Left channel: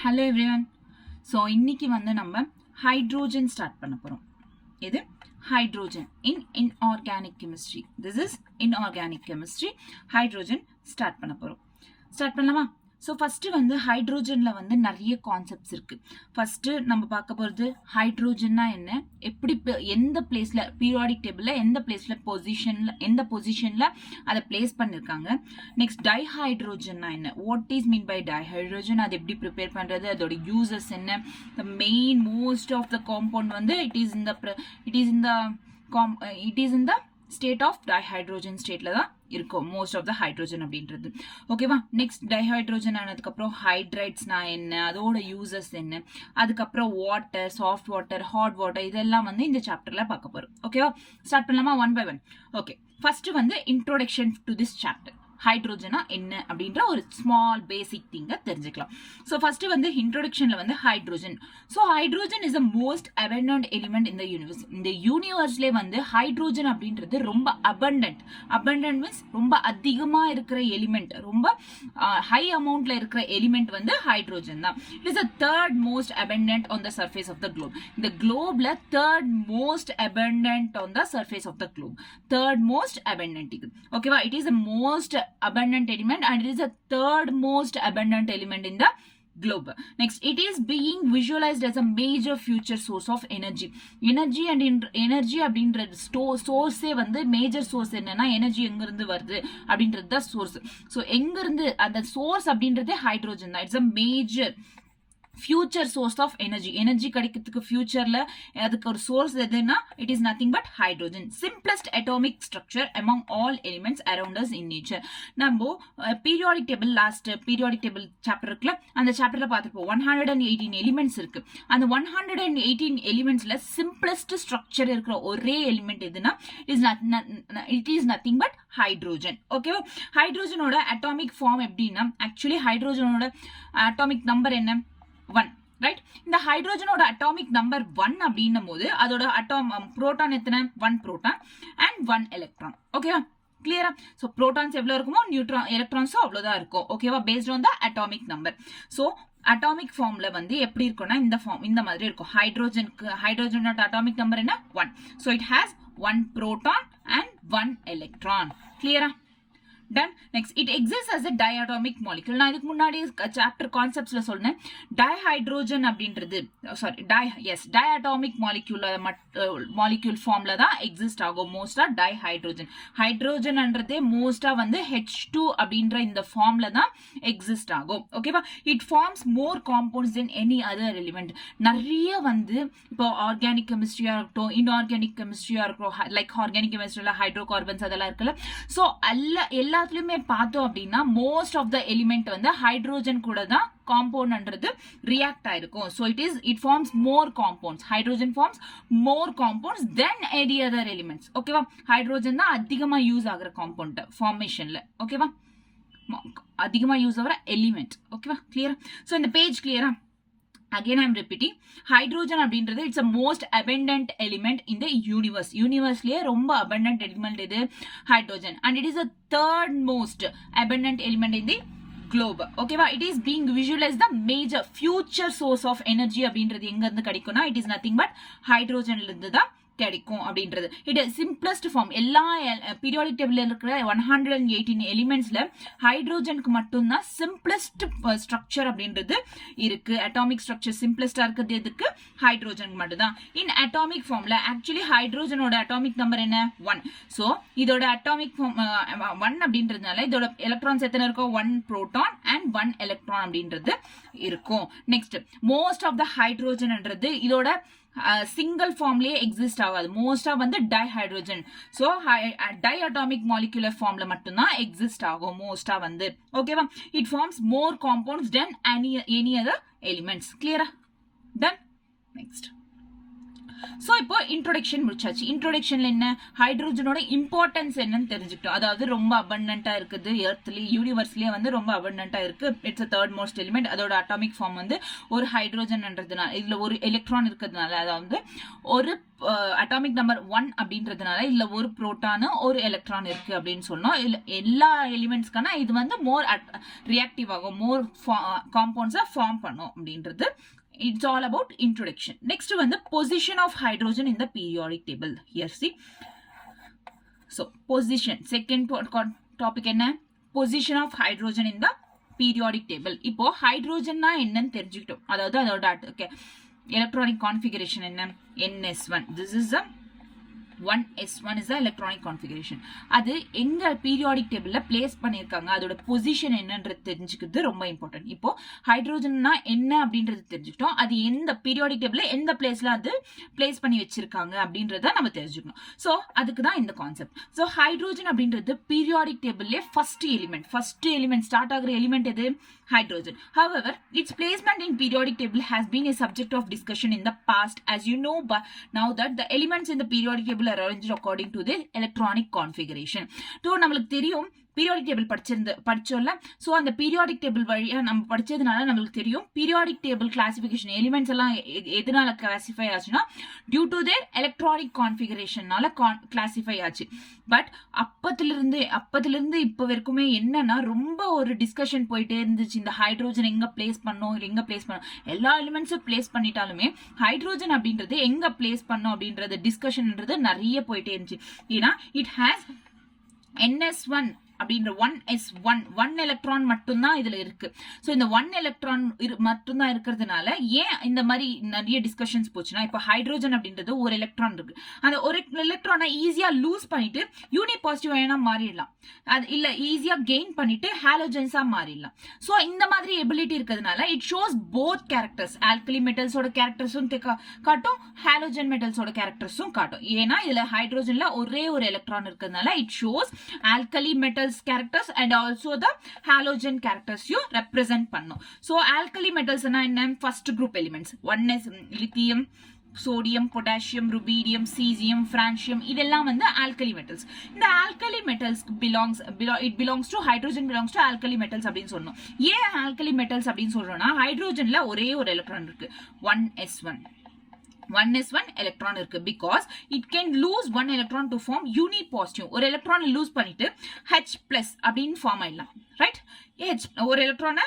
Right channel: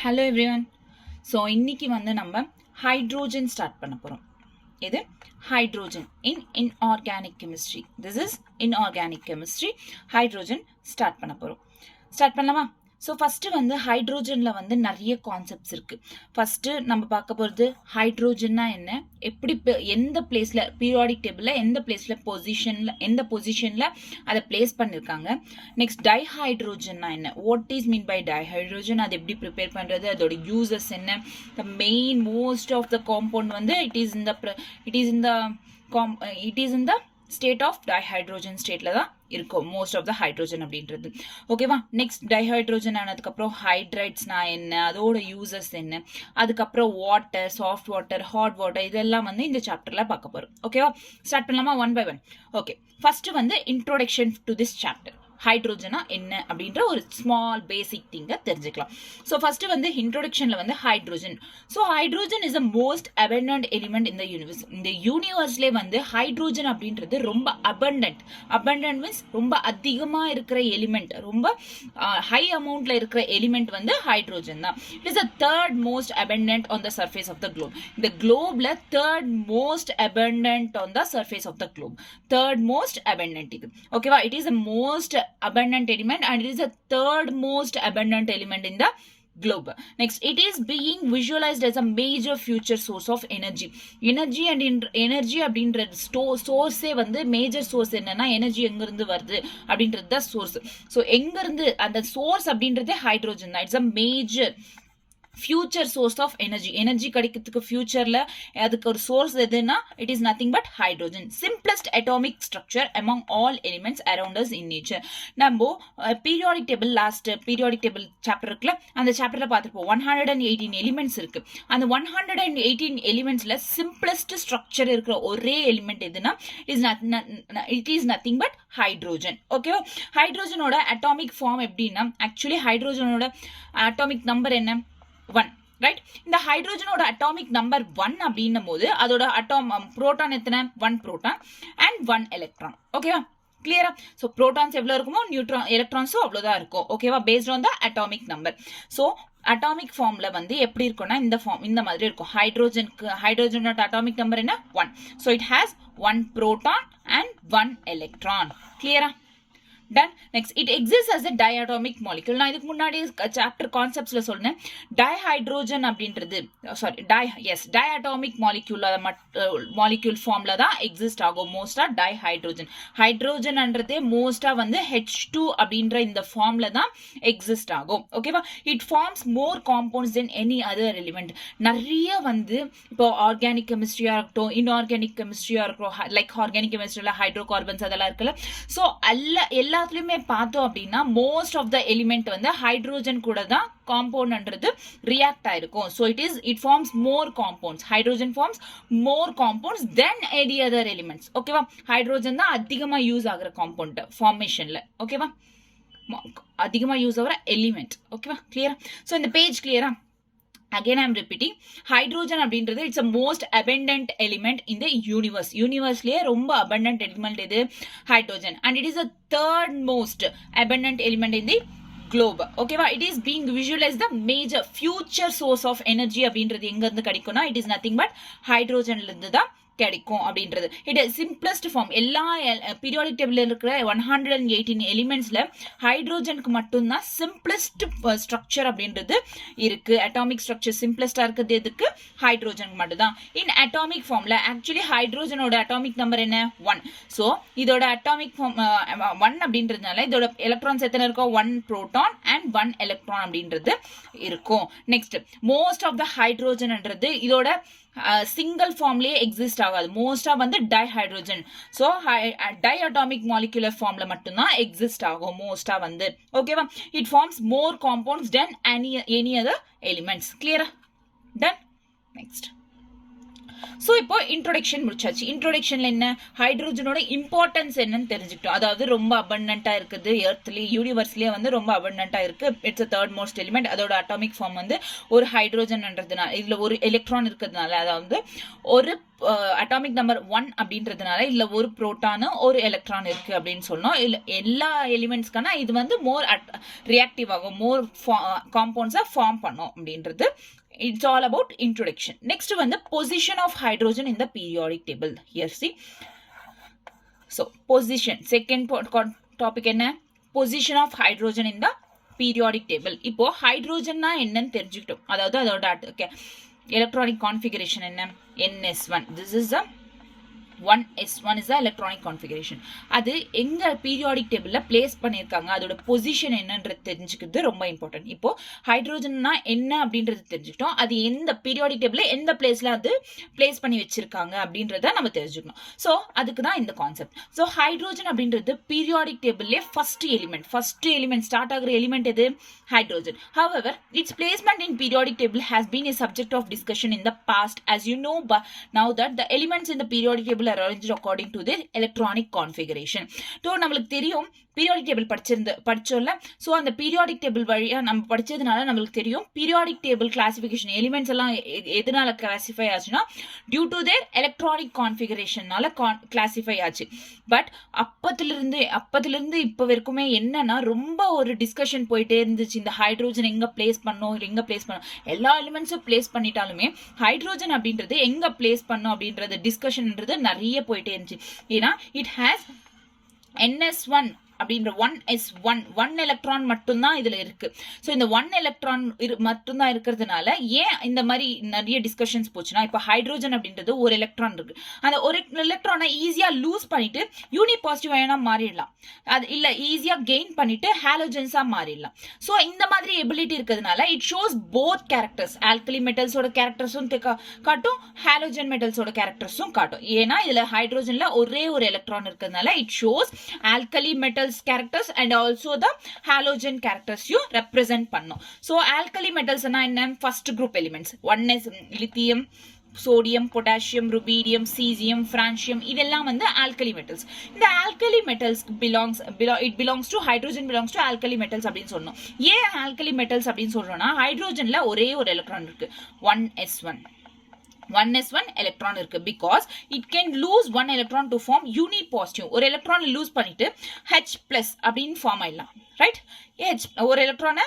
Hello everyone. So இன்னைக்கு வந்து நம்ம ஹைட்ரோஜன் ஸ்டார்ட் பண்ண போறோம். இது hydrogen in inorganic chemistry. This is inorganic chemistry. Hydrogen start பண்ண போறோம். ஸ்டார்ட் பண்ணலாமா? ஸோ ஃபஸ்ட்டு வந்து ஹைட்ரோஜனில் வந்து நிறைய கான்செப்ட்ஸ் இருக்குது. ஃபஸ்ட்டு நம்ம பார்க்க போகிறது ஹைட்ரோஜன்னா என்ன, எப்படி எந்த பிளேஸில் பீரியாடிக் டேபிளில் எந்த பொசிஷனில் அதை பிளேஸ் பண்ணியிருக்காங்க. நெக்ஸ்ட் டைஹைட்ரோஜன்னா என்ன, what is mean by dihydrogen, அது எப்படி ப்ரிப்பேர் பண்ணுறது, அதோட யூசஸ் என்ன. The main most of the compound வந்து it is in the state of dihydrogen ஸ்டேட்ல தான் இருக்கும் மோஸ்ட் ஆஃப் த ஹைட்ரோஜன் அப்படின்றது. ஓகேவா. நெக்ஸ்ட் டைஹைட்ரோஜன் ஆனதுக்கப்புறம் ஹைட்ரைட்ஸ்னா என்ன, அதோட யூசஸ் என்ன, அதுக்கப்புறம் water, soft water, hot water, இதெல்லாம் வந்து இந்த சாப்டர்ல பார்க்க போறோம். ஓகேவா. ஸ்டார்ட் பண்ணலாமா one by one. Okay, first வந்து இன்ட்ரோடக்ஷன் டு திஸ் சாப்டர். ஹைட்ரோஜனா என்ன அப்படின்ற ஒரு ஸ்மால் பேசிக் திங்கை தெரிஞ்சுக்கலாம். ஸோ ஃபர்ஸ்ட் வந்து இன்ட்ரோடக்ஷன்ல வந்து hydrogen. So hydrogen is the most abundant element இந்த யூனிவர்ஸ். இந்த யூனிவர்ஸ்லேயே வந்து ஹைட்ரோஜன் அப்படின்றது ரொம்ப அபண்டன்ட் மீன்ஸ் ரொம்ப அதிகமா இருக்கிற எலிமெண்ட், ரொம்ப ஹை அமௌண்ட்ல இருக்கிற எலிமெண்ட் வந்து ஹைட்ரோஜன் தான். It is the third most abundant on the surface of the globe. இந்த குளோப்ல third most abundant on the surface of the globe. Third most abundant இது. ஓகேவா. It is the most abundant element and it is the third most abundant element in the globe. Next, it is being visualized as a major future source of energy. Energy அப்படின்ற சோர்ஸே வந்து major source என்னன்னா energy எங்க இருந்து வருது அப்படின்றது தான் source. So எங்க இருந்து அந்த சோர்ஸ் அப்படின்றதே ஹைட்ரோஜன் தான். It's a major future source of energy கிடைக்கிறதுக்கு ஃபியூச்சர்ல அதுக்கு ஒரு சோர்ஸ் எதுனா it is nothing but hydrogen. Simplest atomic structure among all elements around us in nature. நம்ம periodic table last periodic table chapter இருக்குல்ல, அந்த சாப்டர்ல பார்த்துருப்போம் 118 எலிமெண்ட்ஸ் இருக்கு. அந்த 118 எலிமெண்ட்ஸ்ல சிம்பிளஸ்ட் ஸ்ட்ரக்சர் இருக்கிற ஒரே எலிமெண்ட் எதுனா it is nothing but hydrogen. ஓகேவா. ஹைட்ரோஜனோட அட்டாமிக் ஃபார்ம் எப்படின்னா, ஆக்சுவலி ஹைட்ரோஜனோட அட்டாமிக் நம்பர் என்ன, 1, ரைட். இந்த ஹைட்ரோஜனோட அட்டாமிக் நம்பர் 1 அப்படின்னும் போது அதோட புரோட்டான் எத்தனை, 1 புரோட்டான் அண்ட் 1 எலக்ட்ரான். ஓகேவா. கிளியரா. ஸோ புரோட்டான்ஸ் எவ்வளவு இருக்குமோ எலக்ட்ரான்ஸும் அவ்வளவுதான் இருக்கும். ஓகேவா. Paste on the atomic number. So atomic ஃபார்ம்ல வந்து எப்படி இருக்கும்னா இந்த மாதிரி இருக்கும். ஹைட்ரோஜனோட அட்டாமிக் நம்பர் என்ன, 1. So it has 1 proton and 1 electron. கிளியரா. Done. Next, it exists as a diatomic molecule. நான் இதுக்கு முன்னாடி சாப்டர் கான்செப்ட்ஸ்ல சொன்னேன். டைஹைட்ரோஜன் அப்படின்றது டைஅட்டாமிக் மாலிக்யூல் ஃபார்ம்ல தான் எக்ஸிஸ்ட் ஆகும் மோஸ்டா டைஹைட்ரோஜன். ஹைட்ரோஜன்ன்றதே மோஸ்டா வந்து H2 அப்படின்ற இந்த ஃபார்ம்ல தான் எக்ஸிஸ்ட் ஆகும். ஓகேவா. It forms more compounds than any other element. நிறைய வந்து இப்போ ஆர்கானிக் கெமிஸ்ட்ரியா இருக்கட்டும், இன்ஆர்கானிக் கெமிஸ்ட்ரியா இருக்கட்டும், லைக் ஆர்கானிக் கெமிஸ்ட்ரியில ஹைட்ரோ கார்பன்ஸ் அதெல்லாம் இருக்குல்ல. ஸோ எல்லாத்துலயுமே பார்த்தோம் அப்படின்னா மோஸ்ட் ஆஃப் த எலிமெண்ட் வந்து ஹைட்ரோஜன் கூட தான் காம்பவுண்ட்ன்றது ரியாக்ட் ஆயிருக்கும். So it forms more compounds. Hydrogen forms more compounds than any other elements. ஓகேவா. ஹைட்ரோஜன் தான் அதிகமா யூஸ் ஆகுற காம்பவுண்ட் ஃபார்மேஷன்ல. ஓகேவா. அதிகமா யூஸ் ஆகுற எலிமெண்ட். ஓகேவா. கிளியரா. ஸோ இந்த பேஜ் கிளியரா. Again, I am repeating. Hydrogen அப்படின்றது it's a most abundant element in the universe. Universeலயே ரொம்ப abundant element இது hydrogen and it is the third most abundant element in the globe. ஓகேவா. It is being visualized the major future source of energy அப்படின்றது எங்க இருந்து கிடைக்கும்னா it is nothing but hydrogenல இருந்து தான் கிடைக்கும் அப்படின்றது. It simplest form. எல்லா பீரியாடிக் டேபிள்ல இருக்கிற 118 எலிமெண்ட்ஸ்ல ஹைட்ரோஜனுக்கு மட்டும்தான் சிம்பிளஸ்ட் ஸ்ட்ரக்சர் அப்படின்றது இருக்கு. அட்டாமிக் ஸ்ட்ரக்சர் சிம்பிளஸ்டா இருக்கிறது எதுக்கு, ஹைட்ரோஜனுக்கு மட்டும்தான். இன் அட்டாமிக் ஃபார்ம்ல ஆக்சுவலி ஹைட்ரோஜனோட அட்டாமிக் நம்பர் என்ன, 1. ஸோ இதோட அட்டாமிக் ஃபார்ம் 1 அப்படின்றதுனால இதோட எலக்ட்ரான்ஸ் எத்தனை இருக்கும், 1 புரோட்டான் அண்ட் 1 எலக்ட்ரான் அப்படின்றது இருக்கும். நெக்ஸ்ட், மோஸ்ட் ஆஃப் த ஹைட்ரோஜன்ன்றது இதோட சிங்கிள் ஃபார்ம்லயே எக்ஸிஸ்ட் ஆகாது. மோஸ்டா வந்து டைஹைட்ரோஜன். ஸோ டைஅட்டாமிக் மாலிகுலர் ஃபார்ம்ல மட்டும்தான் எக்ஸிஸ்ட் ஆகும் மோஸ்டா வந்து. ஓகேவா. It forms more compounds than any other elements. கிளியரா. டன். நெக்ஸ்ட், ஸோ இப்போ இன்ட்ரோடக்ஷன் முடிச்சாச்சு. இன்ட்ரோடக்ஷன்ல என்ன, ஹைட்ரோஜனோட இம்பார்ட்டன்ஸ் என்னன்னு தெரிஞ்சுக்கிட்டோம். அதாவது ரொம்ப அபண்டன்டா இருக்குது, எர்த்லயே யூனிவர்ஸ்லயே வந்து ரொம்ப அபண்டன்டா இருக்கு. It's third most element. அதோட அட்டாமிக் ஃபார்ம் வந்து ஒரு ஹைட்ரோஜன்ன்றதுனால, இதுல ஒரு எலக்ட்ரான் இருக்கிறதுனால, அதாவது ஒரு அட்டாமிக் நம்பர் 1 அப்படின்றதுனால இல்ல ஒரு புரோட்டானு ஒரு எலக்ட்ரான் இருக்கு அப்படின்னு சொன்னோம். இல்ல எல்லா எலிமெண்ட்ஸ்க்கான இது வந்து மோர் ரியாக்டிவ் ஆகும், மோர் காம்பவுண்ட்ஸா ஃபார்ம் பண்ணும் அப்படின்றது. It's all about introduction. Next one, the position of hydrogen in the periodic table. Here see. So position, second topic என்ன, position of hydrogen in the periodic table. இப்போ hydrogen na என்னன்னு தெரிஞ்சுக்கிட்டோம். அதாவது அதோட electronic configuration என்ன, ns1. This is the 1s1 is the electronic configuration. அது எங்க periodic டேபிள்ல பிளேஸ் பண்ணிருக்காங்க, அதோட பொசிஷன் என்னன்றது தெரிஞ்சுக்கிறது ரொம்ப இம்பார்ட்டன்ட். இப்போ ஹைட்ரோஜன்னா என்ன அப்படின்றது தெரிஞ்சுக்கிட்டோம், அது எந்த பீரியாடிக் டேபிள்ல எந்த பிளேஸ்ல அது பிளேஸ் பண்ணி வச்சிருக்காங்க அப்படின்றத நம்ம தெரிஞ்சுக்கணும். ஸோ அதுக்கு தான் இந்த கான்செப்ட். ஸோ ஹைட்ரோஜன் அப்படின்றது பீரியாடிக் டேபிள்ல ஃபர்ஸ்ட் எலிமெண்ட் ஸ்டார்ட் ஆகிற எலிமெண்ட் எது, hydrogen. However, its placement in periodic table has been a subject of discussion in the past, as you know, but now that the elements in the periodic table are arranged according to the electronic configuration. So நம்மளுக்கு தெரியும் periodic table படிச்சோம்ல. So அந்த periodic table வழியா நம்ம படிச்சதுனால நம்மளுக்கு தெரியும் periodic table classification elements எல்லாம் எதனால கிளாசிஃபை ஆச்சுன்னா டியூ டு தேர் எலக்ட்ரானிக் கான்ஃபிகரேஷனால கிளாசிஃபை ஆச்சு. பட் அப்பத்திலிருந்து இப்போ வரைக்குமே என்னன்னா ரொம்ப ஒரு டிஸ்கஷன் போயிட்டே இருந்துச்சு. இந்த ஹைட்ரோஜன் எங்க பிளேஸ் பண்ணும், எல்லா எலிமெண்ட்ஸும் பிளேஸ் பண்ணிட்டாலுமே ஹைட்ரோஜன் அப்படின்றது எங்க பிளேஸ் பண்ணும் அப்படின்றது டிஸ்கஷன்ன்றது நிறைய போயிட்டே இருந்துச்சு. ஏன்னா இட் ஹேஸ் ns1 அப்படின்ற 1s1 எலக்ட்ரான் மட்டும்தான் இதுல இருக்கு. ஸோ இந்த 1 எலக்ட்ரான் மட்டும்தான் இருக்கிறதுனால ஏன் இந்த மாதிரி நிறைய டிஸ்கஷன்ஸ் போச்சுன்னா, இப்போ ஹைட்ரோஜன் அப்படின்றது ஒரு எலக்ட்ரான் இருக்கு, அந்த ஒரு எலக்ட்ரானை ஈஸியா லூஸ் பண்ணிட்டு யூனி பாசிட்டிவ் அயனா மாறிடலாம், அது இல்ல ஈஸியா கெயின் பண்ணிட்டு ஹாலோஜன்ஸா மாறிடலாம். ஸோ இந்த மாதிரி எபிலிட்டி இருக்கிறதுனால it shows both characters, alkali மெட்டல்ஸோட கேரக்டர்ஸும் காட்டும், ஹாலோஜன் மெட்டல்ஸோட கேரக்டர்ஸும் காட்டும். ஏன்னா இதுல ஹைட்ரோஜன்ல ஒரே ஒரு எலக்ட்ரான் இருக்கிறதுனால it shows alkali metal characters and also the halogen characters you represent பண்ணும். So alkali metals na என்ன, first group elements 1s lithium, sodium, potassium, rubidium, cesium, francium, இதெல்லாம் வந்து alkali metals. இந்த alkali metals it belongs to hydrogen belongs to alkali metals அப்படின்னு சொன்னோம். ஏன் alkali metals அப்படின்னு சொல்றோம்னா ஹைட்ரோஜன்ல ஒரே ஒரு எலக்ட்ரான் இருக்கு 1s1 எலக்ட்ரான் இருக்கு, because it can lose 1 electron to form uni positive. ஒரு எலக்ட்ரான் லூஸ் பண்ணிட்டு H+ அப்படின்னு ஃபார்ம் ஆயிடலாம், ரைட்? ஒரு எலக்ட்ரானை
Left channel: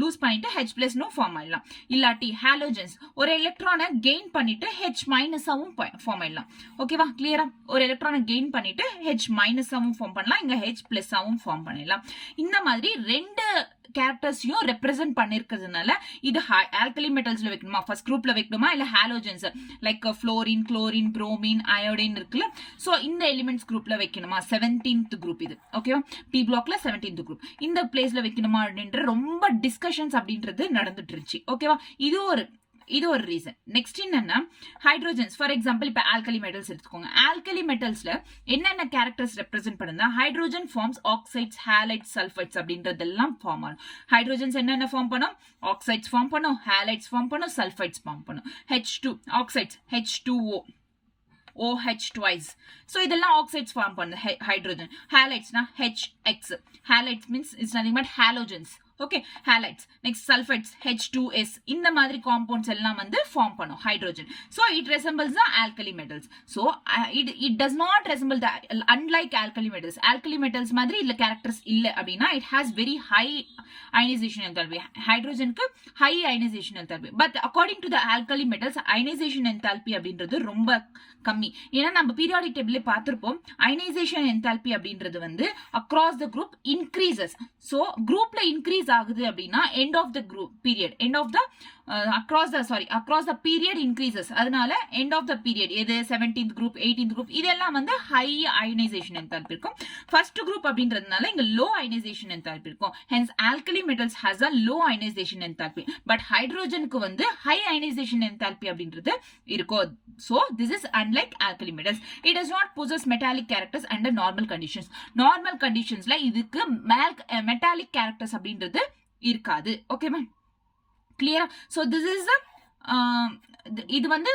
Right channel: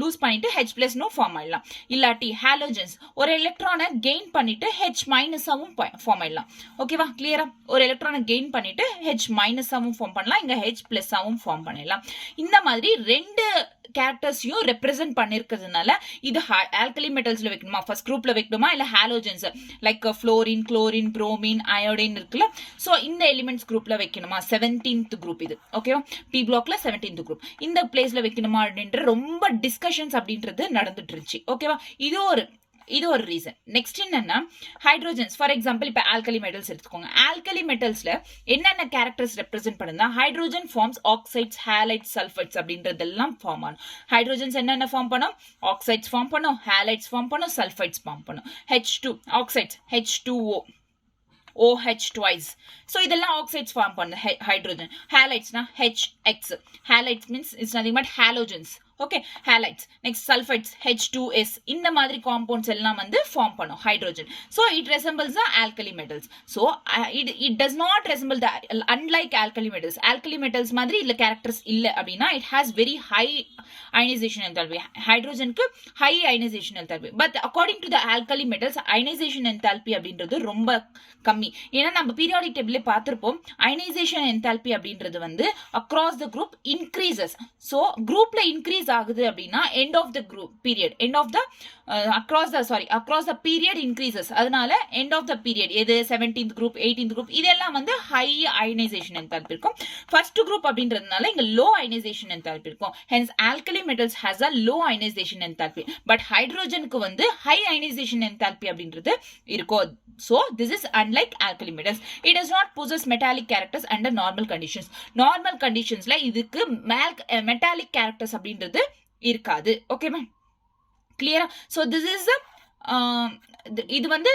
லூஸ் பண்ணிட்டு H+ ஃபார்ம் ஆயிடலாம். இல்லாட்டி ஹாலோஜன்ஸ் ஒரு எலக்ட்ரானை கெயின் பண்ணிட்டு H- ஃபார்ம் ஆயிடலாம். ஓகேவா, கிளியரா? ஒரு எலக்ட்ரானை கெயின் பண்ணிட்டு H- ஃபார்ம் பண்ணலாம், இங்க H+ ஃபார்ம் பண்ணிடலாம். இந்த மாதிரி ரெண்டு கேரக்டர்ஸையும் ரெப்ரசென்ட் பண்ணிருக்கிறதுனால இது ஆல்கலி மெட்டல்ஸ்ல வைக்கணுமா, ஃபர்ஸ்ட் குரூப்ல வைக்கணுமா, இல்ல halogens like fluorine, chlorine, bromine, iodine இருக்குல்ல, சோ இந்த எலிமெண்ட்ஸ் குரூப்ல வைக்கணுமா, 17th குரூப் இது. ஓகேவா, பி பிளாக்ல 17th குரூப் இந்த பிளேஸ்ல வைக்கணுமா அப்படின்ற ரொம்ப டிஸ்கஷன்ஸ் அப்படின்றது நடந்துட்டு இருந்துச்சு. ஓகேவா, இது ஒரு ரீசன். நெக்ஸ்ட் என்னன்னா ஹைட்ரோஜன்ஸ், ஃபார் எக்ஸாம்பிள் இப்ப ஆல்கலி மெட்டல்ஸ் எடுத்துக்கோங்க. ஆல்கலி மெட்டல்ஸ்ல என்னென்ன கேரக்டர்ஸ் ரெப்ரசென்ட் பண்ணுதா, hydrogen forms oxides, halides, sulphides அப்படின்றதெல்லாம் ஃபார்ம் ஆகும். ஹைட்ரோஜன்ஸ் என்னென்ன ஃபார்ம் பண்ணும், ஆக்சைட்ஸ் ஃபார்ம் பண்ணும், ஹாலைட்ஸ் ஃபார்ம் பண்ணும், சல்ஃபைட்ஸ் ஃபார்ம் பண்ணும். H2 oxides, H2O, OH twice. So இதெல்லாம் ஆக்சைட்ஸ் ஃபார்ம் பண்ணு ஹைட்ரோஜன். ஹாலைட்ஸ்னா HX. Halides means it's nothing but halogens. Okay, halides. Next sulphides, H2S. இந்த மாதிரி காம்பவுண்ட்ஸ் எல்லாம் வந்து ஃபார்ம் பண்ணும் hydrogen. So it resembles the alkali metals. So it does not resemble the unlike alkali metals. Alkali metals மாதிரி இல்ல characters இல்ல அப்படின்னா it has very high ionization enthalpy. ஹைட்ரோஜனுக்கு high ionization enthalpy. But according to the alkali metals ionization enthalpy அப்படின்றது ரொம்ப கம்மி. ஏன்னா நம்ம பீரியாடிக் டேபிள்ல பார்த்திருப்போம் அயனைசேஷன் என்தால்பி அப்படின்றது வந்து across the group increases. So குரூப்ல இன்க்ரீஸ் ஆகுது அப்படின்னா end of the group period, end of the across the period increases. அதனால எண்ட் ஆஃப் த பீரியட் எது 17th குரூப், 18th குரூப் இதெல்லாம் வந்து ஹை அயனைசேஷன் என்தால்பி இருக்கும். ஃபர்ஸ்ட் குரூப் அப்படின்றதுனால இங்க லோ அயனைசேஷன் என்தால்பி இருக்கும். Hence alkali metals has a low ionization enthalpy. But ஹைட்ரோஜனுக்கு வந்து ஹை அயனைசேஷன் என்தால்பி அப்படின்றது இருக்கும். So this is unlike alkali metals. It does not possess metallic characters under normal conditions. Normal conditionsல இதுக்கு metallic characters அப்படின்றது இருக்காது. ஓகேமா, clear? So this is the இது வந்து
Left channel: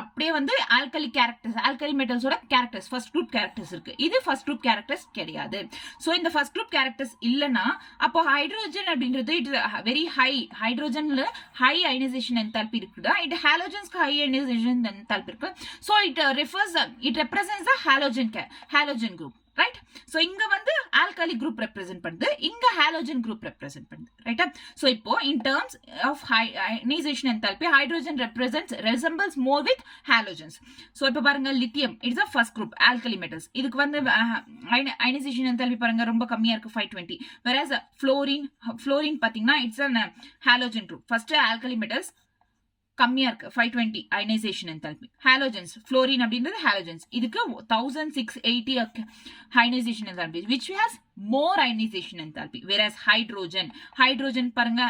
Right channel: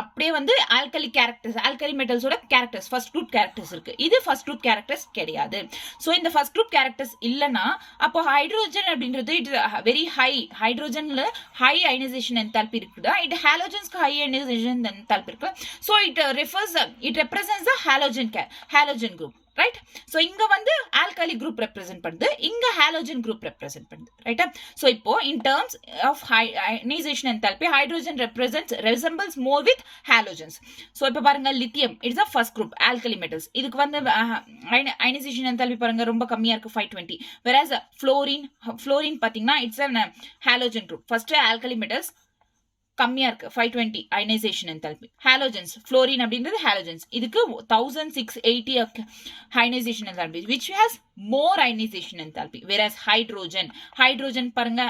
அப்படியே வந்து ஆல்கலி கேரக்டர்ஸ், ஆல்கலி மெட்டல்ஸோட கேரக்டர்ஸ், ஃபர்ஸ்ட் குரூப் கேரக்டர்ஸ் இருக்கு. இது ஃபர்ஸ்ட் குரூப் கேரக்டர்ஸ் கிடையாது. ஸோ இந்த ஃபர்ஸ்ட் குரூப் கேரக்டர்ஸ் இல்லைன்னா அப்போ ஹைட்ரோஜன் அப்படின்றது இட் வெரி ஹை, ஹைட்ரோஜன்ல ஹை அயனைசேஷன் என்தால்பி இருக்குதா, இது ஹாலோஜன்ஸ்க்கு ஹை அயனைசேஷன் என்தால்பி இருக்கு. So it represents the halogen group, right? So இங்க வந்து ஆல்கலி குரூப் ரெப்ரசென்ட் பண்ணுது, இங்க ஹாலோஜன் குரூப் ரெப்ரசென்ட் பண்ணுது, ரைட்டா? சோ இப்போ in terms of ionisation enthalpy hydrogen resembles more with halogens. சோ இப்போ பாருங்க lithium it's a first group alkali metals. இதுக்கு வந்து அயனைசேஷன் என்தால்பி பாருங்க ரொம்ப கம்மியா இருக்கு 520. whereas fluorine பாத்தீங்கன்னா it's a halogen group. First alkali metals கம்மியா இருக்கு 520 அயனைசேஷன் என்தால்பி. ஹாலோஜன்ஸ் ஃப்ளோரின் அப்படிங்கிறது ஹாலோஜன்ஸ், இதுக்கு 1680 ionisation enthalpy which has more ionization enthalpy. whereas hydrogen பாருங்க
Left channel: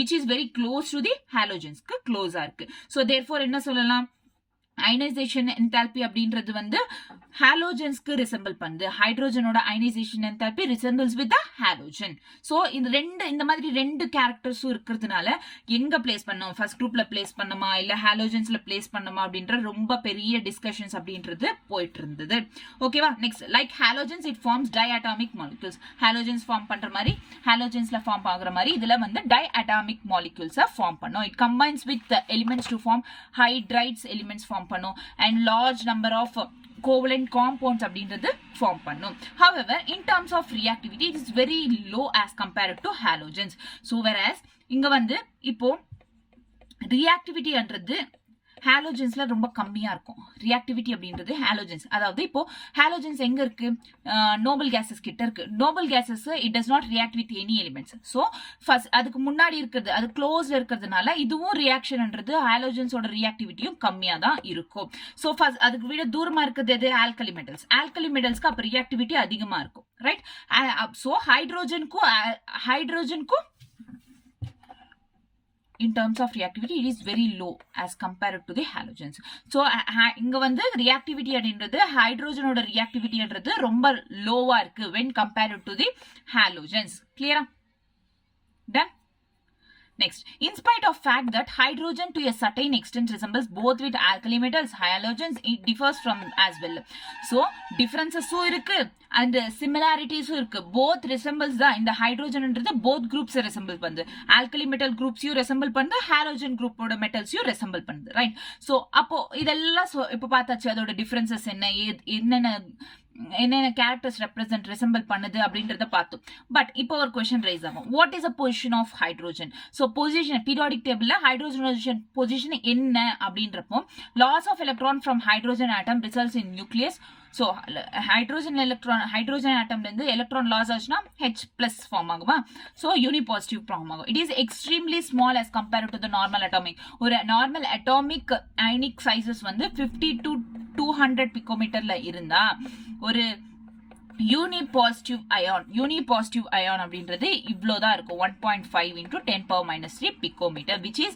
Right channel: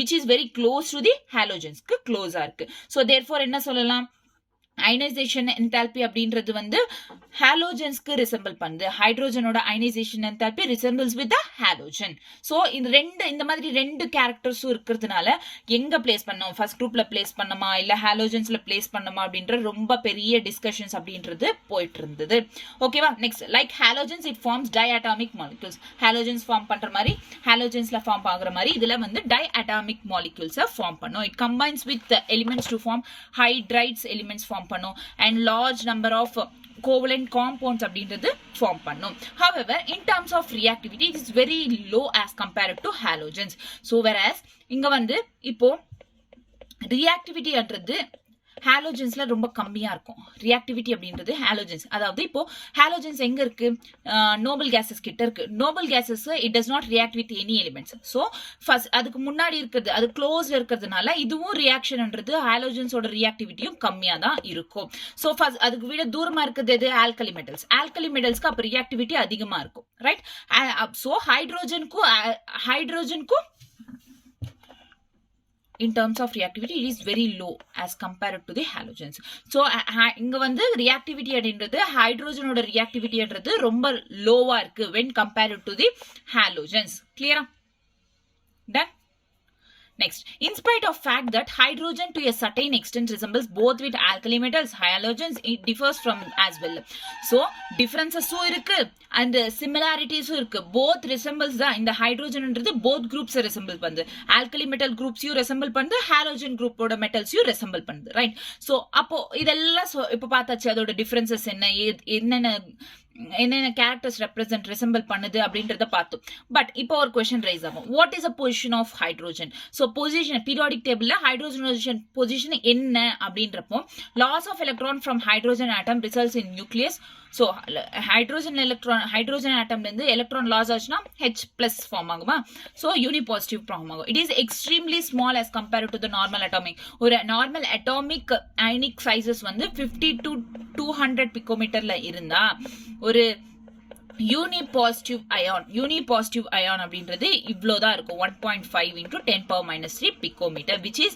which is very close to the halogens க்கு க்ளோஸா இருக்கு. so therefore என்ன சொல்லலாம், அயனைசேஷன் என்தால்பி அப்படின்றது வந்து ஹாலோஜன்ஸ்க்கு ரிசம்பிள் பண்ணுது. ஹைட்ரோஜனோட ionization enthalpy resembles with the halogen. So இந்த மாதிரி ரெண்டு கேரக்டர்ஸும் இருக்கிறதுனால எங்க பிளேஸ் பண்ணோம், ஃபர்ஸ்ட் குரூப்ல பிளேஸ் பண்ணமா இல்ல ஹாலோஜன்ஸ்ல பிளேஸ் பண்ணமா அப்படின்ற ரொம்ப பெரிய டிஸ்கஷன்ஸ் அப்படின்றது போயிட்டு இருந்தது. ஓகேவா? Next, like halogens it forms diatomic molecules. Halogens form பண்ற மாதிரி ஹாலோஜன்ஸ்ல ஃபார்ம் ஆகுற மாதிரி இதுல வந்து டைஅட்டாமிக் மாலிக்யூல்ஸ் ஃபார்ம் பண்ணும். It combines with elements to form hydrides elements form பண்ணும் and large number of covalent compounds அப்படின்றது ஃபார்ம் பண்ணும். however in terms of reactivity it is very low as compared to halogens. so whereas இங்க வந்து இப்போ reactivity என்றது ஹாலோஜன்ஸ்ல ரொம்ப கம்மியா இருக்கும். ரியாக்டிவிட்டி அப்படின்றது ஹாலோஜன்ஸ், அதாவது இப்போ ஹாலோஜன்ஸ் எங்க இருக்கு, நோபல் கேசஸ் கிட்ட இருக்கு. Nobel cases it does not react with any elements. So first அதுக்கு முன்னாடி இருக்கிறது, அது க்ளோஸ்ல இருக்கிறதுனால இதுவும் ரியாக்ஷன்ன்றது ஹாலோஜன்ஸோட ரியாக்டிவிட்டியும் கம்மியா தான் இருக்கும். சோ ஃபர்ஸ்ட் அதுக்கு விட தூரமா இருக்கிறது எது, ஆல்கலி மெட்டல்ஸ். ஆல்கலி மெட்டல்ஸ்க்கு அப்ப ரியாக்டிவிட்டி அதிகமா இருக்கும், ரைட்? சோ ஹைட்ரோஜனுக்கும் in terms of reactivity it is very low as compared to the halogens. so இங்க வந்து reactivity அப்படின்றது ஹைட்ரோஜனோட reactivity என்றது ரொம்ப லோவா இருக்கு when compared to the halogens. clear? done? Next, in spite of fact that hydrogen to a certain extent resembles both with alkali metals, halogens, it differs from as well. So, differences இருக்கு and similarities இருக்கு. Both resembles தான். இந்த hydrogen என்றது both groups resemble பண்ணுது. alkali metal groups resemble பண்ணுது, halogen group ஓட metals resemble பண்ணுது, right? So, அப்போ இதெல்லாம் இப்போ பார்த்தாச்சு அதோட differences என்னென்ன கேரக்டர்ஸ் ரெசம்பிள் பண்ணுது அப்படின்றத பார்த்தோம். பட் இப்போ ஒரு கொஸ்டின் ரைஸ் ஆகும், what is a position of hydrogen? So position periodic டேபிள்ல ஹைட்ரோஜன் பொசிஷன் என்ன அப்படின்றப்போ, loss of electron from hydrogen atom results in nucleus. So hydrogen ஆட்டம்ல இருந்து எலக்ட்ரான் லாஸ் ஆச்சுன்னா H+ ஃபார்ம் ஆகுமா? ஸோ யூனிபாசிட்டிவ் ஃபார்ம் ஆகும். It is extremely small as compared to the normal atomic. ஒரு normal atomic ionic sizes வந்து 50 to 200 பிகோமீட்டர்ல இருந்தா ஒரு யூனிபாசிட்டிவ் ion அப்படின்றது இவ்வளவுதான் இருக்கும், 1.5 into 10⁻³ picometre, which is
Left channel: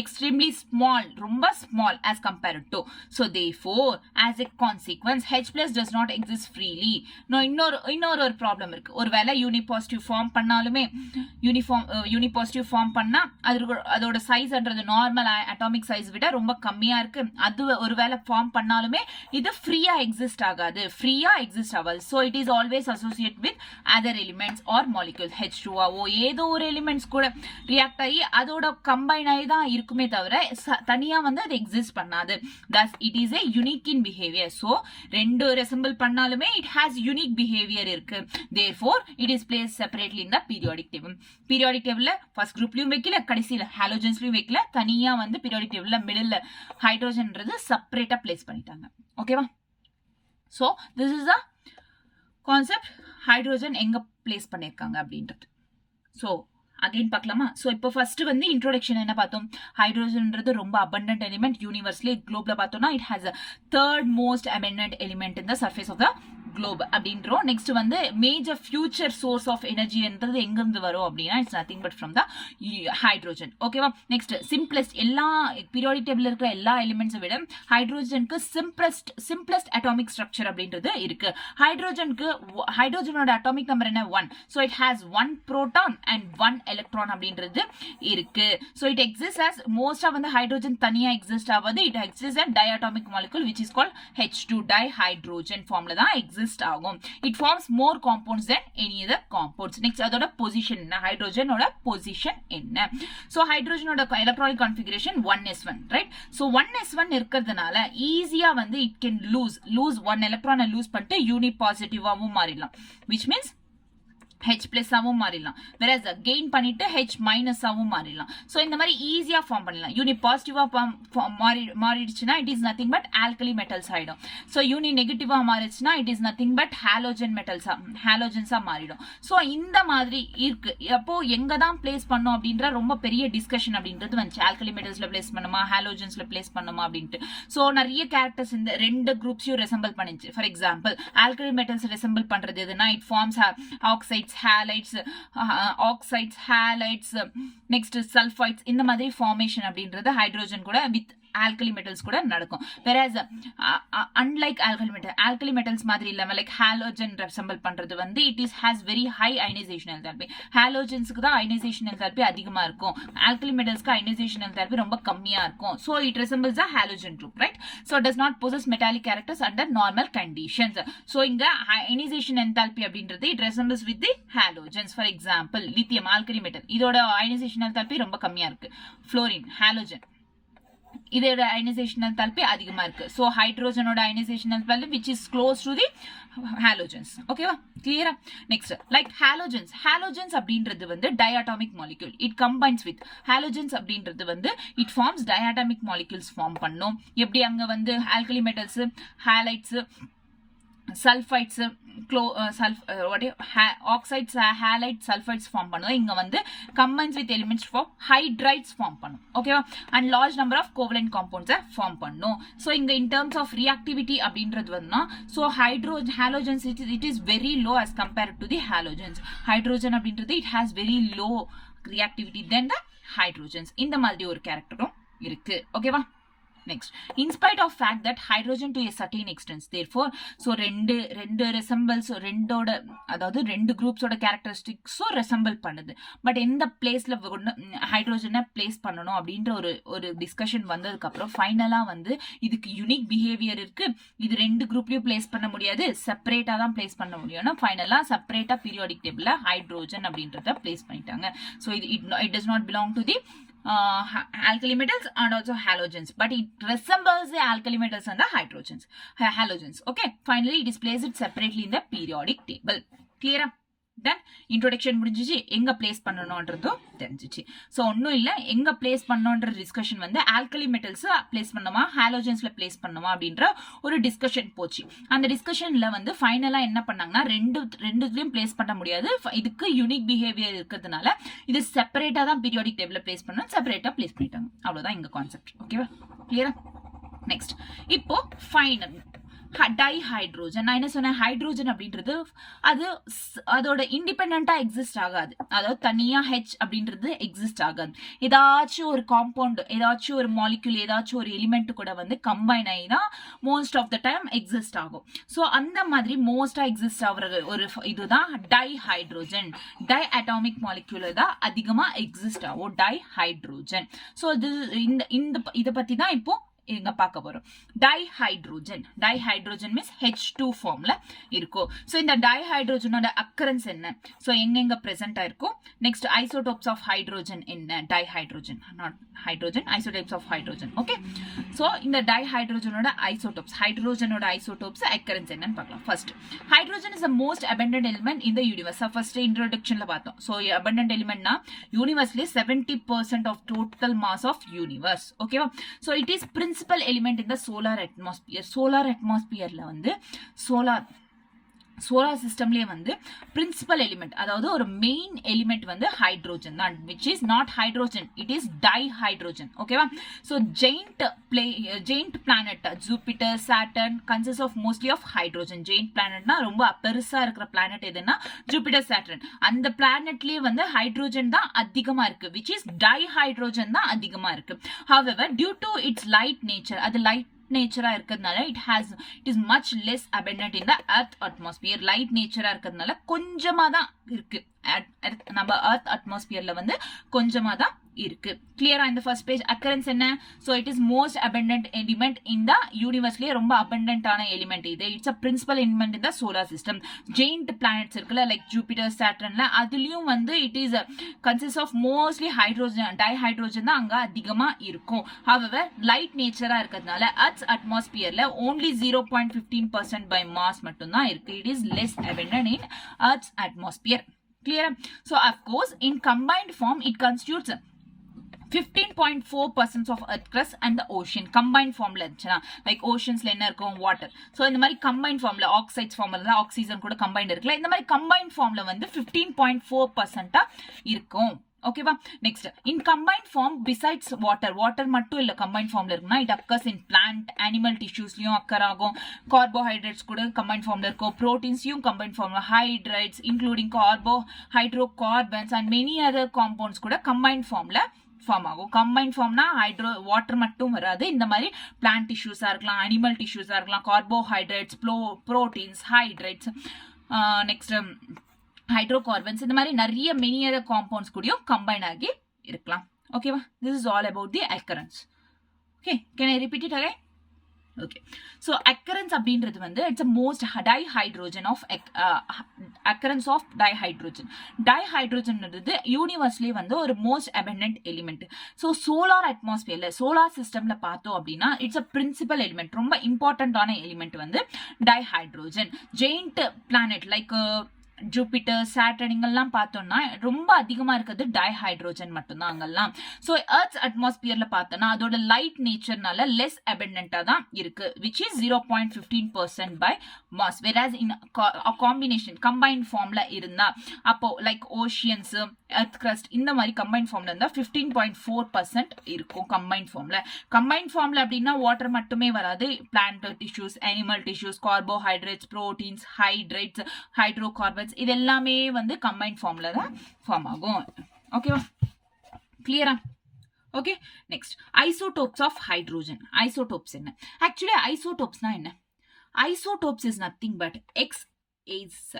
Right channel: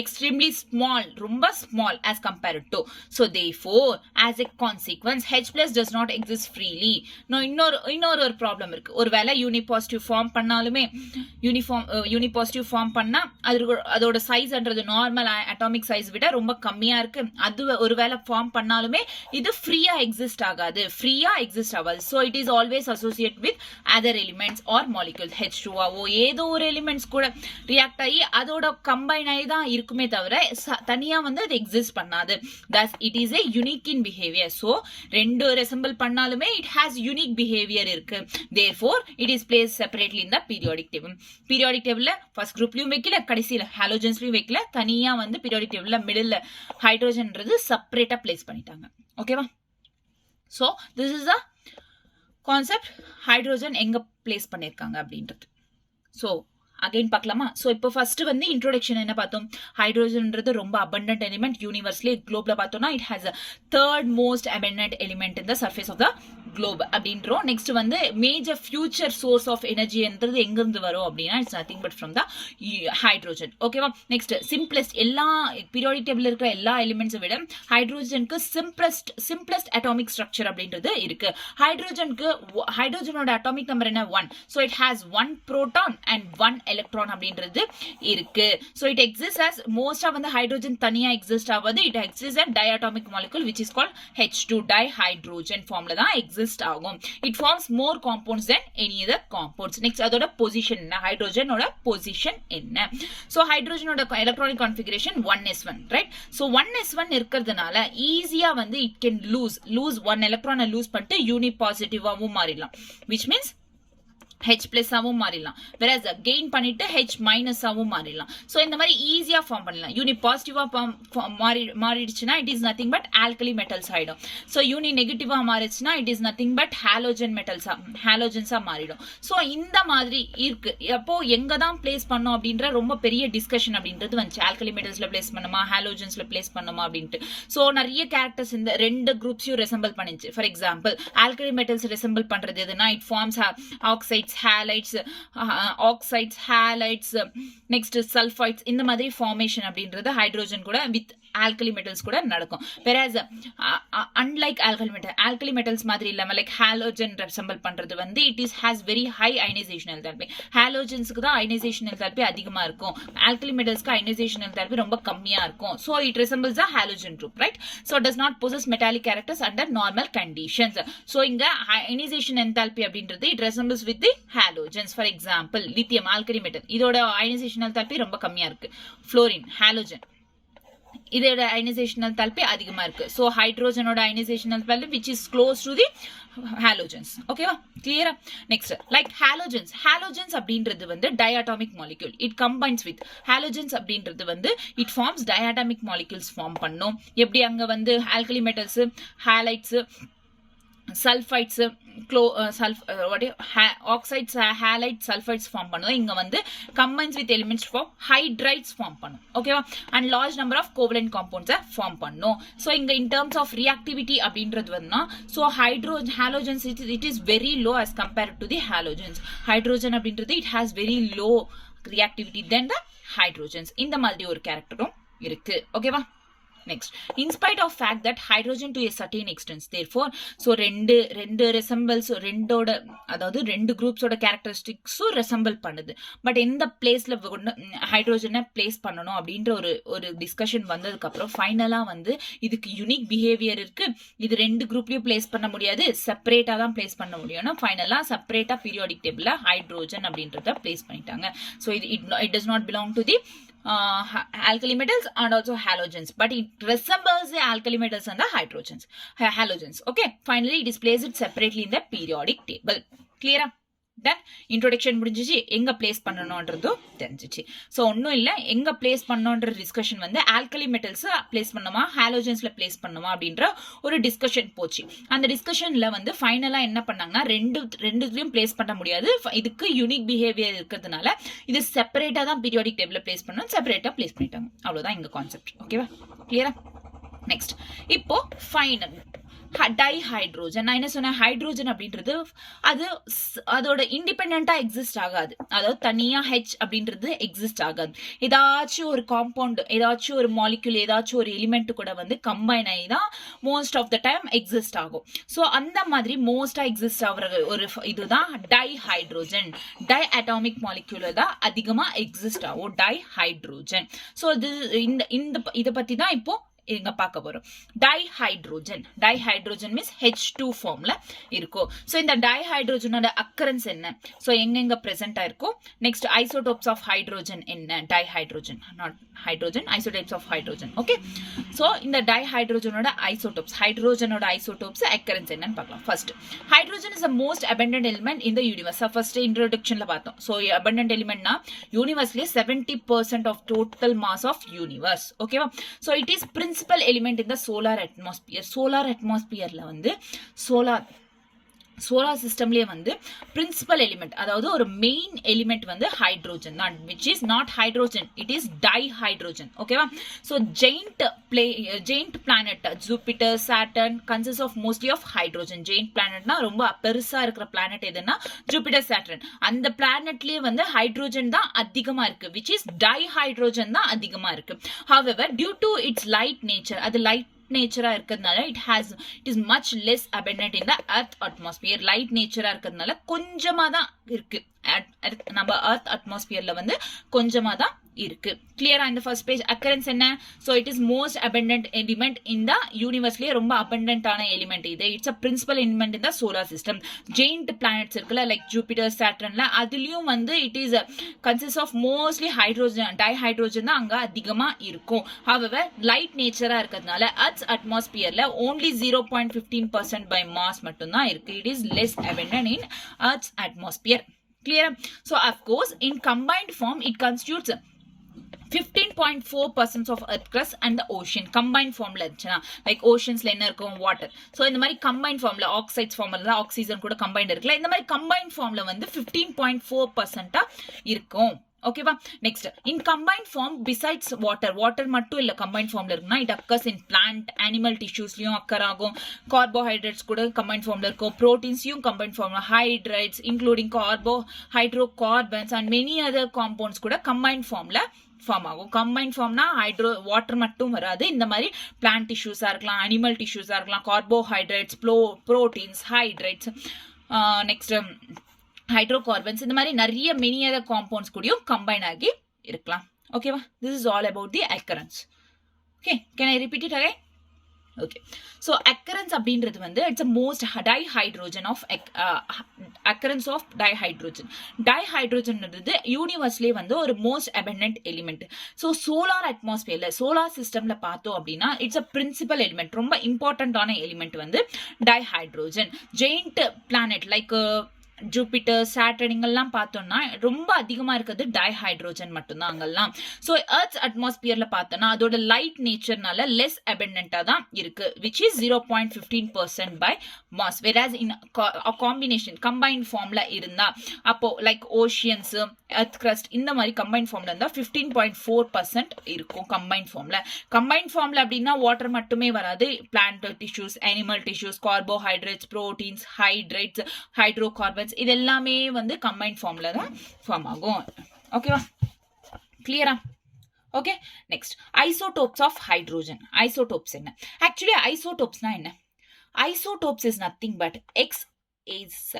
extremely small, ரொம்ப small as compared to. so therefore as a consequence H+ does not exist freely. இன்னொரு ஒரு ப்ராப்ளம் இருக்கு. ஒருவேளை யூனிபாசிட்டிவ் ஃபார்ம் பண்ணாலுமே யூனிபாசிட்டிவ் ஃபார்ம் பண்ணா அதோட சைஸ்ன்றது நார்மல் அட்டாமிக் சைஸ் விட ரொம்ப கம்மியா இருக்கு. அது ஒருவேளை ஃபார்ம் பண்ணாலுமே இது ஃப்ரீயா எக்ஸிஸ்ட் ஆகாது. so it is always associated with other elements or molecules. H2O ஏதோ ஒரு எலிமெண்ட்ஸ் கூட ரியாக்ட் ஆகி அதோட கம்பைன் ஆகி தான் இருக்குமே தவிர தனியா வந்து அது எக்ஸிஸ்ட் பண்ணாது. thus it is a unique in behavior. so ரெண்டு ரெசம்பிள் பண்ணாலுமே it has unique behavior இருக்கு. therefore it is placed separately in the periodic table. periodic tableல ஃபர்ஸ்ட் குரூப்லயும் வைக்கல, கடைசியில ஹாலோஜன்ஸ்லயும் வைக்கல, தனியா வந்து periodic tableல மிடில்ல ஹைட்ரோஜன்ன்றது செப்பரேட்டா பிளேஸ் பண்ணிட்டாங்க. ஓகேவா? so this is a concept, hydrogen எங்க பிளேஸ் பண்ணிருக்காங்க அப்படின்றது. ஸோ அகைன் பார்க்கலாமா? ஸோ இப்போ ஃபர்ஸ்ட் வந்து இன்ட்ரோடக்ஷன் என்ன பார்த்தோம், ஹைட்ரோஜன்ன்றது ரொம்ப அபண்டன்ட் எலிமெண்ட் யூனிவர்ஸ்லி. குளோப்ல பார்த்தோம்னா it has a third most abundant element in the surface of the globe அப்படின்றோம். நெக்ஸ்ட் வந்து மேஜர் ஃபியூச்சர் சோர்ஸ் ஆஃப் எனர்ஜின்றது எங்கிருந்து வரும் அப்படின்னா it's nothing but from the hydrogen. ஓகேவா? நெக்ஸ்ட் சிம்பிளஸ்ட், எல்லா பீரியாடிக் டேபிள்ல இருக்கிற எல்லா எலிமெண்ட்ஸை விட ஹைட்ரோஜனுக்கு சிம்பிளஸ்ட் அட்டாமிக் ஸ்ட்ரக்சர் அப்படின்றது இருக்கு. ஹைட்ரோஜனோட அட்டாமிக் நம்பர் என்ன, 1. So it has 1 proton and 1 electron அப்படின்றது இருக்கு. so it exists as most of the hydrogen தனியா exist ஆவது it exists as diatomic molecule which is called H2 dihydrogen formல தான் exist ஆகும். it forms more compounds than any other compounds. next அதோட position என்ன, ஹைட்ரோஜனோட position என்ன. so ஹைட்ரோஜனோட electronic configuration 1s1 right. so 1s1 இருக்கிறதுனால ஈஸியா வந்து it can lose one electron lose பண்ணிட்டு uni பாசிட்டிவாவும் மாறிடலாம், which means H plus ஆவும் மாறிடலாம், whereas gain பண்ணிட்டு H minus ஆவும் மாறிடலாம். so இந்த மாதிரி ஈஸியா ஃபார்ம் பண்ணலாம். யூனி பாசிட்டிவா மாறிடுச்சுன்னா it is nothing but alkali metals ஆயிடும். so யூனி நெகட்டிவா மாறிடுச்சுன்னா it is nothing but ஹாலோஜன்ஸா மாறிடும். so இந்த மாதிரி இருக்கு. அப்போ எங்க தான் பிளேஸ் பண்ணோம் அப்படின்ற ரொம்ப பெரிய டிஸ்கஷன் அப்படின்றது வந்துச்சு. ஆல்கலி மெட்டல்ஸ்ல பிளேஸ் பண்ணுமா, ஹாலோஜன்ஸ்ல பிளேஸ் பண்ணுமா அப்படின்ட்டு. so நிறைய கேரக்டர்ஸ் இந்த ரெண்டு குரூப்ஸையும் ரெசம்பிள் பண்ணிச்சு. For example alkali metals resemble பண்றது எதுனா it forms oxides, halides, oxides, halides, next sulfides. இந்த மாதிரி formation அப்படின்றது ஹைட்ரோஜன் கூட with alkali metals கூட நடக்கும். whereas unlike alkali metals மாதிரி இல்லாம like halogen resemble பண்றது வந்து it is has very high ionization enthalpy. halogens-க்கு தான் ionization enthalpy அதிகமா இருக்கும், alkali metals-க்கு ionization enthalpy ரொம்ப கம்மியா இருக்கும். so it resembles a halogen group, right. so it does not possess metallic characters under normal conditions. so இங்க ionization enthalpy அப்படின்றது it resembles with the halogens. for example lithium alkali metal இதோட ionization enthalpy ரொம்ப கம்மியா இருக்கு. fluorine halogen இதோட ionization enthalpy அதிகமா இருக்கு. so ஹைட்ரோஜனோட ionization enthalpy which is close to the halogens. ஓகேவா, கிளியரா. நெக்ஸ்ட் லைக் ஹாலோஜன்ஸ் அப்படின்றது வந்து diatomic molecule. it combines with halogens அப்படின்றது வந்து it forms diatomic molecules form பண்ணும். எப்படி அங்க வந்து alkali metals, halides, sulfides, oxides, halides, sulfides form பண்ணும். இங்க வந்து combines with elements for hydrides form பண்ணும். ஓகேவா, and large number of covalent compounds form பண்ணும். so இங்க in terms of reactivity அப்படின்றது வந்து so halogens it is very low as compared to the halogens. hydrogen அப்படின்றது it has very low reactivity than the hydrogens. இந்த மாதிரி ஒரு கேரக்டரும் இருக்கு. ஓகேவா. next in spite of fact that hydrogen to a certain extent therefore so ரெண்டு resembles ரெண்டோட அதாவது ரெண்டு groups ஓட characteristics resemble பண்ணுது. பட் எந்த பிளேஸ்ல ஹைட்ரோஜனை பிளேஸ் பண்ணணும் அப்படின்ற ஒரு டிஸ்கஷன் வந்ததுக்கு அப்புறம் ஃபைனலா வந்து இதுக்கு யூனிக் பிஹேவியர் இருக்கு, இது ரெண்டு குரூப்லயும் பிளேஸ் பண்ண முடியாது, செப்பரேட்டா தான் பிளேஸ் பண்ண முடியும்னா ஃபைனலா செப்பரேட்டா பீரியாடிக் டேபிள்ல ஹைட்ரோஜன் அப்படின்றத பிளேஸ் பண்ணிட்டாங்க. so it does not belong to the alkali metals and also halogens, but it resembles the alkali metals and the halogens. okay, finally it is placed separately in the periodic table. clear? then introduction முடிஞ்சிச்சு, எங்க place பண்ணணும்ன்றதும் தெரிஞ்சிச்சு. so ஒன்னும் இல்ல, எங்க place பண்ணணும்ன்ற discussion வந்து alkali metals place பண்ணுமா ஹாலோஜன்ஸ்ல place பண்ணுமா அப்படின்ற ஒரு டிஸ்கஷன் போச்சு. அந்த டிஸ்கஷன்ல வந்து ஃபைனலா என்ன பண்ணாங்கன்னா ரெண்டுலயும் பிளேஸ் பண்ண முடியாது, இதுக்கு யூனிக் பிஹேவியர் இருக்கிறதுனால இது செப்பரேட்டா தான் பீரியாடிக் டேபிள்ல பிளேஸ் பண்ணணும், செப்பரேட்டா பிளேஸ் பண்ணிட்டாங்க. அவ்வளவுதான் எங்க கான்செப்ட். ஓகேவா, கிளியரா. நெக்ஸ்ட் இப்போ ஃபைனல் டைஹைட்ரோஜன். நான் என்ன சொன்னேன், ஹைட்ரோஜன் அப்படின்றது அதோட இண்டிபெண்டா எக்ஸிஸ்ட் ஆகாது, அதாவது தனியா ஹெச் அப்படின்றது எக்ஸிஸ்ட் ஆகாது. ஏதாச்சும் ஒரு காம்பவுண்ட், ஏதாச்சும் ஒரு மாலிக்யூல், ஏதாச்சும் ஒரு எலிமெண்ட் கூட வந்து கம்பைன் ஆகி தான் most of the time exist ஆகும். ஸோ அந்த மாதிரி மோஸ்டா எக்ஸிஸ்ட் ஆகிற ஒரு இதுதான் டைஹைட்ரோஜன். டை அட்டாமிக் மாலிக்யூல் தான் அதிகமா எக்ஸிஸ்ட் ஆகும் டைஹைட்ரோஜன். ஸோ இதை பத்தி தான் இப்போ இங்க பார்க்க போறோம். டைஹைட்ரோஜன் மீன்ஸ் H2 ஃபார்ம்ல இருக்கும். சோ இந்த டைஹைட்ரோஜனோட அக்கரன்ஸ் என்ன, சோ எங்க பிரசன்ட் ஆயிருக்கும். நெக்ஸ்ட் ஐசோடோப்ஸ் ஆஃப் ஹைட்ரோஜன் என்ன, dihydrogen not hydrogen, isotopes of hydrogen. Okay, so இந்த டைஹைட்ரோஜனோட ஐசோடோப்ஸ், ஹைட்ரோஜனோட ஐசோடோப்ஸ் அக்கரன்ஸ் என்னன்னு பார்க்கலாம். First, hydrogen is the most abundant element in the universe. First இன்ட்ரோடக்ஷன்ல பார்த்தோம். சோ abundant elementனா யூனிவர்ஸ்லயே 70% of total mass of universe. ஓகேவா. So it is principal element in the solar atmosphere. solar atmosphereல வந்து சோலார் சிஸ்டம்லயே வந்து பிரின்சிபல் எலிமெண்ட், அதாவது ஒரு மெயின் எலிமெண்ட் வந்து ஹைட்ரோஜன் தான், which is not hydrogen, it is dihydrogen. ஓகேவா. so giant planet Jupiter, Saturn consists of mostly of hydrogen. giant planetனா ரொம்ப பெருசா இருக்கிற பிளானட் எதுன்னா Jupiter, Saturn. அந்த பிளானட்லயே வந்து ஹைட்ரோஜன் தான் அதிகமா இருக்கு, which is dihydrogen தான் அதிகமா இருக்கு. however due to its light nature, அது லைட் நேச்சரா இருக்கிறதுனால it is much less abundant in the earth atmosphere. Light நேச்சரா இருக்கிறதுனால கொஞ்சமா தான் இருக்கு நம்ம earth atmosphereல வந்து கொஞ்சமா தான் இருக்கு. கிளியரா? இந்த ஃபர்ஸ்ட் பேஜ் அக்கரன்ஸ் என்ன? So it is most abundant element in the universeலயே ரொம்ப abundant ஆன எலிமெண்ட் இது. It's a principal element in the solar system. giant planets இருக்குல்ல, லைக் ஜூபிட்டர், சாட்டர்ன்ல, அதுலயும் வந்து it is consist of mostly hydrogen, dihydrogen தான் அங்க அதிகமா இருக்கும். however லைட் நேச்சரா இருக்கிறதுனால earth's atmosphereல only 0.15% by mass மட்டும் தான் இருக்கு. it is less abundant in earth's atmosphere. Clear? So of course in combined form it constitutes 15.4% of earth crust and the ocean. combined formula இருந்துச்சுனா like oceansல என்ன இருக்கும், water. so இந்த மாதிரி combined formula oxides formula oxygen கூட combined இருக்குல, இந்த மாதிரி combined formula வந்து 15.4% இருக்கும். ஓகேவா? Next in combined form besides water மட்டும் இல்ல கம்பைன்ட் ஃபார்ம்ல இருக்குன்னா it occurs in plant animal டிஷ்யூஸ்லயும் அக்கர் ஆகும். கார்போஹைட்ரேட்ஸ் கூட கம்பைன்ட் ஃபார்ம்ல இருக்கும். ப்ரோட்டீன்ஸையும் கம்பைன்ட் ஃபார்ம்ல, hydrates including hydrocarbons and many other compounds கூட கம்பைன்ட் ஃபார்ம்ல ஃபார்ம் ஆகும். கம்பைன் ஃபார்ம்னா வாட்டர் மட்டும் வராது, இந்த மாதிரி பிளான்ட் டிஷ்யூஸா இருக்கலாம், அனிமல் டிஷ்யூஸா இருக்கலாம், carbohydrates, proteins, hydrates, next hydrocarbons, இந்த மாதிரி நிறைய மெனி அதர் காம்பவுண்ட்ஸ் கூடயும் கம்பைன் ஆகி இருக்கலாம். ஓகேவா? This is all about the occurrence. Okay, can I repeat it again? Okay, so occurrence அப்படின்றது வந்து it's a most dihydrogen of occurrence of dihydrogen. டைஹைட்ரோஜன்ன்றது யூனிவர்ஸ்லேயே வந்து ஒரு most abundant element. So solar அட்மாஸ்பியர்ல, சோலார் சிஸ்டம்ல பார்த்தோம் அப்படின்னா இட்ஸ் அ பிரின்சிபல் எலிமெண்ட், ரொம்ப இம்பார்ட்டன்டான எலிமெண்ட் வந்து dihydrogen. Giant planet like Jupiter, Saturn இங்கெல்லாம் பார்த்தோம்னா ரொம்ப அதிகமா இருக்கிறது டைஹைட்ரோஜன் மட்டும்தான் அங்கெல்லாம். ஸோ எர்த்ஸ் அட்மாஸ்பியர்ல பார்த்தோம்னா அதோட லைட் நேச்சர்னால லெஸ் அபண்டன்டா தான் இருக்கு, which is 0.15% by mass. Whereas in combination combine ஃபார்ம்ல இருந்தா அப்போ லைக் ஓஷியன்ஸ், எர்த் கிரஸ்ட் இந்த மாதிரி கம்பைன் ஃபார்ம்ல இருந்தா 15.4% இருக்கும் கம்பைன் ஃபார்ம்ல. கம்பைன் ஃபார்ம்ல அப்படின்னா வாட்டர் மட்டுமே வராது, plant tissues, animal tissues, carbohydrates, proteins, hydrates, hydrocarbons, இது எல்லாமே வந்து கம்பைன்ட் ஃபார்ம்ல தான் ஃபார்ம் ஆகும். ஓகேவா? கிளியரா? Okay, next isotopes of hydrogen. Isotopes என்ன? ஆக்சுவலி ஐசோடோப்ஸ்னா என்ன? Isotopes is nothing but XAZ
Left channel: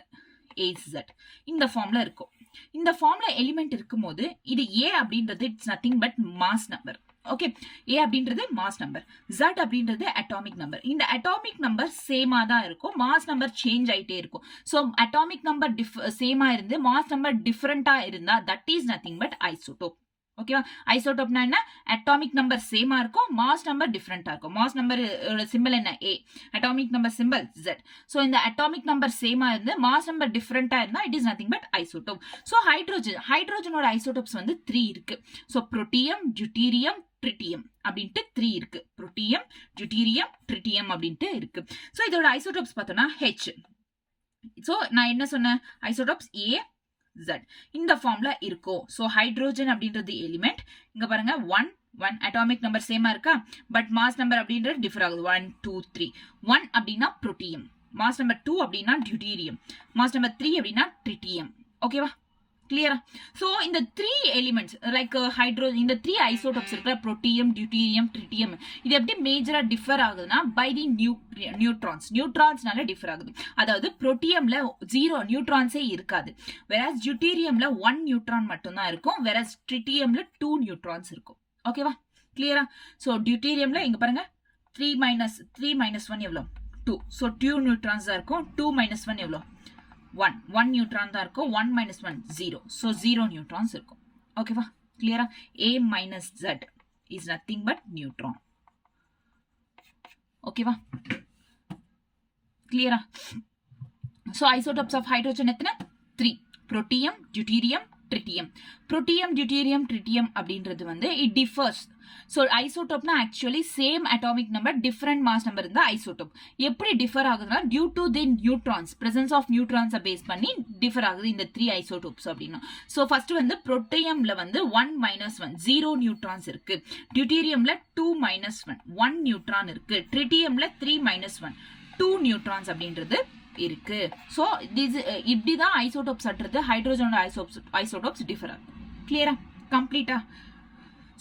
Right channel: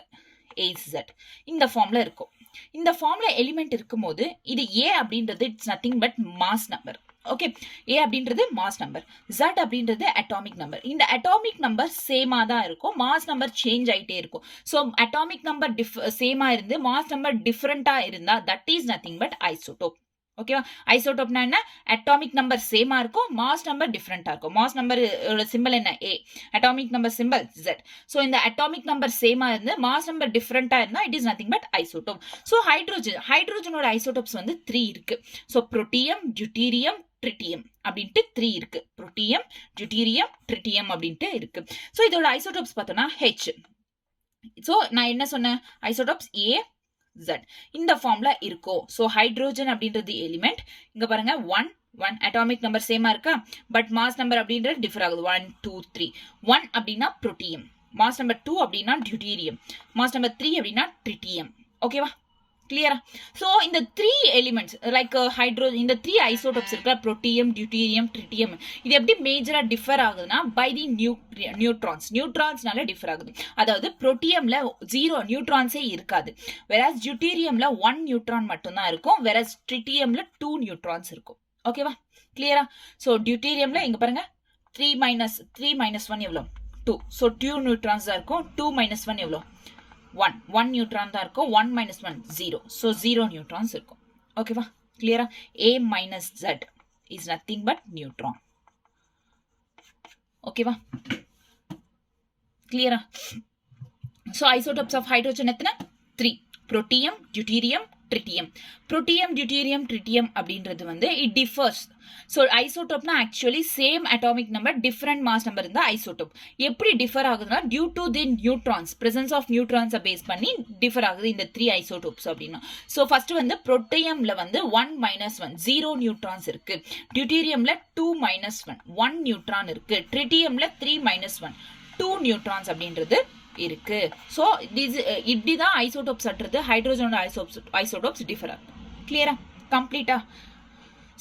இந்த ஃபார்ம்ல இருக்கும். இந்த ஃபார்ம்ல எலிமெண்ட் இருக்கும்போது இது A அப்படின்றது it's nothing but mass number. Okay, A அப்படின்றது மாஸ் நம்பர், Z அப்படின்றது அட்டாமிக் நம்பர். இந்த அட்டாமிக் நம்பர் சேமா தான் இருக்கும், மாஸ் நம்பர் சேஞ்ச் ஆயிட்டே இருக்கும். ஸோ அட்டாமிக் நம்பர் சேமா இருந்து மாஸ் நம்பர் டிஃபரெண்டா இருந்தா that is nothing but isotope. ஓகேவா? ஐசோடோப்னா என்ன? அட்டாமிக் நம்பர் சேமா இருக்கும், மாஸ் நம்பர் டிஃபரெண்டா இருக்கும். மாஸ் நம்பர் சிம்பிள் என்ன? A, atomic number symbol Z. So இந்த அட்டாமிக் நம்பர் சேமா இருந்து மாஸ் நம்பர் டிஃபரெண்டா இருந்தா it is nothing but isotope. So ஹைட்ரோஜனோட ஐசோடோப்ஸ் வந்து 3 இருக்கு. ஸோ புரோட்டியம், டியூட்டீரியம், ட்ரிட்டியம் அப்படின்ட்டு 3 இருக்கு. புரோட்டியம், டியூட்டீரியம், ட்ரிட்டியம் அப்படின்ட்டு இருக்கு. ஸோ இதோட ஐசோடோப்ஸ் பார்த்தோம்னா H. ஸோ நான் என்ன சொன்னேன்? ஐசோடோப்ஸ் A, Z இந்த ஃபார்ம்ல இருக்கும். ஸோ ஹைட்ரோஜன் அப்படின்றது எலிமெண்ட். இங்க பாருங்க 1 அட்டாமிக் நம்பர் சேமா இருக்கா, பட் மாஸ் நம்பர் அப்படின்றது டிஃபர் ஆகுது. 1 2 3. 1 அப்படின்னா புரோட்டியம், மாஸ் நம்பர் 2 அப்படின்னா டியூட்டீரியம், மாஸ் நம்பர் 3 அப்படின்னா ட்ரிட்டியம். ஓகேவா? கிளியரா? ஸோ இந்த 3 எலிமெண்ட்ஸ் லைக் ஹைட்ரோஜன், இந்த 3 ஐசோடோப்ஸ் இருக்கிற புரோட்டியம், டியூட்டீரியம், ட்ரிட்டியம், இது எப்படி மேஜரா டிஃபர் ஆகுதுன்னா பை தி நியூட்ரான்ஸ்னால டிஃபர் ஆகுது. அதாவது புரோட்டியம்ல 0 நியூட்ரான்ஸே இருக்காது, வெராஸ் டியூட்டீரியம்ல 1 நியூட்ரான் மட்டும்தான் இருக்கும், வெராஸ் ட்ரிட்டியம்ல 2 நியூட்ரான்ஸ் இருக்கும். ஓகேவா? கிளியரா? ஸோ டியூட்டீரியம்ல இங்க பாருங்க 3 minus 1 எவ்வளோ? 2. ஸோ 2 நியூட்ரான்ஸ் தான் இருக்கும். 2 minus 1 எவ்வளோ? 1 நியூட்ரான் தான் இருக்கும். 1 minus 1 0. ஸோ 0 நியூட்ரான்ஸ் இருக்கும். ஓகேவா? கிளியரா? A minus Z is nothing but neutron. ஓகேவா? கிளியரா? ஸோ ஐசோடோப்ஸ் ஆஃப் ஹைட்ரோஜன் எத்தனை? 3. Protium, deuterium, tritium. Protium, deuterium, tritium அப்படின்றது வந்து இட் டிஃபர்ஸ். ஸோ ஐசோடோப்னா actually same atomic number different mass number இருந்தா ஐசோடோப். எப்படி டிஃபர் ஆகுதுன்னா due to the neutrons, presence of நியூட்ரான்ஸை பேஸ் பண்ணி டிஃபர் ஆகுது இந்த 3 ஐசோடோப்ஸ் அப்படின்னா. ஸோ ஃபர்ஸ்ட் வந்து புரோட்டியம்ல வந்து 1 minus 1 0 நியூட்ரான்ஸ் இருக்கு, டியூட்டீரியம்ல 2 minus 1 1 நியூட்ரான் இருக்கு, ட்ரிட்டியம்ல 3 minus 1 2 நியூட்ரான்ஸ் அப்படின்றது இருக்கு. ஸோ இப்படிதான் ஐசோடோப்ஸ் அற்றது ஹைட்ரோஜனோட ஐசோடோப்ஸ் டிஃபர் ஆகும். கிளியரா? கம்ப்ளீட்டா?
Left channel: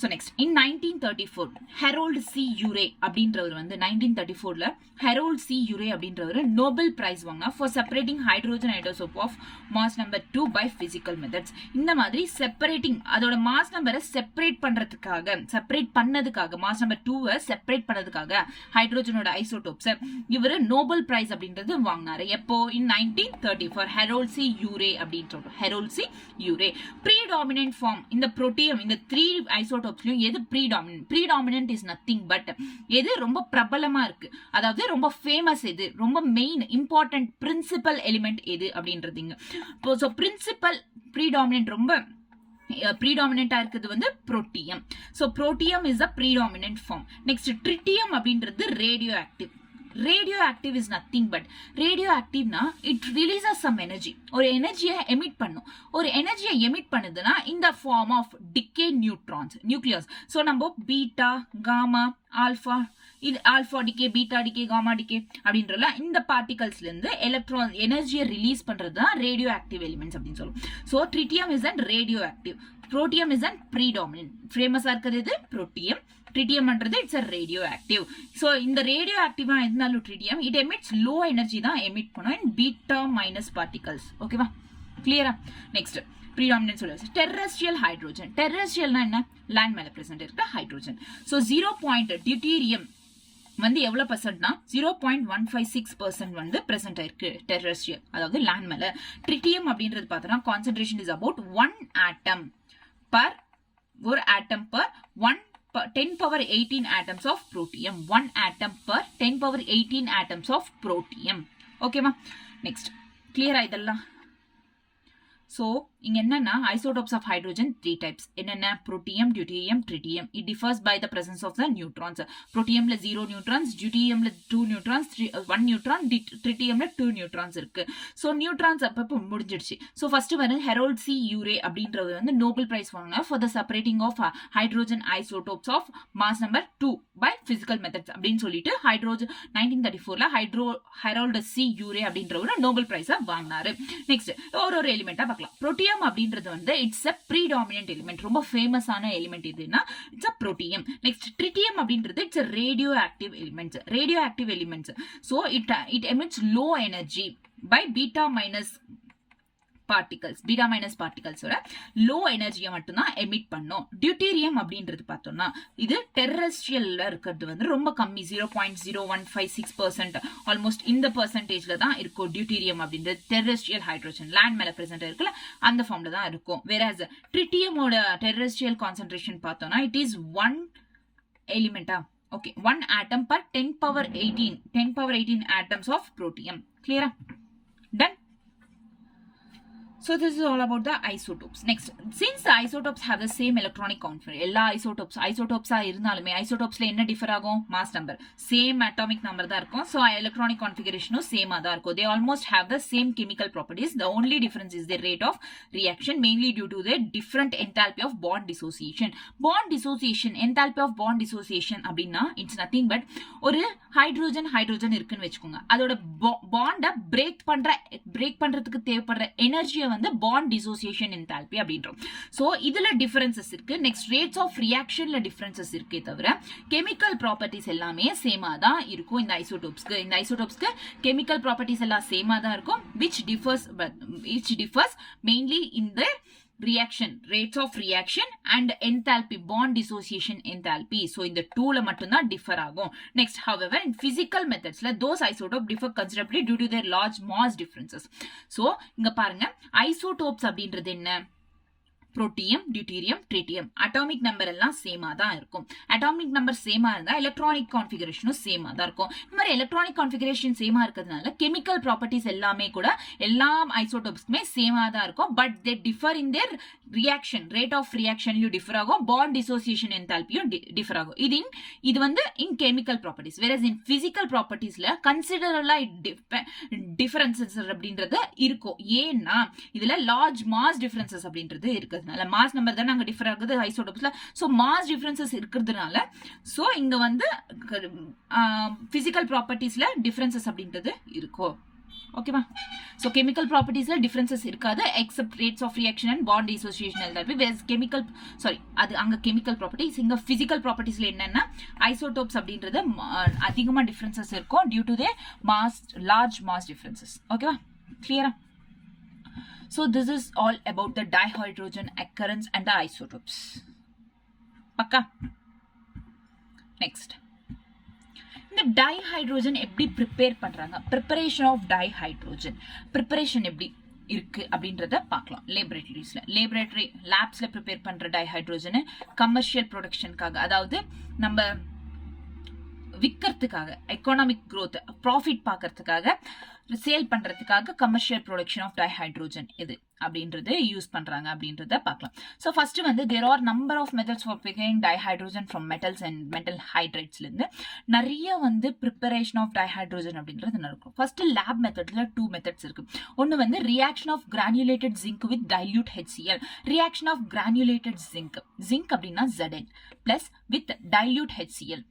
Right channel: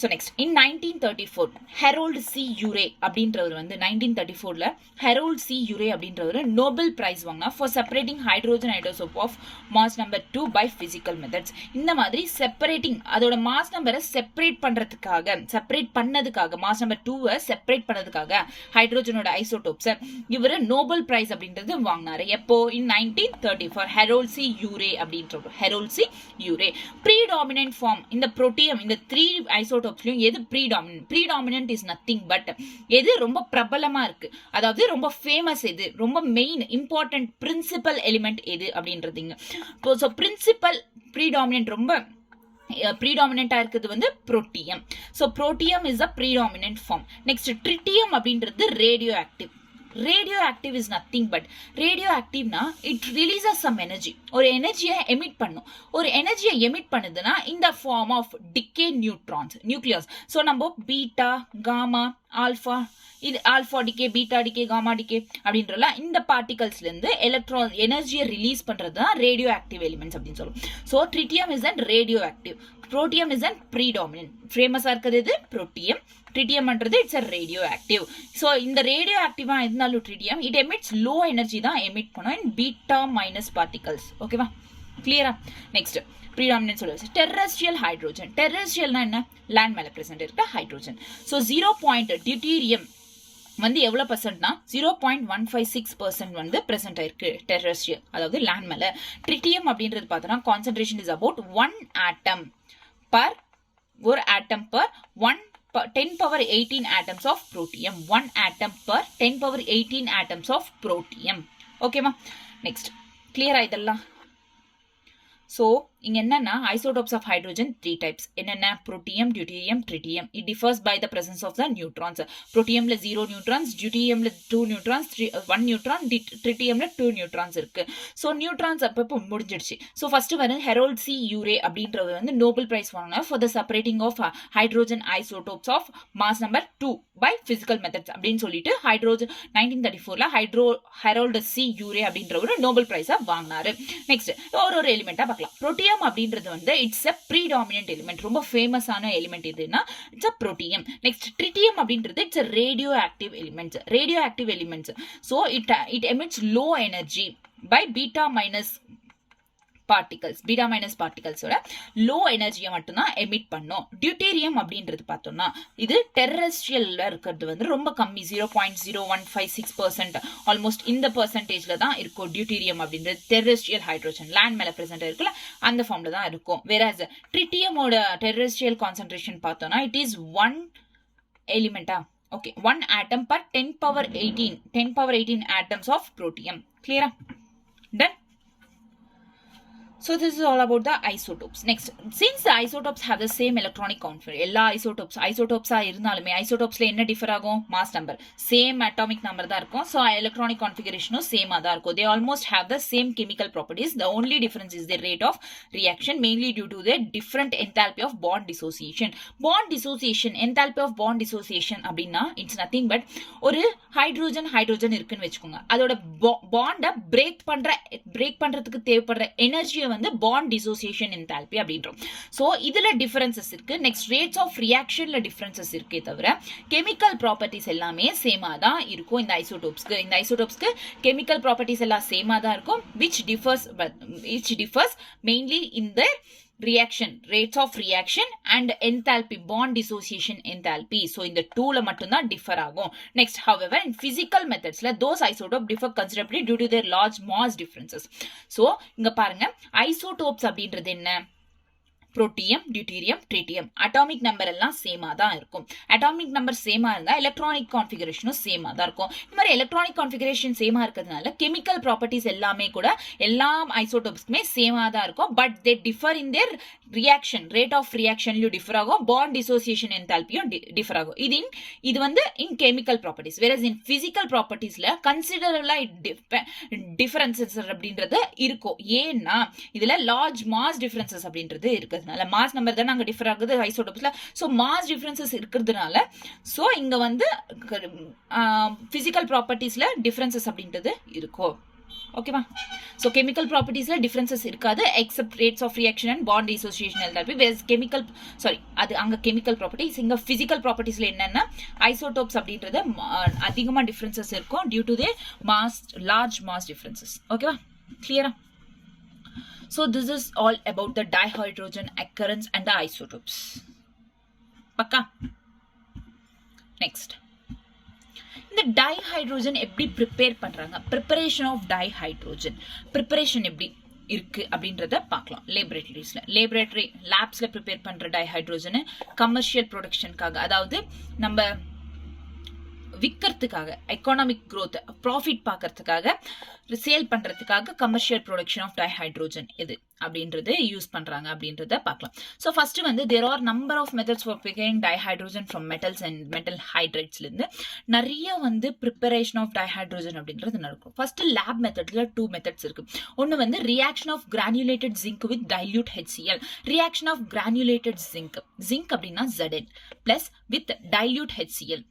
So next in 1934 Harold C Urey அப்படின்றவர் வந்து 1934ல ஹெரோல்ட் சி யூரே அப்படின்றவர் நோபல் பிரைஸ் வாங்கினா for separating hydrogen isotope of mass number 2 by physical methods. இந்த மாதிரி செப்பரேட்டிங் அதோட மாஸ் நம்பரை செப்பரேட் பண்ணதுக்காக மாஸ் நம்பர் 2 செப்பரேட் பண்ணதுக்காக ஹைட்ரோஜனோட ஐசோடோப்ஸ் இவர் நோபல் பிரைஸ் அப்படின்றது வாங்கினாரு. எப்போ இன் 1934 ஹெரோல்ட் சி யூரே அப்படின்றவர். ஹெரோல்ட் சி யூரே ப்ரீடாமினன்ட் ஃபார்ம் இந்த புரோட்டியம் இந்த 3 ஐசோடோப் எது ப்ரீடாமினன்ட் இஸ் நத்திங் பட் எது ரொம்ப பிரபலமா இருக்கு, அதாவது ரொம்ப ஃபேமஸ் எது, ரொம்ப மெயின் இம்பார்ட்டன்ட் பிரின்சிபல் எலிமெண்ட் எது அப்படின்றதுங்க. ஸோ பிரின்சிபல் ப்ரீடாமினன்ட் ரொம்ப ப்ரீடாமினண்டா இருக்குது வந்து protium. So protium is a predominant form. Next tritium அப்படின்றது radioactive. radioactive is nothing but radioactive na it releases some energy or energy emit பண்ணும். ஒரு எனர்ஜியை emit பண்ணுதுன்னா in the form of decay neutrons nucleus. so நம்ம beta gamma alpha இது alpha decay beta decay gamma decay அப்படின்றல இந்த பார்ட்டிகல்ஸ்ல இருந்து எலக்ட்ரான் எனர்ஜியை ரிலீஸ் பண்றது தான் ரேடியோ ஆக்டிவ் எலிமெண்ட்ஸ் அப்படின்னு சொல்லுவோம். So tritium is and radioactive, protium is and predominant. ஃபேமஸா இருக்கிறது இது புரோட்டியம், ட்ரிட்டியம் பண்றது it's a radioactive. So இந்த ரேடியோ ஆக்டிவா இருந்தாலும் tritium it emits low energy தான் எமிட் பண்ணும் இன் பீட்டா மைனஸ் பார்ட்டிகல்ஸ். ஓகேவா, கிளியரா? நெக்ஸ்ட் ப்ரீடாமினன்ட் சொல்லுவாங்க. Terrestrial hydrogen. டெரஸ்ட்ரியல்னா என்ன? லேண்ட் மேல பிரசன்ட் இருக்க ஹைட்ரோஜன். ஸோ 0. டியூட்டீரியம் வந்து எவ்வளவு பர்சன்ட்னா 0.156% வந்து பிரசன்ட் ஆயிருக்கு டெரஸ்ட்ரியல், அதாவது லேண்ட் மேல. ட்ரிட்டியம் அப்படின்றது பார்த்தோம்னா concentration is about 1 atom per 10 power 18 atoms of protium. 1 atom per 10 power 18 atoms of protium. ஓகேவா? நெக்ஸ்ட் கிளியரா இதெல்லாம்? ஸோ இங்க என்னன்னா isotopes of hydrogen 3 types. என்னென்ன? புரோட்டியம், டியூட்டீரியம், ட்ரிட்டியம். it differs by the presence of the neutrons. புரோட்டியம்ல 0 நியூட்ரான்ஸ், டியூட்டீரியம்ல 2 நியூட்ரான்ஸ், 1 நியூட்ரான், ட்ரிட்டியம்ல 2 நியூட்ரான்ஸ் இருக்கு. ஸோ நியூட்ரான்ஸ் அப்போ முடிஞ்சிடுச்சு. ஸோ ஃபர்ஸ்ட் வந்து ஹெரோல்ட் சி யூரே அப்படின்றது வந்து நோபல் பிரைஸ் வாங்கினா for the separating of hydrogen isotopes of mass number 2 by physical methods அப்படின்னு சொல்லிட்டு ஹைட்ரோஜன் 1934ல ஹெரோல்ட் சி யூரே அப்படின்றவர் நோபல் பிரைஸா வாங்கினாரு. நெக்ஸ்ட் ஒரு எலிமெண்டா பார்க்கலாம். புரோட்டியம் அப்படின்றது வந்து இட்ஸ் a predominant element, ரொம்ப ஃபேமஸான எலிமெண்ட் இதுனா it's a protium. Next tritium அப்படின்றது it's a radioactive elements. so it emits low energy by beta minus particles low எனர்ஜியை மட்டும் தான் எமிட் பண்ணும். டியூட்டீரியம் அப்படின்றது பார்த்தோம்னா இது டெரஸ்ட்ரியல்ல இருக்கிறது வந்து ரொம்ப கம்மி, 0.0156%, ஆல்மோஸ்ட் இந்த பெர்சன்டேஜ்ல தான் இருக்கும். டியூட்டீரியம் அப்படின்றது டெரஸ்ட்ரியல் ஹைட்ரோஜன் லேண்ட் மேல பிரசன்ட் இருக்குல்ல அந்த ஃபார்ம்ல தான் இருக்கும். வேறாஸ் ட்ரிட்டியமோட டெரஸ்ட்ரியல் கான்சென்ட்ரேஷன் பார்த்தோம்னா இட் இஸ் 1 எலிமெண்டா. Okay, 1 atom per 10 power 18 atoms of protium. Clear? Done? So this is all about the isotopes. Next, since the isotopes have the same electronic configuration, எல்லா isotopes இருந்தாலுமே isotopesல என்ன differ ஆகும்? Mass number same atomic number தான் இருக்கும். So electronic கான்ஃபிகரேஷனும் சேமா தான் இருக்கும். They almost have the same chemical properties. The only difference is the rate of reaction, mainly due to the different enthalpy of bond dissociation. Enthalpy of bond dissociation அப்படின்னா it's nothing but ஒரு hydrogen இருக்குன்னு வச்சுக்கோங்க, அதோட பாண்டை break பண்றதுக்கு தேவைப்படுற எனர்ஜியை வந்து bond dissociation enthalpy அப்படின்றோம். சோ இதுல டிஃபரன்சஸ் இருக்கு. நெக்ஸ்ட் ரேட்ஸ் ஆஃப் ரியாக்ஷன்ல டிஃபரன்சஸ் இருக்கே தவிர கெமிக்கல் ப்ராப்பர்ட்டிஸ் எல்லாமே சேமா தான் இருக்கும். இந்த ஐசோடோப்ஸ்க்கு கெமிக்கல் ப்ராப்பர்ட்டிஸ் எல்லாம் சேமா தான் இருக்கும். which differs mainly in the reaction, rates of reaction and enthalpy, bond dissociation enthalpy. so இந்த டூல மட்டும் தான் டிஃபர் ஆகும். next, however, in physical methods those isotopes differ considerably due to their large mass differences. so இங்க பாருங்க, isotopes அப்படின்றது என்ன? Protium, deuterium, tritium. Atomic number எல்லாம் சேமா தான் இருக்கும். அட்டாமிக் நம்பர் சேமா இருந்தா எலக்ட்ரானிக் கான்ஃபிகரேஷனும் சேமா தான் இருக்கும். இந்த மாதிரி எலக்ட்ரானிக் கான்ஃபிகரேஷன் சேமா இருக்கிறதுனால கெமிக்கல் ப்ராப்பர்ட்டிஸ் எல்லாமே கூட எல்லா ஐசோடோப்ஸ்க்குமே சேமா தான் இருக்கும். But they differ in their reaction, rate of ரியாக்ஷன்லயும் டிஃபர் ஆகும், பாண்ட் டிசோசியேஷன் என்தால்பியும் டிஃபர் ஆகும். இது வந்து இன் கெமிக்கல் ப்ராப்பர்ட்டிஸ். வேற இன் பிசிக்கல் ப்ராப்பர்ட்டிஸ்ல கன்சிடரபிளா டிஃபரன்சஸ் அப்படின்றது இருக்கும். ஏன்னா இதுல லார்ஜ் மாஸ் டிஃபரன்சஸ் அப்படின்றது இருக்குது. மாஸ் நம்பர் தான் அங்க டிஃபர் ஆகுது ஐசோடோப்ஸ்ல. சோ மாஸ் டிஃபரன்சஸ் இருக்கிறதுனால சோ இங்க வந்து பிசிக்கல் ப்ராப்பர்ட்டிஸ்ல டிஃபரன்சஸ் அப்படின்றது இருக்கும். ஓகேவா? ஸோ கெமிக்கல் ப்ராப்பர்ட்டிஸ்ல டிஃபரன்சஸ் இருக்காது except rates of reaction and bond dissociation எல்லாமே கெமிக்கல் அது அங்கே கெமிக்கல் ப்ராப்பர்ட்டிஸ். இங்கே ஃபிசிக்கல் ப்ராப்பர்ட்டிஸ்ல என்னன்னா ஐசோடோப்ஸ் அப்படின்றது அதிகமாக டிஃபரன்சஸ் இருக்கும் due to the large mass differences. ஓகேவா? கிளியரா? So this is all about the dihydrogen occurrence and the isotopes. Pakka? Next. இந்த டைஹைட்ரோஜன் எப்படி ப்ரிப்பேர் பண்றாங்க? ப்ரிப்பரேஷன் ஆஃப் டைஹைட்ரோஜன் ப்ரிப்பரேஷன் எப்படி இருக்கு அப்படின்றத பார்க்கலாம். லேபரேட்டரி லேப்ஸ்ல ப்ரிப்பேர் பண்ற டைஹைட்ரோஜன் கமர்ஷியல் ப்ரொடக்ஷனுக்காக, அதாவது நம்ம விற்கிறதுக்காக, எக்கனாமிக் க்ரோத், ப்ராஃபிட் பார்க்கறதுக்காக, சேல் பண்றதுக்காக கமர்ஷியல் ப்ரொடக்ஷன் ஆஃப் டைஹைட்ரோஜன் இது அப்படின்றது யூஸ் பண்றாங்க அப்படின்றத பார்க்கலாம். ஸோ ஃபர்ஸ்ட் வந்து there are number of methods for preparing dihydrogen from metals and metal ஹைட்ரைட்ஸ்ல இருந்து நிறைய வந்து ப்ரிப்பரேஷன் ஆஃப் டைஹைட்ரோஜன் அப்படின்றது நடக்கும். ஃபர்ஸ்ட் லேப் மெத்தட்ல 2 மெத்தட்ஸ் இருக்கு. ஒன்னு வந்து reaction of granulated zinc with dilute HCl. Reaction of granulated zinc அப்படின்னா Zn plus with dilute HCl.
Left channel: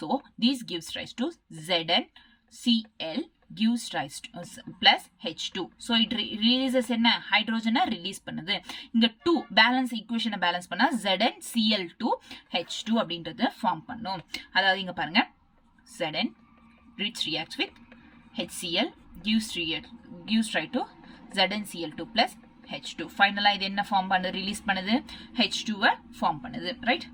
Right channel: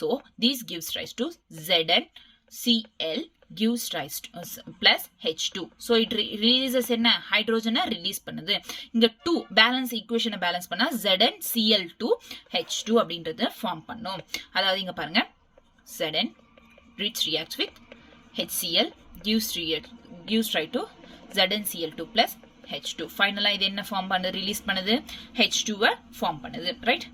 So these gives rise to ZnCl gives rise to plus H2. So it releases என்ன ஹைட்ரோஜனை release பண்ணுது. இங்க 2 balance ஈக்குவேஷனை balance பண்ணா ZnCl2 H2 அப்படின்றது form பண்ணும். அதாவது இங்க பாருங்க Zn reacts with HCl gives rise to ZnCl2 plus H2. ஃபைனலா இது என்ன ஃபார்ம் பண்ணுது? ரிலீஸ் பண்ணுது H2-வை ஃபார்ம் பண்ணுது. ரைட்?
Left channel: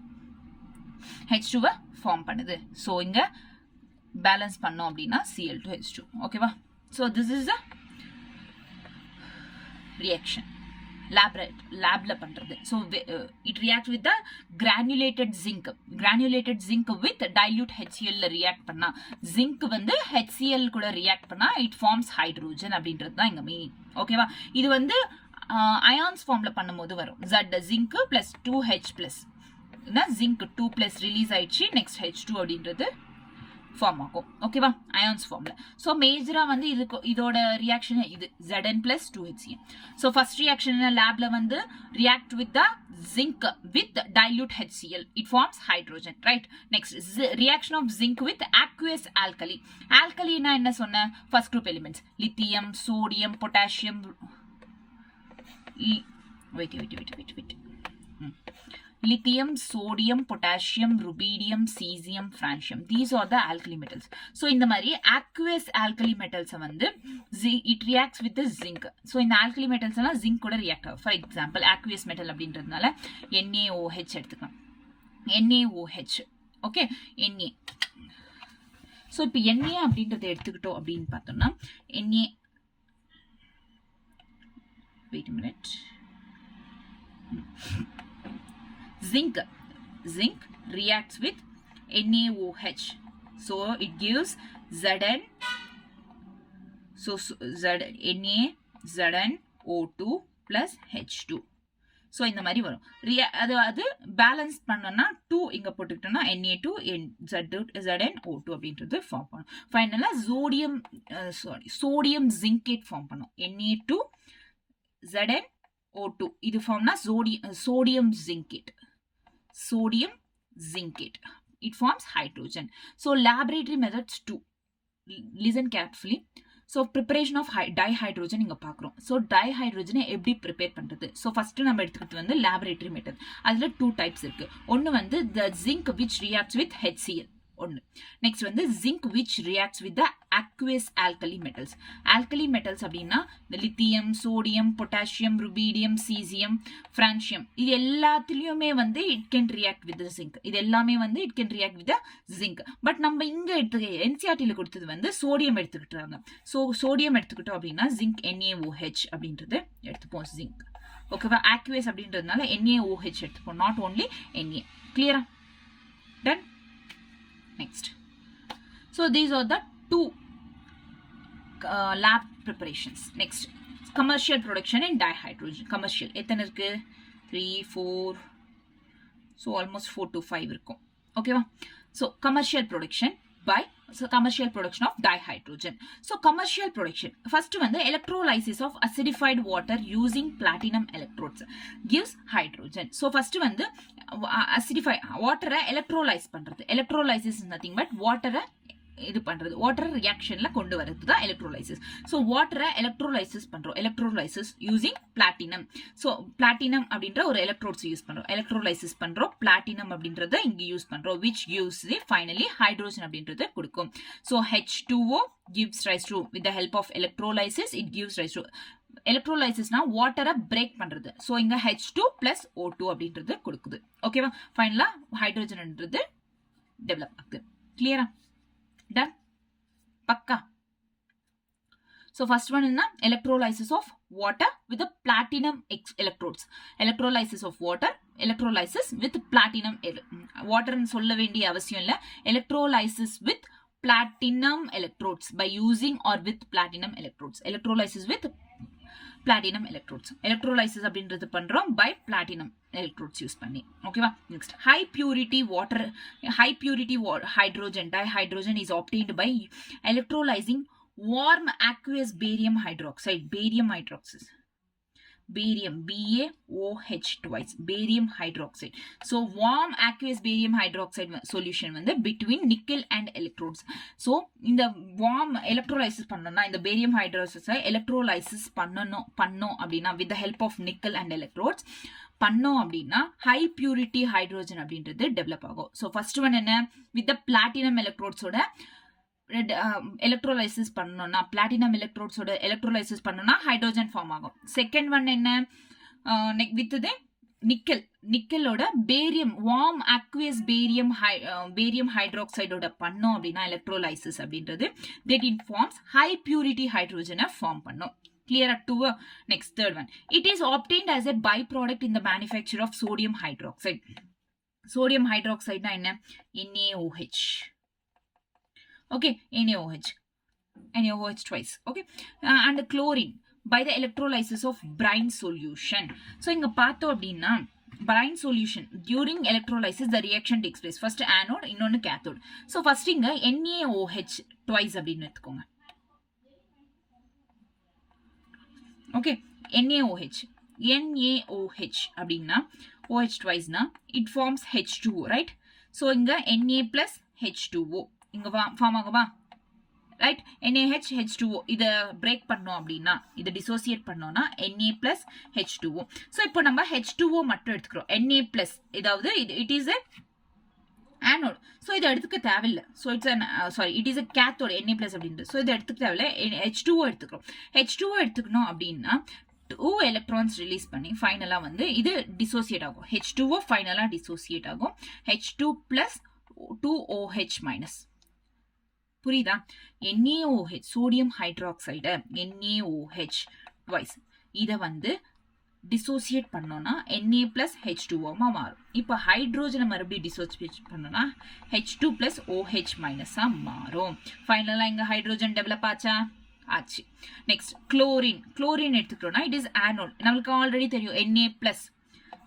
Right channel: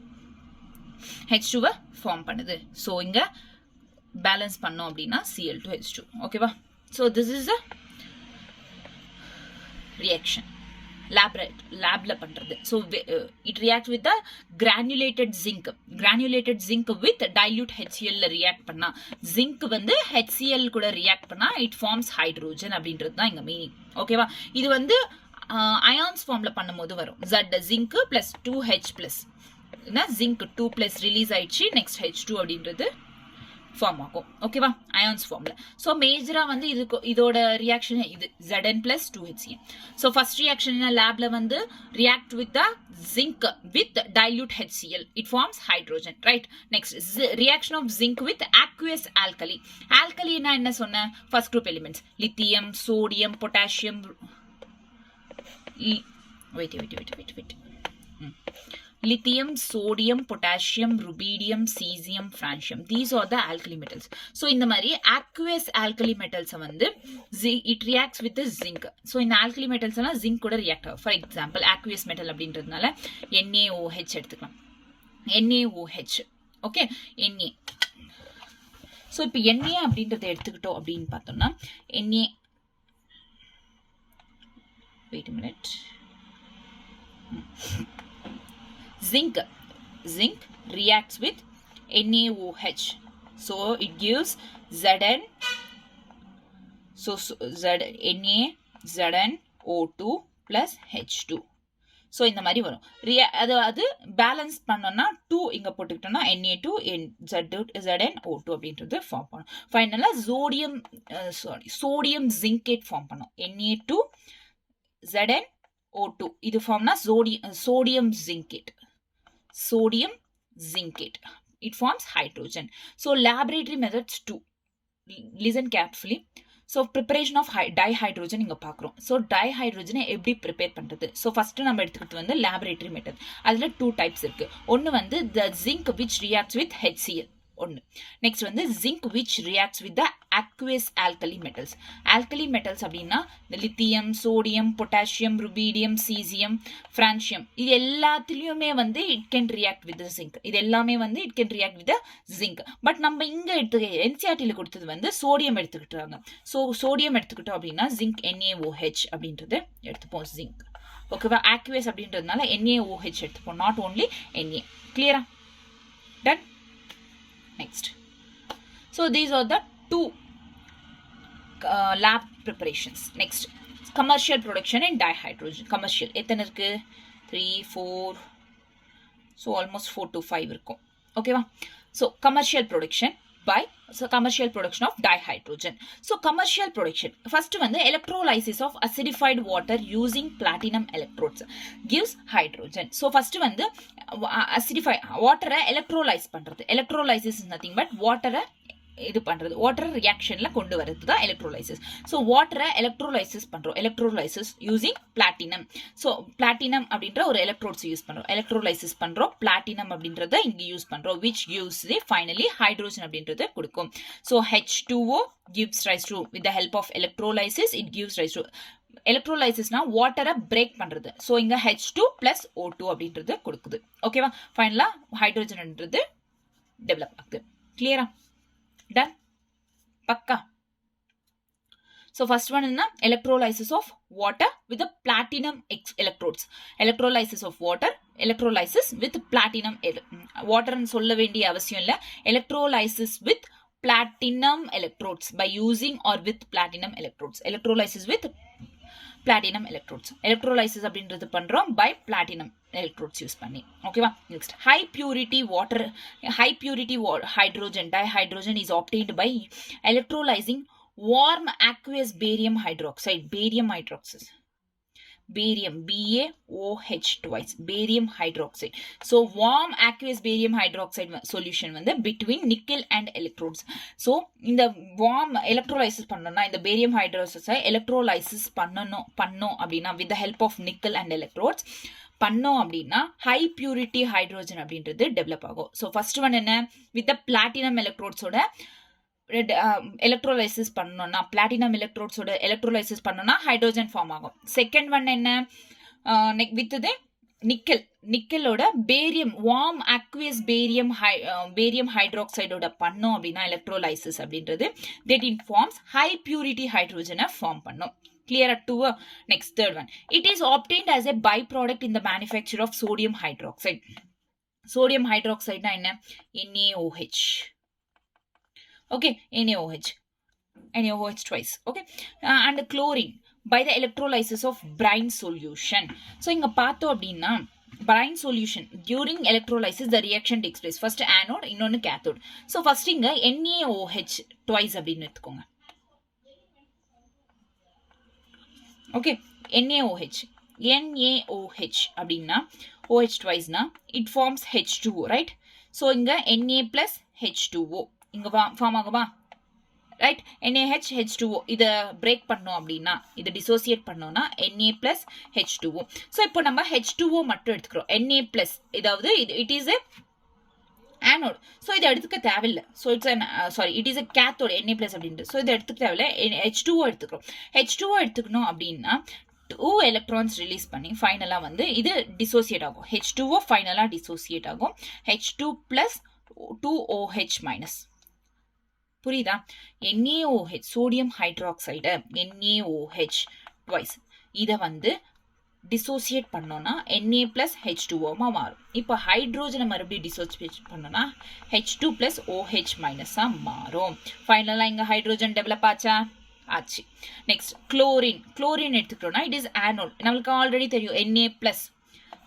H2-வை ஃபார்ம் பண்ணுது. ஸோ இங்க பேலன்ஸ் பண்ணோம் அப்படின்னா Cl2H2. ஓகேவா? So this is a reaction லேப்ல பண்றது. So it react with granulated zinc with dilute HCl react பண்ணா, ஜிங்க் வந்து HCl கூட ரியாக்ட் பண்ணா இட் ஃபார்ம்ஸ் ஹைட்ரோஜன் அப்படின்றது தான் இங்க மீனிங். ஓகேவா? இது வந்து அயான்ஸ் ஃபார்ம்ல பண்ணும்போது வரும். Zinc plus 2H plus zinc 2 plus release ஆயிடுச்சு, நெக்ஸ்ட் H2 அப்படின்றது ஃபார்ம் ஆகும். ஓகேவா? அயான்ஸ் ஃபார்ம்ல. ஸோ மேஜரா வந்து இதோட ரியாக்ஷன் இது Zn plus 2HCl. So first reaction லேப்ல வந்து react with the zinc with dilute HCl, it forms hydrogen. Right? Next reaction of zinc with aqueous alkali. ஆல்கலினா என்ன சொன்ன? First group elements lithium, sodium, potassium. Wait lithium, sodium, potassium, rubidium, cesium, francium. These are the alkali metals. So in the mari aqueous alkali metals வந்து it reacts with the zinc. So in alkali metals zinc கூட react ஆகும். For example aqueous metal அப்படின்றதுனால NaOH எடுத்துக்கலாம். NaOH. Okay? Na. So இப்போ Na அப்படின்றத எடுத்துக்கிட்டோம் அப்படின்னு பார்த்தோம்னா Na. Wait a minute. Zinc reacts with NaOH, so it gives Zn. So ZnO2 plus H2. So இந்த மாதிரி வரும். அது பேலன்ஸ் பண்ணோம்னா 2 இங்க போட்டுக்கிட்டோம்னா Na2 ZnO2 அப்படின்றது ஃபார்ம் பண்ணும். ஃபைனலா சோடியம் ஜிங்கேட் ஃபார்ம் பண்ணும். Na2 ZnO2 இது ஃபார்ம்னா sodium zincate. It forms hydrogen. So laboratory methods too. Listen carefully. So preparation of dihydrogen இங்க பார்க்கிறோம். So dihydrogen எப்படி prepare பண்றது? So first நம்ம எடுத்துக்கிட்டு வந்து laboratory method. அதுல 2 types இருக்கு. ஒன்னு வந்து the zinc which reacts with HCl. ஒன்னு. நெக்ஸ்ட் வந்து zinc which reacts with the aqueous alkali metals. Alkali metals அப்படின்னா lithium, sodium, potassium, rubidium, caesium, francium, இது எல்லாத்துலயுமே வந்து it can react with the zinc. இது எல்லாமே வந்து it can react with the zinc. But நம்ம இங்க NCERT-ல கொடுத்தது வந்து சோடியம் எடுத்துக்கிட்டாங்க. ஸோ சோடியம் எடுத்துக்கிட்டோம் அப்படின்னா zinc NaOH அப்படின்றது எடுத்துப்போம் zinc. ஓகேவா? aqueous அப்படின்றதுனால NaOH எடுத்துப்போம், நாட் ஓன்லி Na. கிளியரா? Ton? Next. So these are the 2 lab preparations. Next, commercial production in dihydrogen. Commercial எத்தனை இருக்கு? 3 4, so almost 4 to 5 இருக்கும். ஓகேவா? So commercial production of dihydrogen. So commercial production first வந்து electrolysis of acidified water using platinum electrodes gives hydrogen. So first வந்து acidify water electrolyze பண்றது. Electrolysis is nothing but water இது பண்றது water ரியாக்ஷன்ல கொண்டு வரது தான் எலக்ட்ரோலைசிஸ். ஸோ வாட்டரை electrolysis பண்றோம். Electrolysis using platinum. So platinum அப்படின்ற ஒரு எலக்ட்ரோட்ஸ் யூஸ் பண்றோம். எலக்ட்ரோலைசிஸ் பண்றோம். பிளாட்டினம் அப்படின்றத இங்க யூஸ் பண்றோம். விச் gives ஃபைனலி ஹைட்ரோஜன் அப்படின்றத கொடுக்கும். So H2O gives rise to, with the help of electrolysis it gives rise to. எலக்ட்ரோலைசிஸ்னா வாட்டரை பிரேக் பண்றது. ஸோ இங்க H2 plus O2 அப்படின்றது கொடுக்குது. ஓகேவா? ஃபைனலா ஹைட்ரோஜன்ன்றது டெவலப் ஆகுது. கிளியரா? டன்? பக்கா? So first one is electrolysis of water with the platinum electrodes. Electrolysis of water, electrolysis with platinum. Water and சொல்ல வேண்டிய அவசியம் இல்ல. Electrolysis with platinum electrodes by using or with platinum electrodes. Electrolysis with platinum electrodes. Electrolysis அப்படின்றது பண்றோம் by platinum electrodes use பண்ணி. ஓகேவா? Next, high purity water, high purity hydrogen dihydrogen is obtained by electrolyzing warm aqueous barium hydroxide. Barium hydroxide. Barium, BaOH twice, barium hydroxide. So warm aqueous barium hydroxide solution வந்து between nickel and electrodes. So இந்த warm electrolysis பண்ணனும்னா இந்த barium hydroxide electrolysis பண்ணனும் அப்படினா with the help of nickel and electrodes பண்ணோம் அப்படின்னா high purity hydrogen அப்படின்றது develop ஆகும். So first one என்ன, with the platinum electrodes ஓட எலக்ட்ரோலைசிஸ் பண்ணோம்னா பிளாட்டினம் எலக்ட்ரோட்ஸோட எலக்ட்ரோலைசிஸ் பண்ணோம்னா ஹைட்ரோஜன் ஃபார்ம் ஆகும். செகண்ட் ஒன் என்ன, வித் நிக்கலோட பேரியம் வார்ம் அக்வியஸ் பேரியம் ஹைட்ராக்சைடோட பண்ணோம் அப்படின்னா எலக்ட்ரோலைசிஸ் அப்படின்றது that in forms high purity ஹைட்ரோஜனை ஃபார்ம் பண்ணும். Clear to next third one. It is obtained as a byproduct in the manufacture of sodium hydroxide. Sodium hydroxide na enna, NaOH. Okay, NaOH twice. Okay, and chlorine by the electrolysis of brine solution. So inga paatho appadina brine solution during electrolysis the reaction takes place. First anode, innonu cathode. So first inga NaOH twice appadinu eduthukonga. Okay, NaOH அப்படின்னா OH twice na it forms H2O, right? So inga Na plus H2O இங்க form ஆகுமா, right? NaH H2O இத break பண்ணோம் அப்படின்னா இத dissociate பண்ணோம்னா Na plus H2O. So இப்போ நம்ம H2O மட்டும் எடுத்துக்கிறோம். Na plus இதாவது it is a anode. So இதை எடுத்துக்க தேவையில்லை. So it's sorry it is a cathode Na plus அப்படின்ட்டு. ஸோ இதை எடுத்துக்க தேவையில்லை. H2O எடுத்துக்கிறோம். H2O எடுத்துக்கணும் அப்படின்னா 2 எலக்ட்ரான்ஸ் ரிலீஸ் பண்ணி ஃபைனலாக வந்து இது டிசோசியேட் ஆகும். H2O ஃபைனலாக டிசோசியேட் ஆகும். H2 plus 2OH minus. புரியுதா? NaOH sodium hydroxide NaOH twice இதை வந்து டிசோசியேட் பண்ணோம்னா Na plus H2O மாறும். இப்போ ஹைட்ரோஜனை மறுபடியும் டிசோசியேட் பண்ணோம்னா H2 plus OH minus மாறும். ஃபைனலாக இங்கே ஹைட்ரோஜன் டெவலப் ஆச்சு. நெக்ஸ்ட் குளோரின் எடுத்துக்கிட்டோம்னா இட் இஸ் ஆனோட். நம்மளுக்கு ஆல்ரெடி தெரியும் Na plus.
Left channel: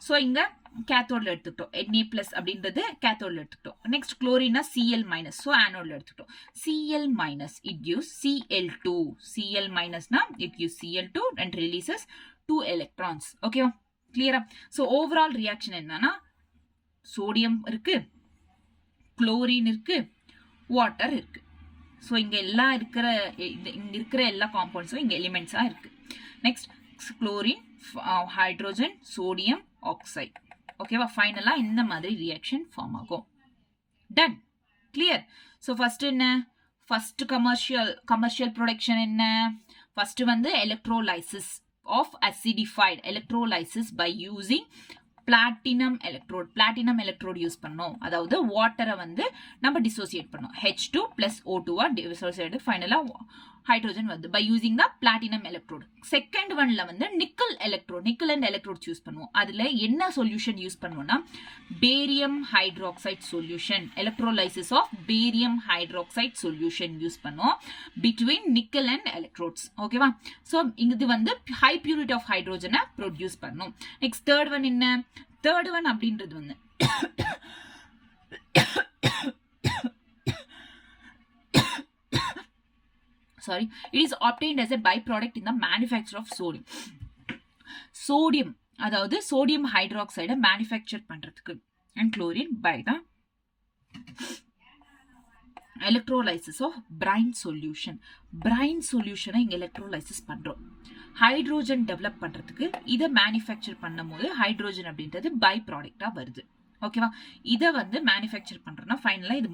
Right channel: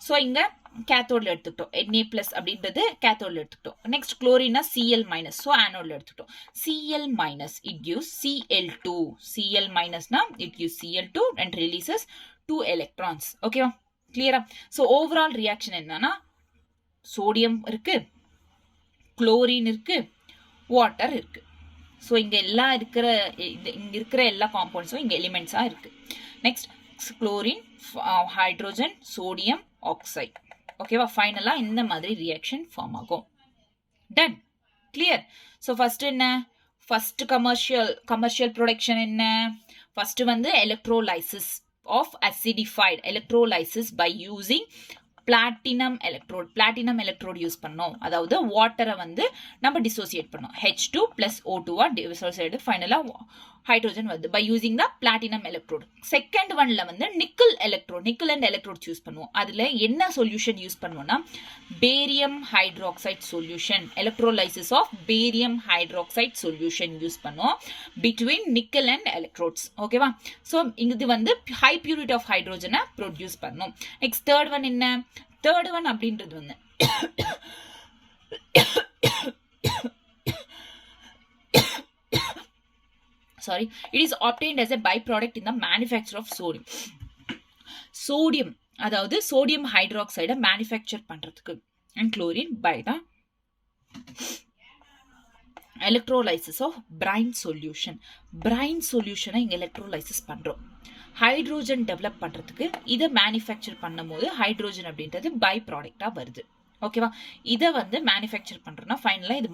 ஸோ இங்கே கேத்தோட்ல எடுத்துக்கிட்டோம். Na plus அப்படின்றது கேத்தோட்ல எடுத்துக்கிட்டோம். நெக்ஸ்ட் குளோரினா Cl minus. ஸோ ஆனோட்ல எடுத்துக்கிட்டோம். Cl minus it gives Cl2. Cl minusனா it gives Cl2 and releases 2 electrons. ஓகேவா? கிளியரா? ஸோ ஓவரால் ரியாக்ஷன் என்னன்னா சோடியம் இருக்கு, குளோரின் இருக்கு, வாட்டர் இருக்கு. ஸோ இங்க இருக்கிற எல்லா காம்பவுண்ட்ஸும் இங்க எலிமெண்ட்ஸா இருக்கு. Next chlorine, hydrogen, sodium oxide. ஓகேவா? ஃபைனலா இந்த மாதிரி ரியாக்ஷன் ஃபார்ம் ஆகும். டன். கிளியர்? ஸோ ஃபர்ஸ்ட் என்ன, ஃபர்ஸ்ட் கமர்ஷியல் ப்ரொடக்ஷன் என்ன, ஃபர்ஸ்ட் வந்து electrolysis of acidified, electrolysis by using platinum electrode use பண்ணோம். அதாவது வாட்டரை வந்து நம்ம டிசோசியேட் பண்ணோம். H2 plus O2 டிசோசியேட் ஃபைனலா ஹைட்ரோஜன் வந்து by using the platinum electrode. Second ஒன்ல வந்து நிக்கல் அண்ட் எலக்ட்ரோட் யூஸ் பண்ணுவோம். அதுல என்ன சொல்யூஷன் யூஸ் பண்ணுவோம்னா barium hydroxide solution, electrolysis of barium hydroxide solution use பண்ணுவோம் பிட்வீன் நிக்கல் அண்ட் எலக்ட்ரோட்ஸ். ஓகேவா? ஸோ இது வந்து ஹை பியூரிட்டி ஆஃப் ஹைட்ரோஜனை ப்ரொடியூஸ் பண்ணும். நெக்ஸ்ட் தேர்ட் ஒன் என்ன, தேர்ட் ஒன் அப்படின்றது வந்து sorry, it is obtained as a byproduct in the manufacture of sodium. அதாவது சோடியம் ஹைட்ராக்சைடை மேனுஃபேக்சர் பண்றதுக்கு and chlorine by the electrolysis of brine solution. Brine solution இங்க electrolysis பண்றோம். Hydrogen develop பண்றதுக்கு இதை manufacture பண்ணும்போது ஹைட்ரோஜன் அப்படின்றது பை ப்ராடக்டா வருது. ஓகேவா? இதை வந்து மேனுஃபேக்சர் பண்றோம்னா ஃபைனலா இது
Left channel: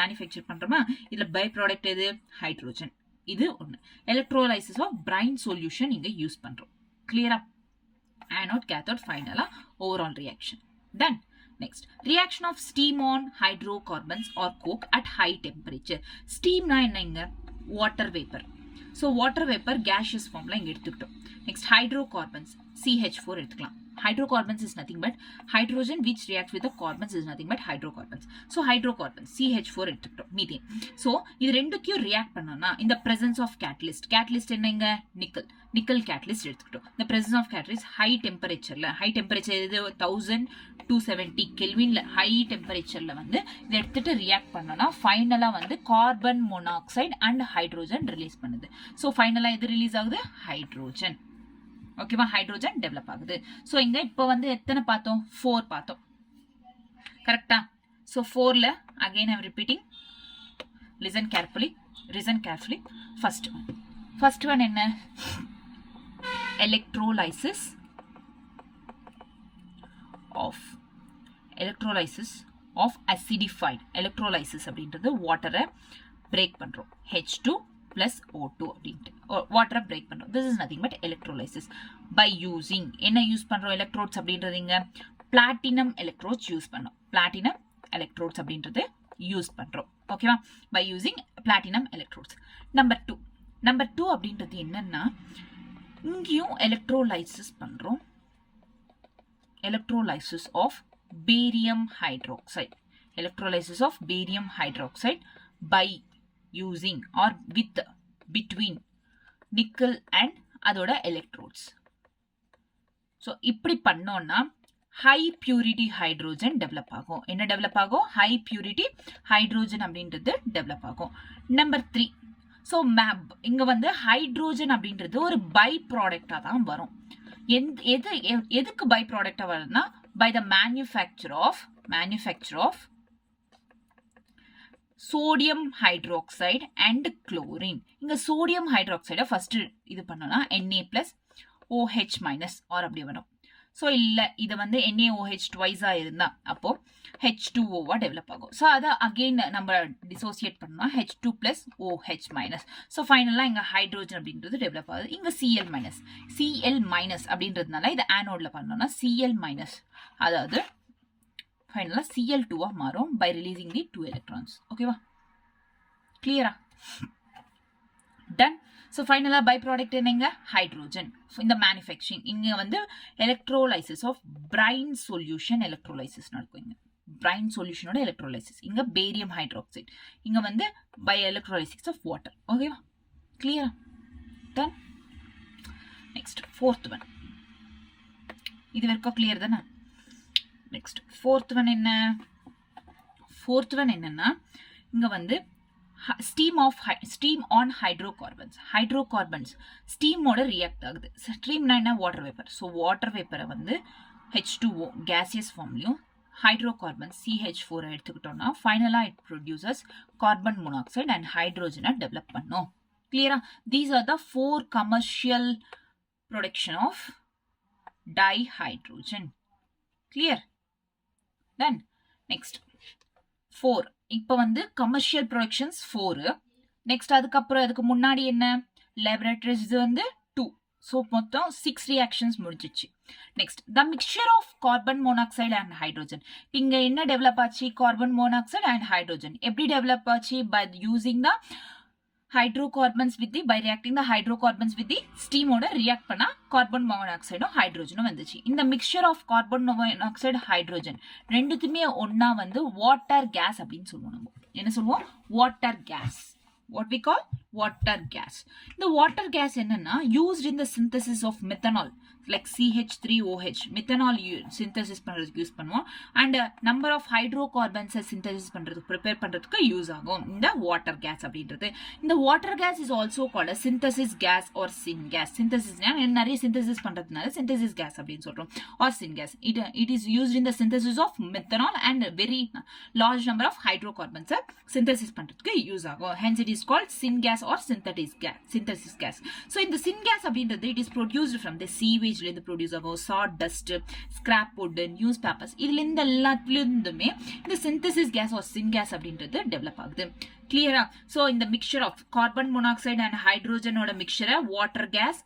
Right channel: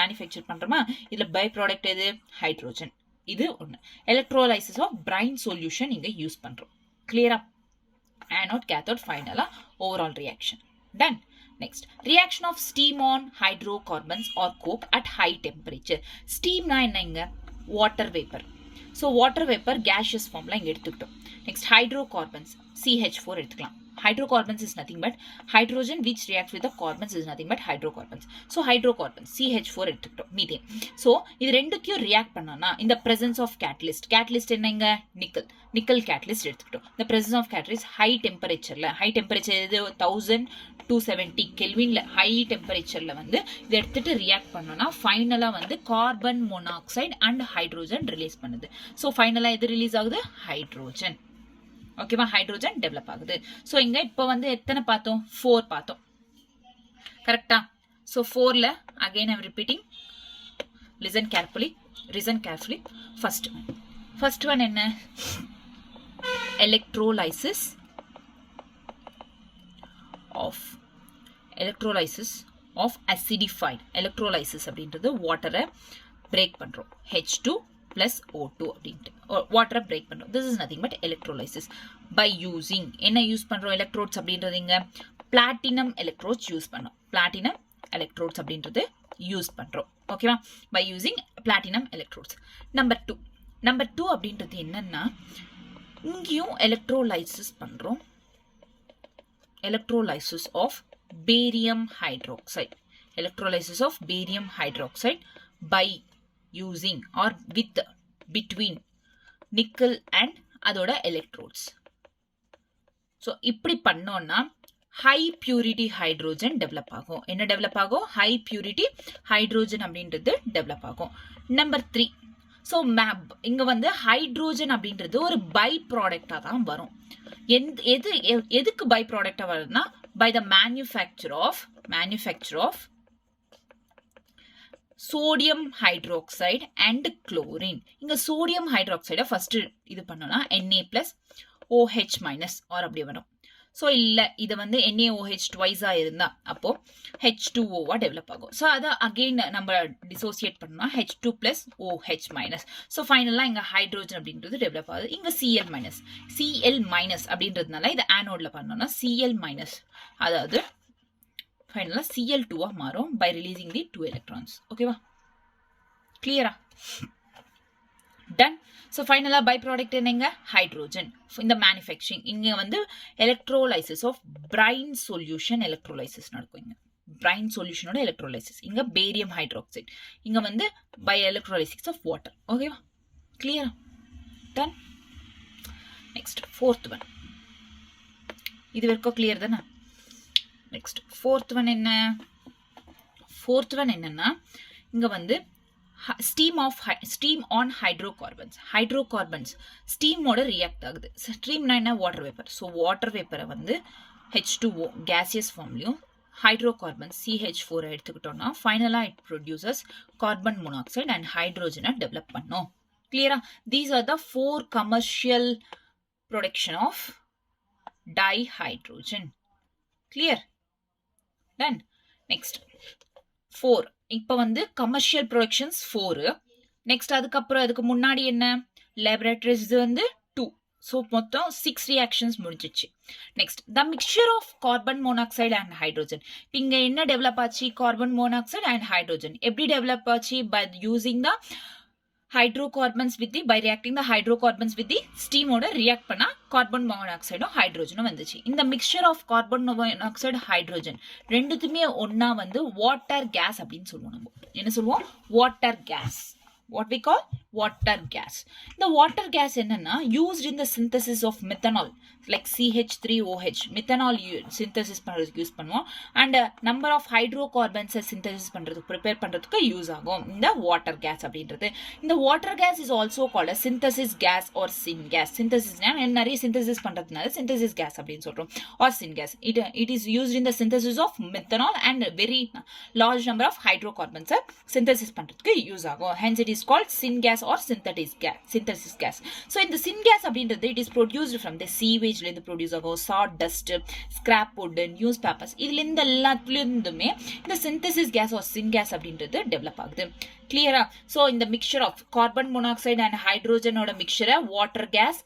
மேனுஃபேக்சர் பண்றோமா, இதுல பை ப்ராடக்ட் எது? ஹைட்ரோஜன். இது ஒன்று. எலக்ட்ரோலைசிஸ் ஆஃப் பிரைன் சொல்யூஷன் இங்க யூஸ் பண்றோம். கிளியரா? anode cathode finally overall reaction. Then next, reaction of steam on hydrocarbons or coke at high temperature. Steam na enna? Water vapor. So water vapor gaseous form la inga eduthukitom. Next, hydrocarbons CH4 எடுத்துக்கலாம். Hydrocarbons is nothing but hydrogen which reacts with the carbons is nothing but hydrocarbons. So hydrocarbons CH4 எடுத்துக்கிட்டோம். methane. So இது ரெண்டுக்கும் react பண்ணனா in the presence of catalyst. Catalyst என்னங்க? nickel catalyst எடுத்துக்கிட்டோம். The presence of catalyst high temperatureல, high temperature இது 1270 kelvinல high temperatureல வந்து இது எடுத்துட்டு react பண்ணனா ஃபைனலா வந்து carbon monoxide and hydrogen release பண்ணுது. So ஃபைனலா எது ரிலீஸ் ஆகுது? ஹைட்ரோஜன். ஓகேவா? ஹைட்ரோஜன் டெவலப் ஆகுது. சோ இங்க இப்ப வந்து எத்தனை பார்த்தோம்? 4 பார்த்தோம். கரெக்டா? சோ 4ல again I am repeating, listen carefully. First one என்ன? electrolysis of acidified. electrolysis அப்படின்றது வாட்டரை பிரேக் பண்றோம். H2 plus O2 அப்படின்ட்டு வாட்டரை பிரேக் பண்றோம். this is nothing but electrolysis by using என்ன யூஸ் பண்றோம்? எலக்ட்ரோட்ஸ் அப்படின்றது இங்க பிளாட்டினம் எலக்ட்ரோட்ஸ் யூஸ் பண்றோம். பிளாட்டினம் எலக்ட்ரோட்ஸ் அப்படின்றது யூஸ் பண்றோம். ஓகேவா? by using platinum electrodes. Number 2 அப்படின்றது என்னன்னா இங்கேயும் எலக்ட்ரோலைசிஸ் பண்றோம். electrolysis of barium hydroxide. electrolysis of barium hydroxide by using or with between nickel and அதோட electrodes. so இப்படி பண்ணோம்னா high purity hydrogen டெவலப் ஆகும். என்ன டெவலப் ஆகும்? high purity hydrogen அப்படின்றது டெவலப் ஆகும். நம்பர் 3, so இங்க வந்து ஹைட்ரோஜன் அப்படின்றது ஒரு பை ப்ராடக்டா தான் வரும். எதுக்கு பை ப்ராடக்டா வருதுன்னா by the manufacture of sodium hydroxide and chlorine. இங்க sodium hydroxide first இது பண்ணோம்னா Na plus OH minus or அப்படி வரும். so இல்ல இது வந்து NaOH twice இருந்தா அப்போ H2O டெவலப் ஆகும். so அத again நம்ம dissociate பண்ணா H2 plus OH minus. so ஃபைனலா இங்க ஹைட்ரோஜன் அப்படின்றது டெவலப் ஆகுது. இங்க Cl minus அப்படின்றதுனால இது ஆனோட்ல பண்ணோம்னா Cl minus அதாவது ஃபைனலா Cl2 மாறும் by releasing the 2 electrons. ஓகேவா? கிளியரா? டன். so ஃபைனலா பை ப்ராடக்ட் என்னங்க? ஹைட்ரோஜன். இந்த மேனுஃபேக்சரிங் இங்க வந்து electrolysis of brine solution electrolysis நடக்கும். இங்க பிரைன் சொல்யூஷனோட எலக்ட்ரோலைசிஸ். இங்க பேரியம் ஹைட்ராக்சைடு. இங்க வந்து பை எலக்ட்ரோலைசிஸ் ஆஃப் வாட்டர். ஓகேவா? கிளியரா? டன். Next fourth one. இது வரைக்கும் கிளியர் தானே? நெக்ஸ்ட் fourth one என்னன்னா இங்க வந்து steam on hydrocarbons steamோட ரியாக்ட் ஆகுது. ஸ்டீம்னா என்ன? Water vapour. ஸோ வாட்டர் வேப்பரை வந்து H2O gaseous ஃபார்ம்லையும் hydrocarbons CH4 எடுத்துக்கிட்டோம்னா ஃபைனலா it produces carbon monoxide and ஹைட்ரோஜனை டெவலப் பண்ணும். கிளியரா? These are the 4 commercial production of dihydrogen. Clear? Done. Next 4. இப்போ வந்து கமர்ஷியல் ப்ரொடக்ஷன்ஸ் 4. நெக்ஸ்ட் அதுக்கு முன்னாடி என்ன? லேபரேட்டரிஸ் வந்து 2. ஸோ மொத்தம் 6 ரியாக்ஷன்ஸ் முடிஞ்சிச்சு. Next the mixture of carbon monoxide and hydrogen. இங்க என்ன டெவலப் ஆச்சு? Carbon monoxide and hydrogen. எப்படி டெவலப் ஆச்சு? By using the hydrocarbons with the by reacting the hydrocarbons with the steam ஓட react பண்ணா carbon monoxide ஹைட்ரோஜனும் வந்துச்சு. இந்த mixture of carbon monoxide hydrogen ரெண்டுத்துமே ஒண்ணா வந்து water gas அப்படின்னு சொல்லுவோம். நம்ம என்ன சொல்லுவோம்? water gas. what we call water gas. இந்த water gas என்னன்னா used in the synthesis of methanol. like CH3OH methanol synthesis பண்றதுக்கு யூஸ் பண்ணுவோம் and number of hydrocarbons synthesis பண்றதுக்கு prepare பண்றதுக்கு யூஸ் ஆகும் இந்த water gas அப்படின்றது இந்த water gas is also called a synthesis gas or syngas synthesis நிறைய synthesis பண்றதுனால synthesis gas அப்படினு சொல்றோம் or syngas it is used in the synthesis of methanol and very large number of hydrocarbons synthesis பண்றதுக்கு use ஆகும் hence it is called syngas or synthesis gas so in the syngas அப்படின்றது it is produced from the sewage ல இருந்து produce ஆகும் sawdust scrap wood newspapers இதுல இந்த எல்லாத்துலயுமே இந்த synthesis gas or syngas அப்படின்றது டெவலப் ஆகுது clear so in the mixture of carbon monoxide and hydrogen ஓட mixture water gas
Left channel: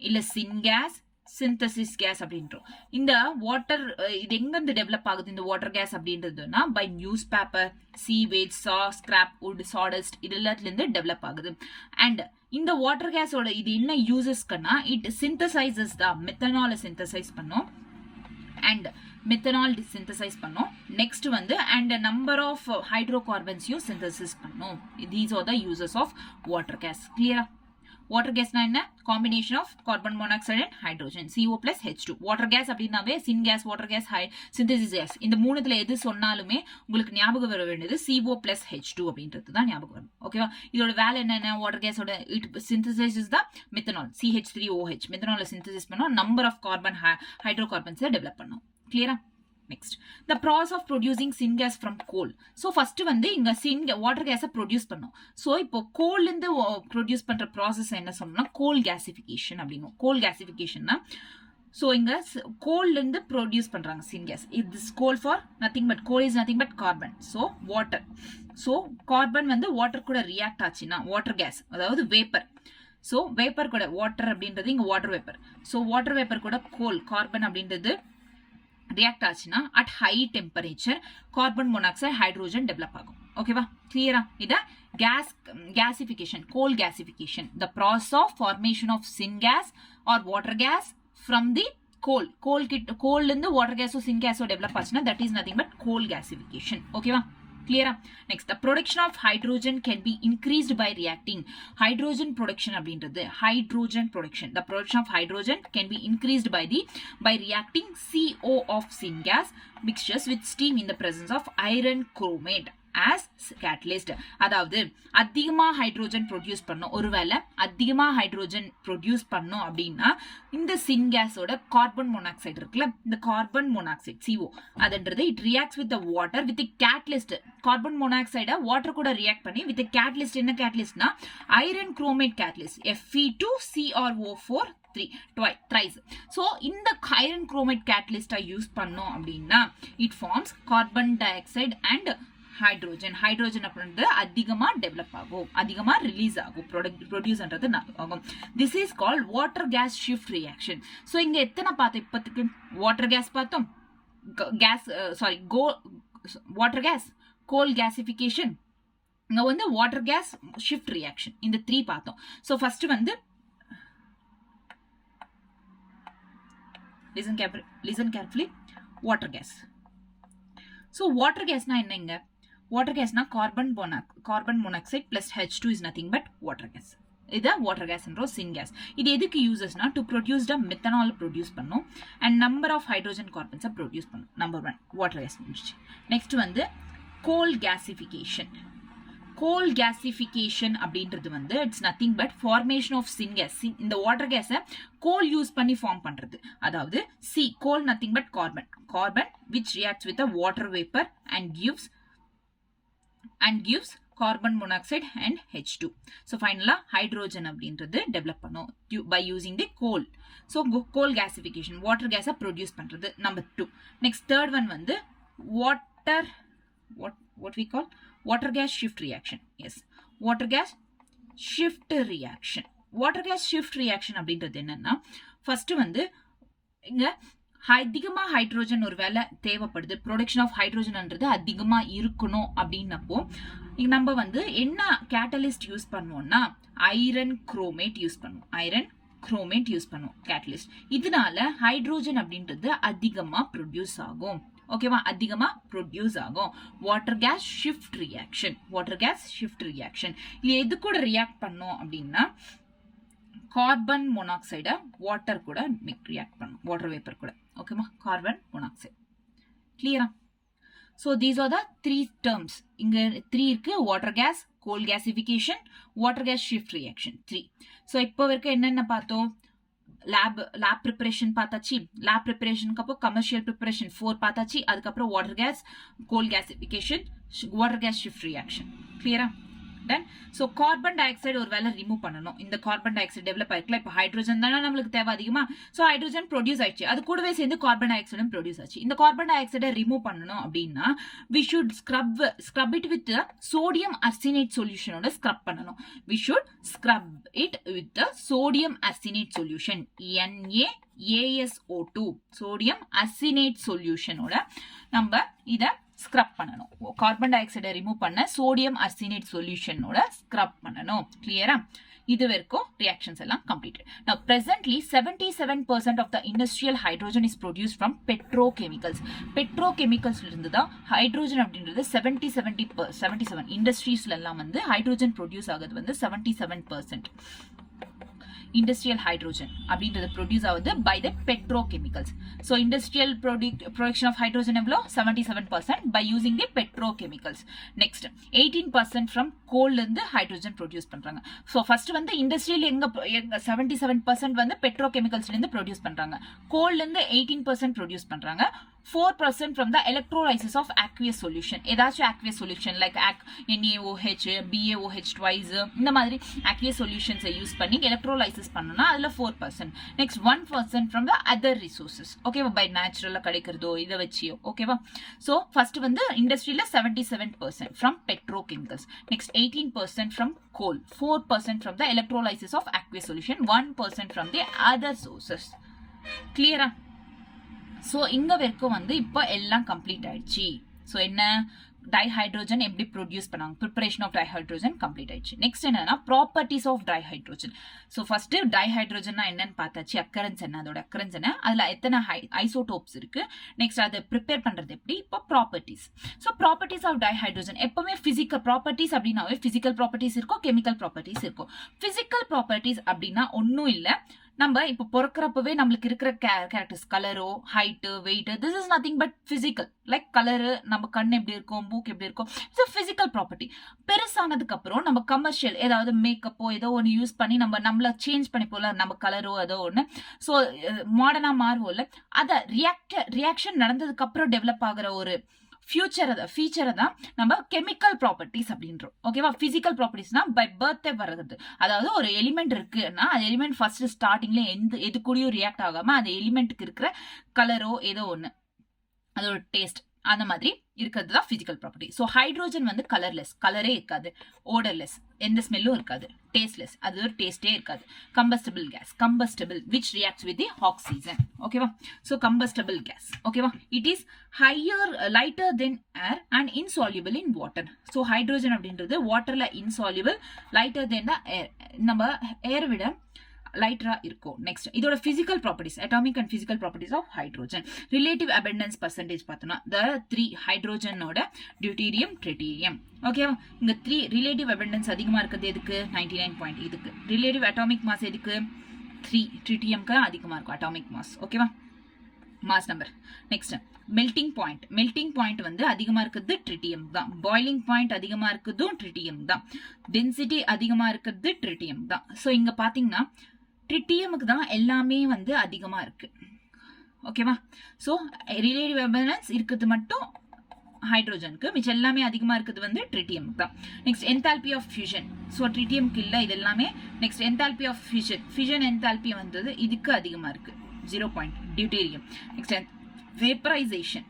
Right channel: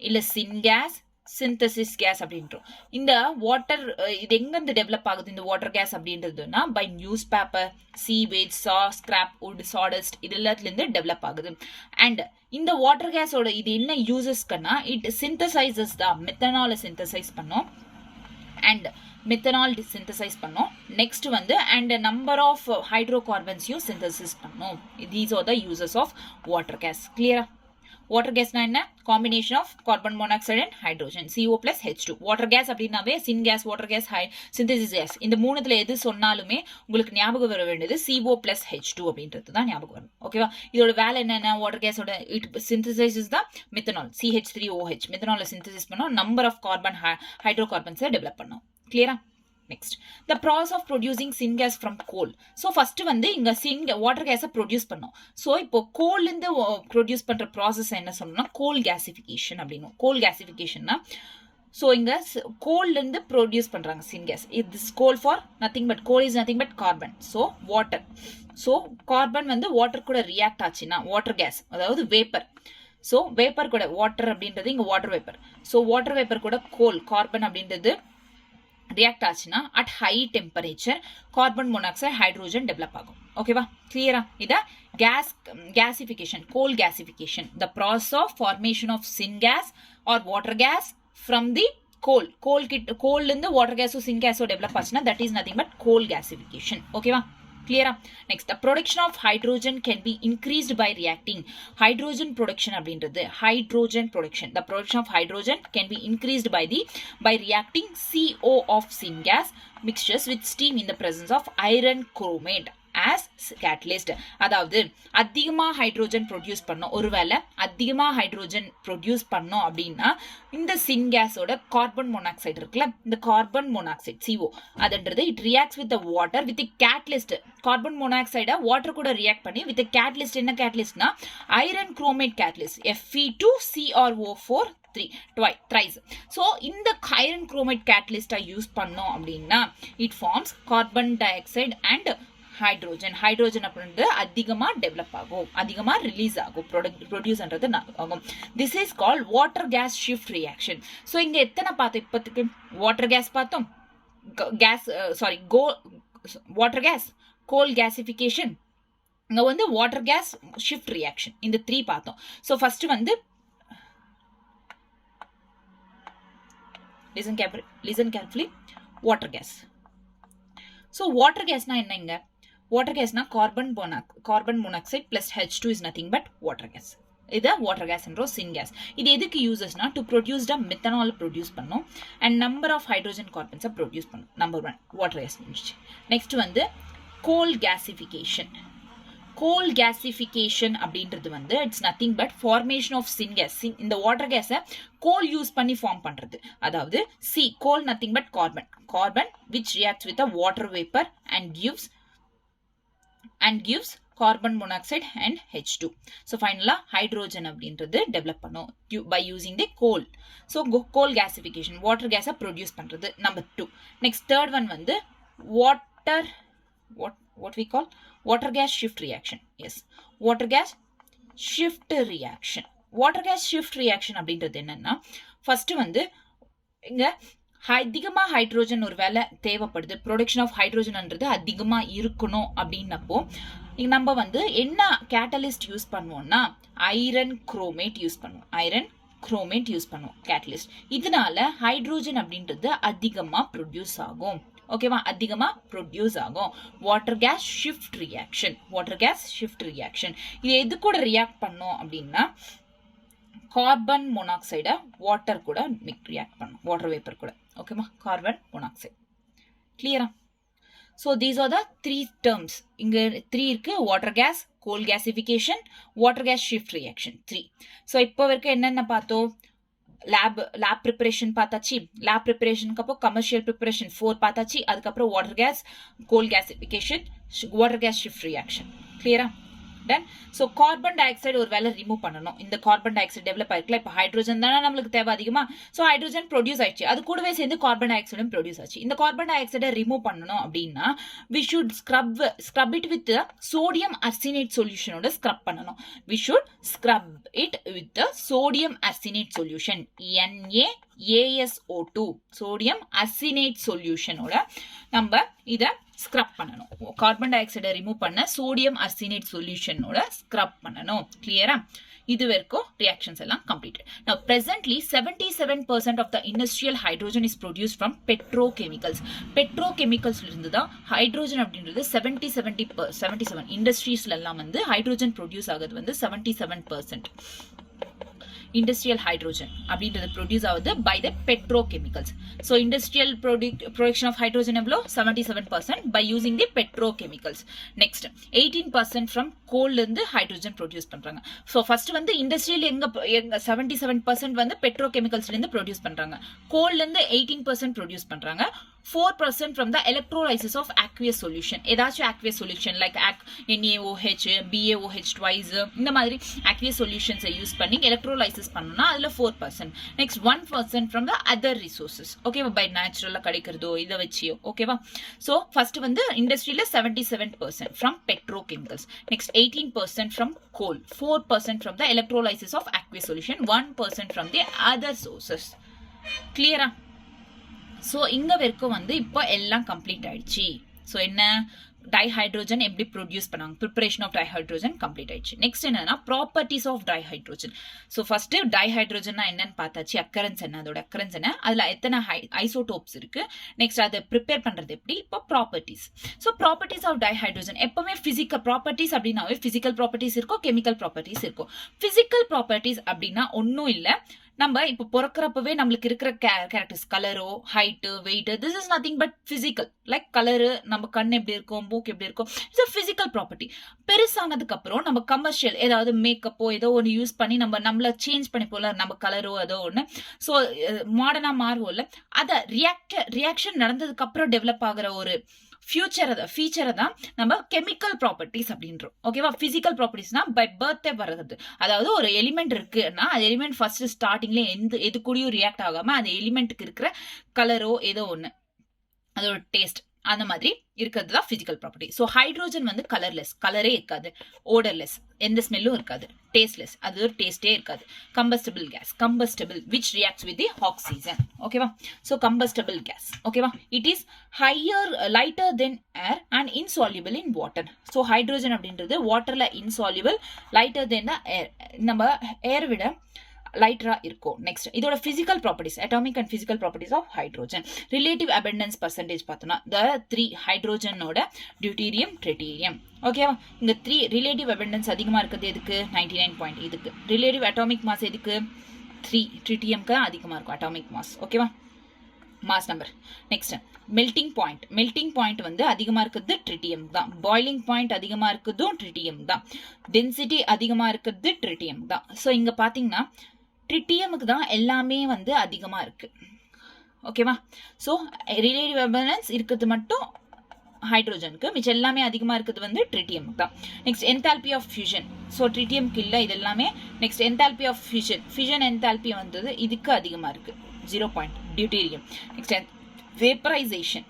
இல்ல syngas synthesis gas அப்படின்றோம் இந்த வாட்டர் இது எங்க இருந்து டெவலப் ஆகுது இந்த வாட்டர் கேஸ் அப்படின்றதுன்னா by newspaper sewage scrap wood sawdust இது எல்லாத்துல இருந்து டெவலப் ஆகுது அண்ட் இந்த வாட்டர் கேஸோட இது என்ன யூசஸ்க்குன்னா இட் சிந்தசைசஸ் தான் மெத்தனால சிந்தசைஸ் பண்ணோம் அண்ட் மெத்தனால் சிந்தசைஸ் பண்ணோம் நெக்ஸ்ட் வந்து அண்ட் நம்பர் ஆஃப் ஹைட்ரோகார்பன்ஸையும் சிந்தசிஸ் பண்ணோம் these are the uses of water gas கிளியரா water gas na enna combination of carbon monoxide and hydrogen CO plus H2 water gas அப்படினாவே syngas water gas synthesis gas இந்த மூணுத்துல எது சொன்னாலுமே உங்களுக்கு ஞாபகம் வர வேண்டியது CO plus H2 அப்படின்றது தான் ஞாபகம் வரும் ஓகேவா இதோட வேலை என்னன்னா water gas ஓட it synthesizes the methanol CH3OH methanol synthesis பண்ணோம் number of carbon hydrocarbons develop பண்ணோம் clear next the process of producing syngas from coal so first வந்து இங்க water gas produce பண்ணோம் so இப்போ coal இருந்து produce பண்ற process என்ன சொன்னோம்னா coal gasification அப்படினோம் coal gasification னா so இங்க coal இருந்து produce பண்றாங்க syngas this coal for nothing but coal is nothing but carbon so water so carbon வந்து water கூட react ஆச்சுனா water gas அதாவது vapor so vapor கூட water அப்படின்றது இங்க water vapor so water vapor கூட coal carbon அப்படின்றது react ஆச்சுனா at high temperature carbon monoxide hydrogen develop ஆகும் ஓகேவா clear இத gasification coal gasification the process of formation of syngas or water gas from the coal இருந்து water gas syngas develop ஆச்சுனா that is nothing but coal gasification ஓகேவா clear next the production of hydrogen can be increased by reacting hydrogen production அப்படின்றது hydrogen production the production of hydrogen can be increased by reacting CO of syngas mixtures with steam in the presence of iron chromate as catalyst அதாவது அதிகமா hydrogen produce பண்ணோம் ஒருவேளை அதிகமா hydrogen produce பண்ணோம் அப்படின்னா இந்த சின்கேஸோட carbon monoxide இருக்குல்ல இந்த கார்பன் மோனாக்சைடு CO அதுன்றது it reacts with water with catalyst carbon மோனாக்சைடை வாட்டர் கூட ரியாக்ட் பண்ணி வித் கேட்டலிஸ்ட் என்ன கேட்டலிஸ்ட்னா iron chromate catalyst Fe2CrO4 thrice so இந்த iron chromate catalyst யூஸ் பண்ணோம் அப்படின்னா it forms carbon dioxide and hydrogen அப்படின்றது அதிகமா டெவலப் ஆகும் அதிகமா ரிலீஸ் ஆகும் ப்ரொடியூஸ் பண்றது ஆகும் this is called water gas shift reaction so இங்க எத்தனை பார்த்தோம் இப்போதைக்கு வாட்டர் கேஸ் பார்த்தோம் வாட்டர் கேஸ் கோல் கேசிஃபிகேஷன் இங்க வந்து வாட்டர் கேஸ் ஷிஃப்ட் ரியாக்ஷன் இந்த 3 பார்த்தோம் சோ ஃபர்ஸ்ட் வந்து listen carefully water gas so water gas na enna inga water gas na carbon monoxide plus H2 is nothing but water gas இது water gas என்றோ syngas இது எதுக்கு uses னா to produce the methanol produce பண்ணோம் and number of hydrogen carbons produce பண்ணோம் number 1 water gas next வந்து coal gasification அப்படின்றது வந்து it's nothing but formation of syngas இந்த வாட்டர் கேஸை கோல் யூஸ் பண்ணி ஃபார்ம் பண்றது அதாவது coal nothing but carbon which reacts with a water vapor and gives carbon monoxide and H2 so finally hydrogen அப்படின்றது develop பண்ணோம் by using the coal so coal gasification water gas produce பண்றது number 2 next third one வந்து what we call water gas shift reaction yes water gas shift reaction அப்படின்றது என்னன்னா first வந்து இங்க அதிகமா hydrogen ஒருவேளை தேவைப்படுது ப்ரொடக்ஷன் ஆஃப் ஹைட்ரோஜன்ன்றது அதிகமா இருக்கணும் அப்படின்னப்போ நம்ம வந்து என்ன கேட்டலிஸ்ட் யூஸ் பண்ணுவோம்னா ஐரன் குரோமேட் யூஸ் பண்ணுவோம் கேட்டலிஸ்ட் இதனால ஹைட்ரோஜன் அப்படின்றது அதிகமா ப்ரொடியூஸ் ஆகும் ஓகேவா அதிகமா ப்ரொடியூஸ் ஆகும் வாட்டர் கேஸ் ஷிஃப்ட் ரியாக்ஷன் இது எது கூட ரியாக்ட் பண்ணோம் அப்படின்னா கார்பன் மோனாக்சைடை வாட்டர் கூட ரியாக்ட் பண்ணும், வாட்டர் வேப்பர் கூட. ஓகேமா, கார்பன் மோனாக்சைடு. கிளியரா? So these are the 3 terms. இங்க 3 இருக்கு. Water gas, coal gasification, water gas shift reaction 3. So இப்போ வரைக்கும் என்னென்ன பார்த்தோம்? லேப் ப்ரிப்பரேஷன் பார்த்தாச்சு. லேப் ப்ரிப்பரேஷனுக்கு அப்புறம் கமர்ஷியல் ப்ரிப்பரேஷன் 4 பார்த்தாச்சு. அதுக்கப்புறம் water gas, coal gasification, water gas shift reaction. கிளியரா? Done. So carbon dioxide ஒரு வேலை ரிமூவ் பண்ணணும். இந்த கார்பன் டை ஆக்சைடு டெவலப் ஆயிருக்கல, இப்போ ஹைட்ரோஜன் தானே நம்மளுக்கு தேவை அதிகமா. ஸோ ஹைட்ரோஜன் ப்ரொடியூஸ் ஆயிடுச்சு, அது கூடவே சேர்ந்து கார்பன் டை ஆக்சைடும் ப்ரொடியூஸ் ஆச்சு. இந்த கார்பன் டை ஆக்சைடை ரிமூவ் பண்ணணும் அப்படின்னா we should scrub it with sodium arsenate சொல்யூஷனோட ஸ்க்ரப் பண்ணணும். We should scrub it with sodium arsenate solution, NaASO2 sodium arsenate சொல்யூஷனோட நம்ம இதை ஸ்க்ரப் பண்ணணும். கார்பன் டை ஆக்சைடை ரிமூவ் பண்ண சோடியம் அர்சினேட் சொல்யூஷனோட ஸ்க்ரப் பண்ணணும். கிளியரா? இது வரைக்கும் ரியாக்ஷன்ஸ் எல்லாம் completed. Now presently 77% of the industrial hydrogen is produced from petrochemicals. பெட்ரோகெமிக்கல்ஸ்ல இருந்து தான் ஹைட்ரோஜன் அப்படின்றது 77 இண்டஸ்ட்ரீஸ்ல எல்லாம் வந்து ஹைட்ரோஜன் ப்ரொடியூஸ் ஆகுது வந்து 77%. industrial hydrogen அப்படின்றது ப்ரொடியூஸ் ஆகுது by the petrochemicals. So industrial production of hydrogen எவ்வளோ? 77% by using the petrochemicals. Next 18% from coal இருந்து ஹைட்ரோஜன் ப்ரொடியூஸ் பண்றாங்க. ஸோ ஃபர்ஸ்ட் வந்து இண்டஸ்ட்ரியல் எங்க 77% வந்து பெட்ரோகெமிக்கல்ஸ்ல இருந்து ப்ரொடியூஸ் பண்றாங்க. கோல்ல இருந்து 18% ப்ரொடியூஸ் பண்றாங்க. 4% from the electrolysis of aqueous solution. ஏதாச்சும் aqueous solution like NaOH, BaOH twice இந்த மாதிரி aqueous solutions யூஸ் பண்ணி electrolysis பண்ணனும்னா அதுல 4%. Next 1% from the other resources. ஓகேவா? பை நேச்சுரலா கிடைக்கிறதோ இத வச்சியோ. ஓகேவா? சோ ஃபர்ஸ்ட் வந்து இண்டஸ்ட்ரியில 77% from petrochemicals. Next 18% from coal, 4% from the electrolysis of aqueous solution, 1% from the other sources. கிளியரா? ஸோ இங்க வரைக்கும் வந்து இப்போ எல்லாம் கம்ப்ளீட் ஆயிடுச்சு. ஸோ என்ன டைஹைட்ரோஜன் எப்படி ப்ரொடியூஸ் பண்ணாங்க, ப்ரிப்பரேஷன் ஆஃப் டைஹைட்ரோஜன் கம்ப்ளீட் ஆயிடுச்சு. நெக்ஸ்ட் என்னன்னா ப்ராப்பர்ட்டிஸ் ஆஃப் டைஹைட்ரோஜன். ஸோ ஃபர்ஸ்ட் டைஹைட்ரோஜன்னா என்னன்னு பார்த்தாச்சு, அக்கரன்ஸ் என்ன, அதோட அக்கரன்ஸ் என்ன, அதுல எத்தனை ஐசோடோப்ஸ் இருக்கு, நெக்ஸ்ட் அதை ப்ரிப்பேர் பண்றது எப்படி, இப்போ properties. So properties of dihydrogen எப்பவுமே பிசிக்கல் ப்ராப்பர்ட்டிஸ் அப்படின்னாவே பிசிக்கல் ப்ராப்பர்ட்டிஸ் இருக்கும், கெமிக்கல் ப்ராப்பர்ட்டிஸ் இருக்கும். பிசிக்கல் ப்ராப்பர்ட்டிஸ் அப்படின்னா ஒன்னும் இல்லை, நம்ம இப்போ பிறக்கிறப்பவே நம்மளுக்கு இருக்கிற கேரக்டர்ஸ், கலரோ, height, weight, this is nothing but physical. Like colour, நம்ம கண் எப்படி இருக்கும், மூக்கு எப்படி இருக்கும், இட்ஸ் பிசிக்கல் ப்ராப்பர்ட்டி. பெருசானதுக்கு அப்புறம் நம்ம கமர்ஷியல் ஏதாவது மேக்கப்போ ஏதோ ஒன்று யூஸ் பண்ணி நம்மள சேஞ்ச் பண்ணி போல, நம்ம கலரோ ஏதோ ஒன்று, ஸோ மாடர்னா மாறுவோம்ல, அதை ரியாக்ஷன் நடந்ததுக்கு அப்புறம் டெவலப் ஆகிற ஒரு ஃபீச்சரை தான் நம்ம கெமிக்கல் ப்ராப்பர்ட்டிஸ் அப்படின்றோம். ஓகேவா? பிசிக்கல் ப்ராப்பர்ட்டிஸ்னா பை பர்த்தே வர்றது. அதாவது ஒரு எலிமெண்ட் இருக்குன்னா அந்த எலிமெண்ட் ஃபர்ஸ்ட் ஸ்டார்டிங்ல எது கூடயும் ரியாக்ட் ஆகாம அந்த எலிமெண்ட்டுக்கு இருக்கிற கலரோ ஏதோ ஒன்று, அதோட டேஸ்ட், அந்த மாதிரி இருக்கிறது தான் பிசிக்கல் ப்ராப்பர்ட்டி. ஸோ ஹைட்ரோஜன் வந்து கலர்லெஸ், கலரே இருக்காது, ஓடர்லெஸ், எந்த ஸ்மெல்லும் இருக்காது, டேஸ்ட்லெஸ், அது ஒரு டேஸ்டே இருக்காது. Combustible gas, combustible which reacts with the oxygen. ஓகேவா? So combustible gas. ஓகேவா? It is lighter than air and insoluble in water. So hydrogen அப்படின்றது வாட்டர்ல இன்சால்யூபிள், லைட்டர் தென் த ஏர், நம்ம ஏரை விட லைட்டரா இருக்கும். நெக்ஸ்ட் இதோட physical properties, atomic and physical properties of hydrogen. Relative abundance percentage பார்த்தோம்னா த 3 ஹைட்ரோஜனோட டியூட்டீரியம், ட்ரிட்டியம். ஓகேவா? இங்க 3 ரிலேட்டிவ் அபண்டன்ஸ் அதிகமா இருக்கிறது எதுக்கு? 99 இதுக்கு. ரிலேட்டிவ் அட்டாமிக் மாஸ் எதுக்கு? 3 ட்ரிட்டியம்க்கு அதிகமா இருக்கும் அட்டாமிக் மாஸ். ஓகேவா? Mass number. Next melting point வந்து அதிகமா இருக்கிறது ட்ரிட்டியம் தான். பாய்லிங் பாயிண்ட் அதிகமா இருக்கிறதும் ட்ரிட்டியம் தான். டென்சிட்டி அதிகமா இருக்கிறது ட்ரிட்டியம் தான். ஸோ இங்க பாத்தீங்கன்னா ட்ரிட்டியமுக்கு தான் எல்லாமே வந்து அதிகமா இருக்கு. ஓகேவா? ஸோ ரிலேட்டிவ் அபண்டன்ஸ் இருக்கிறது மட்டும் ஹைட்ரோஜனுக்கு, மிச்சம் எல்லாமே அதிகமா இருக்கிறது வந்து ட்ரிட்டியமுக்கு தான். Next enthalpy of fusion. So ட்ரிட்டியமுக்கு இல்லை இது எல்லாமே. Next enthalpy of fusion enthalpy வந்தது இதுக்கு அதிகமா இருக்கு, 0. டியூட்டீரியம். நெக்ஸ்ட் வேப்பரைசேஷன்,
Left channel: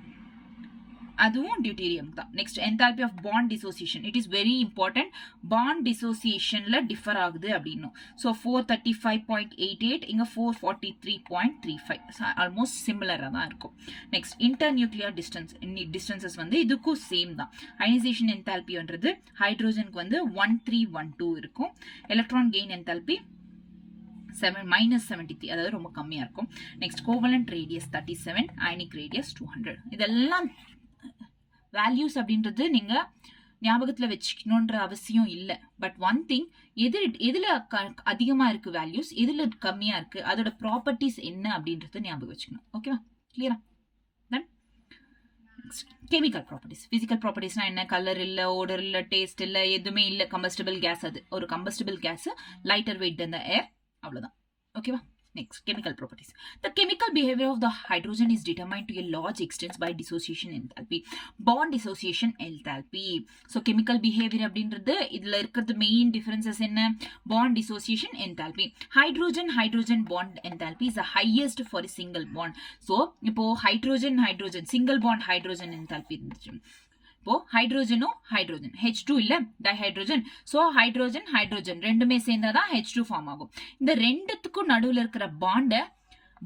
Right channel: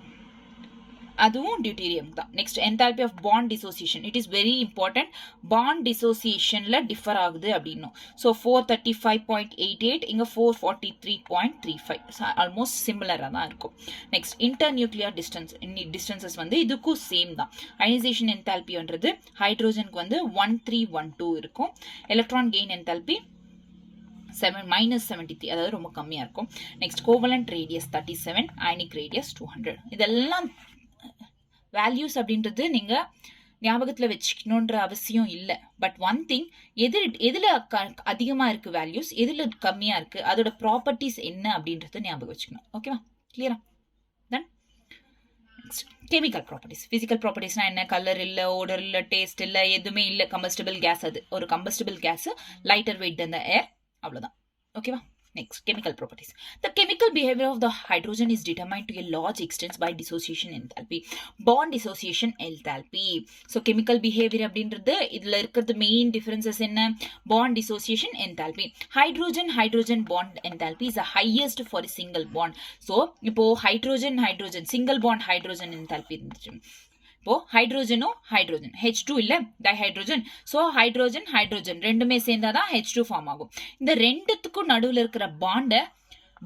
அதுவும் டியூட்டீரியம் தான். Next enthalpy of bond dissociation, it is very important. Bond டிசோசியேஷன்ல டிஃபர் ஆகுது அப்படின்னும். ஸோ 435.88, இங்க 443.35, ஆல்மோஸ்ட் சிமிலரா தான் இருக்கும். நெக்ஸ்ட் இன்டர் நியூக்ளியர் டிஸ்டன்சஸ் வந்து இதுக்கும் சேம் தான். அயனைசேஷன் என்தால்பின்றது ஹைட்ரோஜனுக்கு வந்து 1312 இருக்கும். எலக்ட்ரான் கெயின் என்தால்பி -73, அதாவது ரொம்ப கம்மியா இருக்கும். Next covalent radius 37, ionic radius 200. இதெல்லாம் வேல்யூஸ் அப்படின்றது நீங்க ஞாபகத்துல வச்சுக்கணுன்ற அவசியம் இல்லை. பட் ஒன் திங், எதுல அதிகமா இருக்கு வேல்யூஸ், எதுல கம்மியா இருக்கு, அதோட ப்ராப்பர்ட்டிஸ் என்ன அப்படின்றத ஞாபகம் வச்சுக்கணும். ஓகேவா? கிளியரா? தென் கெமிக்கல் ப்ராப்பர்ட்டிஸ். பிசிக்கல் ப்ராப்பர்ட்டிஸ்னா என்ன? கலர் இல்ல, ஓடர் இல்ல, டேஸ்ட் இல்ல, எதுவுமே இல்ல. கம்பஸ்டபிள் கேஸ், அது ஒரு combustible gas, lighter weight than the air, அவ்வளவுதான். ஓகேவா? Next, chemical properties. The chemical behavior of the hydrogen is determined to a large extent by dissociation enthalpy. Bond dissociation enthalpy. So, chemical behavior அப்படின்றது இதுல இருக்கிறது main differences என்ன? Bond dissociation enthalpy. Hydrogen bond enthalpy is the highest for a single bond. So, இப்போ hydrogen single bond hydrogen enthalpy இருந்துச்சு. இப்போ ஹைட்ரோஜனும் hydrogen H2 இல்ல, டைஹைட்ரோஜன். So hydrogen ரெண்டுமே சேர்ந்தாதான் H2 form ஆகும். இந்த ரெண்டுத்துக்கும் நடுவுல இருக்கிற பாண்ட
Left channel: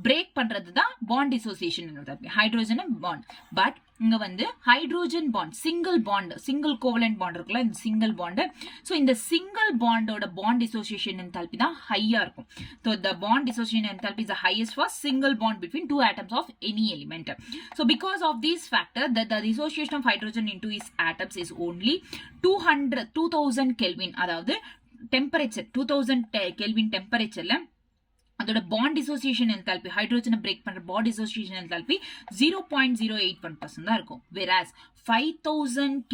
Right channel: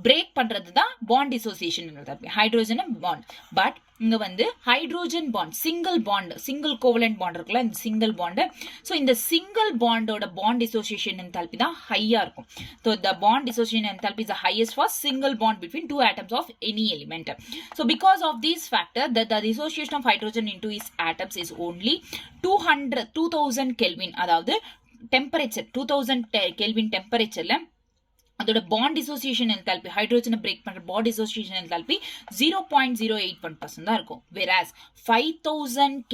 பிரேக் பண்றது தான் bond dissociation. Hydrogen bond. But இங்க வந்து hydrogen bond, single covalent bond இருக்குல்ல, இந்த சிங்கிள் பாண்ட். ஸோ இந்த சிங்கிள் பாண்டோட பாண்ட் டிசோசியேஷன் என்தால்பி தான் ஹையா இருக்கும். So the bond dissociation enthalpy is the highest for single bond between two atoms of any element. So because of these factor, the dissociation of hydrogen into its atoms is only 2000 Kelvin. அதாவது temperature 2000 Kelvin டெம்பரேச்சர்ல அதோட bond dissociation enthalpy, ஹைட்ரோஜனை break பண்ற bond dissociation enthalpy 0.081% தான் இருக்கும். whereas 5000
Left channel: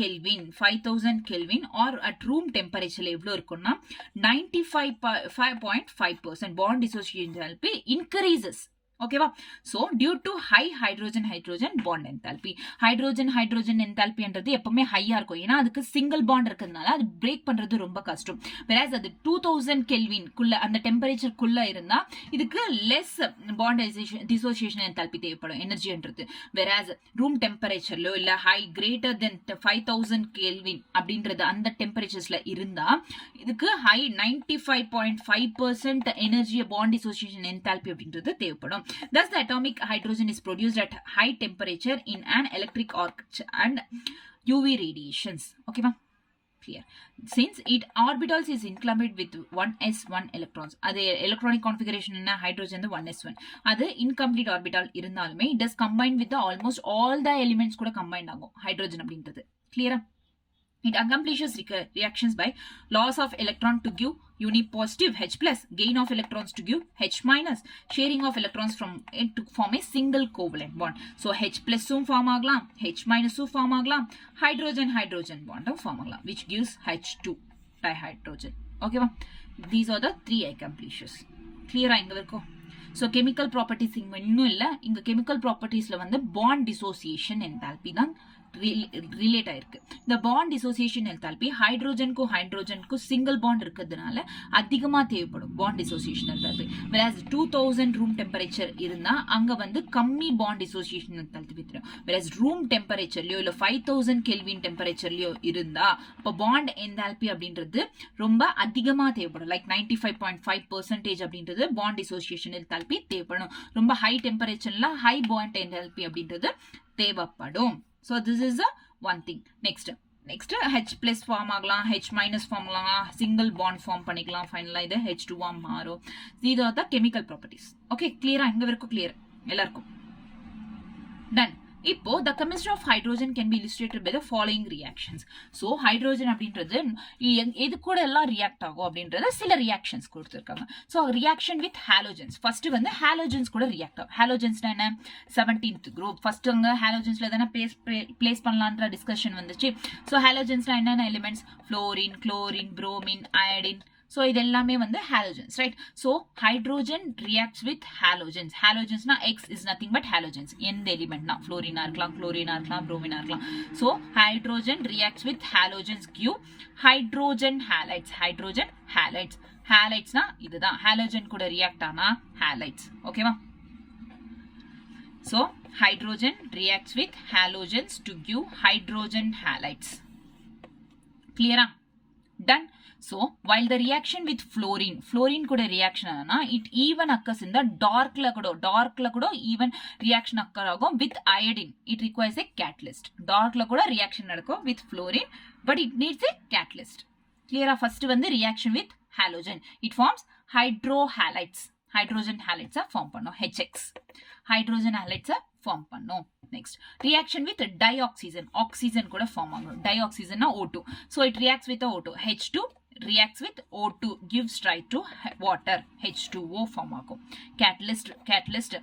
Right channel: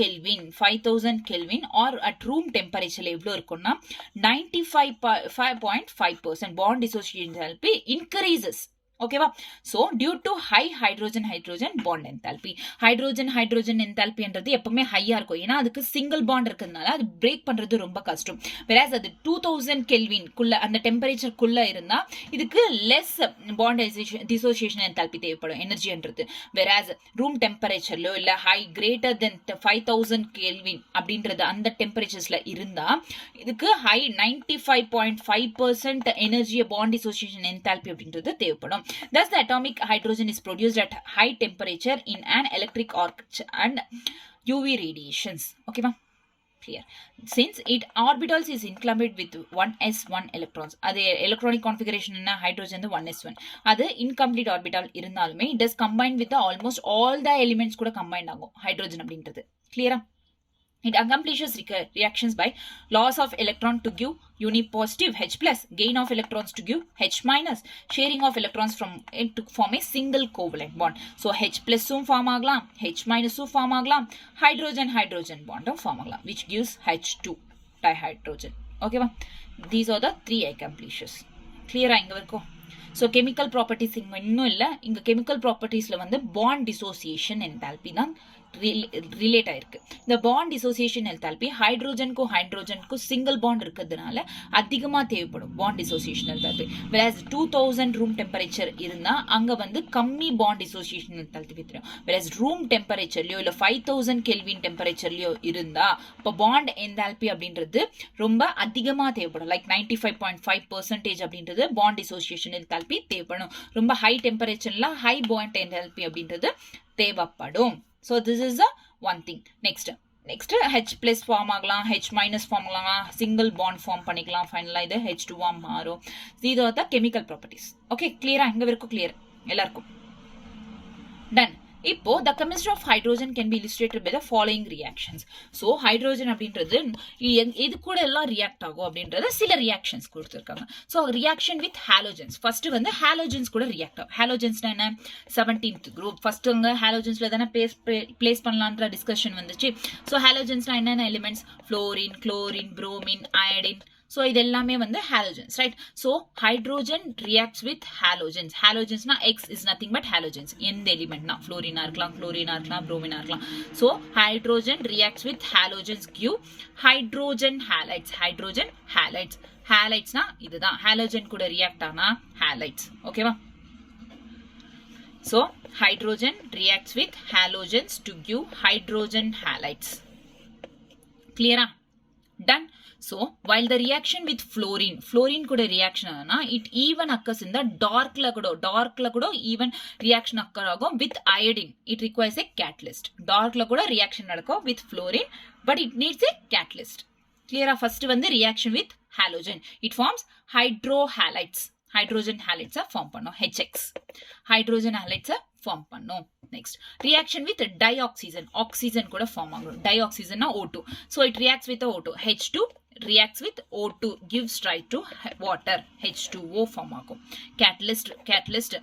Kelvin or at room temperature எவ்வளவு இருக்கும்னா 95.5% bond dissociation enthalpy increases. ஓகேவா? So due to high hydrogen bond enthalpy. Hydrogen என்தால்பின்றது எப்பவுமே ஹையா இருக்கும். ஏன்னா அதுக்கு சிங்கிள் பாண்ட் இருக்கிறதுனால அது பிரேக் பண்றது ரொம்ப கஷ்டம். whereas அது 2000 Kelvin குள்ள, அந்த டெம்பரேச்சர் குள்ள இருந்தா இதுக்கு லெஸ் பாண்ட் டிசோசியேஷன் என்தால்பி தேவைப்படும், எனர்ஜின்றது. whereas ரூம் டெம்பரேச்சர்லயோ இல்ல ஹை கிரேட்டர் தென் 5000 Kelvin அப்படின்றது அந்த டெம்பரேச்சர்ஸ்ல இருந்தா இதுக்கு high 95.5% energy bond dissociation enthalpy அப்படின்றது தேவைப்படும். Thus, the atomic hydrogen is produced at high temperature in an electric arc and UV radiations. Okay, ma? Clear. Since it orbitals is included with 1s1 electrons. அது electronic configuration என்ன? hydrogen 1s1. அது incomplete orbital இருந்தாலுமே it is combined with almost all the elements கூட combined ஆகும் hydrogen அப்படின்றது. Clear? It accomplishes reactions by loss of electron to give unipositive H+, gain of electrons to give H-, sharing of electrons from it to form a single covalent bond. So H+ form ஆகலாம், H- form ஆகலாம், hydrogen bond form ஆகலாம், which gives H2 dihydrogen. Okay va? These are the three accomplishes. Clear இங்க வரைக்கும்? So chemical properties இங்க இன்னும் இல்ல. இங்க chemical propertiesல வந்து bond dissociation enthalpy தான் ரிலேட் ஆயிருக்கு. இந்த பாண்ட் டிசோசியேஷன் என்தால்பி ஹைட்ரோஜனுக்கும் சிங்கிள் பாண்ட் இருக்கிறதுனால அதிகமா தேவைப்படும் bond dissociation enthalpy. whereas 2000 room temperature இருந்தா அங்க வந்து கம்மி பாண்ட் டிசோசியேஷன் என்தால்பி தெரியும். whereas ரூம் டெம்பரேச்சர்லயோ இல்ல 5000 Kelvin டெம்பரேச்சர்லயோ இருந்தா அப்ப பாண்ட் என்தால்பி அப்படின்றது ரொம்ப அதிகமா தேவைப்படும். லைக் 95.5% அப்படின்றது பாண்ட் டிசோசியேஷன் என்தால்பி தேவைப்படும். ரொம்ப ஹை டெம்பரேச்சர்ல ஹை பாண்ட் என்தால்பி அப்படின்றது தேவைப்படும். So this is the one thing. Next H+ form ஆகலாம், H- form ஆகலாம், single bond form பண்ணிக்கலாம். ஃபைனலா இது H2 மாறும். These are the chemical properties. Okay, clear? இங்க வரைக்கும் clear எல்லாருக்கும்? Done. இப்போ the chemistry of hydrogen can be illustrated by the following reactions. So hydrogen அப்படின்றது எது கூட எல்லாம் ரியாக்ட் ஆகும் அப்படின்றத சில ரியாக்ஷன்ஸ் கொடுத்திருக்காங்க. So reaction with halogens. First வந்து halogens கூட ரியாக்ட் ஆகும். halogens என்ன? 17th group. ஃபர்ஸ்ட் அங்க halogens தான பிளேஸ் பண்ணலாம்ன்ற டிஸ்கஷன் வந்துச்சு. So halogens என்னென்ன elements? fluorine, chlorine, bromine, iodine. So இது எல்லாமே வந்து halogens, right? So hydrogen reacts with halogens. Halogens na X is nothing but halogens. எந்த எலிமெண்ட் na fluorine இருக்கலாம், chlorine இருக்கலாம், bromine இருக்கலாம். So hydrogen reacts with halogens give hydrogen halides. Halides na இதுதான் halogen கூட react ஆனா halides. ஓகேவா? So hydrogen reacts with halogens to give hydrogen halides. Clear? Done. So while the reaction with fluorine கூட reaction ஆனா it even occurs in the darkல கூட even reaction occur ஆகும் with iodine. It requires a catalyst. darkல கூட reaction நடக்கும் with fluorine but it needs a catalyst. Clear? First வந்து reaction with halogen. It forms hydrogen halides form பண்ணும் HX. hydrogen halides form பண்ணும். Next reaction with டைஆக்சிஜன், oxygen கூட form ஆகும். டைஆக்சிஜன்னா O2. So it reacts with O2. H2 reacts with O2 gives rise to water, H2O form ஆகும். catalyst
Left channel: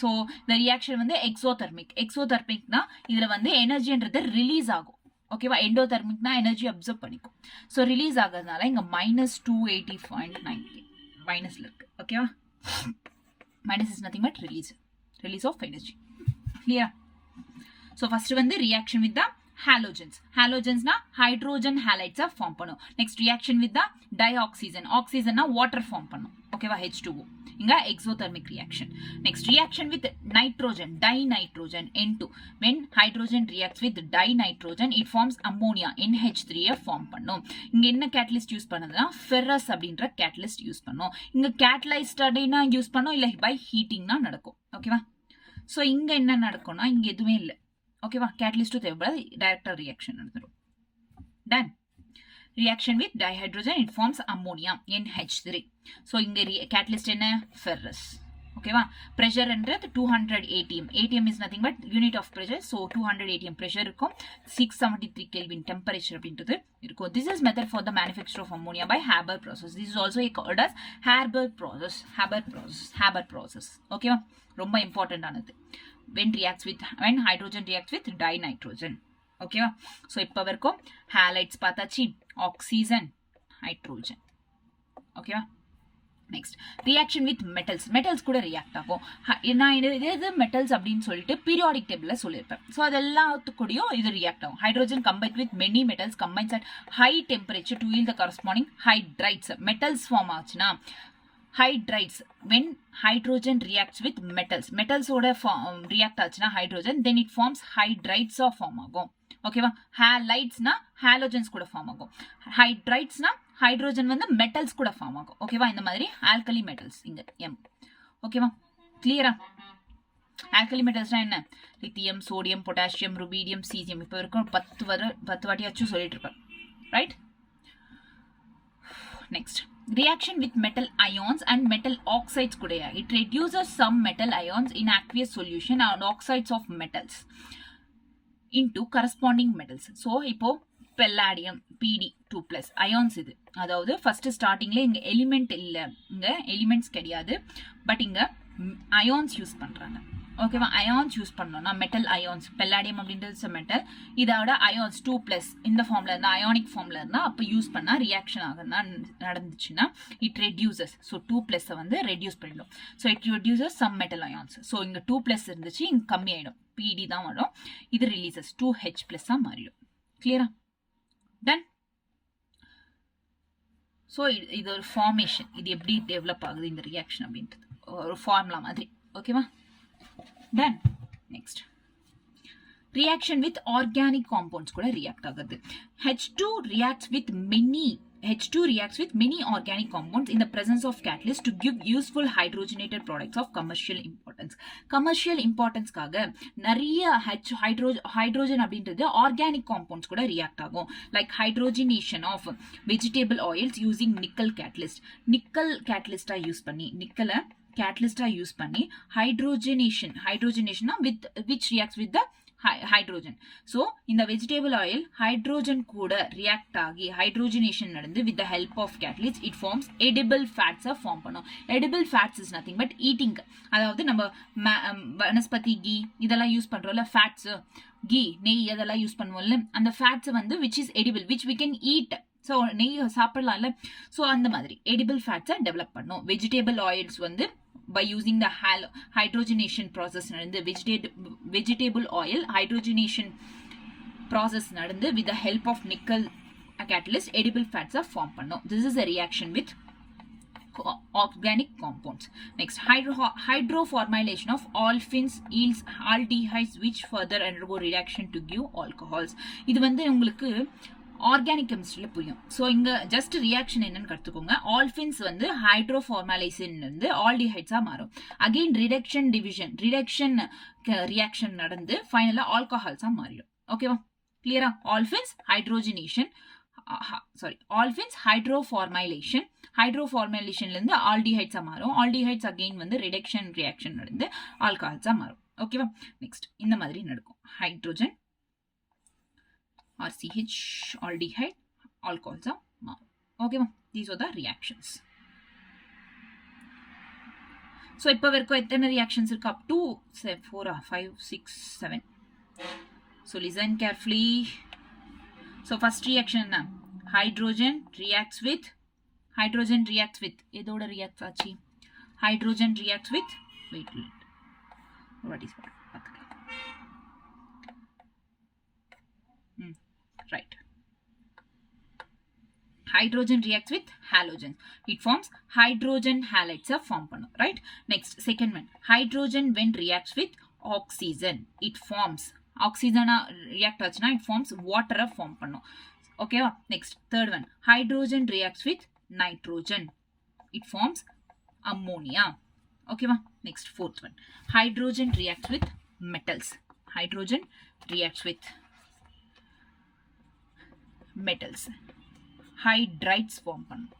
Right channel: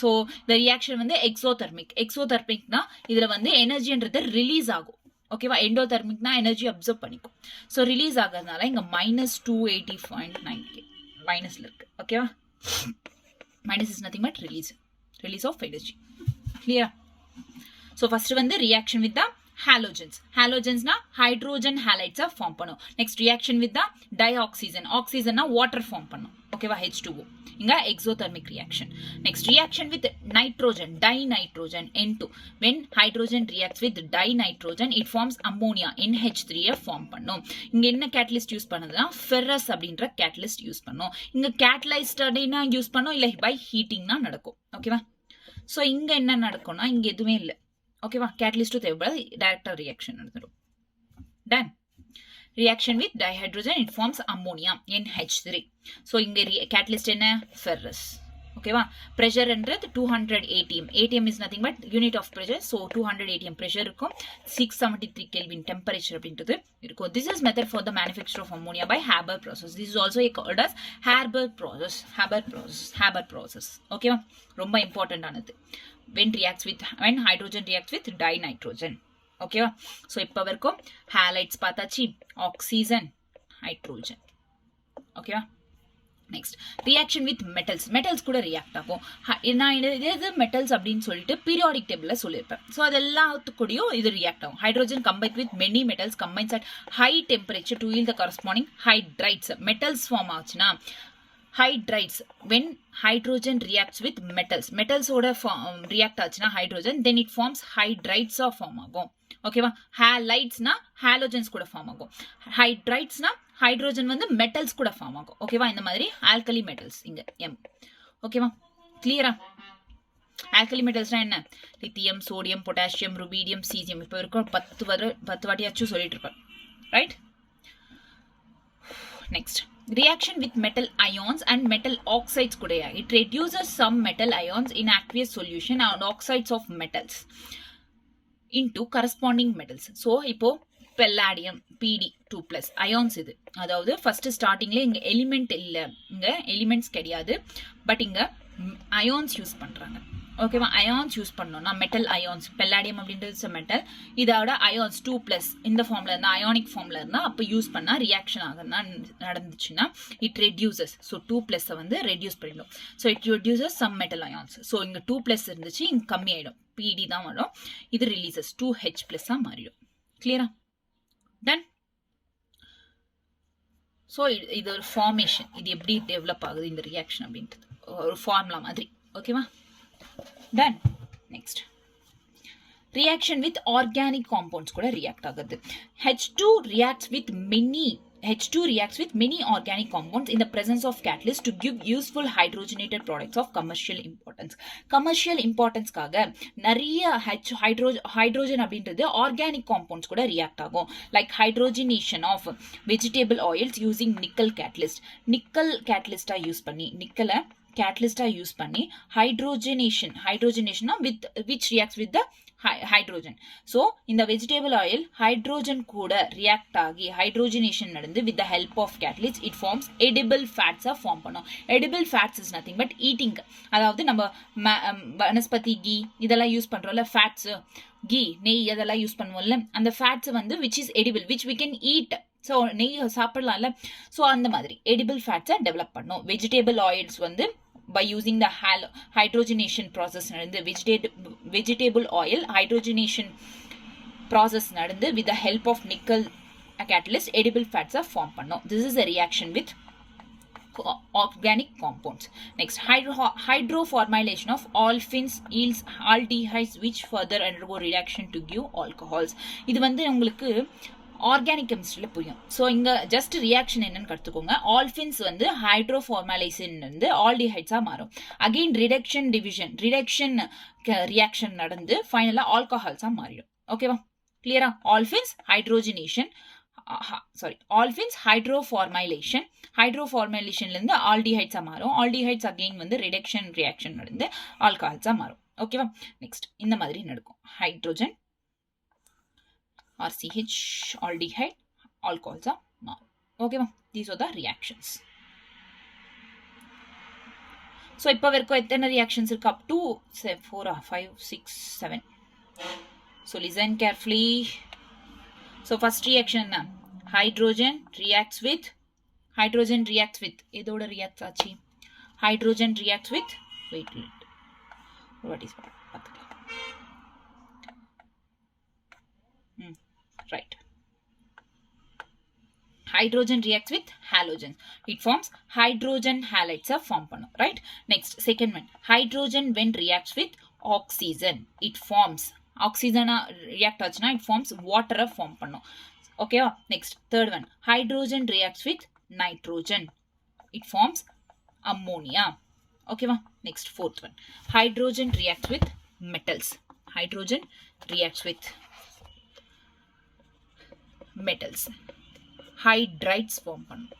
so இந்த reaction வந்து எக்ஸோதெர்மிக்னா இதுல வந்து எனர்ஜின்றது ரிலீஸ் ஆகும். ஓகேவா, எண்டோதெர்மிக்னா எனர்ஜி அப்சர்வ் பண்ணிக்கும். ஸோ ரிலீஸ் ஆகிறதுனால இங்க -280.9 மைனஸ்ல இருக்கு. ஓகேவா, minus is nothing but release of energy. கிளியரா? ஸோ ஃபர்ஸ்ட் வந்து ரியாக்ஷன் வித் த ஹாலோஜன்ஸ்னா ஹைட்ரோஜன் ஹாலைட்ஸா ஃபார்ம் பண்ணும். நெக்ஸ்ட் ரியாக்ஷன் வித் த ஆக்சிஜன்னா வாட்டர் ஃபார்ம் பண்ணும். ஓகேவா, H2O. இங்க exothermic reaction. Next reaction with nitrogen, dinitrogen, N2. when hydrogen reacts with dinitrogen it forms ammonia, NH3 form பண்ணும். இங்க என்ன கேட்டலிஸ்ட் யூஸ் பண்ணுதுன்னா ஃபெரஸ் அப்படின்ற கேட்டலிஸ்ட் யூஸ் பண்ணும். இங்க கேட்டலைஸ்டா யூஸ் பண்ணும், இல்ல பை ஹீட்டிங்னா நடக்கும். ஓகேவா, சோ இங்க என்ன நடக்கும்னா இங்க எதுவுமே இல்லை. ஓகேவா, கேட்டலிஸ்டும் தேவைப்படாது, டைரக்டா ரியாக்ஷன் நடந்துடும். Ton. reaction with dihydrogen it forms ammonia, NH3. so இங்க catalyst என்ன ferrous. ஓகேவா, pressure என்றது 200 atm. atm is nothing but unit of pressure. so 200 atm pressure இருக்கும், 673 kelvin temperature அப்படின்றது இருக்கும். this is method for the manufacture of ammonia by Haber process. this is also called as Haber process. ஓகேவா, ரொம்ப important ஆனது. when hydrogen reacts with dinitrogen. ஓகேவா, so இப்போ வரைக்கும் halides பார்த்தாச்சு, ஆக்சிஜன், ஹைட்ரோஜன். ஓகேவா, நெக்ஸ்ட் ரியாக்ஷன் வித் மெட்டல்ஸ் கூட react ஆகும். நான் இது மெட்டல்ஸ் அப்படின்னு சொல்லிட்டு பீரியாடிக் டேபிள்ல சொல்லியிருப்பேன். ஸோ அது எல்லாத்துக்கூடயும் இது ரியாக்ட் ஆகும். Hydrogen combine with many metals combines at high temperature to yield the corresponding hydrides. Metals form ஆச்சுன்னா hydrides. when hydrogen reacts with metals ஓட react ஆச்சுன்னா hydrogen, then it forms hydrides form ஆகும். ஓகேவா, ஹாலைட்ஸ்னா halogens கூட form ஆகும். ஹைட்ரைட்ஸ்னா hydrogen வந்து மெட்டல்ஸ் கூட ஃபார்ம் ஆகும். ஓகேவா, இந்த மாதிரி ஆல்கலி மெட்டல்ஸ் இங்க M. ஓகேவா, கிளியரா? ஆல்கலி மெட்டல்ஸ்னா என்ன? Lithium, sodium, potassium, rubidium, caesium. இப்போ இருக்கும் 10 வாட்டியாச்சும் சொல்லிட்டு இருப்பேன். Right? Next reaction with metal ions and metal oxides kuda. it reduces some metal ions in aqueous solution and oxides of metals into corresponding metals. so இப்போ palladium Pd2+ ions இது. அதாவது first ஸ்டார்டிங்ல இங்க element இல்ல, இங்க elements கிடையாது, but இங்க ions use பண்றாங்க. ஓகேவா, அயான்ஸ் யூஸ் பண்ணோம்னா மெட்டல் அயான்ஸ், பெல்லாடியம் அப்படின்றது மெட்டல், இதோட அயான்ஸ் 2+ இந்த ஃபார்ம்ல இருந்தா அயானிக் ஃபார்ம்ல இருந்தா அப்போ யூஸ் பண்ணா ரியாக்ஷன் ஆகுதுன்னா நடந்துச்சுன்னா இட் ரெடியூசஸ். ஸோ 2+ வந்து ரெடியூஸ் பண்ணிடும். So it reduces some metal ions. So இங்க 2+ இருந்துச்சு, இங்க கம்மி ஆயிடும், Pd தான் வரும். இது ரிலீசஸ் 2H+ மாறிடும். கிளியரா? டன். ஸோ இது ஒரு ஃபார்மேஷன், இது எப்படி டெவலப் ஆகுது இந்த ரியாக்ஷன் அப்படின்றது ஒரு ஃபார்முலா மாதிரி. ஓகேவா, done. Next reaction with organic compounds கூட react ஆகுது. H2 reacts with many organic compounds in the presence of catalyst to give useful hydrogenated products of commercial importance. commercial importanceக்காக நிறைய hydrogen அப்படின்றது organic compounds கூட react ஆகும். like hydrogenation of vegetable oils using nickel catalyst. nickel catalyst use பண்ணி நிக்கலை catalyst use பண்ணி hydrogenation with which reacts with the hydrogen. so in the vegetable oil hydrogen கூட react ஆகி hydrogenation நடந்து with the help of catalyst it forms edible fats form பண்ணும். edible fats is nothing but eating. அதாவது நம்ம vanaspati key இதெல்லாம் use பண்றோம்ல, fats, key, நெய் அதெல்லாம் use பண்ணுவோம்ல, அந்த ஃபேட்ஸ் வந்து which is edible, which we can eat. So நெய் சாப்பிடலாம்ல, ஸோ அந்த மாதிரி edible fats டெவலப் பண்ணும். vegetable oils வந்து by using the hydrogenation process நடந்து vegetable oil hydrogenation process நடந்து with the help of nickel catalyst edible fats form பண்ணும். this is a reaction with organic compounds. next hydroformylation of olefins yields aldehydes which further undergo reaction to give alcohols. இது வந்து உங்களுக்கு organic கெமிஸ்ட்ரியில புரியும். So இங்க just reaction என்னன்னு கற்றுக்கோங்க. ஆல்ஃபின்ஸ் வந்து ஹைட்ரோஃபார்மலைசின் வந்து ஆல்டிஹைட்ஸா மாறும். அகெயின் ரிடக்ஷன் ரியாக்ஷன் நடந்து ஃபைனலா ஆல்கஹால்ஸா மாறிடும். ஓகேவா, கிளியரா? ஆல்ஃபின்ஸ் ஹைட்ரோஃபார்மலைஷன்ல இருந்து ஆல்டிஹைட்ஸா மாறும். ஆல்டிஹைட்ஸ் அகெயின் வந்து ரிடக்ஷன் ரியாக்ஷன் நடந்து ஆல்கஹால்ஸா மாறும். ஓகேவா. நெக்ஸ்ட் இந்த மாதிரி நடக்கும். ஹைட்ரோஜன் RCH aldehyde alcohols மாறும். ஓகேவா. these are the reactions. so இப்போ வரைக்கும் எத்தனை reactions இருக்கு? up to 4 5 6 7. so listen carefully. so first reaction என்ன? hydrogen reacts with எதோட reacts ஆச்சு? hydrogen reacts with wait what is that? right. hydrogen reacts with halogen. It forms hydrogen halides form பண்ணும். right. next second one, hydrogen when reacts with oxygen it forms oxygen react ஆச்சுனா it forms water form பண்ணும். okay. next third one, hydrogen reacts with nitrogen it forms ammonia. okay. next fourth one, hydrogen reacts with metals. hydrogen reacts with metals hydrides form பண்ணும்.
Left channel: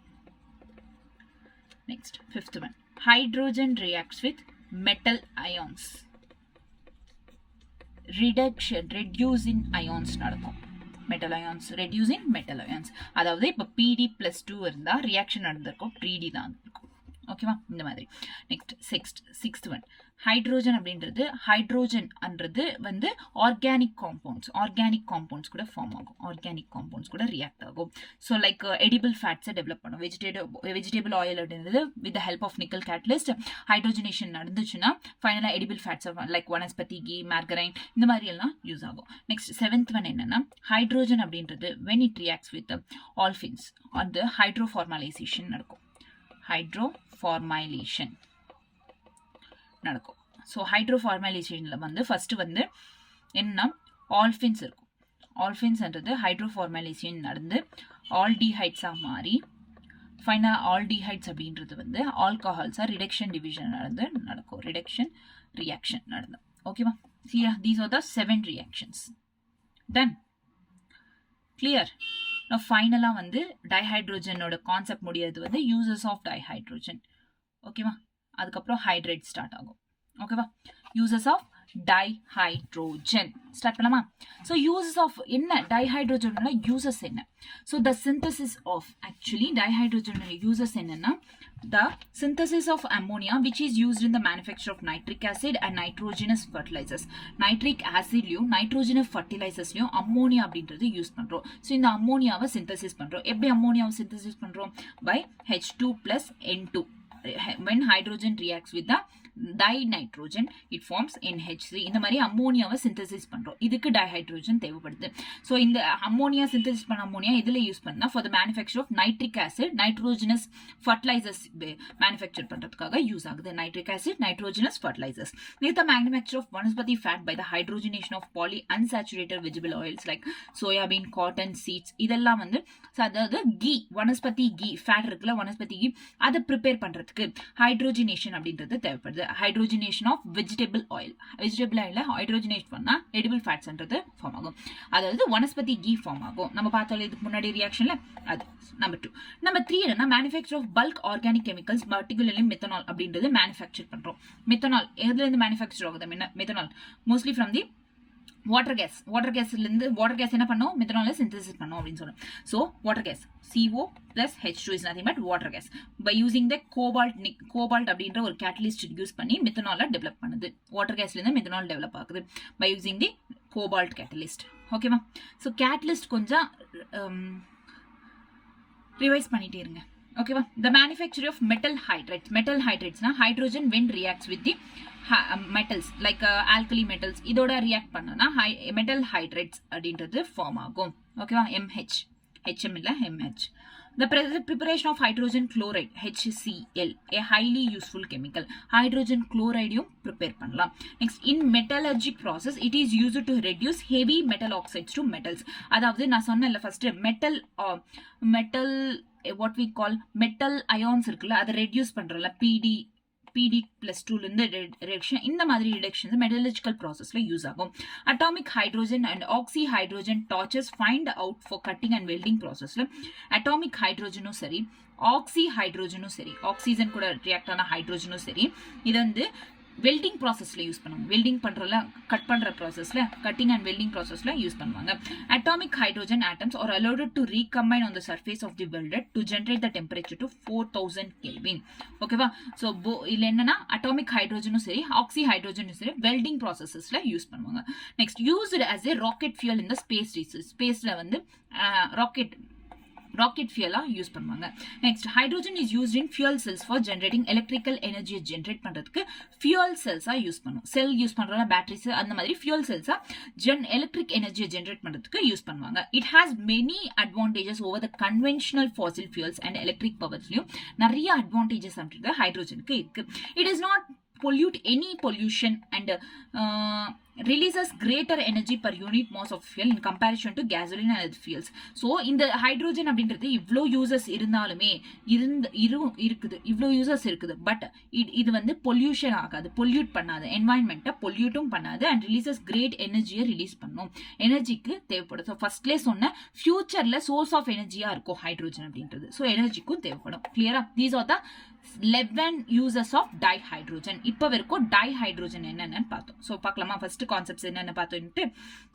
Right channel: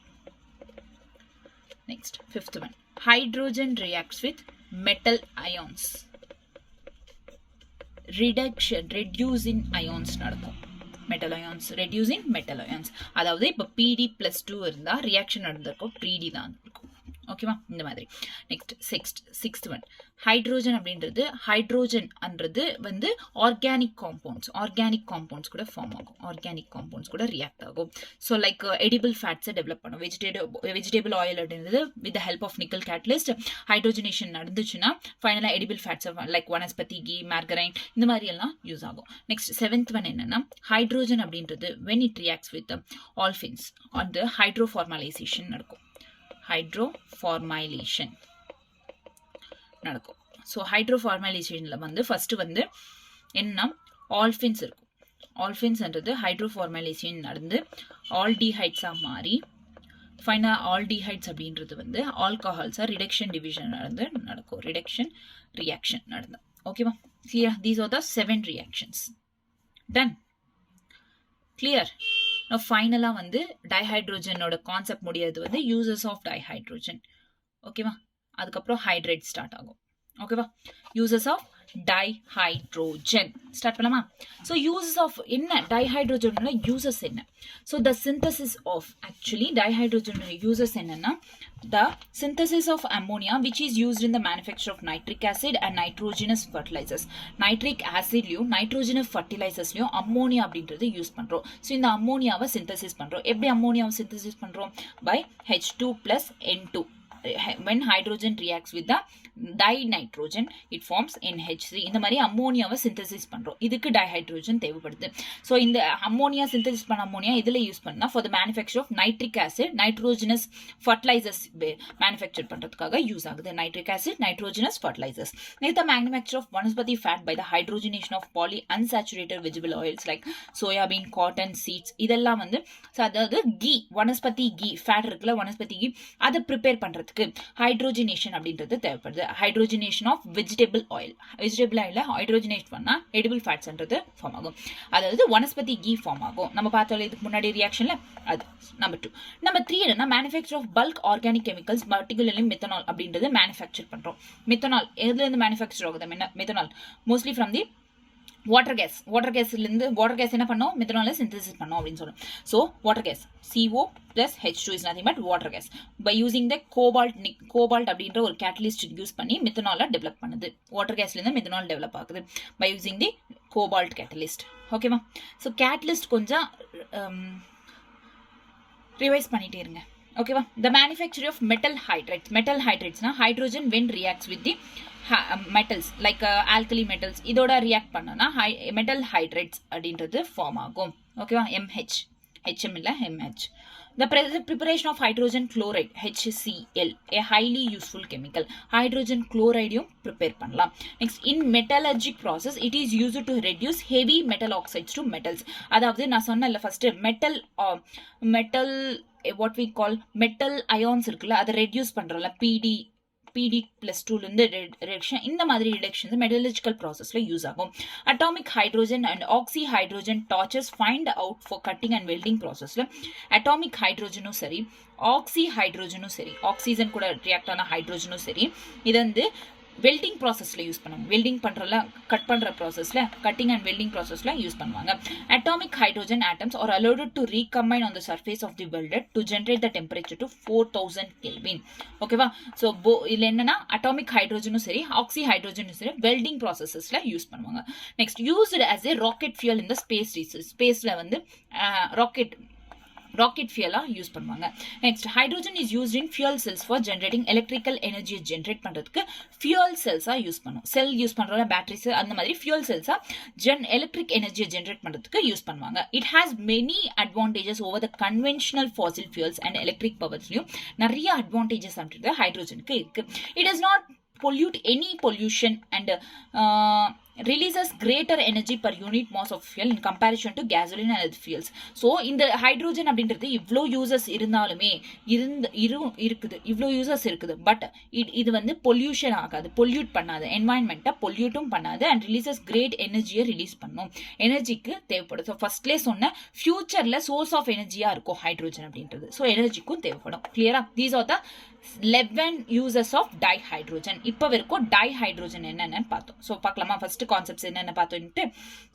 next fifth one, hydrogen reacts with metal ions. reducing ions நடக்கும். metal ions reducing metal ions. அதாவது இப்ப PD+2 இருந்தா reaction நடந்திருக்கும் 3D தான் இருக்கும். ஓகேவா. இந்த மாதிரி. நெக்ஸ்ட் சிக்ஸ்த் ஒன், ஹைட்ரோஜன் அப்படின்றது ஹைட்ரோஜன் அன்றது வந்து ஆர்கானிக் காம்பவுண்ட்ஸ் கூட ஃபார்ம் ஆகும். ஆர்கானிக் காம்பவுண்ட்ஸ் கூட ரியாக்ட் ஆகும். ஸோ லைக் எடிபிள் ஃபேட்ஸை டெவலப் பண்ணும். வெஜிடபிள் ஆயில் அப்படின்றது with help of nickel catalyst hydrogenation நடந்துச்சுன்னா ஃபைனலாக edible fats like vanaspati ghee margarine இந்த மாதிரி எல்லாம் யூஸ் ஆகும். நெக்ஸ்ட் செவன்த் ஒன் என்னன்னா, ஹைட்ரோஜன் அப்படின்றது when it reacts with olefins அந்த ஹைட்ரோஃபார்மலைசேஷன் நடக்கும். ஹைட்ரோஃபார்மைலேஷன் நடக்கும். ஸோ ஹைட்ரோஃபார்மைலேஷனில் வந்து ஃபர்ஸ்ட் வந்து என்னன்னா ஆல்ஃபின்ஸ் இருக்கும். ஆல்ஃபின்ஸ்ன்றது ஹைட்ரோஃபார்மைலேஷன் நடந்து ஆல்டிஹைட்ஸாக மாறி ஃபைனல் ஆல்டிஹைட்ஸ் அப்படின்றது வந்து ஆல்கஹால்ஸாக ரிடக்ஷன் டிவிஷன் நடக்கும். ரிடக்ஷன் ரியாக்ஷன் நடந்து. ஓகேவா. Clear? These are the 7 reactions. Done. Clear? ஃபைனலாக வந்து டைஹைட்ரோஜனோட கான்செப்ட் முடியாது வந்து யூசஸ் ஆஃப் டைஹைட்ரோஜன். ஓகேவா. அதுக்கப்புறம் ஹைட்ரேட் ஸ்டார்ட் ஆகும். ஓகேவா. யூசஸ் ஆஃப் டைஹைட்ரோஜன் ஸ்டார்ட் பண்ணலாமா? ஸோ யூசஸ் ஆஃப் என்ன டைஹைட்ரோஜனோட யூசஸ் என்ன? So the synthesis of actually டைஹைட்ரோஜனோட யூசஸ் என்னன்னா, the synthesis of ammonia which is used in the manufacture of nitric acid and nitrogenous fertilizers. nitric acid லியும் nitrogenous fertilizers லியும் ammonia அப்படின்றது use பண்றோம். So இந்த அம்மோனியாவை சிந்தசிஸ் பண்றோம். எப்படி அம்மோனியாவை சிந்தசிஸ் பண்றோம்? by H2 plus N2. when hydrogen reacts with the dinitrogen it forms NH3. இந்த மாதிரி அம்மோனியாவை சிந்தசிஸ் பண்றோம். இதுக்கு டைஹைட்ரோஜன் தேவைப்படுது. ஸோ இந்த அம்மோனியா சிந்தசிஸ் பண்ண அம்மோனியா இதில் யூஸ் பண்ணா for the manufacture of nitric acid nitrogenous fertilizers manufacture பண்றதுக்காக யூஸ் ஆகுது. Nitric acid nitrogenous fertilizers. the manufacture of vanaspati fat by the hydrogenation of poly unsaturated vegetable oils like soybean, cotton, seeds இதெல்லாம் வந்து அதாவது key vanaspati key fat இருக்குல்ல vanaspati key அதை prepare பண்றதுக்கு hydrogenation அப்படின்றது தேவைப்படுது. ஹைட்ரோஜனேஷன் ஆஃப் வெஜிடபிள் ஆயில் ஹைட்ரோஜனேட் பண்ணா edible ஃபேட்ஸ்ன்றது form ஆகும். அதாவது வனஸ்பதி கீ ஃபார்ம் ஆகும். நம்ம பார்த்தோம் இதுக்கு முன்னாடி ரியாக்ஷன்ல. அது நம்பர் 2. நம்பர் 3 என்னன்னா manufacture of bulk organic chemicals particularly methanol அப்படின்றது மேனுஃபேக்சர் பண்றோம். மெத்தனால் எதுல இருந்து மேனுஃபேக்சர் ஆகுது? Methanol mostly from the water gas என்ன பண்ணோம்? மெத்தனால சிந்தசிஸ் பண்ணோம் அப்படின்னு சொல்றோம். So water gas CO plus H2 is nothing but water gas. By using the cobalt அப்படின்ற ஒரு கேட்டலிஸ்ட் யூஸ் பண்ணி மெத்தனால டெவலப் பண்ணுது. வாட்டர் கேஸ்ல இருந்து மெத்தனால் டெவலப் ஆகுது by using the cobalt catalyst. ஓகேவா. ஸோ கேட்டலிஸ்ட் கொஞ்சம் ரிவைஸ் பண்ணிட்டே இருங்க. ஓகேவா. த மேனுஃபேக்சர் ஆஃப் மெட்டல் ஹைட்ரேட்ஸ்னா hydrogen when reacts with the metals like alkali metals இதோட ரியாக்ட் பண்ணனா மெட்டல் ஹைட்ரேட்ஸ் அப்படின்றது ஃபார்ம் ஆகும். ஓகேவா. MH HM இல்ல MH. The preparation of hydrogen chloride HCl a highly useful chemical. hydrogen chloride prepare பண்ணலாம். next in metallurgic process it is used to reduce heavy metal oxides to metals. அதாவது நான் சொன்னேன்ல first metal what we call metal ions இருக்குல்ல அதை reduce பண்றோம்ல PD+2 இருந்து reduction. இந்த மாதிரி reductions metallurgical ப்ராசஸ்ல யூஸ் ஆகும். Atomic hydrogen and oxyhydrogen torches find out for cutting and welding ப்ராசஸ்ல அட்டாமிக் ஹைட்ரோஜனும் சரி ஆக்சி ஹைட்ரோஜனும் சரி ஆக்சிஜன் கூட ரியாக்ட் ஆன ஹைட்ரோஜனும் சரி இது வந்து வெல்டிங் ப்ராசஸில் யூஸ் பண்ணுவாங்க. வெல்டிங் பண்ணுறல கட் பண்ணுற ப்ராசஸில் கட்டிங் அண்ட் வெல்டிங் ப்ராசஸில் யூஸ் பண்ணுவாங்க. Atomic hydrogen atoms are allowed to recombine on the surface of the welded to generate the temperature to 4000 kelvin. ஓகேவா? ஸோ இதில் என்னன்னா அட்டாமிக் ஹைட்ரோஜனும் சரி ஆக்சி ஹைட்ரோஜனும் சரி வெல்டிங் ப்ராசஸஸில் யூஸ் பண்ணுவாங்க. Next used as a rocket fuel இந்த ஸ்பேஸில் வந்து ராக்கெட் ஃபியூலாக யூஸ் பண்ணுவாங்க. Next hydrogen is used in fuel cells for generating electrical எனர்ஜியை ஜென்ரேட் பண்ணுறதுக்கு ஃபியூல் செல்ஸாக யூஸ் பண்ணுவோம். செல் யூஸ் பண்ணுறோம்ல பேட்டரிஸ் அந்த மாதிரி ஃபியூல் செல்ஸாக எலக்ட்ரிக் எனர்ஜியை ஜென்ரேட் பண்ணுறதுக்கு யூஸ் பண்ணுவாங்க. It has many advantages over the conventional fossil fuels and electric பவர்ஸ்லையும் நிறைய அட்வான்டேஜஸ் அப்படின்றது ஹைட்ரோஜனுக்கு இருக்கு. It is not pollute any pollution and releases greater energy per unit mass of fuel in comparison to gasoline and other fuels. So இந்த hydrogen அப்படின்றது இவ்வளோ uses இருந்தாலுமே இருக்குது இவ்வளோ யூசஸ் இருக்குது. பட் இது வந்து பொல்யூஷன் ஆகாது, பொல்யூட் பண்ணாது, என்வாயன்மெண்ட்டை பொல்யூட்டும் பண்ணாது அண்ட் ரிலீசஸ் கிரேட் எனர்ஜியை ரிலீஸ் பண்ணும். எனர்ஜிக்கு தேவைப்படும். ஸோ ஃபர்ஸ்ட்லேயே சொன்ன ஃபியூச்சரில் சோர்ஸ் ஆஃப் எனர்ஜியாக இருக்கும் ஹைட்ரோஜன் அப்படின்றது. ஸோ எனர்ஜிக்கும் தேவைப்படும். கிளியரா? These are the 11 uses of dihydrogen. இப்போ வரைக்கும் டைஹைட்ரோஜன் என்னன்னு பார்த்தோம். ஸோ பார்க்கலாமா? ஃபர்ஸ்ட் கான்செப்ட்ஸ் என்னென்ன பார்த்தோம்ட்டு.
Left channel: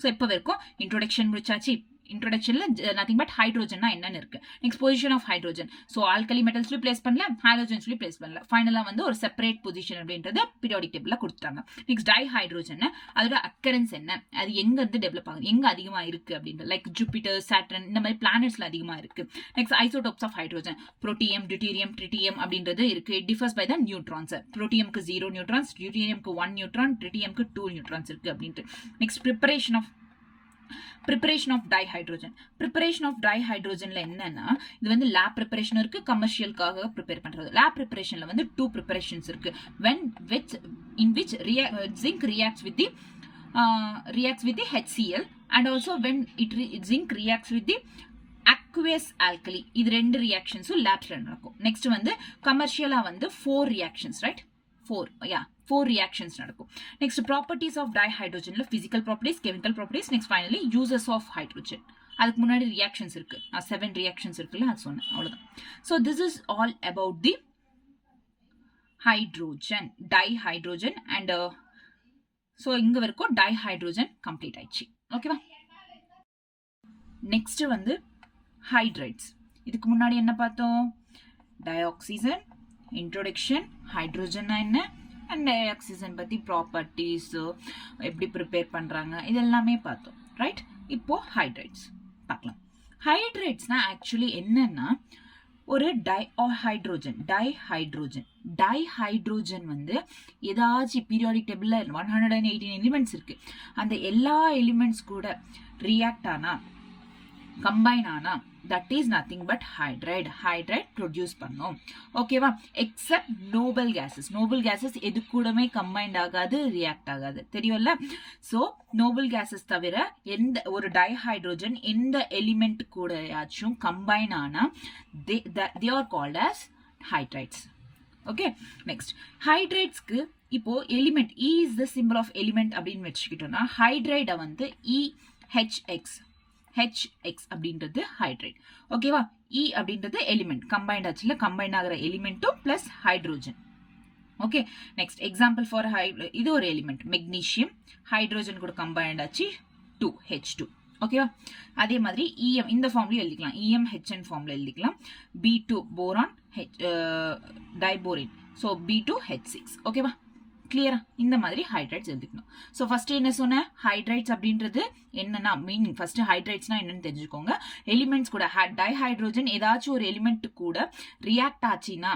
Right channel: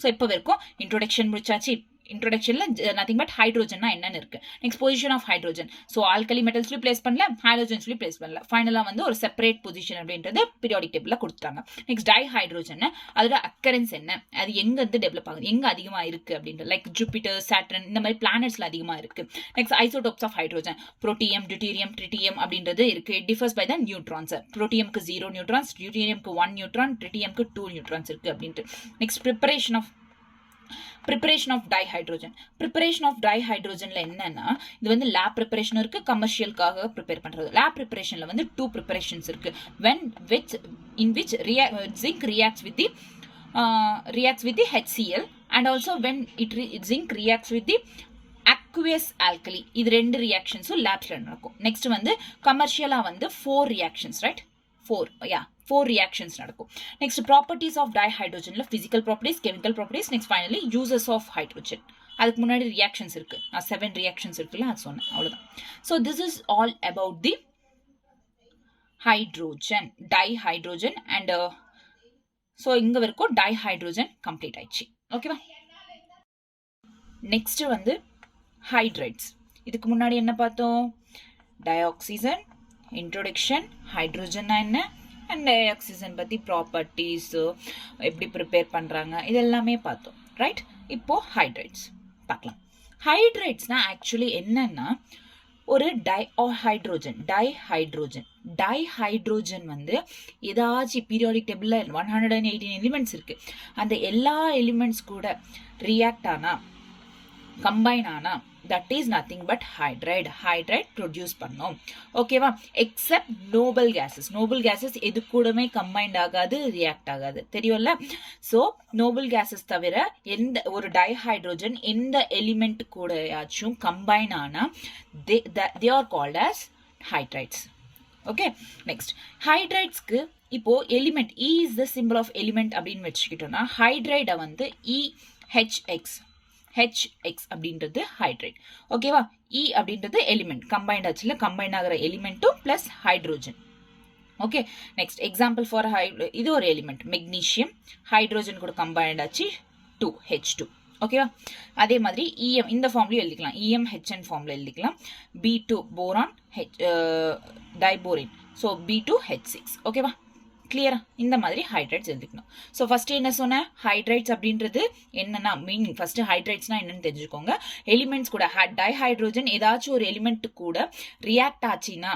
ஸோ இப்போ வரைக்கும் இன்ட்ரோடக்ஷன் முடிச்சாச்சு. இன்ட்ரோடக்ஷன்ல நத்திங் பட் ஹைட்ரோஜன்னா என்னன்னு இருக்கு. Next position of hydrogen. So alkali மெட்டல்ஸ்லயும் பிளேஸ் பண்ணல, ஹைட்ரோஜன்ஸ்லயும் பிளேஸ் பண்ணல. ஃபைனலா வந்து ஒரு செப்பரேட் பொசிஷன் அப்படின்றது பீரியாடிக் டேபிள்ல கொடுத்துட்டாங்க. நெக்ஸ்ட் டைஹைட்ரோஜன் அதோட அக்கரன்ஸ் என்ன, அது எங்க இருந்து டெவலப் ஆகுது, எங்க அதிகமா இருக்கு அப்படின்றது லைக் ஜூபிட்டர், சாட்டர்ன் இந்த மாதிரி பிளானட்ஸ்ல அதிகமா இருக்கு. Next isotopes of hydrogen. Protium, deuterium, tritium அப்படின்றது இருக்கு. It differs by the neutrons. புரோட்டியம்க்கு 0 நியூட்ரான்ஸ், டியூட்டீரியம்க்கு 1 நியூட்ரான், ட்ரிட்டியம்க்கு 2 நியூட்ரான்ஸ் இருக்கு அப்படின்ட்டு. Next preparation of dihydrogen. Preparation of டைஹைட்ரோஜன்ல என்னன்னா இது வந்து லேப் ப்ரிப்பரேஷன் இருக்கு, கமர்ஷியலுக்காக ப்ரிப்பேர் பண்றது. லேப் ப்ரிப்பரேஷன்ல வந்து 2 ப்ரிப்பரேஷன்ஸ் இருக்கு. in which zinc reacts with the HCl and also when zinc reacts with the aqueous alkali. இது ரெண்டு ரியாக்ஷன்ஸும் லேப்ஸ்ல நடக்கும். நெக்ஸ்ட் வந்து கமர்ஷியலா வந்து 4 ரியாக்ஷன்ஸ், ரைட்? 4 reactions நடக்கும். நெக்ஸ்ட் ப்ராப்பர்ட்டிஸ் ஆஃப் டைஹைட்ரோஜன்ல physical properties, chemical properties, next finally uses of hydrogen. அதுக்கு முன்னாடி ரியாக்ஷன்ஸ் இருக்கு. 7 ரியாக்ஷன்ஸ் இருக்குல்ல, அது சொன்னேன். அவ்வளவுதான். So this is all about the hydrogen, dihydrogen and so இங்க வரைக்கும் டைஹைட்ரோஜன் கம்ப்ளீட் ஆயிடுச்சு. ஓகேவா? நெக்ஸ்ட் வந்து ஹைட்ரைட்ஸ். இதுக்கு முன்னாடி என்ன பார்த்தோம்? டயாக்சிஜன், இன்ட்ரோடக்ஷன், ஹைட்ரோஜன் என்ன அண்ட் டயாக்சிஜன் பற்றி ப்ராப்பர்ட்டிஸ், எப்படி ப்ரிப்பேர் பண்ணுறாங்க, இது எல்லாமே பார்த்தோம். ரைட்? இப்போ ஹைட்ரைட்ஸ் பார்க்கலாம். ஹைட்ரைட்ஸ்னா ஆக்சுவலி என்னன்னா ஒரு டைஹைட்ரோஜன் வந்து ஏதாச்சும் பீரியாடிக் டேபிள்ல 118 எலிமெண்ட்ஸ் இருக்கு. அந்த எல்லா எலிமெண்ட்ஸ் கூட ரியாக்ட் ஆனா, கம்பைன் ஆனா, that is nothing but hydride produce பண்ணோம். ஓகேவா? எக்ஸப்ட் நோபல் கேசஸ் எது கூடமே கம்பைன்ட் ஆகாது, ரியாக்ட் ஆகாது. தெரியும்ல? ஸோ நோபல் கேசஸ் தவிர எந்த ஒரு டைஹைட்ரோஜன் எந்த எலிமெண்ட் கூடயாச்சும் கம்பைன் ஆனா they are called as hydrides. Okay? Next ஹைட்ரைட்ஸ்க்கு இப்போ element E is the symbol of element அப்படின்னு வச்சுக்கிட்டோம்னா ஹைட்ரைடை வந்து HX அப்படின்றது ஹைட்ரைட். ஓகேவா? E அப்படின்றது எலிமெண்ட், கம்பைன்ட் ஆச்சுல, கம்பைன் ஆகிற எலிமெண்ட்டும் plus hydrogen. Okay? Next example for இது ஒரு எலிமெண்ட் மெக்னீஷியம், ஹைட்ரோஜன் கூட கம்பைன்ட் ஆச்சு 2H2. ஓகேவா? அதே மாதிரி EM இந்த ஃபார்ம்லயும் எழுதிக்கலாம், EMHN ஃபார்ம்ல எழுதிக்கலாம். B2 boron, diborane, so B2H6. ஓகேவா? கிளியரா? இந்த மாதிரி ஹைட்ரைட்ஸ் எழுதிக்கணும். ஸோ ஃபர்ஸ்ட் என்ன சொன்ன? ஹைட்ரைட்ஸ் அப்படின்றது என்னன்னா மீனிங், ஃபர்ஸ்ட் ஹைட்ரைட்ஸ்னா என்னன்னு தெரிஞ்சுக்கோங்க. எலிமெண்ட்ஸ் கூட டைஹைட்ரோஜன் ஏதாச்சும் ஒரு எலிமெண்ட் கூட ரியாக்ட் ஆச்சுன்னா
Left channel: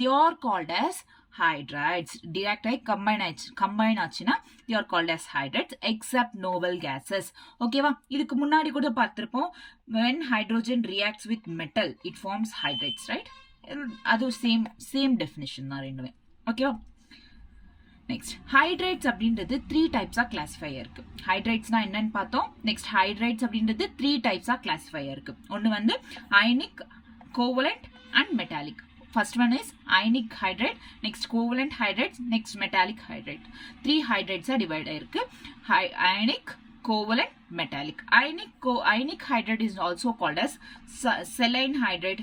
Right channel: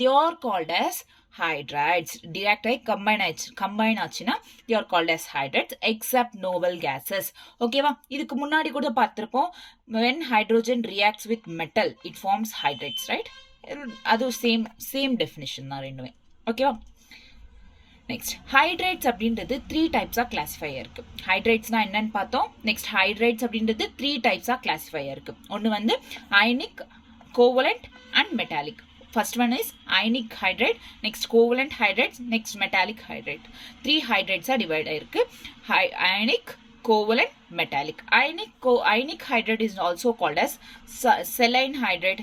they are called as hydrides. direct ஆகி கம்பைன் ஆச்சுன்னா they are called as hydrides except noble gases. ஓகேவா? இதுக்கு முன்னாடி கூட பார்த்திருப்போம், when hydrogen reacts with metal it forms hydrides, right? அது சேம் டெஃபினிஷன் தான் ரெண்டுமே. ஓகேவா? நெக்ஸ்ட் ஹைட்ரைட்ஸ் அப்படின்றது 3 டைப்ஸா கிளாசிஃபை இருக்கு. ஹைட்ரைட்ஸ்னா என்னன்னு பார்த்தோம். நெக்ஸ்ட் ஹைட்ரைட்ஸ் அப்படின்றது 3 டைப்ஸா கிளாசிஃபை இருக்கு. ஒன்னு வந்து ionic, covalent and metallic. First one is ionic hydride, next covalent hydrides, next metallic hydride. 3 ஹைட்ரைட்ஸா டிவைட் ஆயிருக்கு. Ionic, covalent, metallic. Ionic hydride is also called as saline hydride,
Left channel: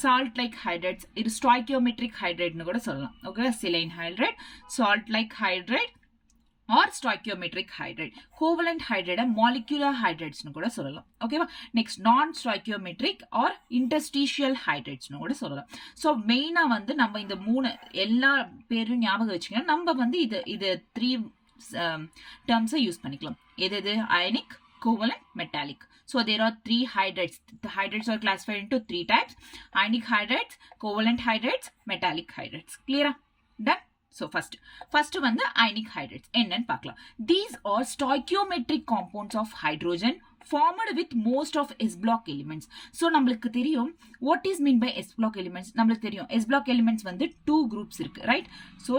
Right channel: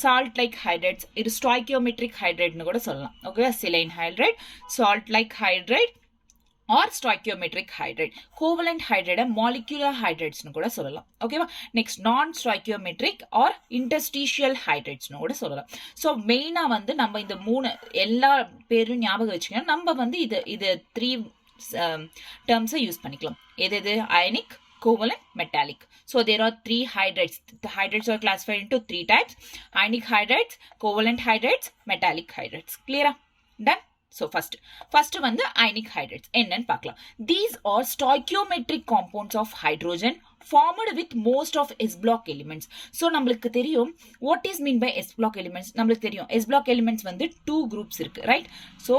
salt like hydrides இது stoichiometric ஹைட்ரைட்னு கூட சொல்லலாம். Okay, saline hydride, salt like hydride or stoichiometric hydride. Covalent ஹைட்ரைட molecular ஹைட்ரைட்ஸ்னு கூட சொல்லலாம். ஓகேவா? நெக்ஸ்ட் நான் ஸ்டாய்கியோமெட்ரிக் ஆர் இன்டர்ஸ்டீஷியல் ஹைட்ரைட்ஸ்னு கூட சொல்லலாம். ஸோ மெயினாக வந்து நம்ம இந்த 3 எல்லா பேரும் ஞாபகம் வச்சுக்கணும். நம்ம வந்து இது 3 டேர்ம்ஸை யூஸ் பண்ணிக்கலாம். எது ionic, covalent, metallic. So there are 3 hydrides. The hydrides are classified into 3 types: ionic hydrides, covalent hydrides, metallic hydrides. Clear? Done? So first வந்து ionic hydrides என்னன்னு பார்க்கலாம். These are stoichiometric compounds of hydrogen formed with most of S block elements. So நம்மளுக்கு தெரியும் what is mean by S block elements. நம்மளுக்கு தெரியும் S block elements வந்து 2 groups இருக்கு, right? So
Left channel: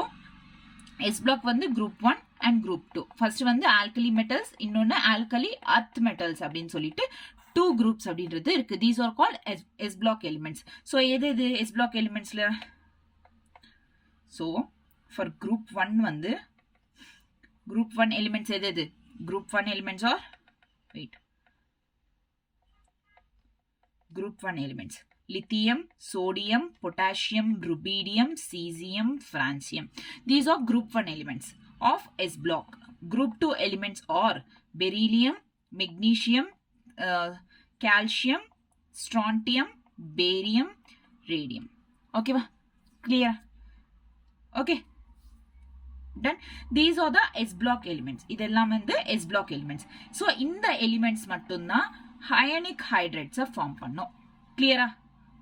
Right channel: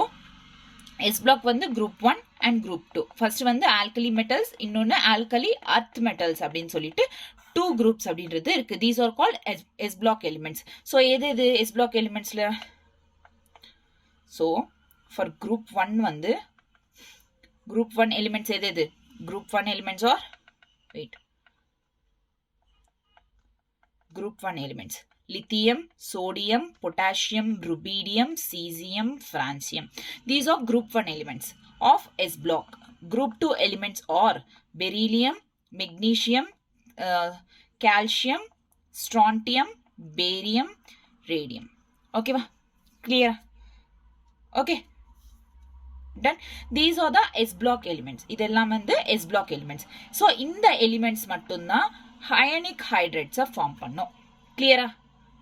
S block வந்து group 1 and group 2. First வந்து alkali metals, இன்னொன்னு alkali earth metals அப்படின்னு சொல்லிட்டு 2 groups அப்படின்றது இருக்கு. These are called S block elements. So எது S block elementsல? So for group 1 வந்து group 1 elements எது? Group 1 elements are group 1 elements: lithium, sodium, potassium, rubidium, cesium, francium. These are group 1 elements of S block. Group 2 elements are beryllium, magnesium, calcium, strontium, barium, radium. Okay va? Clear? Okay, done. These are the S block elements. இதெல்லாம் வந்து S block elements. So இந்த elements மட்டும்தான் ionic hydrides form பண்ணும். Clear?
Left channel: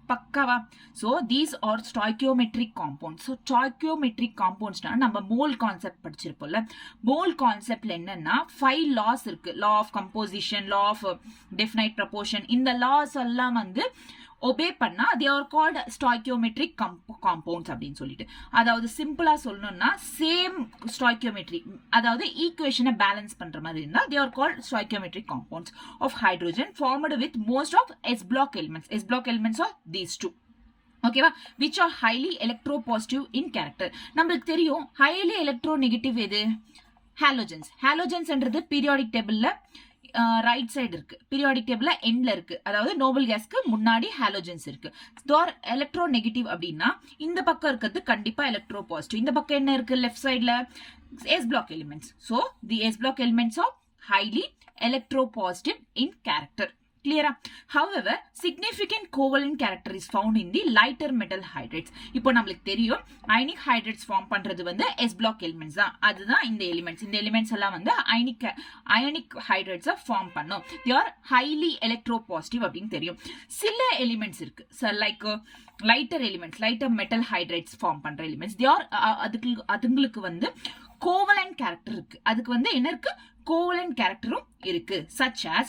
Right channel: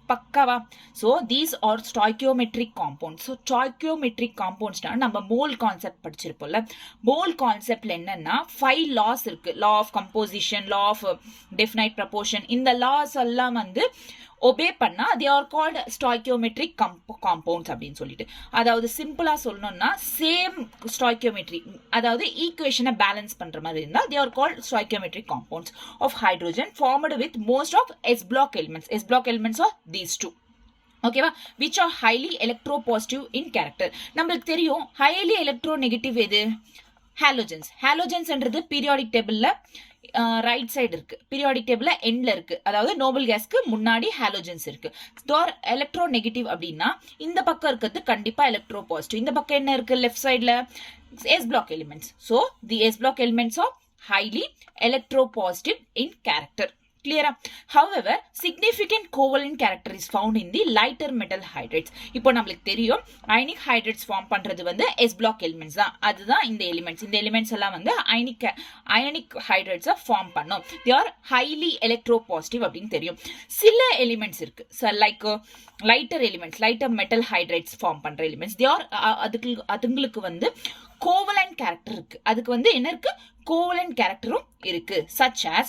பக்காவா? So these are stoichiometric compounds. So stoichiometric compounds நம்ம mole concept படிச்சிருப்போம்ல. Mole கான்செப்ட்ல என்னன்னா 5 laws இருக்கு. law of composition, law of definite proportion. இந்த laws எல்லாம் வந்து obey பண்ணா they are called stoichiometric compounds அப்படின்னு சொல்லிட்டு. அதாவது சிம்பிளா சொல்லணும்னா சேம் stoichiometry, அதாவது ஈக்குவேஷனை பேலன்ஸ் பண்ற மாதிரி இருந்தா they are called stoichiometric compounds of hydrogen formed with most of S block elements. S block elements are these two. ஓகேவா? which are highly electropositive in character. நம்மளுக்கு தெரியும் highly electronegative எது? Halogens. ஹாலோஜன்ஸ்ன்றது periodic டேபிள்ல right side இருக்கு, periodic டேபிள்ல எண்ட்ல இருக்கு. அதாவது நோபல் கேஸ்க்கு முன்னாடி ஹாலோஜன்ஸ் இருக்கு. எலக்ட்ரோ நெகட்டிவ் அப்படின்னா இந்த பக்கம் இருக்கிறது கண்டிப்பா எலக்ட்ரோ பாசிட்டிவ். இந்த பக்கம் என்ன இருக்கு? லெஃப்ட் சைட்ல S block elements. So the S block elements are highly electropositive in character. Clear? However, significant covalent character is found in the lighter metal hydrides. இப்போ நம்மளுக்கு தெரியும் ionic hydrides ஃபார்ம் பண்றது வந்து S block elements தான். அதுதான் இந்த elements. இந்த elements எல்லாம் வந்து ionic hydrides ஃபார்ம் பண்ணும். they are highly electropositive அப்படின்னு தெரியும். சில எலிமெண்ட்ஸ் இருக்கு, like lighter elements, lighter metal hydrides form பண்ற எலிமெண்ட்ஸ் they are அதுங்களுக்கு வந்து கோவலண்ட் கேரக்டர் இருக்கு. அதுக்கு வந்து என்ன இருக்கு? கோவலண்ட் கேரக்டரும் இருக்கு. such as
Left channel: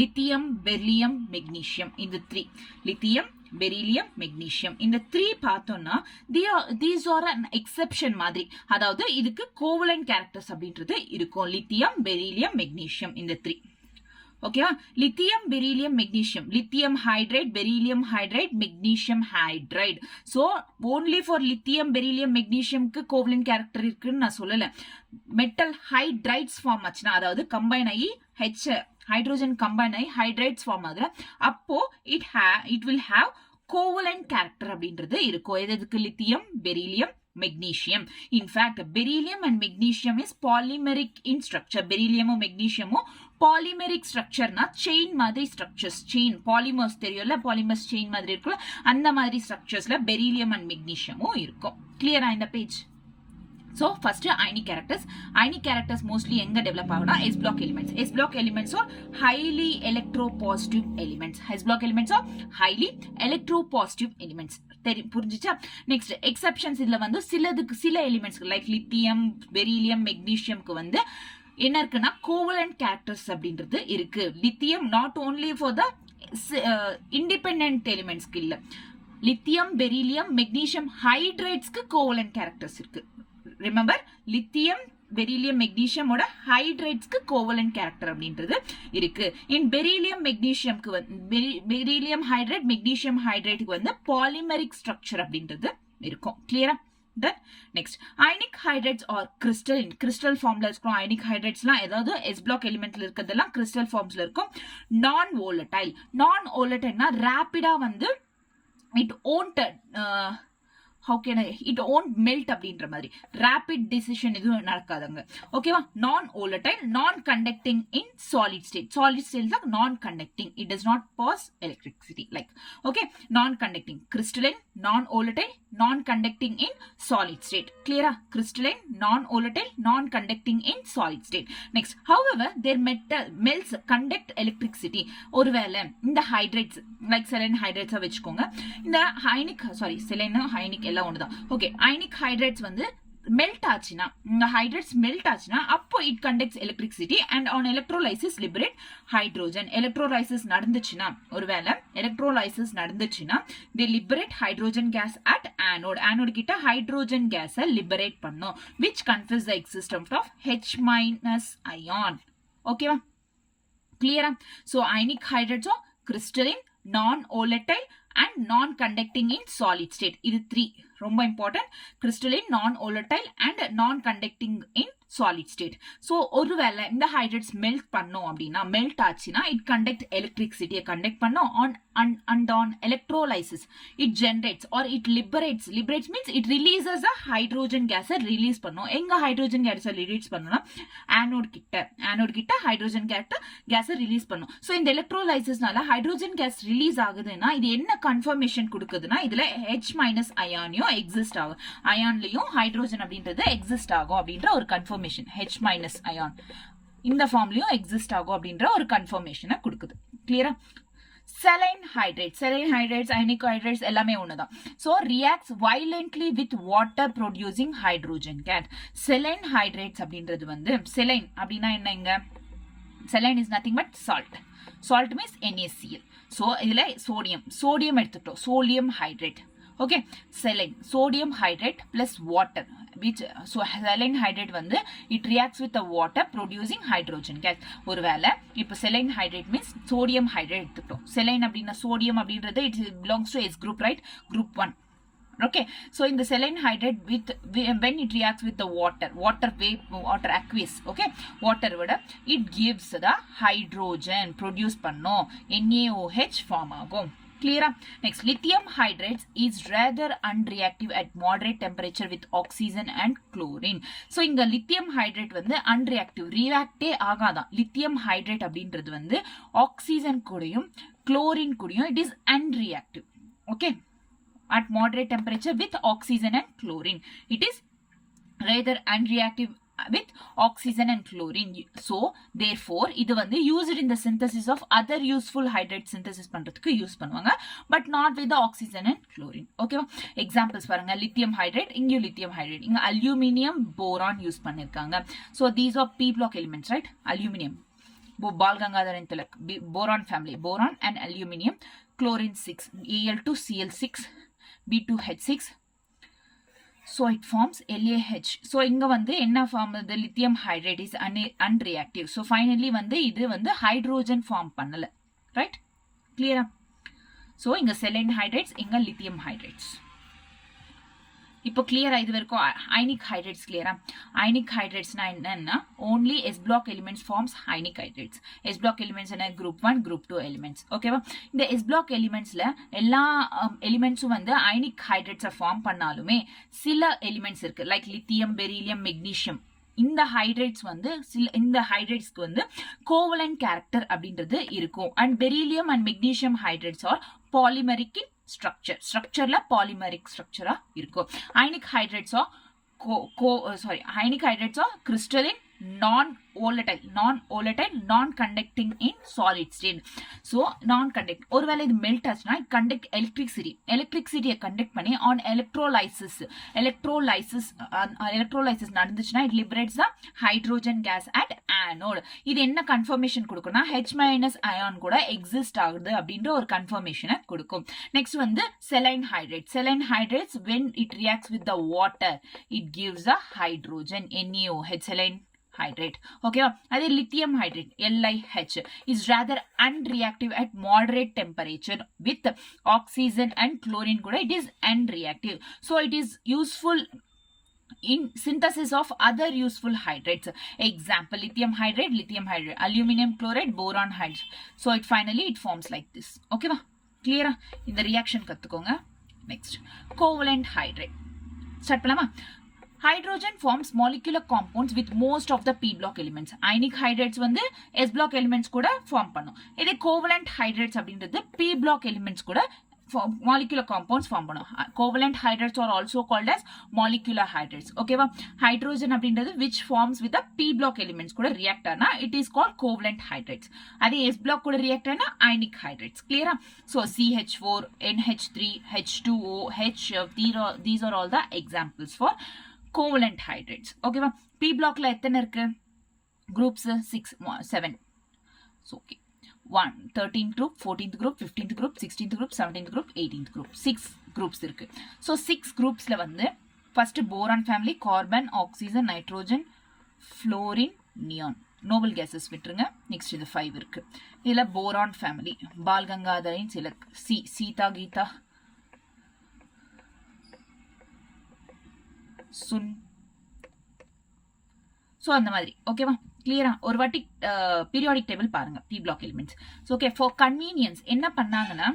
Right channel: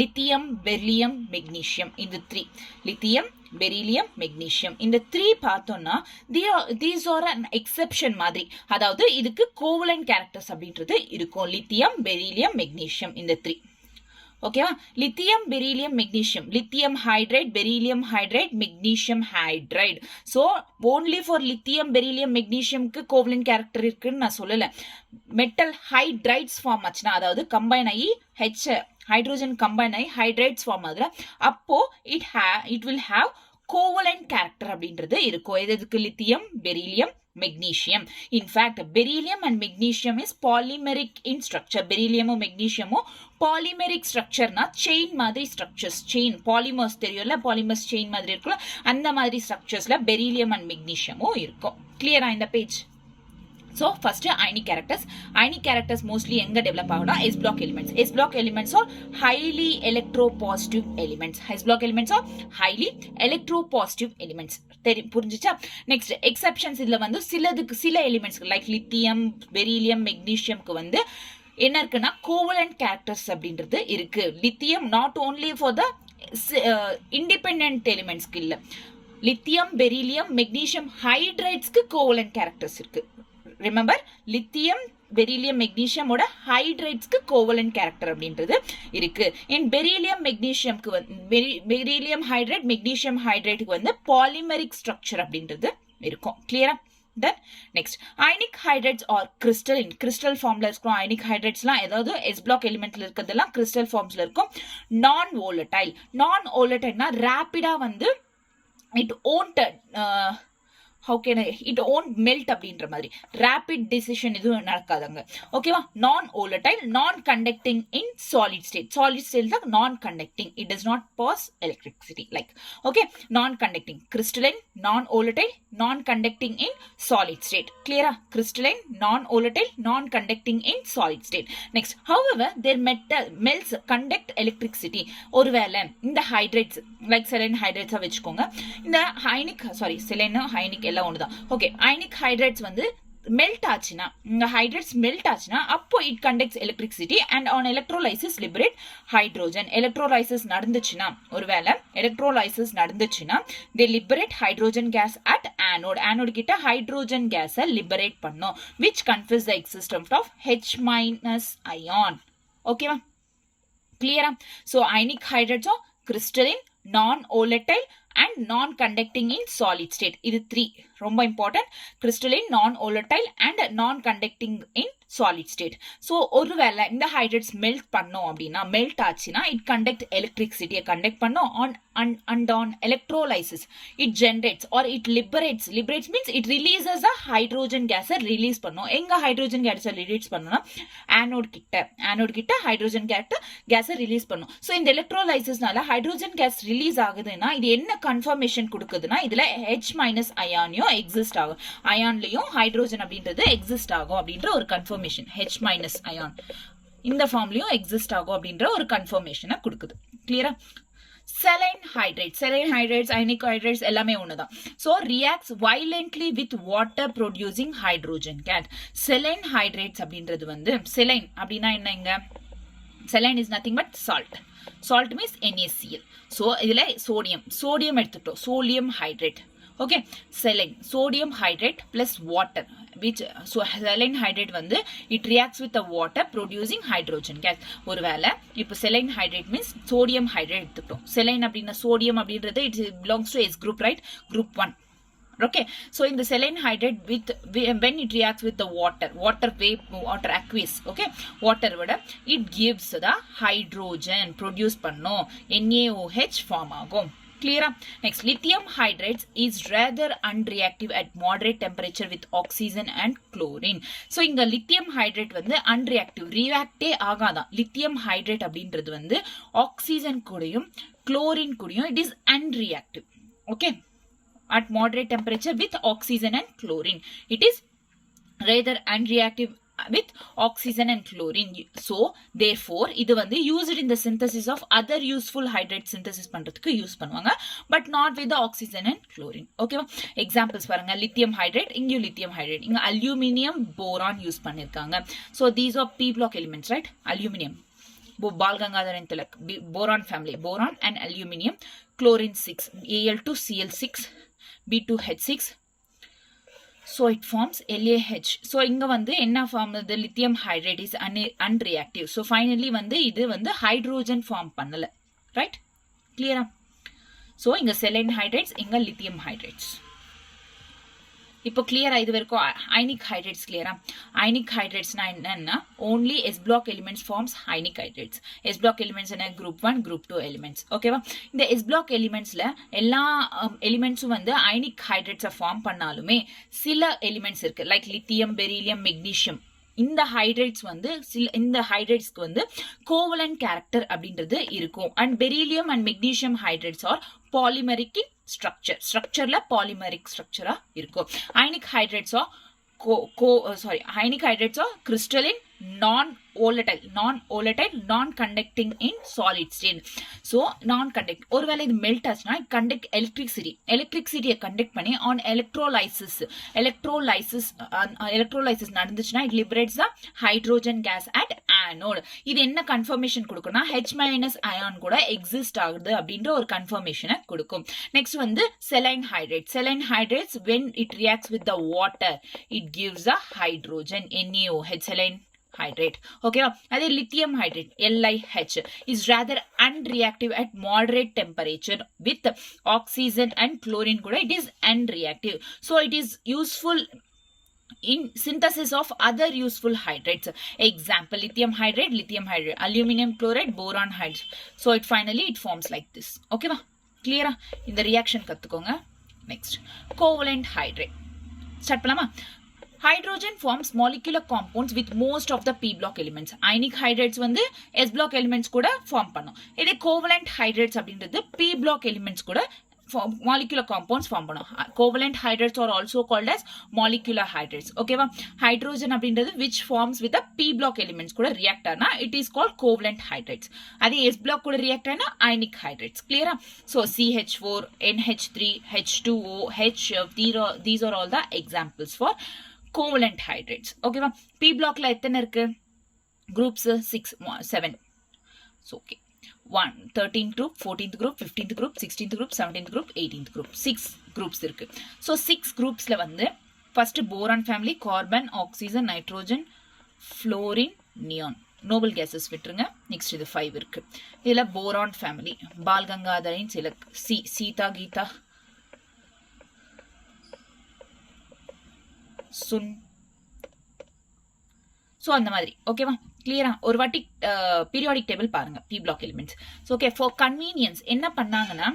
lithium, beryllium, magnesium. இந்த 3 lithium, beryllium, magnesium இந்த 3 பார்த்தோம்னா these are an exception மாதிரி. அதாவது இதுக்கு கோவலண்ட் கேரக்டர்ஸ் அப்படின்றது இருக்கும். lithium, beryllium, magnesium இந்த 3. ஓகேவா? Lithium, beryllium, magnesium, lithium hydride, beryllium hydride, magnesium hydride. So only for lithium, beryllium, மெக்னீசியம்க்கு கோவலண்ட் கேரக்டர் இருக்குன்னு நான் சொல்லலை. மெட்டல் ஹைட்ரைட்ஸ் ஃபார்ம் ஆச்சுன்னா, அதாவது கம்பைன் ஆகி ஹைட்ரோஜன் கம்பைன் ஆகி ஹைட்ரைட்ஸ் ஃபார்ம் ஆகுதுல, அப்போ it will have covalent character அப்படின்றது இருக்கும். எதுக்கு? Lithium, beryllium, magnesium. In fact, beryllium and magnesium is polymeric in structure. beryllium and magnesium polymeric structure na chain மாதிரி structures. chain polymers தெரியும்ல, polymers chain மாதிரி இருக்குல்ல, அந்த மாதிரி structuresல beryllium and magnesium இருக்கும். clear இந்த page? So first ionic characters. Ionic characters mostly எங்க develop ஆகும்னா S block elements. S block elements are highly electropositive elements. S block elements are highly electropositive elements. புரிஞ்சுச்சா? Next exceptions இதுல வந்து சில elements like lithium, beryllium, மெக்னீசியம்க்கு வந்து என்ன இருக்குன்னா கோவலண்ட் கேரக்டர்ஸ் அப்படின்றது இருக்கு. Lithium not only for the independent எலிமெண்ட்ஸ்க்கு இல்ல, லித்தியம், பெரிலியம், மெக்னீசியம் ஹைட்ரைட்ஸ்க்கு கோவலண்ட் கேரக்டர்ஸ் இருக்கு. ரிமெம்பர், லித்தியம், பெரிலியம், மெக்னீசியமோட ஹைட்ரைட்ஸ்க்கு கோவலண்ட் கேரக்டர் அப்படின்றது இருக்கு. இன் பெரிலியம், மெக்னீசியம்க்கு வந்து பெரிலியம் ஹைட்ரைட், மெக்னீசியம் ஹைட்ரைட்டுக்கு வந்து பாலிமெரிக் ஸ்ட்ரக்சர் அப்படின்றது இருக்கும். கிளியரா? Then next, ionic hydrides are crystal. in crystal formல இருக்கும் ionic hydridesலாம், ஏதாவது S block elementல இருக்கிறதெல்லாம் crystal formsல இருக்கும். non volatile. non volatileனா ரேப்பிடா வந்து it won't how can I, it won't melt அப்படின்ற மாதிரி rapid decision எதுவும் நடக்காதுங்க. ஓகேவா? நான் volatile, non conducting in solid state. Solid state தான் non conducting. It does not pass electricity. Like, okay, non conducting. Crystalline, non volatile, non conducting in solid state. Clear? Crystalline, non volatile, non conducting in solid state. Next, however, their metal melts conduct electricity. ஒருவேளை இந்த hydrates like saline ஹைட்ரேட்ஸா வச்சுக்கோங்க. இந்த ஹைனிக் saline ஹைனிக் எல்லாம் ஒண்ணுதான். Okay, ionic hydrates வந்து melt ஆச்சுன்னா, இந்த ஹைட்ரேட்ஸ் மெல்ட் ஆச்சுன்னா அப்போ it conducts electricity and on electrolysis liberate hydrogen. Electrolysis நடந்துச்சுன்னா, ஒருவேளை எலக்ட்ரோலைசிஸ் நடந்துச்சுன்னா they liberate hydrogen gas at anode. Anode கிட்ட ஹைட்ரோஜன் கேஸை லிபரேட் பண்ணும் which confuse the existence of H- ion. ஓகேவா? கிளியரா? ஸோ அயனிக் ஹைட்ரேட்ஸோ crystalline, non-volatile and non-conducting in solid state. இது 3 ரொம்ப important. crystalline, non-volatile and non-conducting in solid state. So ஒருவேளை இந்த ஹைட்ரேட்ஸ் மெல்ட் பண்ணோம் அப்படின்னா, மெல்ட் ஆச்சுன்னா இட் கண்டக்ட் எலக்ட்ரிசிட்டியை கண்டக்ட் பண்ணோம் and on electrolysis it generates or it liberates means it releases a hydrogen gas release பண்ணும். எங்க ஹைட்ரோஜன் கேஸ் ரிலீஸ் பண்ணனும்னா ஆனோட் கிட்ட ஹைட்ரோஜன் கேஸ் ரிலீஸ் பண்ணும். சோ இந்த எலக்ட்ரோலைசிஸ்னால ஹைட்ரோஜன் கேஸ் ரிலீஸ் ஆகுதுன்னா இது என்ன கன்ஃபர்மேஷன் கொடுக்குதுன்னா இதுல H- அயானியும் எக்ஸிஸ்ட் ஆகும், அயான்லயும் ஹைட்ரோஜன் அப்படின்றது எக்ஸிஸ்ட் ஆகும் அப்படின்ற ஒரு கன்ஃபர்மேஷன். H- அயான் இந்த ஃபார்ம்லயும் எக்ஸிஸ்ட் ஆகும் அப்படின்ற ஒரு கன்ஃபர்மேஷனை கொடுக்குது. கிளியரா? Saline hydrates, ionic hydrates எல்லாமே ஒண்ணுதான். So reacts violently with water producing hydrogen gas. Saline hydrates அப்படின்றது வந்து, saline அப்படின்னா என்னங்க? Saline is nothing but salt. Salt means NaCl. So இதுல sodium எடுத்துட்டோம், sodium hydrate. Okay, saline, sodium hydrate plus water, which so saline hydrate வந்து it reacts with the water producing hydrogen gas. ஒருவேளை இப்போ saline hydrate means sodium hydrate எடுத்துட்டோம். saline அப்படின்னா sodium அப்படின்றது it belongs to S group, right? Group 1. Okay, so in the saline hydrate with when it reacts with the water aqueous, okay, water விட it gives the hydrogen produce பண்ணும், NaOH form ஆகும். Clear? Next, lithium hydrates is rather unreactive at moderate temperature with oxygen and chlorine. So இங்க lithium hydrate வந்து unreactive, reactே ஆகாதான். lithium hydrate அப்படின்றது வந்து oxygen கூடயும் chlorine கூடயும் it is unreactive. Okay, at moderate temperature with oxygen and chlorine it is rather unreactive with oxygen and chlorine. So therefore இது வந்து used in the synthesis of other useful hydrate synthesis பண்றதுக்கு use பண்ணுவாங்க, but not with the oxygen and chlorine. ஓகேவா? Examples பாருங்க, lithium hydrate, இங்க lithium hydrate, இங்க aluminium boron use பண்ணிருக்காங்க. So these are p block elements, right? Aluminium, Bal Gangadharan Tilak, boron family, boron and aluminium, chlorine 6, Al2Cl6, B2H6. So it forms LaH. So இங்க வந்து என்ன form? the lithium hydrate is unreactive. So finally வந்து இது வந்து hydrogen form பண்ணல, right? கிளியரா? So இங்க saline hydrates, இங்க lithium hydrates. இப்போ கிளியரா? இது வரைக்கும் அயனிக் ஹைட்ரேட்ஸ் கிளியரா? அயனிக் ஹைட்ரேட்ஸ்னா என்னன்னா only S block elements forms ionic hydrates. S block elements என்ன? group 1 group 2 elements. ஓகேவா? இந்த S block elementsல எல்லா எலிமெண்ட்ஸும் வந்து அயனிக் ஹைட்ரேட்ஸை ஃபார்ம் பண்ணாலுமே சில எலிமெண்ட்ஸ் இருக்கு, லைக் லித்தியம், பெரிலியம், மெக்னீசியம். இந்த ஹைட்ரேட்ஸ் வந்து இந்த ஹைட்ரேட்ஸ்க்கு வந்து கோவலன்ட் கேரக்டர் அப்படின்றது இருக்கும். And beryllium and magnesium hydrates are polymeric in ஸ்ட்ரக்சர்ல பாலிமரிக் ஸ்ட்ரக்சரா இருக்கும். Ionic hydrates are ionic hydrates are crystalline, non-volatile, non-conducting in solid state. So non-conduct, ஒருவேளை இது மெல்ட் ஆச்சுன்னா கண்டக்ட் எலக்ட்ரிசிட்டியை கண்டக்ட் பண்ணி ஆன் எலக்ட்ரோலைசிஸ் நடந்துச்சுன்னா it liberates the hydrogen gas at anode. இது என்ன கன்ஃபர்மேஷன் கொடுக்கும்னா H- அயான் கூட எக்ஸிஸ்ட் ஆகுது அப்படின்ற ஒரு கன்ஃபர்மேஷனை கொடுக்கும். நெக்ஸ்ட் வந்து saline hydrates when it reacts with the water it gives a hydrogen, NaOH, saline hydrate. Okay, அதே lithium hydrate, LiH, is rather unreactive at moderate temperature with oxygen and chlorine கூட it is unreactive. So it is useful in synthesis of other useful hydrates. Example, lithium hydrate, aluminum chloride, boron hydrate. So it finally it forms like this. Okay, கிளியரா? இந்த reaction கத்துக்கோங்க. Next covalent hydrate start பண்ணலாமா? Hydrogen forms molecular compounds with most of the P block elements. Ionic hydrates வந்து S block elements கூட form பண்ணும். இதே covalent hydrates அப்படின்றது P block elements கூட molecular compounds form பண்ணும். Covalent hydrates are also called as molecular hydrates. ஓகேவா? Hydrogen அப்படின்றது which forms with the P block elements கூட react ஆனா it is called covalent hydrates. அதே S block கூட react ஆனா ionic hydrates. Clear? So CH4, NH3, H2O, HF, these are all the examples for covalent hydrates. ஓகேவா? P blockல எத்தனை இருக்கு? groups 7. So okay. 1 13th group, 14th group, 15th group, 16th group, 17th group, 18th group. 6 groups இருக்கு. So 6 groupsல வந்து first boron family, carbon, oxygen, nitrogen, fluorine, neon. noble gases விட்டுருங்க. next இது 5 இருக்கு. இதுல boron family, Bal கங்காதரின் சிலக், சீதா, கீதா, சுன். ஸோ அந்த மாதிரி ஓகேவா? கிளியரா? ஒரு வாட்டி பீரியாடிக் டேபிள் பாருங்க p block elements. Okay, for convenience என்ன பண்ணாங்கன்னா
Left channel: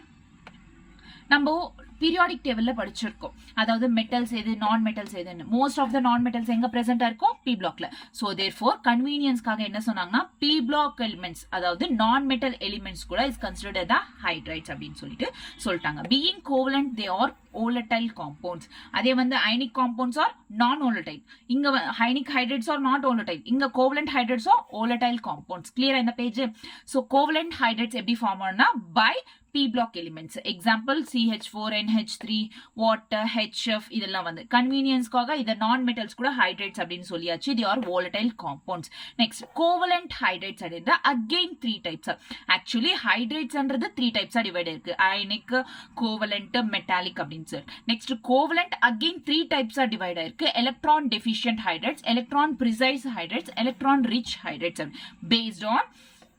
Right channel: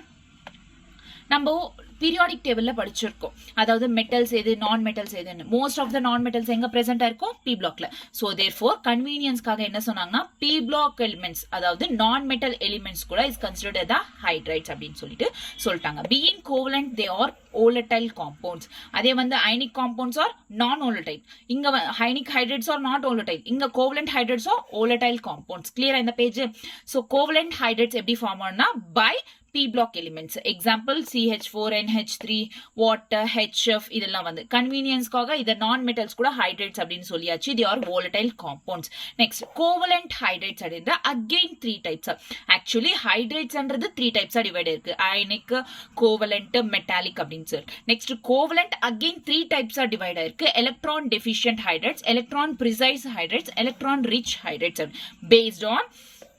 நம்ம பீரியாடிக் டேபிள்ல படிச்சிருக்கோம். அதாவது மெட்டல்ஸ் எது, நான் மெட்டல்ஸ் எதுன்னு. மோஸ்ட் ஆஃப் த நான் மெட்டல்ஸ் எங்க பிரசென்டா இருக்கும்? பி பிளாக்ல. ஸோ தேர்ஃபோர் கன்வீனியன்ஸ்க்காக என்ன சொன்னாங்கன்னா பி பிளாக் எலிமெண்ட்ஸ், அதாவது நான் மெட்டல் எலிமெண்ட்ஸ் கூட இஸ் கன்சிடர்ட் த ஹைட்ரைட்ஸ் அப்படின்னு சொல்லிட்டாங்க. Being covalent they are volatile compounds. அதே வந்து ionic compounds are non volatile. இங்க ionic hydrates are not volatile. இங்க covalent hydrates are volatile compounds. clear இந்த பேஜ்? so covalent hydrates எப்படி form ஆனா by P block elements. example CH4, NH3, water, HF. இதெல்லாம் வந்து கன்வீனியன்ஸ்க்காக இத நான் மெட்டல்ஸ் கூட ஹைட்ரேட்ஸ் அப்படின்னு சொல்லியாச்சு. they are volatile compounds. next covalent hydrates அப்படின்ற again 3 types. actually hydrates ன்றது 3 types டிவைட் இருக்கு. ionic, covalent, metallic அப்படின்னு. next covalent again 3 types are divided இருக்கு. electron deficient hydrates, electron precise hydrates, electron rich hydrates based on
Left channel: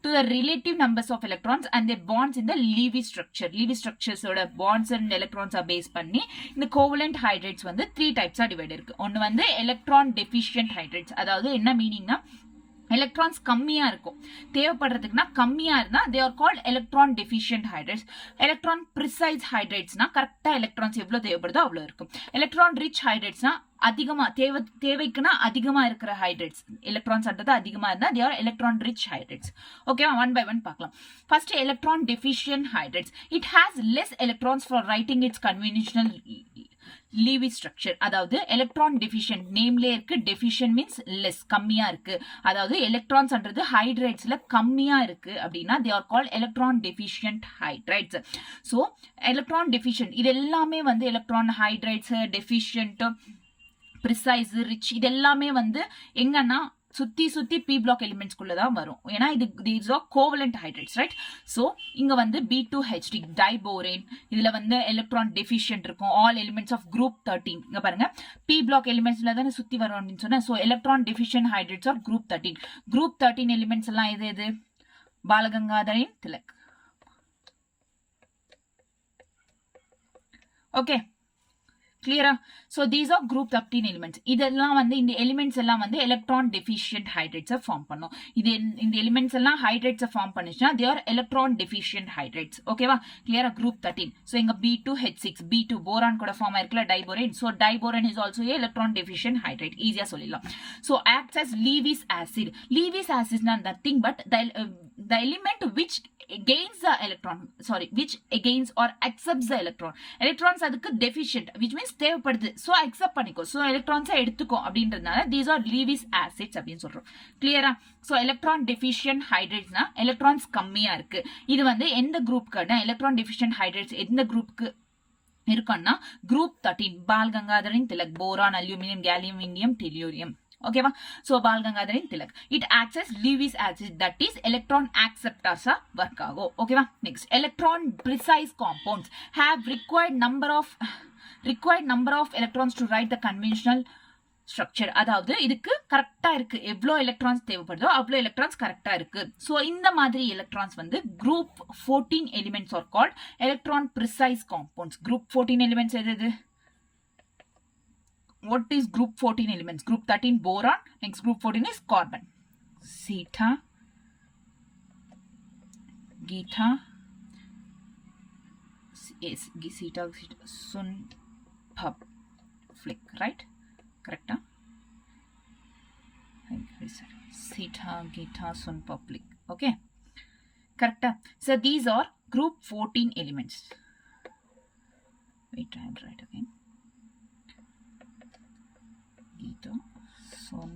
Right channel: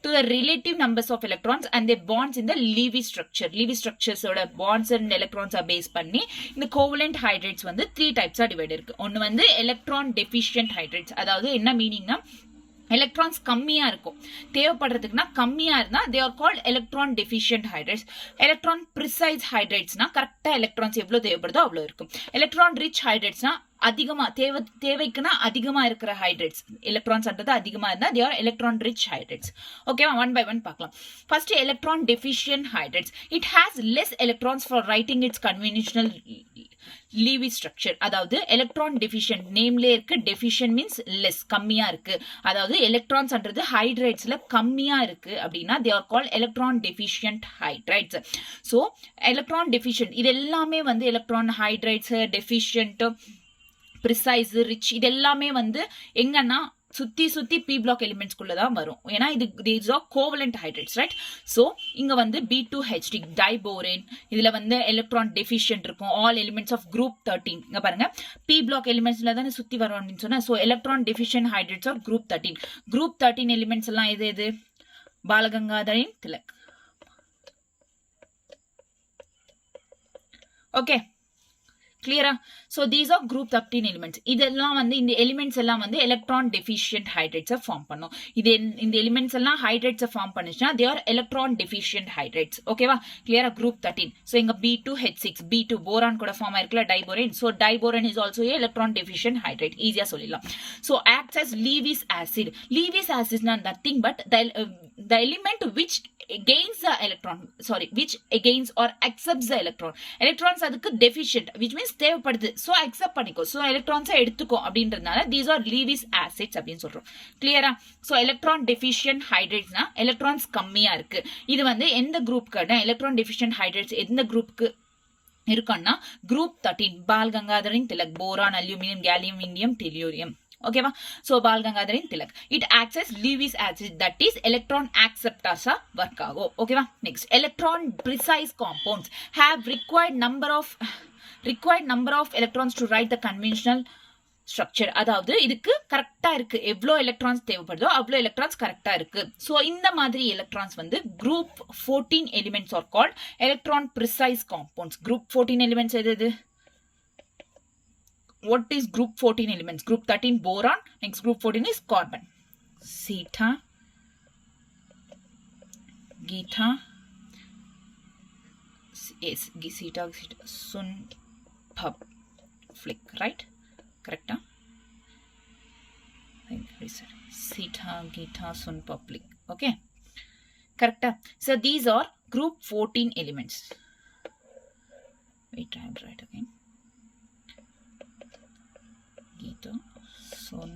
to the relative numbers of electrons and their bonds in the Lewis structure. Lewis structures oda bonds and electrons are based பண்ணி இந்த covalent hydrates வந்து 3 types are divided இருக்கு. ஒன்னு வந்து electron deficient hydrates. அதாவது என்ன மீனிங்னா electrons கம்மியா இருக்கும், தேவைப்படுறதுக்குன்னா கம்மியா இருந்தா they are called electron deficient hydrates. electron precise hydratesனா கரெக்டா எலக்ட்ரான்ஸ் எவ்வளவு தேவைப்படுதோ அவ்வளவு இருக்கும். electron rich hydratesனா அதிகமா தேவைக்குன்னா அதிகமா இருக்கிற ஹைட்ரேட்ஸ், எலக்ட்ரான்ஸ் அன்றது அதிகமா இருந்தா they are electron rich hydrates. ஓகேவா? ஒன் பை ஒன் பார்க்கலாம். First electron deficient hydrates. it has less electrons for writing its conventional Lewis structure. அதாவது electron deficient நேம்ல இருக்கு. deficient means less, கம்மியா இருக்கு. அதாவது எலக்ட்ரான்ஸ் அன்றது ஹைட்ரேட்ஸ்ல கம்மியா இருக்கு அப்படின்னா they are called electron deficient hydrates. so electron deficient இது எல்லாமே வந்து electron hydrates, deficient, precise, rich இது எல்லாமே வந்து எங்கன்னா சுத்தி பி பிளாக் எலிமெண்ட்ஸ் குள்ளதான் வரும். ஏன்னா இது these are covalent hydrates, right? so இங்க வந்து B2H3 டைபோரேன், இதுல வந்து எலக்ட்ரான் டெஃபிஷியன்ட் இருக்கும். All elements of group 13. இங்க பாருங்க பி பிளாக் எலிமெண்ட்ஸ்ல தானே சுத்தி வரும் அப்படின்னு சொன்னா. so electron deficient hydrates are group 13. Group 13 elements எல்லாம் எது? பாலகங்காதரின் Tilak. Okay, clear? so these are group 13 elements. இதெல்லாம் வந்து இந்த எலிமெண்ட்ஸ் எல்லாம் வந்து எலக்ட்ரான் டெஃபிஷியன்ட் ஹைட்ரேட்ஸ் ஃபார்ம் பண்ணும். இது இந்த எலிமெண்ட்ஸ் எல்லாம் ஹைட்ரேட்ஸ் ஃபார்ம் பண்ணுச்சுன்னா they are electron deficient hydrates. ஓகேவா? கிளியரா? group 13. so இங்க B2H6, B2 போரான் கூட ஃபார்ம் ஆயிருக்குல diborane. so diborane is also a electron deficient hydrate. ஈஸியா சொல்லிடலாம். so acts as Lewis acid. Lewis acid is nothing but the element which gains the electron, which gains or accepts the electron. electrons அதுக்கு deficient, which means தேவைப்படுது. so accept பண்ணிக்கோ, so electrons எடுத்துக்கோ அப்படின்றதுனால these are Lewis acids அப்படின்னு சொல்றோம். கிளியரா? so electron deficient hydrates electrons கம்மியா இருக்கு. இது வந்து எந்த குரூப்க்கு எலக்ட்ரான் டெஃபிஷியன்ட் ஹைட்ரேட்ஸ் எந்த குரூப்க்கு இருக்குன்னா குரூப் 13. பால் கங்காதரின் Tilak, boron, aluminium, gallium, indium, tellurium. ஓகேவா? so பால் கங்காதரின் Tilak. it acts as Lewis acid, that is electron acceptors work ஆகும். ஓகேவா? next electron precise compounds have required number of electrons to write the conventional structure. அதாவது இதுக்கு கரெக்டா இருக்கு, எவ்வளோ எலக்ட்ரான்ஸ் தேவைப்படுதோ அவ்வளோ எலக்ட்ரான்ஸ் கரெக்டா இருக்கு. so இந்த மாதிரி எலக்ட்ரான்ஸ் வந்து group 14 elements are called electron precise compounds. group 14 elements எது? what is group 14 elements? group 13 boron, next group 14 is carbon. Sita, Geeta, is Gisita Sun Public, right? Correct? Sita Gita Sun Public. Okay. Correct? So these are group 14 elements. Wait, I will write again. Gita Sun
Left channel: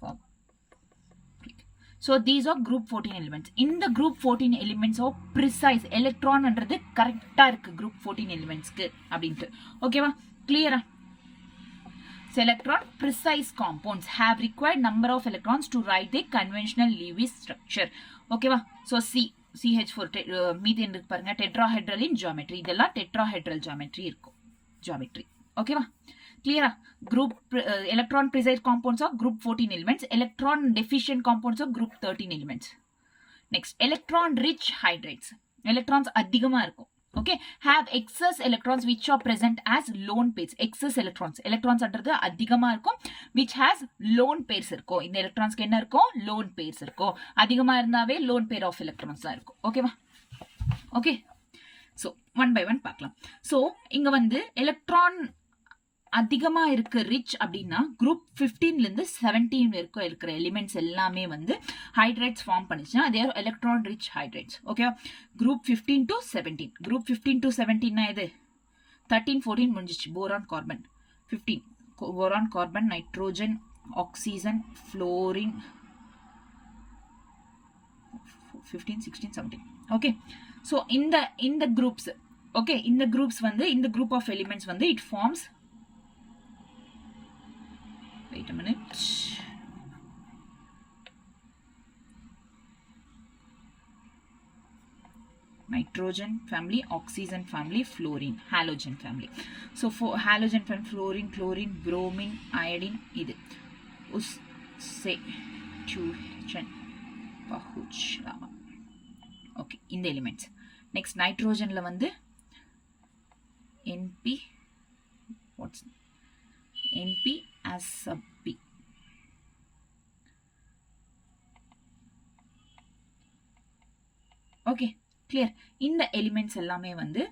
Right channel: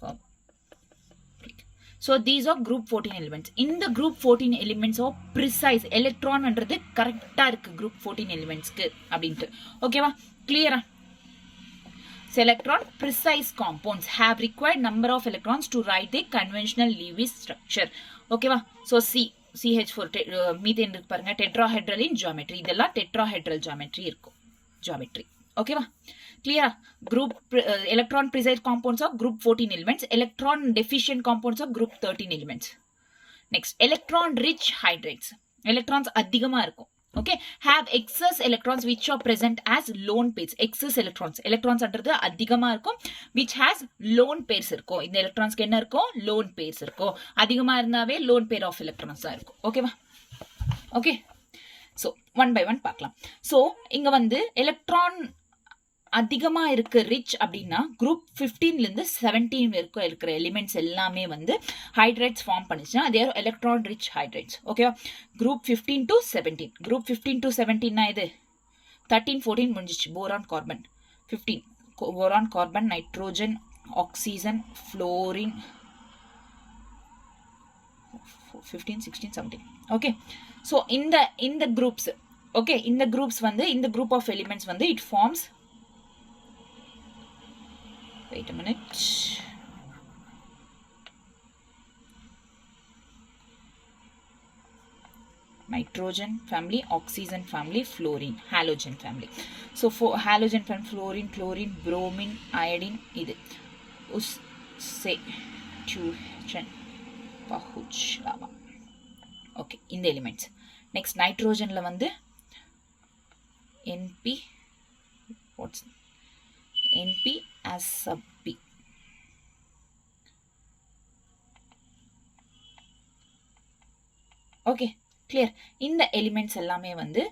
Public. So these are group 14 elements. In the group 14 elements of precise electron என்றது கரெக்டா இருக்கு group 14 elementsக்கு அப்படின்ட்டு. ஓகேவா? கிளியரா? So electron precise compounds have required number of electrons to write the conventional Lewis structure. ஓகேவா? So CH4 methane இருக்கு பாருங்க, tetrahedral in geometry. இதெல்லாம் tetrahedral geometry இருக்கும். Geometry. ஓகேவா? Clear? Group electron precise compounds of group 14 elements. Electron deficient compounds of group 13 elements. Next, electron rich hydrates. Electrons அதிகமா இருக்கும். Okay, have excess electrons which are present as lone pairs. Excess electrons. Electrons அன்றது அதிகமா இருக்கும், which has lone pairs இருக்கும். இந்த electronsக்கு என்ன இருக்கும்? Lone pairs இருக்கும். அதிகமா இருந்தாவே lone pair of electrons தான் இருக்கும். ஓகேவா? Okay, so one by one பார்க்கலாம். So இங்க வந்து electron அதிகமா இருக்கு ரிச் அப்படின்னா குரூப் 15ல இருந்து 17 வரைக்கும் இருக்கிற எலிமெண்ட்ஸ் எல்லாமே வந்து ஹைட்ரேட்ஸ் ஃபார்ம் பண்ணிச்சுன்னா அதே எலக்ட்ரான் ரிச் ஹைட்ரேட்ஸ். ஓகேவா? Group 15 to 17. குரூப் 15 to 17 இது 13 14 முடிஞ்சிச்சு. Boron carbon 15, boron carbon nitrogen oxygen fluorine 15 16 17. Okay, so இந்த குரூப்ஸ், ஓகே, இந்த குரூப்ஸ் வந்து இந்த குரூப் ஆஃப் எலிமெண்ட்ஸ் வந்து it forms. Wait a minute. Nitrogen family, oxygen family, fluorine, halogen family. So for halogen family, fluorine, chlorine, bromine, iodine, இது say tuition pahuch lava. Okay, இந்த elements. Next nitrogen ல வந்து NP, what's NP as sub P. Okay, clear? இந்த elements எல்லாமே வந்து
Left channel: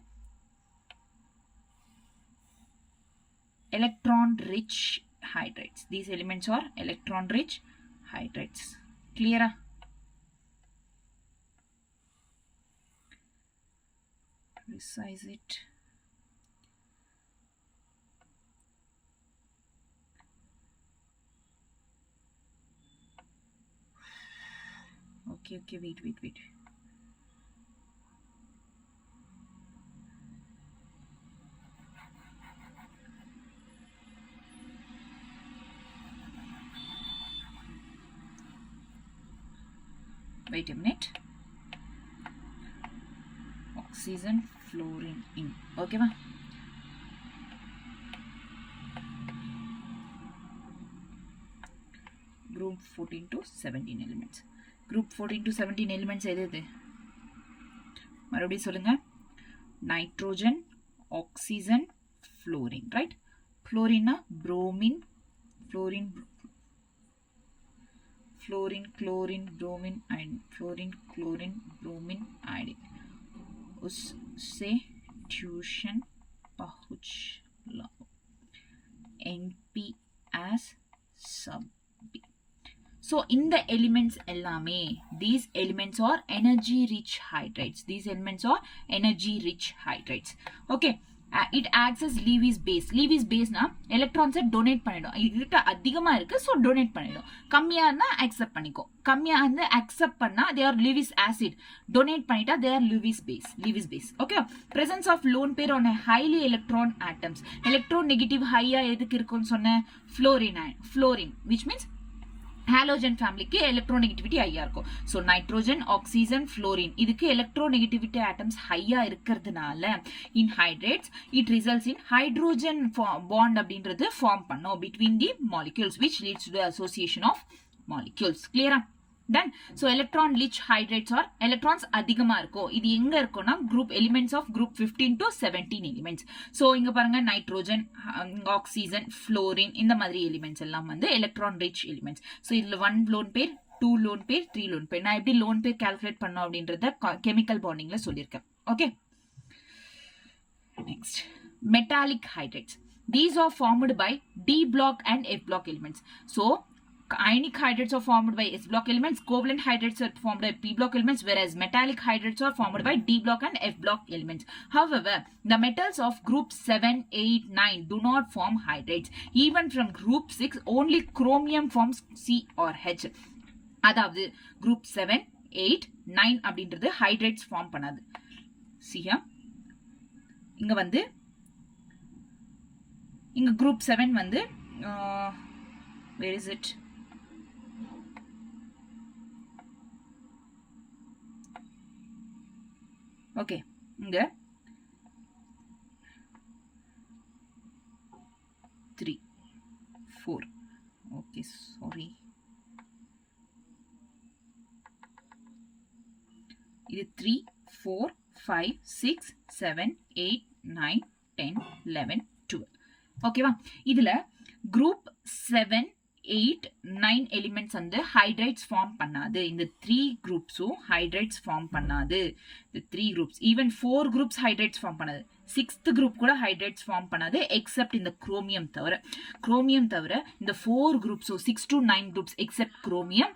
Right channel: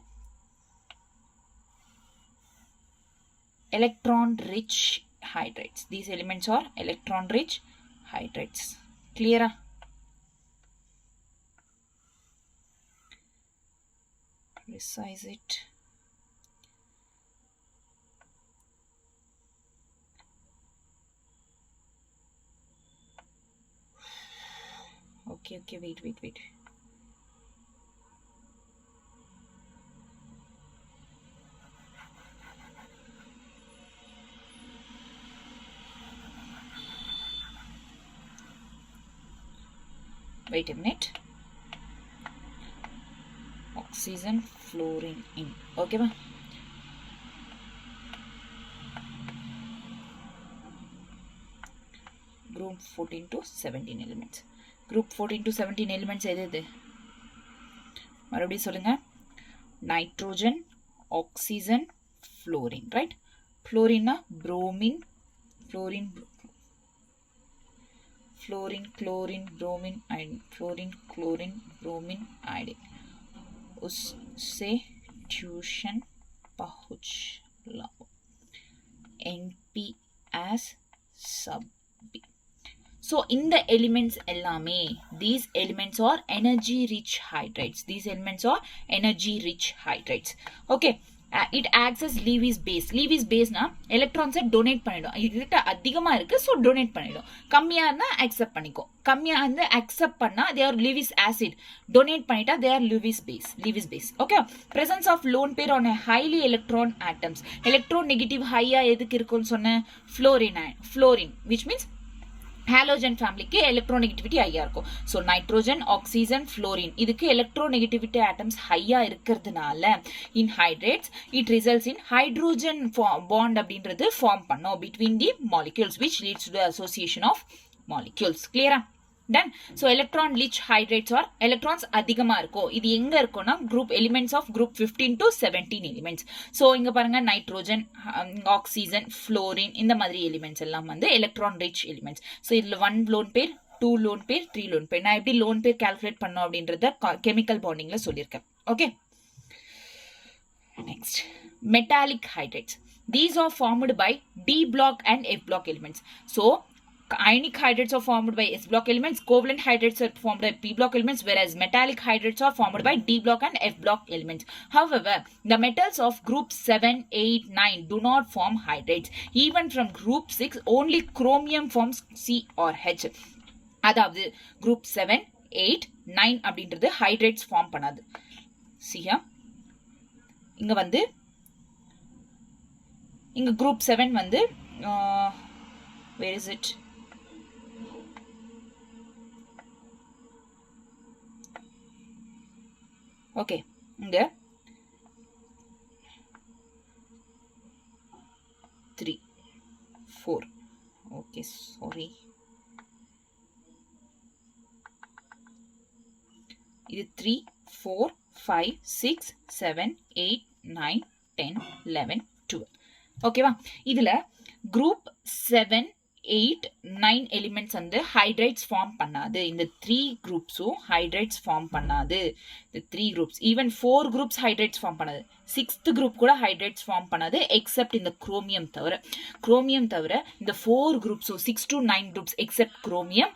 electron rich hydrates. These elements are electron rich hydrates. Clear? Resize it. Okay, wait. Wait a minute. Oxygen, fluorine in. Okay, ma? Group 14 to 17 elements. Group 14 to 17 elements எது? மறுபடியும் சொல்லுங்க. Nitrogen, oxygen, fluorine, right? Fluorine bromine, fluorine, chlorine, bromine, iodine. Fluorine, chlorine, bromine, iodine. उससे tuition पहुँच लाओ. NP as sub B. So in the elements எல்லாமே, these elements are energy rich hydrates. These elements are energy rich hydrates. Okay, it acts as Lewis base. Lewis base na electrons donate பண்ணிடும். இதுகிட்ட அதிகமா இருக்கு, so donate பண்ணிடும். கம்மியா இருந்தா accept பண்ணிக்கோ. கம்மியா இருந்தா accept பண்ணா they are Lewis acid. Donate பண்ணிட்டா they are Lewis base. Okay, presence of lone pair on a highly electron atoms. Electron negative high எதுக்கு இருக்குன்னு சொன்ன? fluorine, which means halogen family க்கு electronegativity ஹையா இருக்கும். So nitrogen, oxygen, fluorine இதுக்கு electronegativity atoms ஹையா இருக்கிறதுனால in hydrates it results in hydrogen bond அப்படின்றது form பண்ணும் between the molecules which leads to the association of molecules. Clear? Done. So electron rich hydrates are electrons அதிகமா இருக்கும். இது எங்க இருக்கும்னா group elements of group 15 to 17 elements. So இங்க பாருங்க nitrogen, oxygen, fluorine இந்த மாதிரி elements எல்லாம் வந்து electron rich elements. So இதுல 1 lone pair, 2 lone pair, 3 lone pair. நான் எப்படி lone pair calculate பண்ணோம் அப்படின்றத chemical bondingல சொல்லியிருக்கேன். Okay. Next, metallic hydrates. These are formed by D block and F block elements. So ionic hydrates are formed by S block elements, covalent hydrates are formed by P block elements, whereas metallic hydrates are formed by D block and F block elements. However, the metals of group 7, 8, 9 do not form hydrates. Even from group 6, only chromium forms C or H. அதாவது group 7, 8, 9 அப்படின்றது hydrates form பண்ணாது. See here. இங்க வந்து இங்க group 7 வந்து where is it? Okay, இங்க 3, 4. Okay, sorry. இது 3, 4, 5, 6, 7, 8, 9, 10, 11, 12. ஓகேவா? இதுல group 7, 8, 9 elements வந்து hydrates form பண்ணாது. இந்த 3 groupஸும் hydrates form பண்ணாது. இந்த 3 groups, even 4 groups hydrates form பண்ணாது. 6th group கூட hydrates form பண்ணாது except இந்த chromium தவிர. chromium தவிர இந்த 4 groups, so 6 to 9 groups except chromium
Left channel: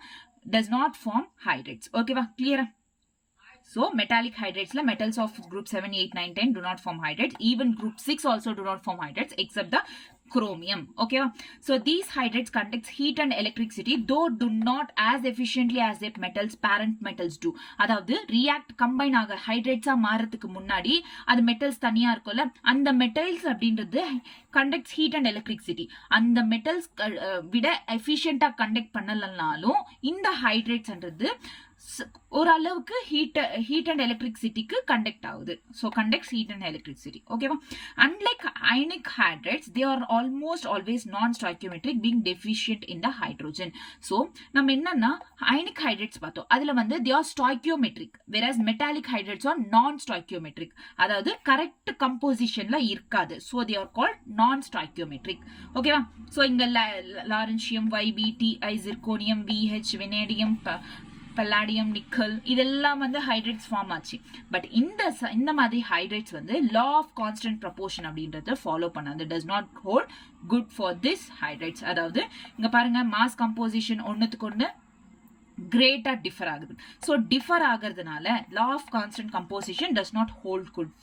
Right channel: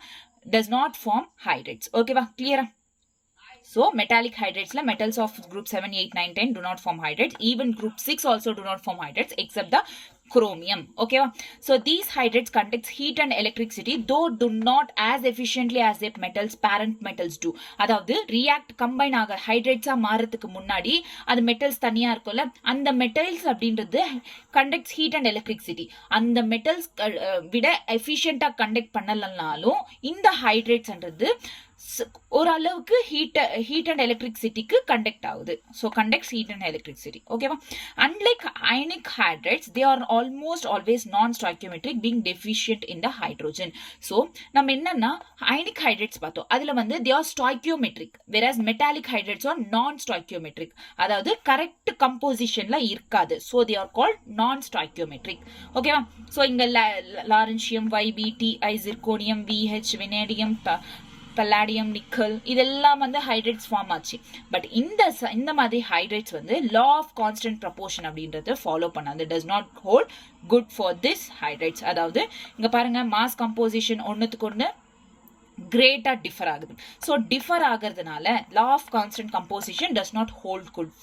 does not form hydrates. ஓகேவா? கிளியரா? So metallic hydrates la metals of group 7, 8, 9, 10 do not form hydrates. Even group 6 also do not form hydrates except the chromium. Okay, so these hydrates conduct heat and electricity, though do not as efficiently as their metals parent metals do. அதாவது react combine ஆக hydrates ஆ மாறதுக்கு முன்னாடி அது metals தனியா இருக்கும்ல, அந்த metals அப்படின்றது conducts heat and electricity. அந்த metals விட efficient ஆ conduct பண்ணலனாலும் இந்த hydrates என்றது ஓரளவுக்கு heat and electricityக்கு கண்டக்ட் ஆகுது. So conducts heat and electricity. ஓகேவா? Unlike ionic hydrates, they are almost always non-stoichiometric, being deficient in the hydrogen. So நம்ம என்னன்னா ionic hydrates பார்த்தோம், அதுல வந்து they are stoichiometric, whereas metallic hydrates are non-stoichiometric. அதாவது correct கம்போசிஷன்ல இருக்காது. So they are called non-stoichiometric. ஓகேவா? So இங்க lawrencium, YbTi, zirconium, VH, vanadium, palladium, nickel இதெல்லாம் வந்து ஹைட்ரேட்ஸ் ஃபார்ம் ஆச்சு. பட் இந்த மாதிரி ஹைட்ரேட்ஸ் வந்து லா ஆஃப் கான்ஸ்டன்ட் ப்ரொபோர்ஷன் அப்படின்றத ஃபாலோ பண்ணாது. Does not hold good for this hydrates. அதாவது இங்க பாருங்க, மாஸ் கம்போசிஷன் ஒன்னுத்துக்கு ஒன்று கிரேட்டா டிஃபர் ஆகுது. ஸோ டிஃபர் ஆகிறதுனால law of constant composition does not hold good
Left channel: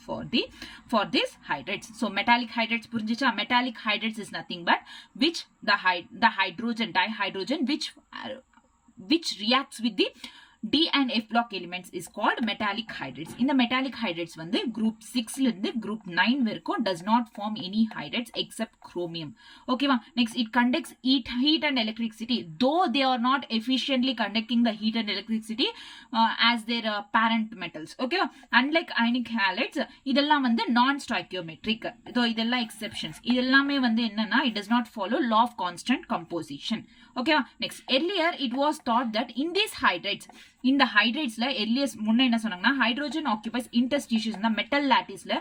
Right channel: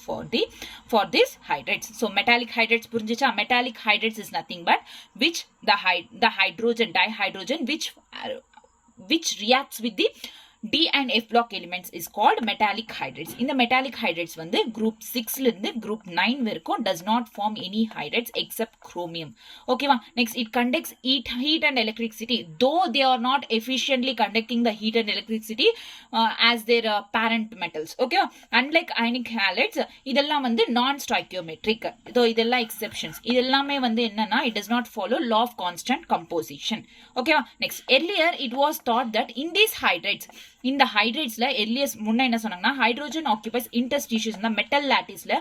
for this hydrates. So metallic hydrates புரிஞ்சிச்சா? Metallic hydrates is nothing but which the hydrogen dihydrogen which reacts with the D and F block elements is called metallic hydrates. In the metallic hydrates வந்து group 6 ல இருந்து group 9 வரைக்கும் does not form any hydrates except chromium. ஓகேவா? Next, it conducts heat and electricity, though they are not efficiently conducting the heat and electricity as their parent metals. ஓகேவா? Unlike ionic halides, இதெல்லாம் வந்து non-stoichiometric. though இதெல்லாம் exceptions. இதெல்லாமே வந்து என்னன்னா it does not follow law of constant composition. ஓகேவா? Next, earlier it was thought that in these hydrates, இந்த ஹைட்ரேட்ஸ்ல earliest முன்ன என்ன சொன்னாங்கன்னா ஹைட்ரோஜன் ஆக்குபைஸ் இன்டர்ஸ்டிஷியல்ஸ், மெட்டல் லாட்டிஸ்ல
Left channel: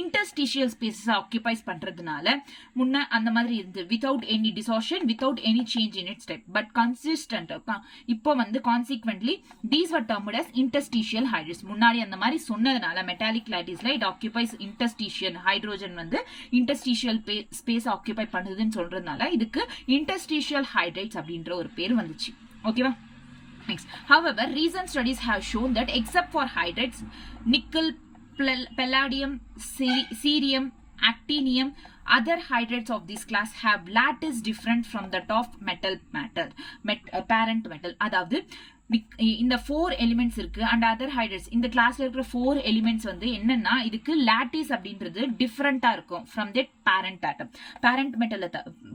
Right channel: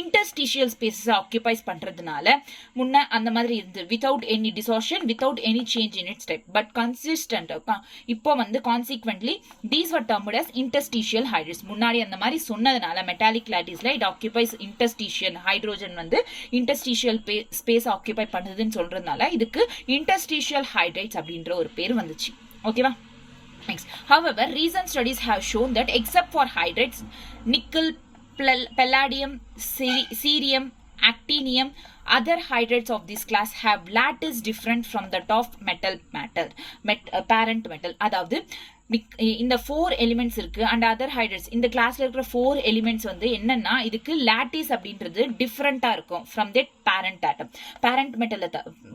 இன்டர்ஸ்டிஷியல் ஸ்பேசஸ் ஆக்குபைஸ் பண்றதுனால முன்ன அந்த மாதிரி இருந்து without any distortion, without any change in its type, but consistent. இப்போ வந்து consequently these were termed as interstitial hydrates. முன்னாடி அந்த மாதிரி சொன்னதுனால மெட்டாலிக் லாட்டிஸ்ல இட் ஆக்குபைஸ் இன்டர்ஸ்டிஷியல், ஹைட்ரோஜன் வந்து இன்டர்ஸ்டிஷியல் ஸ்பேஸ் ஆக்குபை பண்ணுதுன்னு சொல்றதுனால இதுக்கு இன்டர்ஸ்டிஷியல் ஹைட்ரேட்ஸ் அப்படின்ற ஒரு பேர் வந்துச்சு. ஓகேவா? Next, however, recent studies have shown that except for hydrates, nickel, palladium, cerium, actinium, other hydrates of this class have lattice different from that of parent metal. அதாவது இந்த 4 எலிமெண்ட்ஸ் இருக்கு அண்ட் அதர் ஹைட்ரேட்ஸ், இந்த கிளாஸ்ல இருக்கிற 4 elements வந்து என்னன்னா இதுக்கு lattice அப்படின்றது டிஃபரெண்டா இருக்கும் from that parent atom. Parent மெட்டலை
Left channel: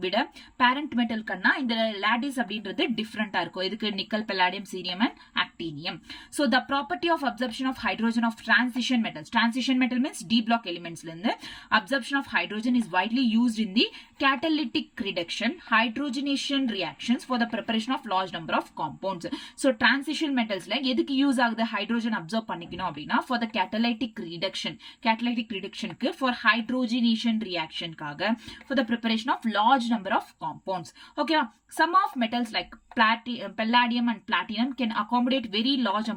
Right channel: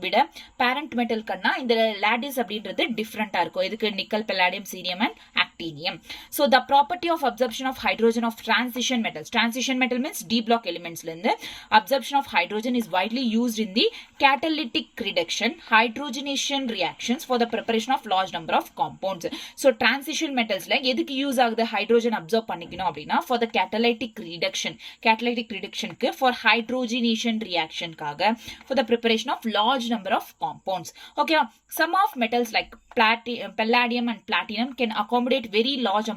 விட பேரண்ட் மெட்டல்கன்னா இந்த லாட்டிஸ் அப்படின்றது டிஃபரெண்டா இருக்கும். இதுக்கு nickel, palladium, cerium and actinium. So the property of absorption of hydrogen of transition metals, transition metal means D block எலிமெண்ட்ஸ்ல இருந்து absorption of hydrogen is widely used in the catalytic reduction hydrogenation reactions for the preparation of large number of compounds. So transition மெட்டல்ஸ்ல எதுக்கு use ஆகுது hydrogen observe பண்ணிக்கணும் அப்படின்னா for the catalytic ரிடக்ஷனுக்கு for hydrogenation ரியாக்ஷனுக்காக for the preparation of large number of compounds ஓகேவா some of metals like palladium and platinum can accommodate very large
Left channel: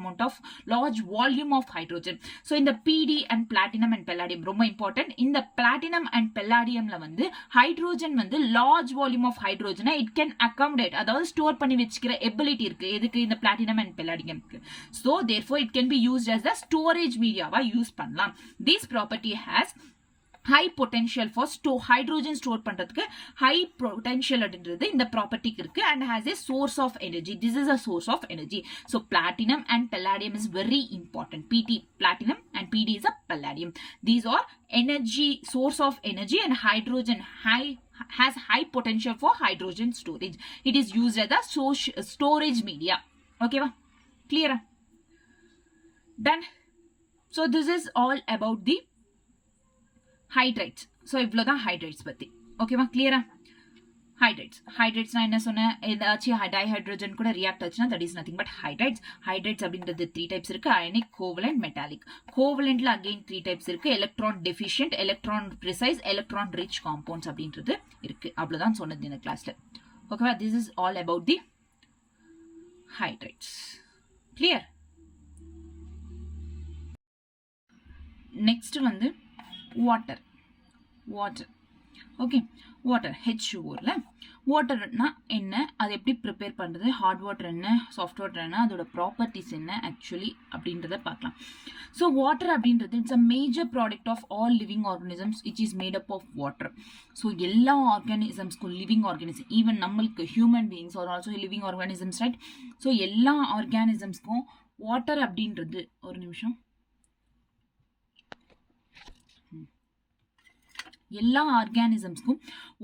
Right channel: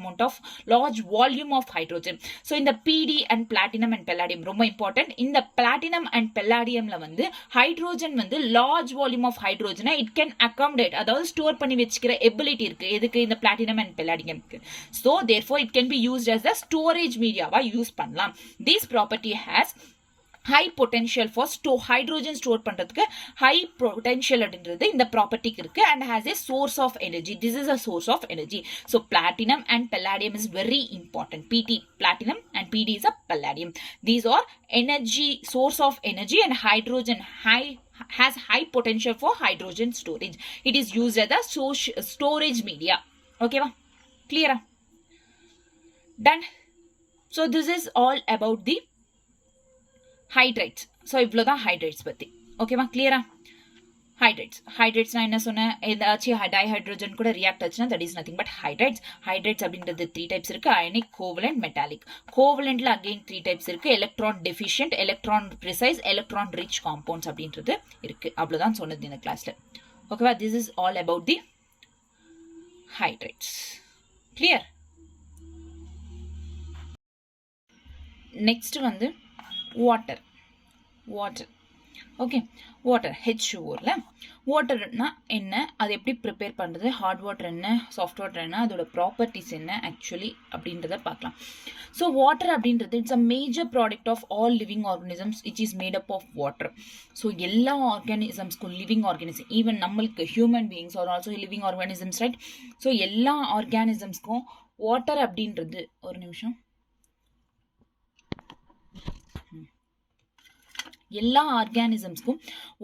volume of hydrogen. So in the PD and platinum and palladium ரொம்ப important. In the platinum and palladium ல வந்து hydrogen வந்து large volume of hydrogen it can accommodate அதாவது store பண்ணி வச்சுக்கிற ability இருக்கு எதுக்கு இந்த platinum and palladium க்கு. So therefore it can be used as a storage media வா யூஸ் பண்ணலாம். This property has high potential for hydrogen store பண்றதுக்கு high potential அப்படின்றது இந்த ப்ராப்பர்ட்டிக்கு இருக்கு and has a source of energy. This is a source of energy. So platinum and palladium is very important. PT platinum and PD is a palladium. These are energy source of energy and hydrogen has high potential for hydrogen storage. It is used as a storage media. Okay va? Clear? Done. So this is all about the hydrides so இவ்வளோதான் hydrides பற்றி ஓகேவா கிளியரா hydrides நான் என்ன சொன்னேன் ஏதாச்சும் டைஹைட்ரோஜன் கூட react ஆச்சுன்னா that is nothing but hydrides அப்படின்றது 3 டைப்ஸ் இருக்கு அயனிக் கோவலண்ட் மெட்டாலிக் கோவலண்ட்ல அகெயின் 3 டைப்ஸ் இருக்கு electron deficient electron precise electron rich compounds அப்படின்றது இருக்கு அவ்வளோதான் சொன்னது இந்த கிளாஸ்ல ஓகேவா this is all about the hydrides clear next வந்து வாட்டர் ஓகே வாட்டர் H2O வாட்டர்னா என்ன அது எப்படி ப்ரிப்பேர் பண்ணுறது ஹாட் வாட்டர் என்ன சாஃப்ட் வாட்டர் என்ன அதோட ப்ராப்பர்ட்டிஸ் என்ன ஆக்சுவலி அப்படின்றத பார்க்கலாம் ஸோ வாட்டர் அப்படின்றது it's a major product of all living organisms it is made up of water so எல்லா ஆர்கானிசம்ஸ்க்கும் லிவிங் ஆர்கானிசம் ஈவன் நம்மளுக்கு human beings are also living organisms right so எல்லா ஆர்கானிசம்ஸ்க்கும் வாட்டர் அப்படின்றது ஒரு நிமிஷம் எல்லா ஆர்கானிசம்ஸ்க்கும்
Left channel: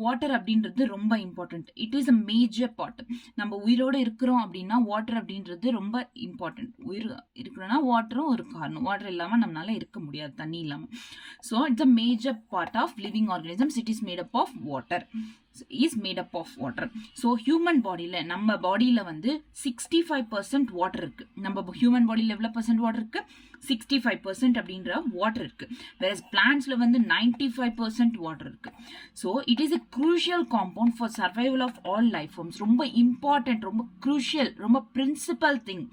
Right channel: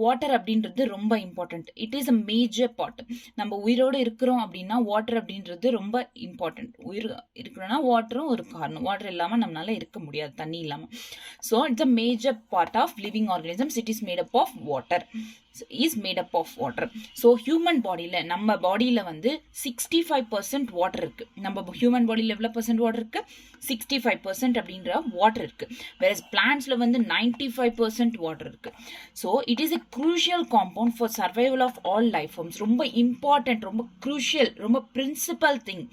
வாட்டர் அப்படின்றது ரொம்ப important it is a major part நம்ம உயிரோடு இருக்கிறோம் அப்படின்னா வாட்டர் அப்படின்றது ரொம்ப இம்பார்ட்டன்ட் உயிர் இருக்கிறோன்னா வாட்டரும் ஒரு காரணம் வாட்டர் இல்லாமல் நம்மளால இருக்க முடியாது தண்ணி இல்லாமல் so it's a major part of living organisms it is made up of water is made up of water so human பாடியில் நம்ம பாடியில் வந்து 65% வாட்டர் இருக்குது நம்ம ஹியூமன் பாடியில் எவ்வளோ பர்சன்ட் வாட்டர் இருக்குது 65% அப்படின்ற வாட்டர் இருக்கு whereas பிளான்ட்ஸ்ல வந்து 95% வாட்டர் இருக்கு so it is a crucial compound for survival of all life forms ரொம்ப இம்பார்ட்டன்ட் ரொம்ப க்ரூஷியல் ரொம்ப பிரின்சிபல் திங்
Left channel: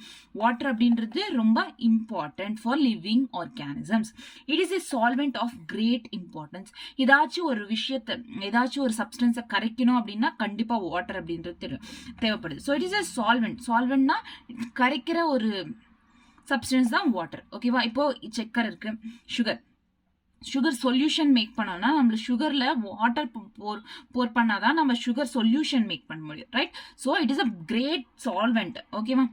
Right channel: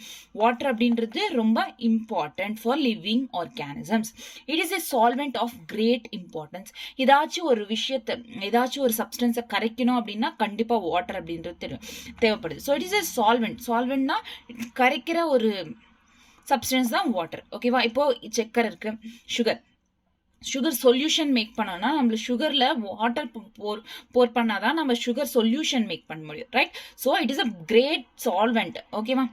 வாட்டர் அப்படின்றது ரொம்ப important for living organisms it is a solvent of great importance ஏதாச்சும் ஒரு விஷயத்தை ஏதாச்சும் ஒரு சப்ஸ்டன்ஸை கரைக்கணும் அப்படின்னா கண்டிப்பா வாட்டர் அப்படின்றது தேவைப்படுது ஸோ இட் இஸ் எ சால்வெண்ட்னா கரைக்கிற ஒரு சப்ஸ்டன்ஸ் தான் வாட்டர் ஓகேவா இப்போ சக்கரை இருக்கு சுகர் சொல்யூஷன் மேக் பண்ணோம்னா நம்ம சுகர்ல வாட்டர் போர் பண்ணாதான் நம்ம சுகர் சொல்யூஷன் மேக் பண்ண முடியும் right so it is a great solvent ஓகேவா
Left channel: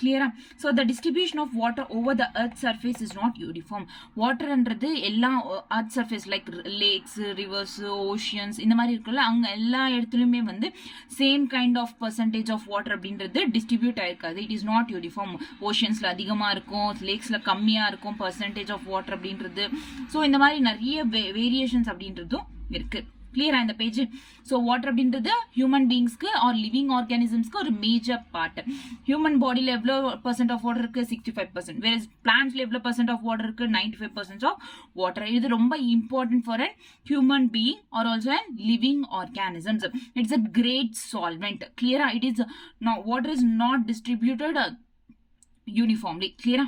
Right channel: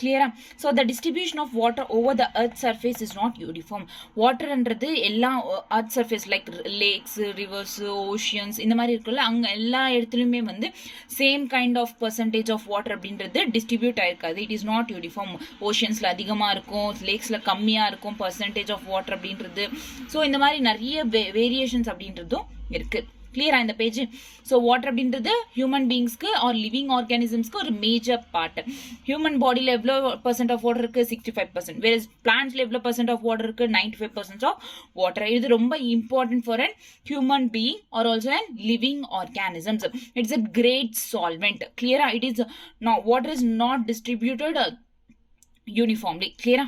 clear so the distribution of water over the earth surface is not uniform water என்றது எல்லா earth surface like lakes rivers oceans இந்த மாதிரி இருக்குல்ல அங்க எல்லா இடத்துலயுமே வந்து same kind of percentage of water அப்படின்றது distribute ஆயிருக்காது it is not uniform oceansல அதிகமா இருக்கும் lakesல கம்மியா இருக்கும் percentage of water அப்படின்றது so இந்த மாதிரி நிறைய variations அப்படின்றதும் இருக்கு clear இந்த பேஜ் so water அப்படின்றது human beings-க்கு or living organisms-க்கு ஒரு major part human body-ல எவ்வளவு percent of water இருக்கு 65% whereas plants-ல எவ்வளவு percent of water இருக்கு 95% of water இது ரொம்ப important for a human being or also a living organisms it's a great solvent clear it is no water is not distributed uniformly clear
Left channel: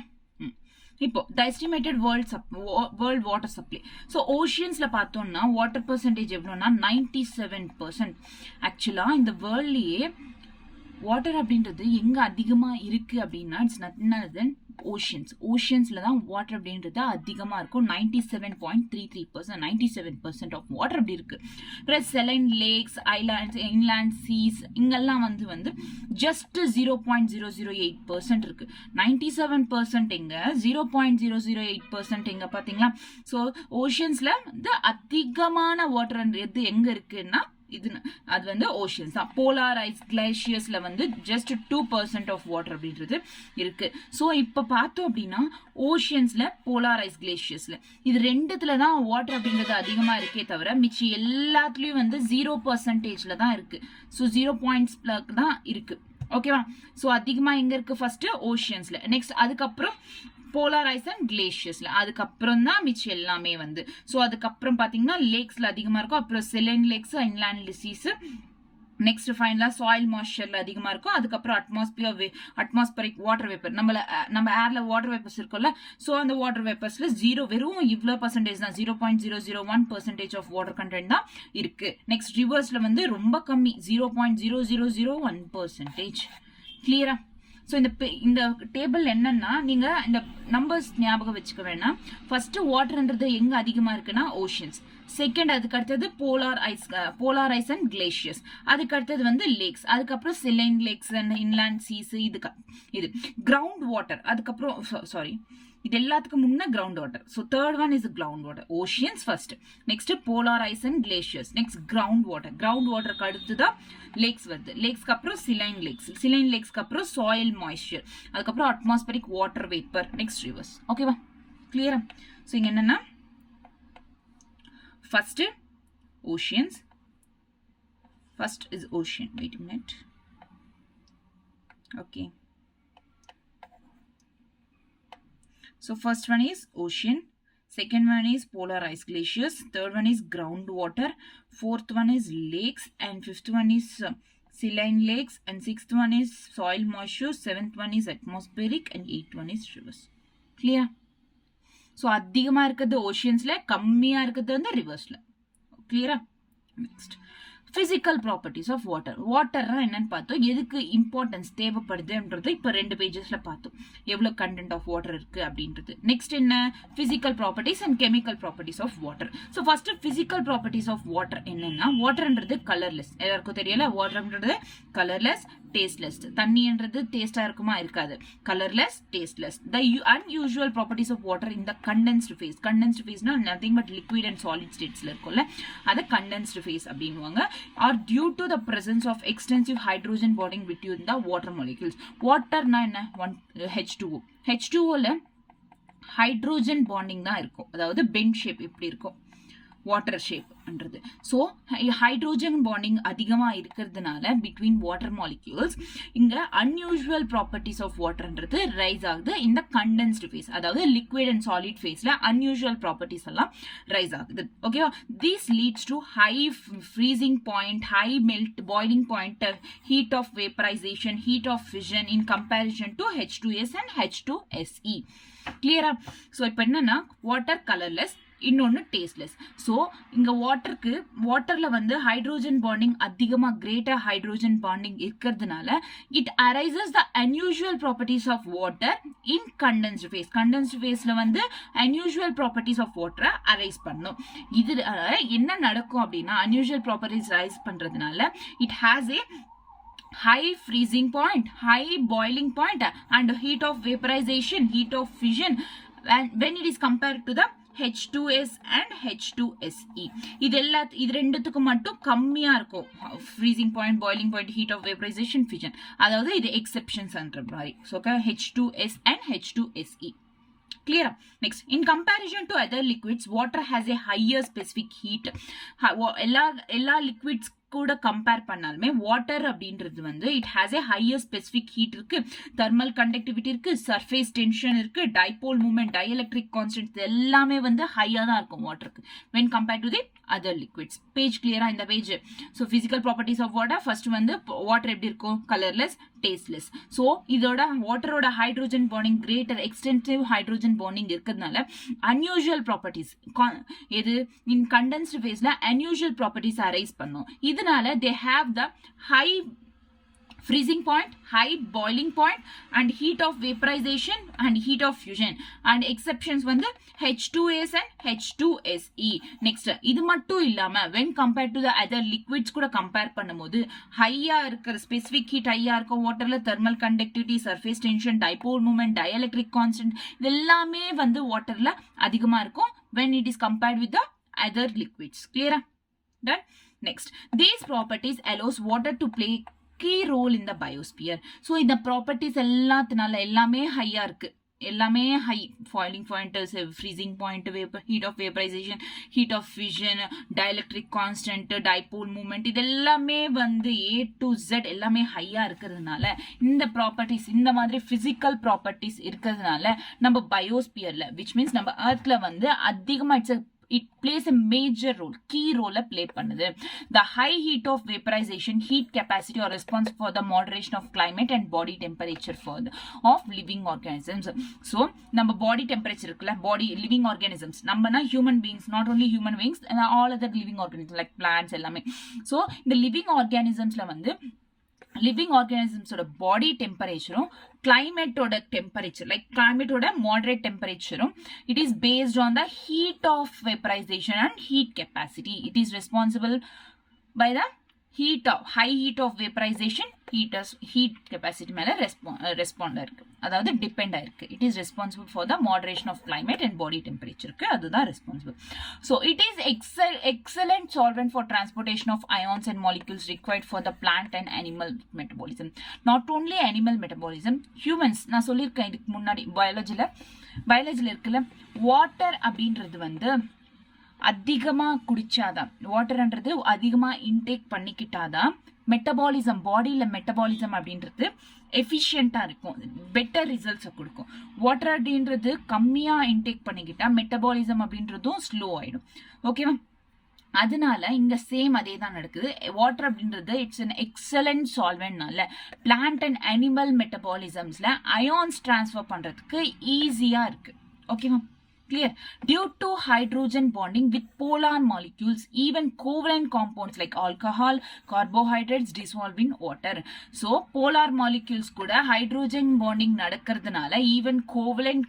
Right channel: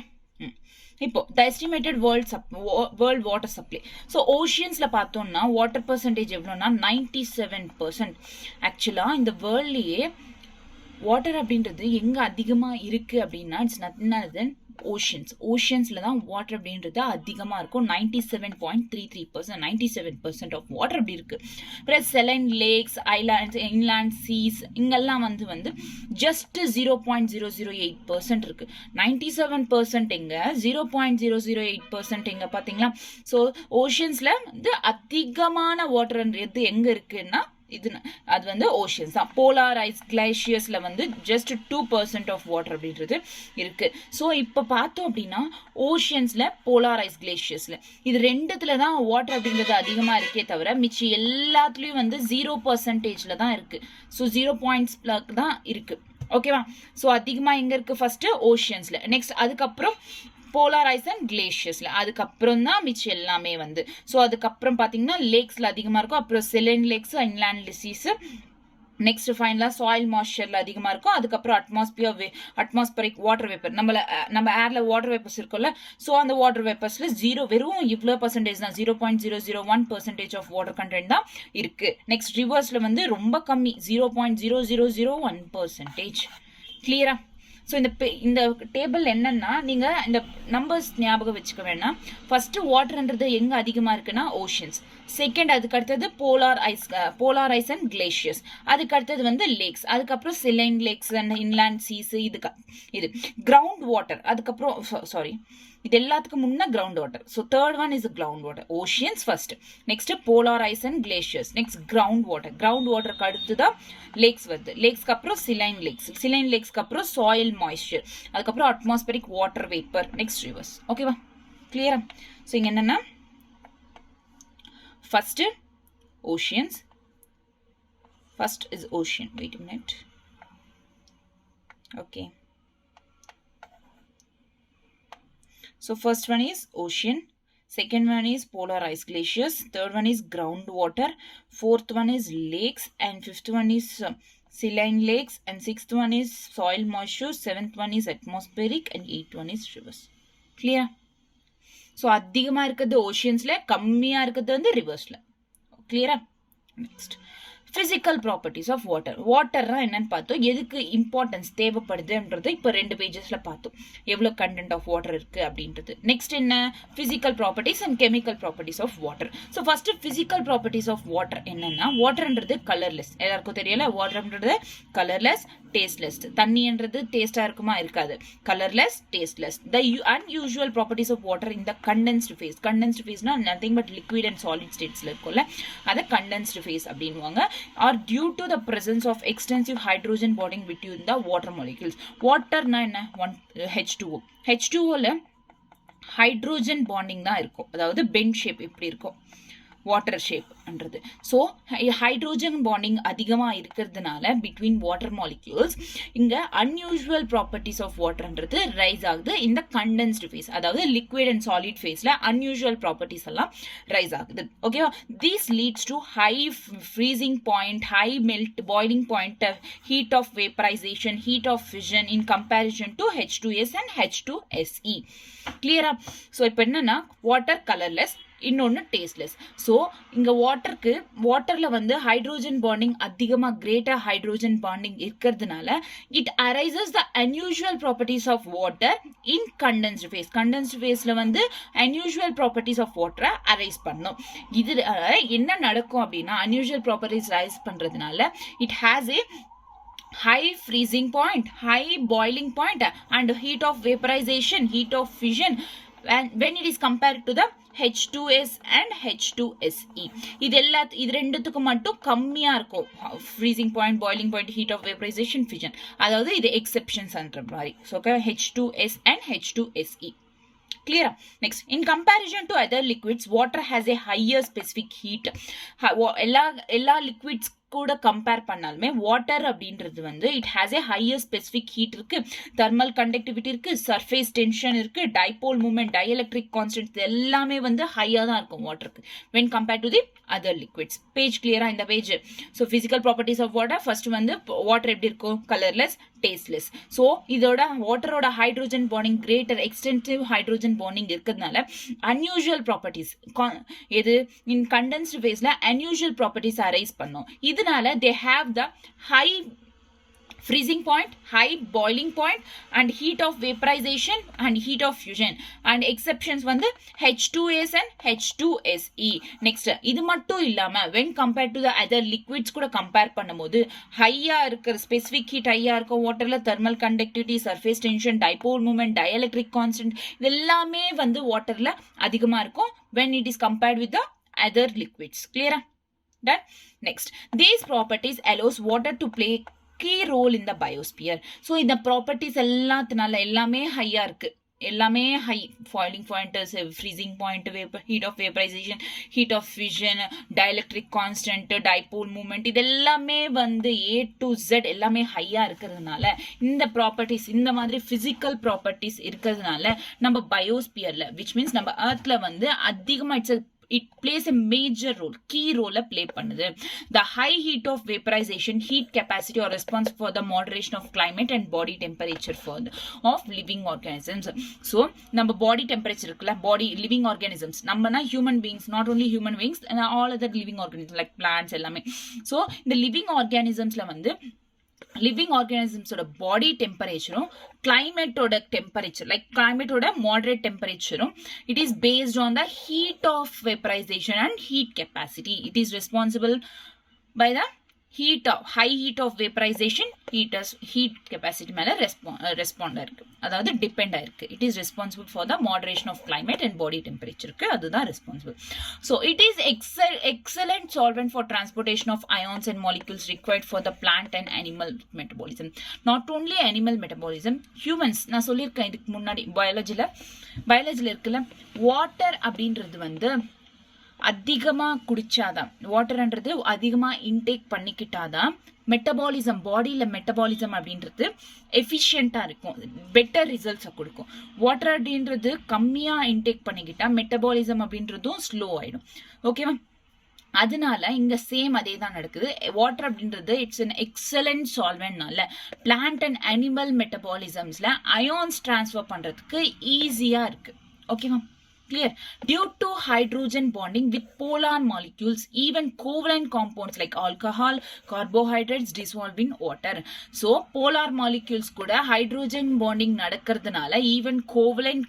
இப்போ the estimated world water supply so ஓஷியன்ஸ்ல பார்த்தோம்னா water percentage எவ்வளோனா 97% ஆக்சுவலா இந்த வேர்ல்ட்லயே water அப்படின்றது எங்க அதிகமா இருக்கு அப்படின்னா இட்ஸ் நத்திங் தென் ஓஷியன்ஸ்ல தான் வாட்டர் அப்படின்றது அதிகமா இருக்கும் 97.33% 97% ஆஃப் வாட்டர் அப்படி இருக்கு plus saline lakes islands inland seas இங்கெல்லாம் வந்து ஜஸ்ட் 0.008% இருக்கு 97% எங்க 0.008% எங்க பாத்தீங்களா ஸோ ஓஷியன்ஸ்ல வந்து அதிகமான வாட்டர் எது எங்க இருக்குன்னா அது வந்து ஓஷியன்ஸ் தான் போலார் ஐஸ் கிளேஷியர்ஸ்ல வந்து ஜஸ்ட் 2% ஆஃப் வாட்டர் அப்படின்றது இருக்கு ஸோ இப்போ பார்த்தோம் அப்படின்னா ஓஷியன்ஸ்ல போலார் ஐஸ் கிளேஷியர்ஸ்ல இது ரெண்டுத்துல தான் வாட்டர் அப்படின்றது அதிகமா இருக்கே தவிர மிச்சி எல்லாத்துலயும் வந்து 0%ல தான் இருக்கு ஸோ 0 பாயிண்ட்ஸ்ல தான் இருக்கு ஓகேவா? ஸோ அதிகமாக எங்கே இருக்குது ஃபர்ஸ்ட் ஓஷியன்ஸில், நெக்ஸ்ட் அதுக்கப்புறம் போலார் ஐஸ் அண்ட் கிளேஷியர்ஸ்ல, அதுக்கப்புறம் தான் மிச்சம் எல்லாமே வந்து. ஸோ அதுக்கப்புறம் பார்த்தீங்கன்னா லேக்ஸ்ல அதிகமாக இருக்கும், அப்புறம் saline lakhs, inland disease, next ஃபைனலா சாயில் மாய்ஸ்சர்ல அதிகமா இருக்கும், அதுக்கப்புறம் அட்மாஸ்பியரிக் வாட்டர் வேப்பர், நம்ம ஏர்ல வாட்டர் வேப்பர்ஸ் இருக்கும்ல, ஸோ அந்த வாட்டர் வேப்பர்ஸ்ல வெறும் இவ்வளோ பர்சன்டேஜ் தான், 0.001% ஆஃப் வாட்டர் கண்டென்ட் தான் இருக்கு. நெக்ஸ்ட் ரிவர்ஸ்ல வந்து ரொம்ப கம்மி, 0.0001%. கிளியரா? ஸோ இந்த டேபிள் என்னன்னா நீங்க இந்த நம்பர்ஸ் ஞாபகம் வச்சுக்க வேணாம். ஃபர்ஸ்ட் வாட்டர்ன்றது எங்க அதிகமா இருக்குன்னா ஓஷன்ஸ், செகண்ட் அதுக்கு அடுத்தது போலார் ஐஸ் அண்ட் கிளேஷியர்ஸ், அதுக்கு அடுத்தது வந்து லேக்ஸ், அதுக்கப்புறம் saline lakes and inland seas, இது கிரவுண்ட் வாட்டர், அதுக்கப்புறம் சாரி இது எல்லாத்துக்கும் முன்ன ground water. So third one is ground water, oceans first, next polar ice and glaciers, next ground வாட்டருக்கு அடுத்துதான் லேக்ஸ் வருது, லேக்ஸ்க்கு அப்புறம் சிலைன் லேக்ஸ்க்கு அப்புறம் சாயில் மாய்ஸ்சர், அதுக்கப்புறம் atmospheric water vapour, next rivers. ஓகேவா? கிளியரா? ஸோ இங்க என்னன்னா first oceans, first is ocean, wait a minute. Okay, so first one is ocean, second one is polar ice glaciers, third one is groundwater, fourth one is lakes, and fifth one is saline lakes, and sixth one is soil moisture, seventh one is atmospheric, and eighth one is rivers. Clear? So அதிகமா இருக்குது ஓஷியன்ஸ்ல, கம்மியா இருக்குது வந்து ரிவர்ஸ்ல. கிளியரா? Next physical properties of water. வாட்டர்னா என்னன்னு பார்த்தோம், எதுக்கு இம்பார்ட்டன்ஸ் தேவைப்படுதுன்றது இப்போ 2 பேஜஸ்ல பார்த்தோம், எவ்வளோ கண்டென்ட் ஆஃப் வாட்டர் இருக்கு அப்படின்றது. நெக்ஸ்ட் என்ன, physical properties and chemical properties of water. So first physical properties of water என்னன்னா, வாட்டர்ன்றது கலர்லெஸ், எல்லாருக்கும் தெரியல, வாட்டர்ன்றது கலர்லெஸ், டேஸ்ட்லெஸ். தண்ணின்றது டேஸ்டா இருக்குமா? இருக்காது. Colourless, tasteless. The unusual properties of water in the condensed phase. Condensed ஃபேஸ்னா nothing but liquid and solid ஸ்டேட்ஸ்ல இருக்கும்ல, அதை கண்டென்ஸ்டு ஃபேஸ் அப்படின்வாங்க. Are due to the presence of extensive hydrogen bonding between the water molecules. Water na enna, H2O. H2O ல hydrogen bonding தான் இருக்கும், அதாவது bend shape இப்படி இருக்கும் வாட்டர் ஷேப்ன்றது. ஸோ ஹைட்ரோஜன் பாண்டிங் அதிகமாக இருக்கிறதுனால பிட்வீன் வாட்டர் மாலிக்யூல்ஸ் இங்கே அன்யூஷுவல் ப்ராப்பர்ட்டிஸ் ஆஃப் வாட்டர்ன்றது ரைஸ் ஆகுது இந்த கண்டென்ஸ்டு ஃபேஸ், அதாவது லிக்விட் அண்ட் சாலிட் ஃபேஸில் அன்யூஷுவல் ப்ராப்பர்ட்டிஸ் எல்லாம் ரைஸ் ஆகுது. ஓகேவா? These leads to high freezing point, high melt, boiling point, heat of vaporisation, heat of fission in comparison to H2S and H2SE. கிளியரா? So இப்போ என்னன்னா water colourless, இன்னொன்று tasteless. So இங்கே வாட்டரில் வந்து ஹைட்ரோஜன் பாண்டிங் அதிகமாக கிரேட்டர் ஹைட்ரோஜன் பாண்டிங் இருக்கிறதுனால it arises the unusual properties of water in condensed phase. Condensed ஃபேஸில் வந்து அன்யூஷுவல் ப்ராப்பர்ட்டிஸ் ஆஃப் வாட்டரை அரைஸ் பண்ணும். இது என்ன நடக்கும் அப்படின்னா, அன்யூஷுவல் ப்ராப்பர்ட்டிஸ் ரைஸ் பண்ணுறதுனால it has a high freezing point, high boiling point, and heat of vaporization, heat of fission, and when it is compared to the H2S and H2SE. இது ரெண்டுத்துக்கு மட்டும் கம்மியா இருக்கும் freezing point, boiling point, heat of vaporization, fission. அதாவது இது exceptions என்ற மாதிரி. So H2S and H2SE. Clear? Next, in comparison to other liquids, water has a higher specific heat. எல்லா liquids கூட கம்பேர் பண்ணாலுமே வாட்டர் அப்படின்றது வந்து it has a higher specific heat இருக்கு, தெர்மல் கண்டக்டிவிட்டி இருக்கு, சர்ஃபேஸ் டென்ஷன் இருக்கு, டைபோல் மூமெண்ட், டயஎலக்ட்ரிக் கான்ஸ்டன்ட் எல்லாமே வந்து ஹையா தான் இருக்கும் வாட்டருக்கு when compared to the other liquids. Page கிளியரா? இந்த page. So physical properties of water first வந்து வாட்டர் எப்படி இருக்கும்? Colourless, tasteless. ஸோ இதோட வாட்டரோட hydrogen bonding greater extensive hydrogen bonding இருக்கிறதுனால அன்யூஷுவல் ப்ராப்பர்ட்டிஸ் எது இன் கண்டென்ஸ்டு ஃபேஸ்ல அன்யூஷுவல் ப்ராப்பர்ட்டிஸ் அரைஸ் பண்ணும். இதனால they have the high freezing point, high boiling point, and heat of vaporization and heat of fusion, and exceptions வந்து H2S and H2SE. next இது மட்டும் இல்லாம when compared to the other liquids கூட compare பண்ணும்போது ஹையா இருக்கிற ஸ்பெசிபிக் ஹீட் ஹையா இருக்கும் வாட்டர்ல, thermal conductivity, surface tension, dipole moment, dielectric constant இது எல்லாமே வந்து வாட்டர்ல அதிகமா இருக்கும் when it is compared with the other liquids. clear? Done? Next, these properties allows water to play key role in the biosphere. So இந்த properties எல்லாத்தினால எல்லாமே ஹையா இருக்கு எல்லாமே high boiling point, freezing point, heat of vaporisation, heat of fusion, dielectric constant, dipole moment, இது எல்லாமே வந்து A to Z எல்லாமே ஹையா இருக்கிறதுனால இந்த ப்ராப்பர்ட்டிஸ் இந்த மாதிரி பிசிக்கல் ப்ராப்பர்ட்டிஸ் இருக்கிறதுனால நம்ம பயோஸ்பியர்ல விச் மீன்ஸ் நம்ம எர்த்ல வந்து அதிகமா it plays a major role, key role play பண்ணுது. The high heat of vaporization, heat capacity or response for the moderation of climate and body temperature for the, of living organisms. So நம்ம body temperature இருக்குல்ல, body living organisms, நம்மனா human beings, not only human beings and all other living organisms like plants எல்லாமே. So இந்த living organismsல வந்து living ஆர்கானிசம்ஸோட body டெம்பரேச்சரும் கிளைமேட்டோட டெம்பரேச்சர் லைக் கிளைமேட்டோட மாடரேட் டெம்பரேச்சரும் it is based on the heat of vaporisation and heat capacity. It is responsible by the heat of high heat of vaporization, heat capacity மேல respond இருக்கு, அதாவது டிபெண்ட் ஆயிருக்கு. It is responsible for the moderation of climate and body டெம்பரேச்சருக்கு, அதுதான் responsible. So it is excellent solvent for transportation of ions and molecules required for the plant and animal metabolism. Not only animal metabolism, humans நான் சொல்லியிருக்கேன் இதுக்கு முன்னாடி பயாலஜில இருக்குல்ல, water அப்படின்றது வந்து அதிகமா குடிச்சாதான், வாட்டர்ன்றது அதிகமா இன்டேக் பண்ணிக்கிட்டாதான் மெட்டபாலிசம், பாடியில மெட்டபாலிசம் அப்படின்றது எஃபிஷியண்டா இருக்கும், பெட்டர் ரிசல்ட்ஸை கொடுக்கும். வாட்டர் அப்படின்றது கம்மியா இன்டேக் பண்ணிக்கிட்டா மெட்டபாலிசம் அப்படின்றதும் ஸ்லோ ஆயிடும். ஓகேவா? அதனால இங்க சேம் அதே தான் நடக்குது. வாட்டர் அப்படின்றது இட்ஸ் an எக்ஸலண்ட் சால்வென்ட்னால பிளான்ட் அண்ட் அனிமல் மெட்டபாலிசம்ஸ்ல அயான்ஸ் டிரான்ஸ்ஃபர் பண்றதுக்கு ஈஸியா இருக்கு. ஓகேவா? Clear? Due to hydrogen bonding with polar molecules, even covalent compounds like alcohol, carbohydrates dissolve in water. So, polar molecules kuda hydrogen bonding nadakradanaala even covalent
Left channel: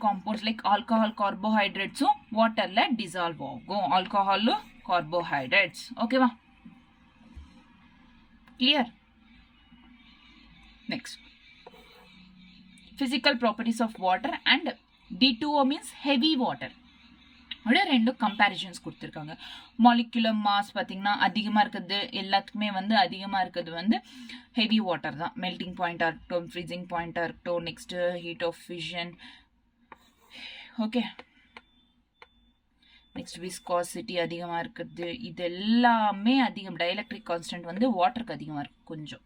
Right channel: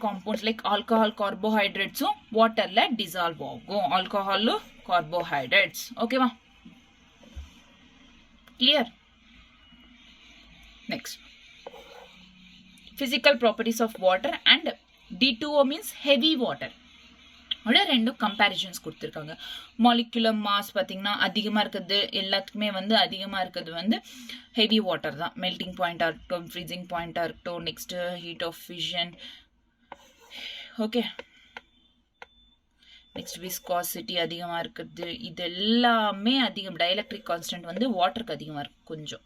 compounds like alcohol, carbohydrates water la dissolve agum. Alcohol, carbohydrates. Okay va? Clear? Next. Physical properties of water and D2O means heavy water. ரெண்டும் comparisons கொடுத்துருக்காங்க. Molecular mass பார்த்தீங்கன்னா அதிகமாக இருக்கிறது எல்லாத்துக்குமே வந்து அதிகமாக இருக்கிறது வந்து ஹெவி வாட்டர் தான். மெல்டிங் பாயிண்டாக இருக்கட்டும், ஃப்ரீசிங் பாயிண்டாக இருக்கட்டும், next heat of fusion, okay, next viscosity அதிகமாக இருக்கிறது, இது எல்லாமே அதிகம். டைஎலக்ட்ரிக் கான்ஸ்டன்ட் வந்து வாட்டருக்கு அதிகமாக இருக்கும் கொஞ்சம்.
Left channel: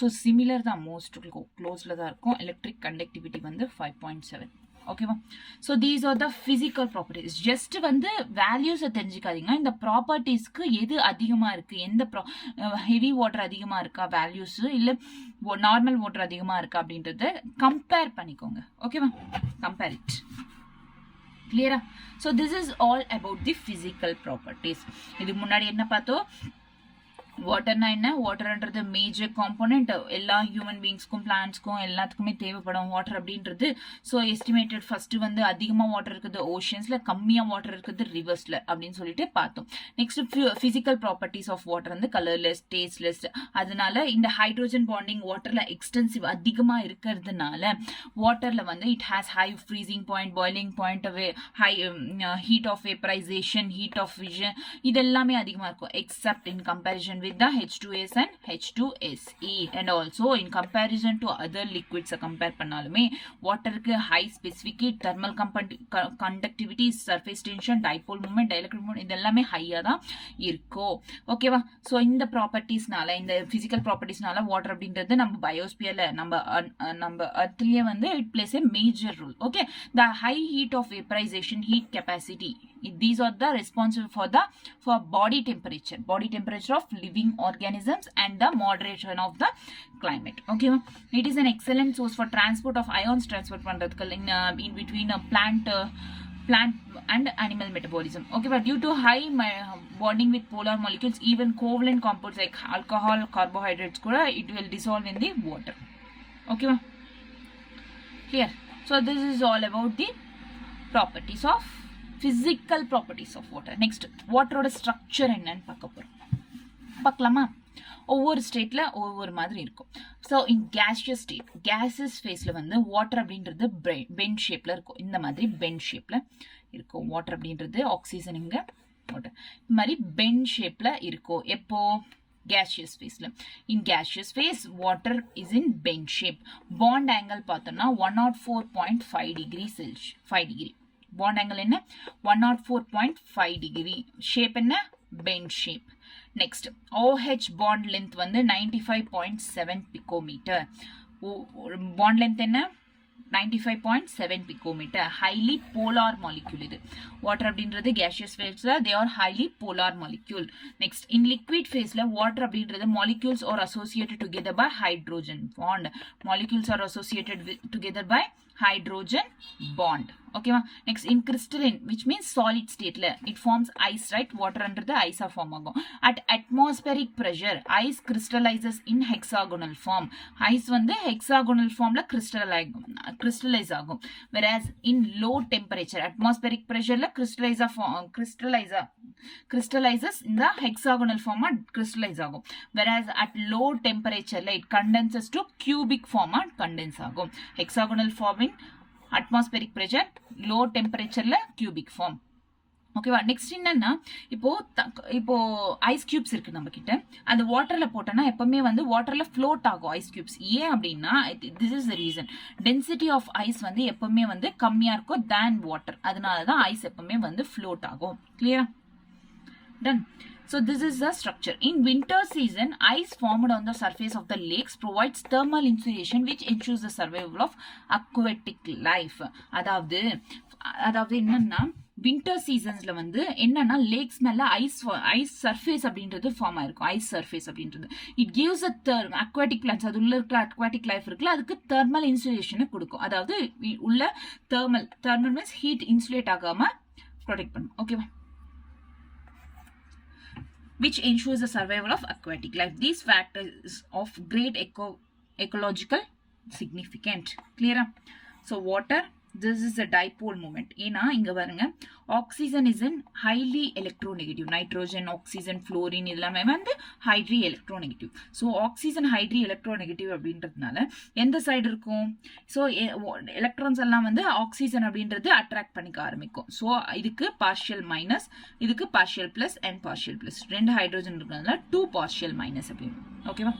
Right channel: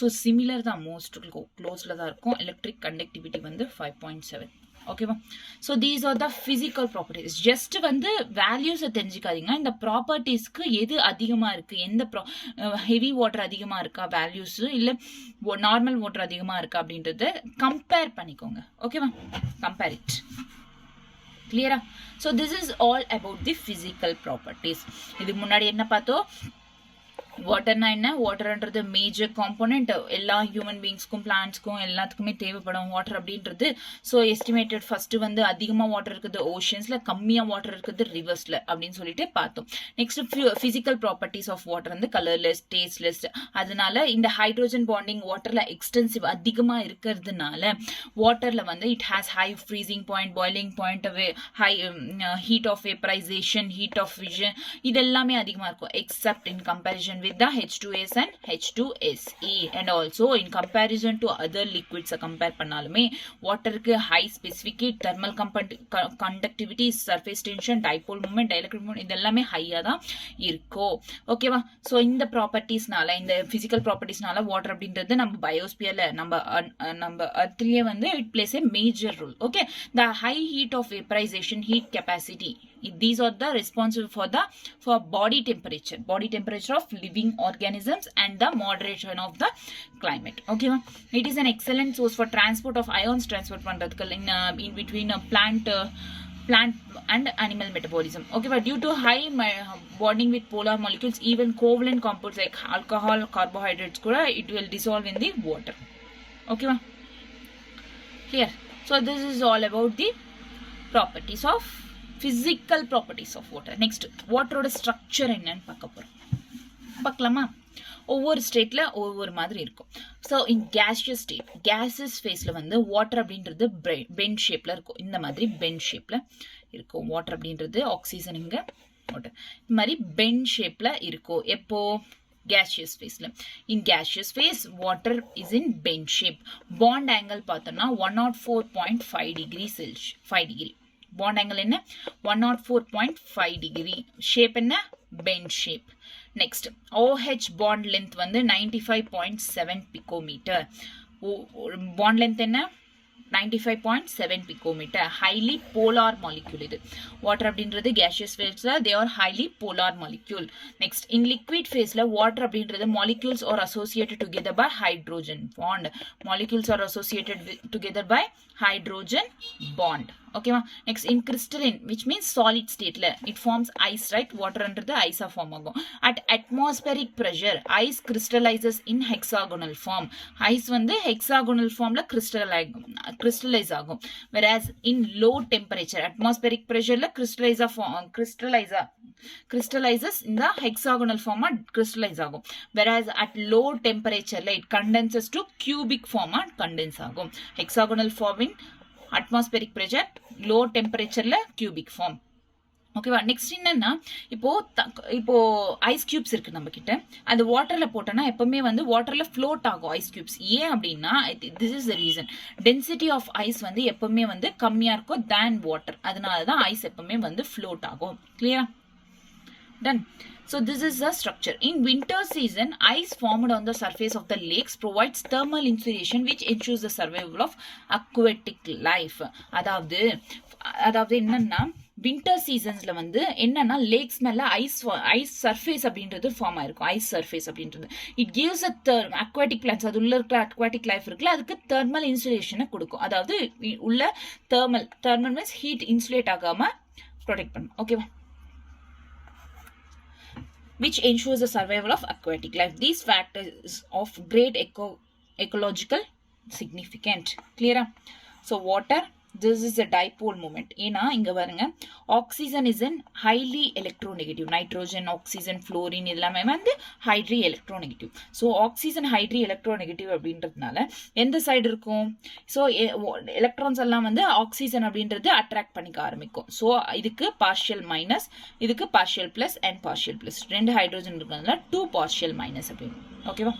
ஸோ சிமிலர் தான், மோஸ்ட் க்ளோஸில் தான் இருக்கும். எலக்ட்ரிக் கண்டக்டிவிட்டி வந்து 5.7. ஓகேவா? So these are the physical properties. Just வந்து வேல்யூஸை தெரிஞ்சுக்காதீங்க, இந்த ப்ராப்பர்ட்டிஸ்க்கு எது அதிகமாக இருக்குது, எந்த ஹெவி வாட்டர் அதிகமாக இருக்கா வேல்யூஸு, இல்லை நார்மல் வாட்டர் அதிகமாக இருக்கா அப்படின்றத கம்பேர் பண்ணிக்கோங்க. ஓகேவா? Compare it. கிளியரா? So this is all about the physical properties. இதுக்கு முன்னாடி என்ன பார்த்தோம்? வாட்டர்னா என்ன? வாட்டர்ன்றது மேஜர் காம்போனன்ட், எல்லா ஹியூமன் பீயிங்ஸ்க்கும் பிளான்ட்ஸ்க்கும் எல்லாத்துக்குமே தேவைப்படும் வாட்டர் அப்படின்றது. ஸோ எஸ்டிமேட்டட் ஃபர்ஸ்ட் வந்து அதிகமாக வாட்டர் இருக்குது ஓஷன்ஸ்ல, கம்மியாக வாட்டர் இருக்குது ரிவர்ஸ்ல அப்படின்னு சொல்லிட்டு பார்த்தோம். Next physical properties of water வந்து கலர்லெஸ், டேஸ்ட்லெஸ். அதனால இந்த ஹைட்ரோஜன் பாண்டிங் வாட்டர்ல எக்ஸ்டென்சிவ் அதிகமாக இருக்கிறதுனால வாட்டர்ல வந்து it has high freezing point, boiling point, high heat of vaporisation, heat of fusion, இது எல்லாமே அதிகமாக இருக்கும் except in comparison with the H2S and H2SE, and also in comparison to other liquids compare பண்ணாலுமே வாட்டருக்கு high specific heat, thermal conductivity, surface tension, dipole moment, dielectric moment, இதெல்லாமே ஹையா தான் இருக்கும். ஓகேவா? ஸோ இந்த ப்ராப்பர்ட்டிஸ்னால, இந்த பிசிக்கல் ப்ராப்பர்ட்டிஸ்னால வாட்டர் அப்படின்றது நம்ம பயோஸ்பியர்ல நம்ம அர்த்லயே வந்து it plays a major role. Okay, the high heat of vaporisation, heat capacity, these are the responsible for body temperature of living organisms and the moderation of the climate. Okay, it is an excellent source for transport of ions, transport பண்றதுக்கு in between a plant and animal metabolism. Okay, but due to high bonding with polar molecules, even covalent compounds like alcohol, carbohydrates kuda it will dissolve in the water. Okay, here. So this is all about the properties of physical properties of water. Next, water structure என்னன்னு பார்க்கலாமா? ஒவ்வொரு ஸ்டேட்ல ஒவ்வொரு மாதிரி இருக்கும். So in gaseous state, gases ஃபேஸ்ல வந்து water அப்படின்றது பென் ஷேப்ல இருக்கும். இந்த மாதிரி பென் ஷேப்ல இருக்கும் வாட்டர் அப்படின்றது. ஆக்சிஜன் இங்க வாட்டர் இந்த மாதிரி பென் ஷேப்ல இருக்கும். எப்போ gaseous phase. In gaseous phase, water is in bend shape. Bond angle பார்த்தோம்னா 104.5 degree Celsius 5 degree. Bond angle என்ன 104.5 degree. Shape என்ன bend shape. Next, OH bond length வந்து 95.7 picometer. Bond length என்ன 95.7 picometer. Highly polar molecule இது. Water அப்படின்றது gaseous phase they are highly polar molecule. Next, in liquid phase water அப்படின்றது molecules are associated together by hydrogen bond. Molecules are associated together by hydrogen bond. Okay ma. Next, in crystalline, which means solid state it forms ice, right? Water under the ice form agum. At atmospheric pressure, ice crystallizes in hexagonal form. Ice வந்து hexagonal formல crystallize ஆகும். Whereas in low temperature, atmospheric pressure crystallizes in the hexagonal form crystallize ஆகும். Whereas at low temperature it condenses to cubic form condense ஆகும். Hexagonal form in atmospheric pressure, low temperature cubic form. ஓகேவா. Next என்னன்னா இப்போ ice cubes இருக்கு நம்ம கிட்ட. அந்த வாட்டர்ல போட்டோம்னா எப்பவுமே வந்து வாட்டர்ல ஃப்ளோட் ஆகும் ஐஸ் கியூப்ஸ். ஏன் அப்படின்னா this is the reason. Density of ice வந்து எப்பவுமே வந்து கம்மியா இருக்கும் தேன் வாட்டர். அதனாலதான் ஐஸ் எப்பவுமே வந்து ஃப்ளோட் ஆகும். கிளியரா? Done. So this is the structure. In winter season, ice formed on the surface of the lakes provides thermal insulation which ensures the survival of aquatic life. அதாவது என்னன்னா வின்டர் சீசன்ஸ்ல வந்து என்னன்னா லேக்ஸ் மேல ஐஸ் சர்ஃபேஸ் அப்படின்றது form ஆயிருக்கும். Ice surface அப்படின்றது it gives aquatic plans, அது உள்ள இருக்கிற அக்வாட்டிக் லைஃப் இருக்குல்ல, அதுக்கு தெர்மல் இன்சுலேஷனை கொடுக்கும். அதாவது உள்ள தெர்மல் மீன்ஸ் ஹீட் இன்சுலேட் ஆகாம ப்ரொடெக்ட் பண்ணும். ஓகேவா? which ensures the survival of aquatic life. These factors of great ecological significance. Clear? So water, this is a dipole moment. ஏன்னா இங்க பாருங்க, oxygen is in highly electronegative. Nitrogen, oxygen, fluorine இதெல்லாமே வந்து highly electronegative. So oxygen highly electronegative அப்படின்றதுனால எந்த side இருக்கும்? So electrons எல்லாம் வந்து ஆக்சிஜன் அப்படின்றது அட்ராக்ட் பண்ணிக்க ஆரம்பிக்கும். ஸோ இதுக்கு பார்ஷியல் மைனஸ், இதுக்கு partial plus and partial plus. ரெண்டு ஹைட்ரோஜன் இருக்கிறதுனால 2 பார்ஷியல் மைனஸ் அப்படின்னு. ஓகேவா?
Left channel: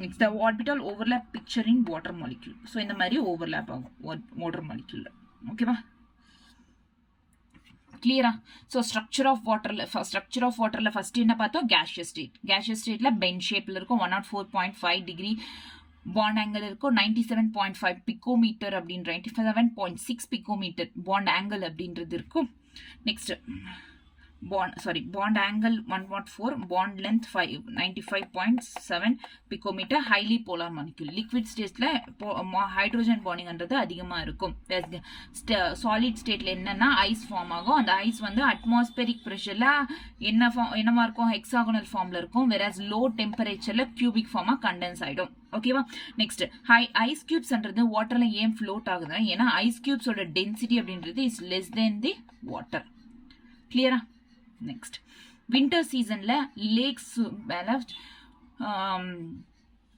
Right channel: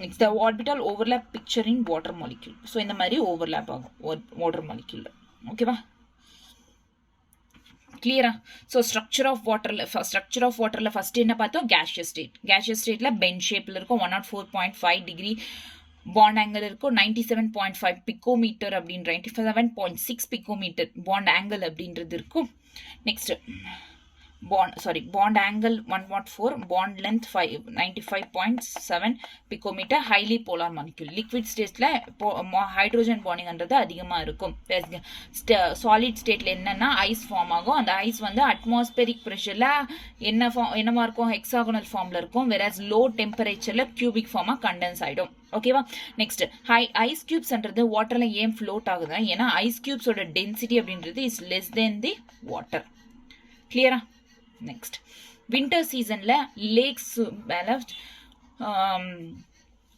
Next, the orbital overlap picture in water molecule. So இந்த மாதிரி overlap ஆகும் water molecule. ஓகேவா? கிளியரா? ஸோ ஸ்ட்ரக்சர் ஆஃப் வாட்டர்ல ஃபர்ஸ்ட் என்ன பார்த்தோம்? gaseous ஸ்டேட்ல பென் ஷேப்ல இருக்கும். 104.5 டிகிரி பாண்ட் ஆங்கிள் இருக்கும். 97.5 பிகோமீட்டர் அப்படின்ற 97.6 பிகோமீட்டர் பாண்ட் ஆங்கிள் அப்படின்றது இருக்கும். Next bond angle 104, bond length 95.7 picometer, highly polar molecule. Liquid stateல ஹைட்ரோஜன் பாண்டிங்ன்றது அதிகமா இருக்கும். சாலிட் ஸ்டேட்ல என்னன்னா ஐஸ் ஃபார்ம் ஆகும். அந்த ஐஸ் வந்து அட்மாஸ்பெரிக் பிரஷர்ல என்னமா இருக்கும்? ஹெக்ஸாகோனல் ஃபார்ம்ல இருக்கும். வெராஸ் லோ டெம்பரேச்சர்ல கியூபிக் ஃபார்மா கண்டென்ஸ் ஆயிடும். ஓகேவா? நெக்ஸ்ட், ஐஸ் கியூப்ஸ்ன்றது வாட்டர்ல ஏன் ஃப்ளோட் ஆகுது? ஏன்னா ஐஸ் கியூப்ஸோட டென்சிட்டி அப்படின்றது is less than the water. கிளியரா? நெக்ஸ்ட், வின்டர் சீசன்ல லேக்ஸ் மேல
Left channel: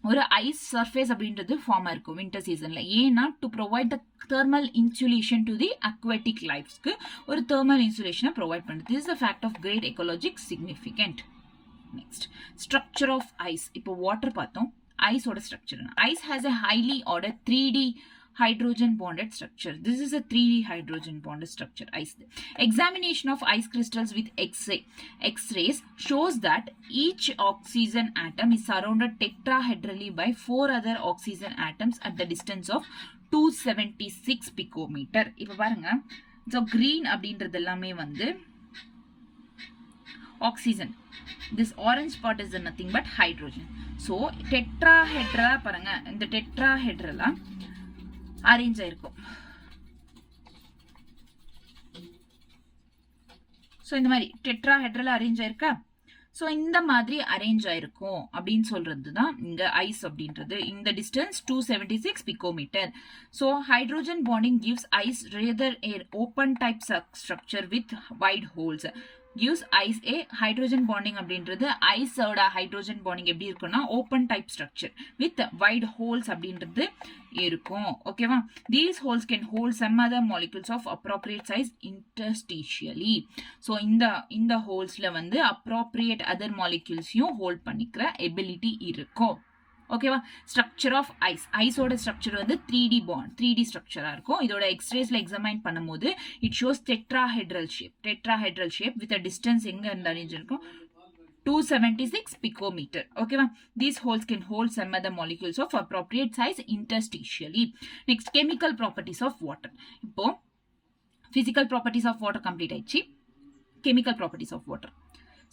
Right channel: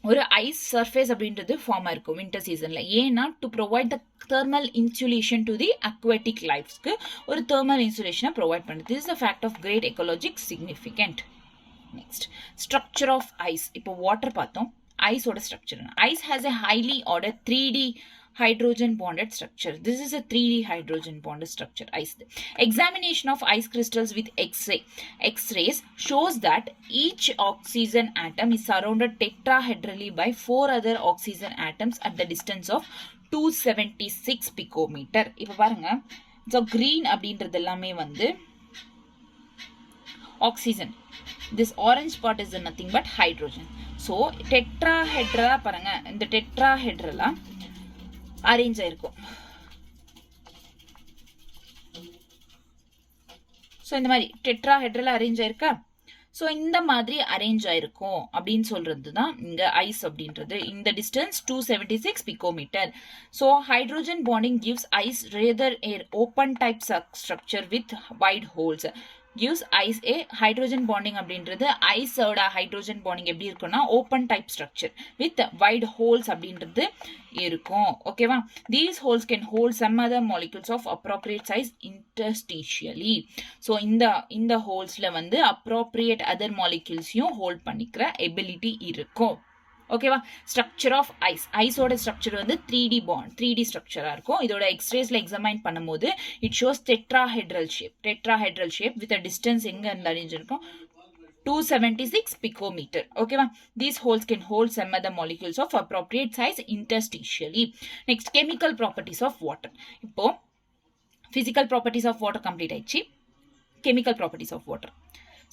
ஒரு ஐஸ் சர்ஃபேஸ் அப்படின்றது ஃபார்ம் ஆயிருக்கும் வின்டர் சீசன்ல. ஏன்னா to provide the thermal insulation to the aquatic லைஃப்ஸ்க்கு ஒரு தெர்மல் இன்சுலேஷனை ப்ரொவைட் பண்ணுது. This is a fact of great ecologic significant. Next, structure of ice. இப்போ வாட்டர் பார்த்தோம், ஐஸோட structure. Ice has a highly order 3D hydrogen bonded structure. This is a 3D hydrogen bonded structure. Ice. Examination of ice crystals with X-rays shows that each oxygen atom is surrounded tetrahedrally by 4 other oxygen atoms at the distance of 276 picometer. இப்ப பாருங்க, so green அப்படின்றது எல்லாமே வந்து oxygen. This orange part is nothing but hydrogen. So tetrahedra பாருங்க, இந்த tetrahedrala arrange ஆயிருக்கும். So இந்த மாதிரி டெட்ராஹெட்ரல் அரேஞ்ச் ஆயிருக்கா? ஸோ இந்த மாதிரி அரேஞ்ச் ஆயிருக்கும் அப்படின்னு சொல்றது தான் இங்க ஐஸ் அப்படின்றது. இந்த distance 276 picometre. So hydrogen bonding gives ice rather an open type structure with wide holes. gives ice a hydrogen bonding அப்படின்றது ஐஸோட ஹைட்ரோஜன் பாண்டிங் எப்படி இருக்குன்னா open type structure with wide holes அப்படின்றது இருக்கும் ஓகேவா. These holes can hold some other molecules of appropriate size interstitially. So இந்த ஹோல்ஸ்ல வந்து appropriate other மாலிகூல்ஸையும் ஹோல்ட் பண்ணிக்கிற எபிலிட்டி இருக்கும் ஓகேவா. ஸ்ட்ரக்சர் ஆஃப் ஐஸோட ஸ்ட்ரக்சர் வந்து 3D பாண்ட் 3D ஸ்ட்ரக்சரா இருக்கும். இதோட எக்ஸ்ரேஸ்ல எக்ஸாமைன் பண்ணும்போது it shows tetrahedral shape with a distance எங்க இருந்து அறிஞ்சிருக்கும் 276 picometer ஓகேவா. These holes can hold some other molecules of appropriate size interstitially. Next, chemical properties of water. இப்போ physical properties of water complete ஆயிடுச்சு. chemical properties of water.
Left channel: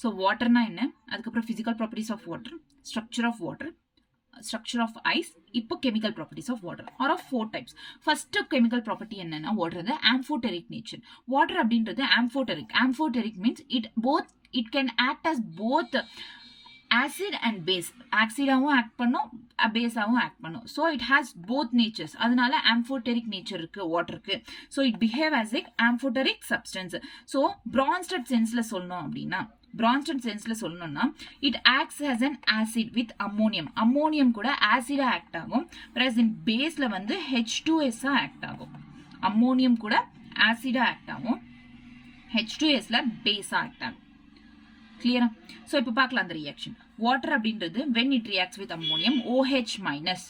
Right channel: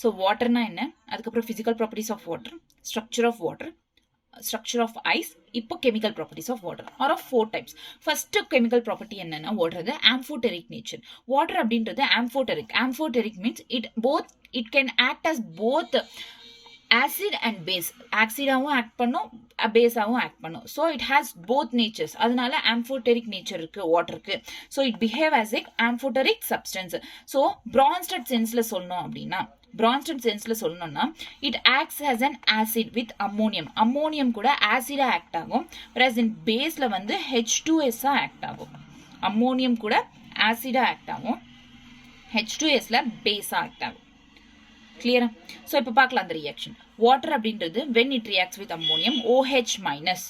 So waterனா என்ன, அதுக்கப்புறம் physical properties of water, structure of water, structure of ice, இப்போ chemical properties of water are of 4 types. First chemical property என்னன்னா water the amphoteric nature. Water அப்படின்றது amphoteric means it can act as both acid and base. ஆக்சிடாவும் act பண்ணும், பேஸாவும் act பண்ணும். So it has both natures. அதனால amphoteric nature இருக்கு வாட்டருக்கு. So it behave as a amphoteric substance. So Bronsted சென்ஸ்ல சொல்லணும்னா it acts as an acid with ammonium கூட ஆசிடா ஆக்ட் ஆகும். பிளஸ் இன் பேஸ்ல வந்து H2S ஆக்ட் ஆகும். அம்மோனியம் கூட ஆசிடா ஆக்ட் ஆகும், H2Sல பேஸா ஆக்ட் ஆகும். கிளியரா? ஸோ இப்போ பார்க்கலாம் அந்த ரியாக்ஷன். வாட்டர் அப்படின்றது when it reacts with ammonium OH minus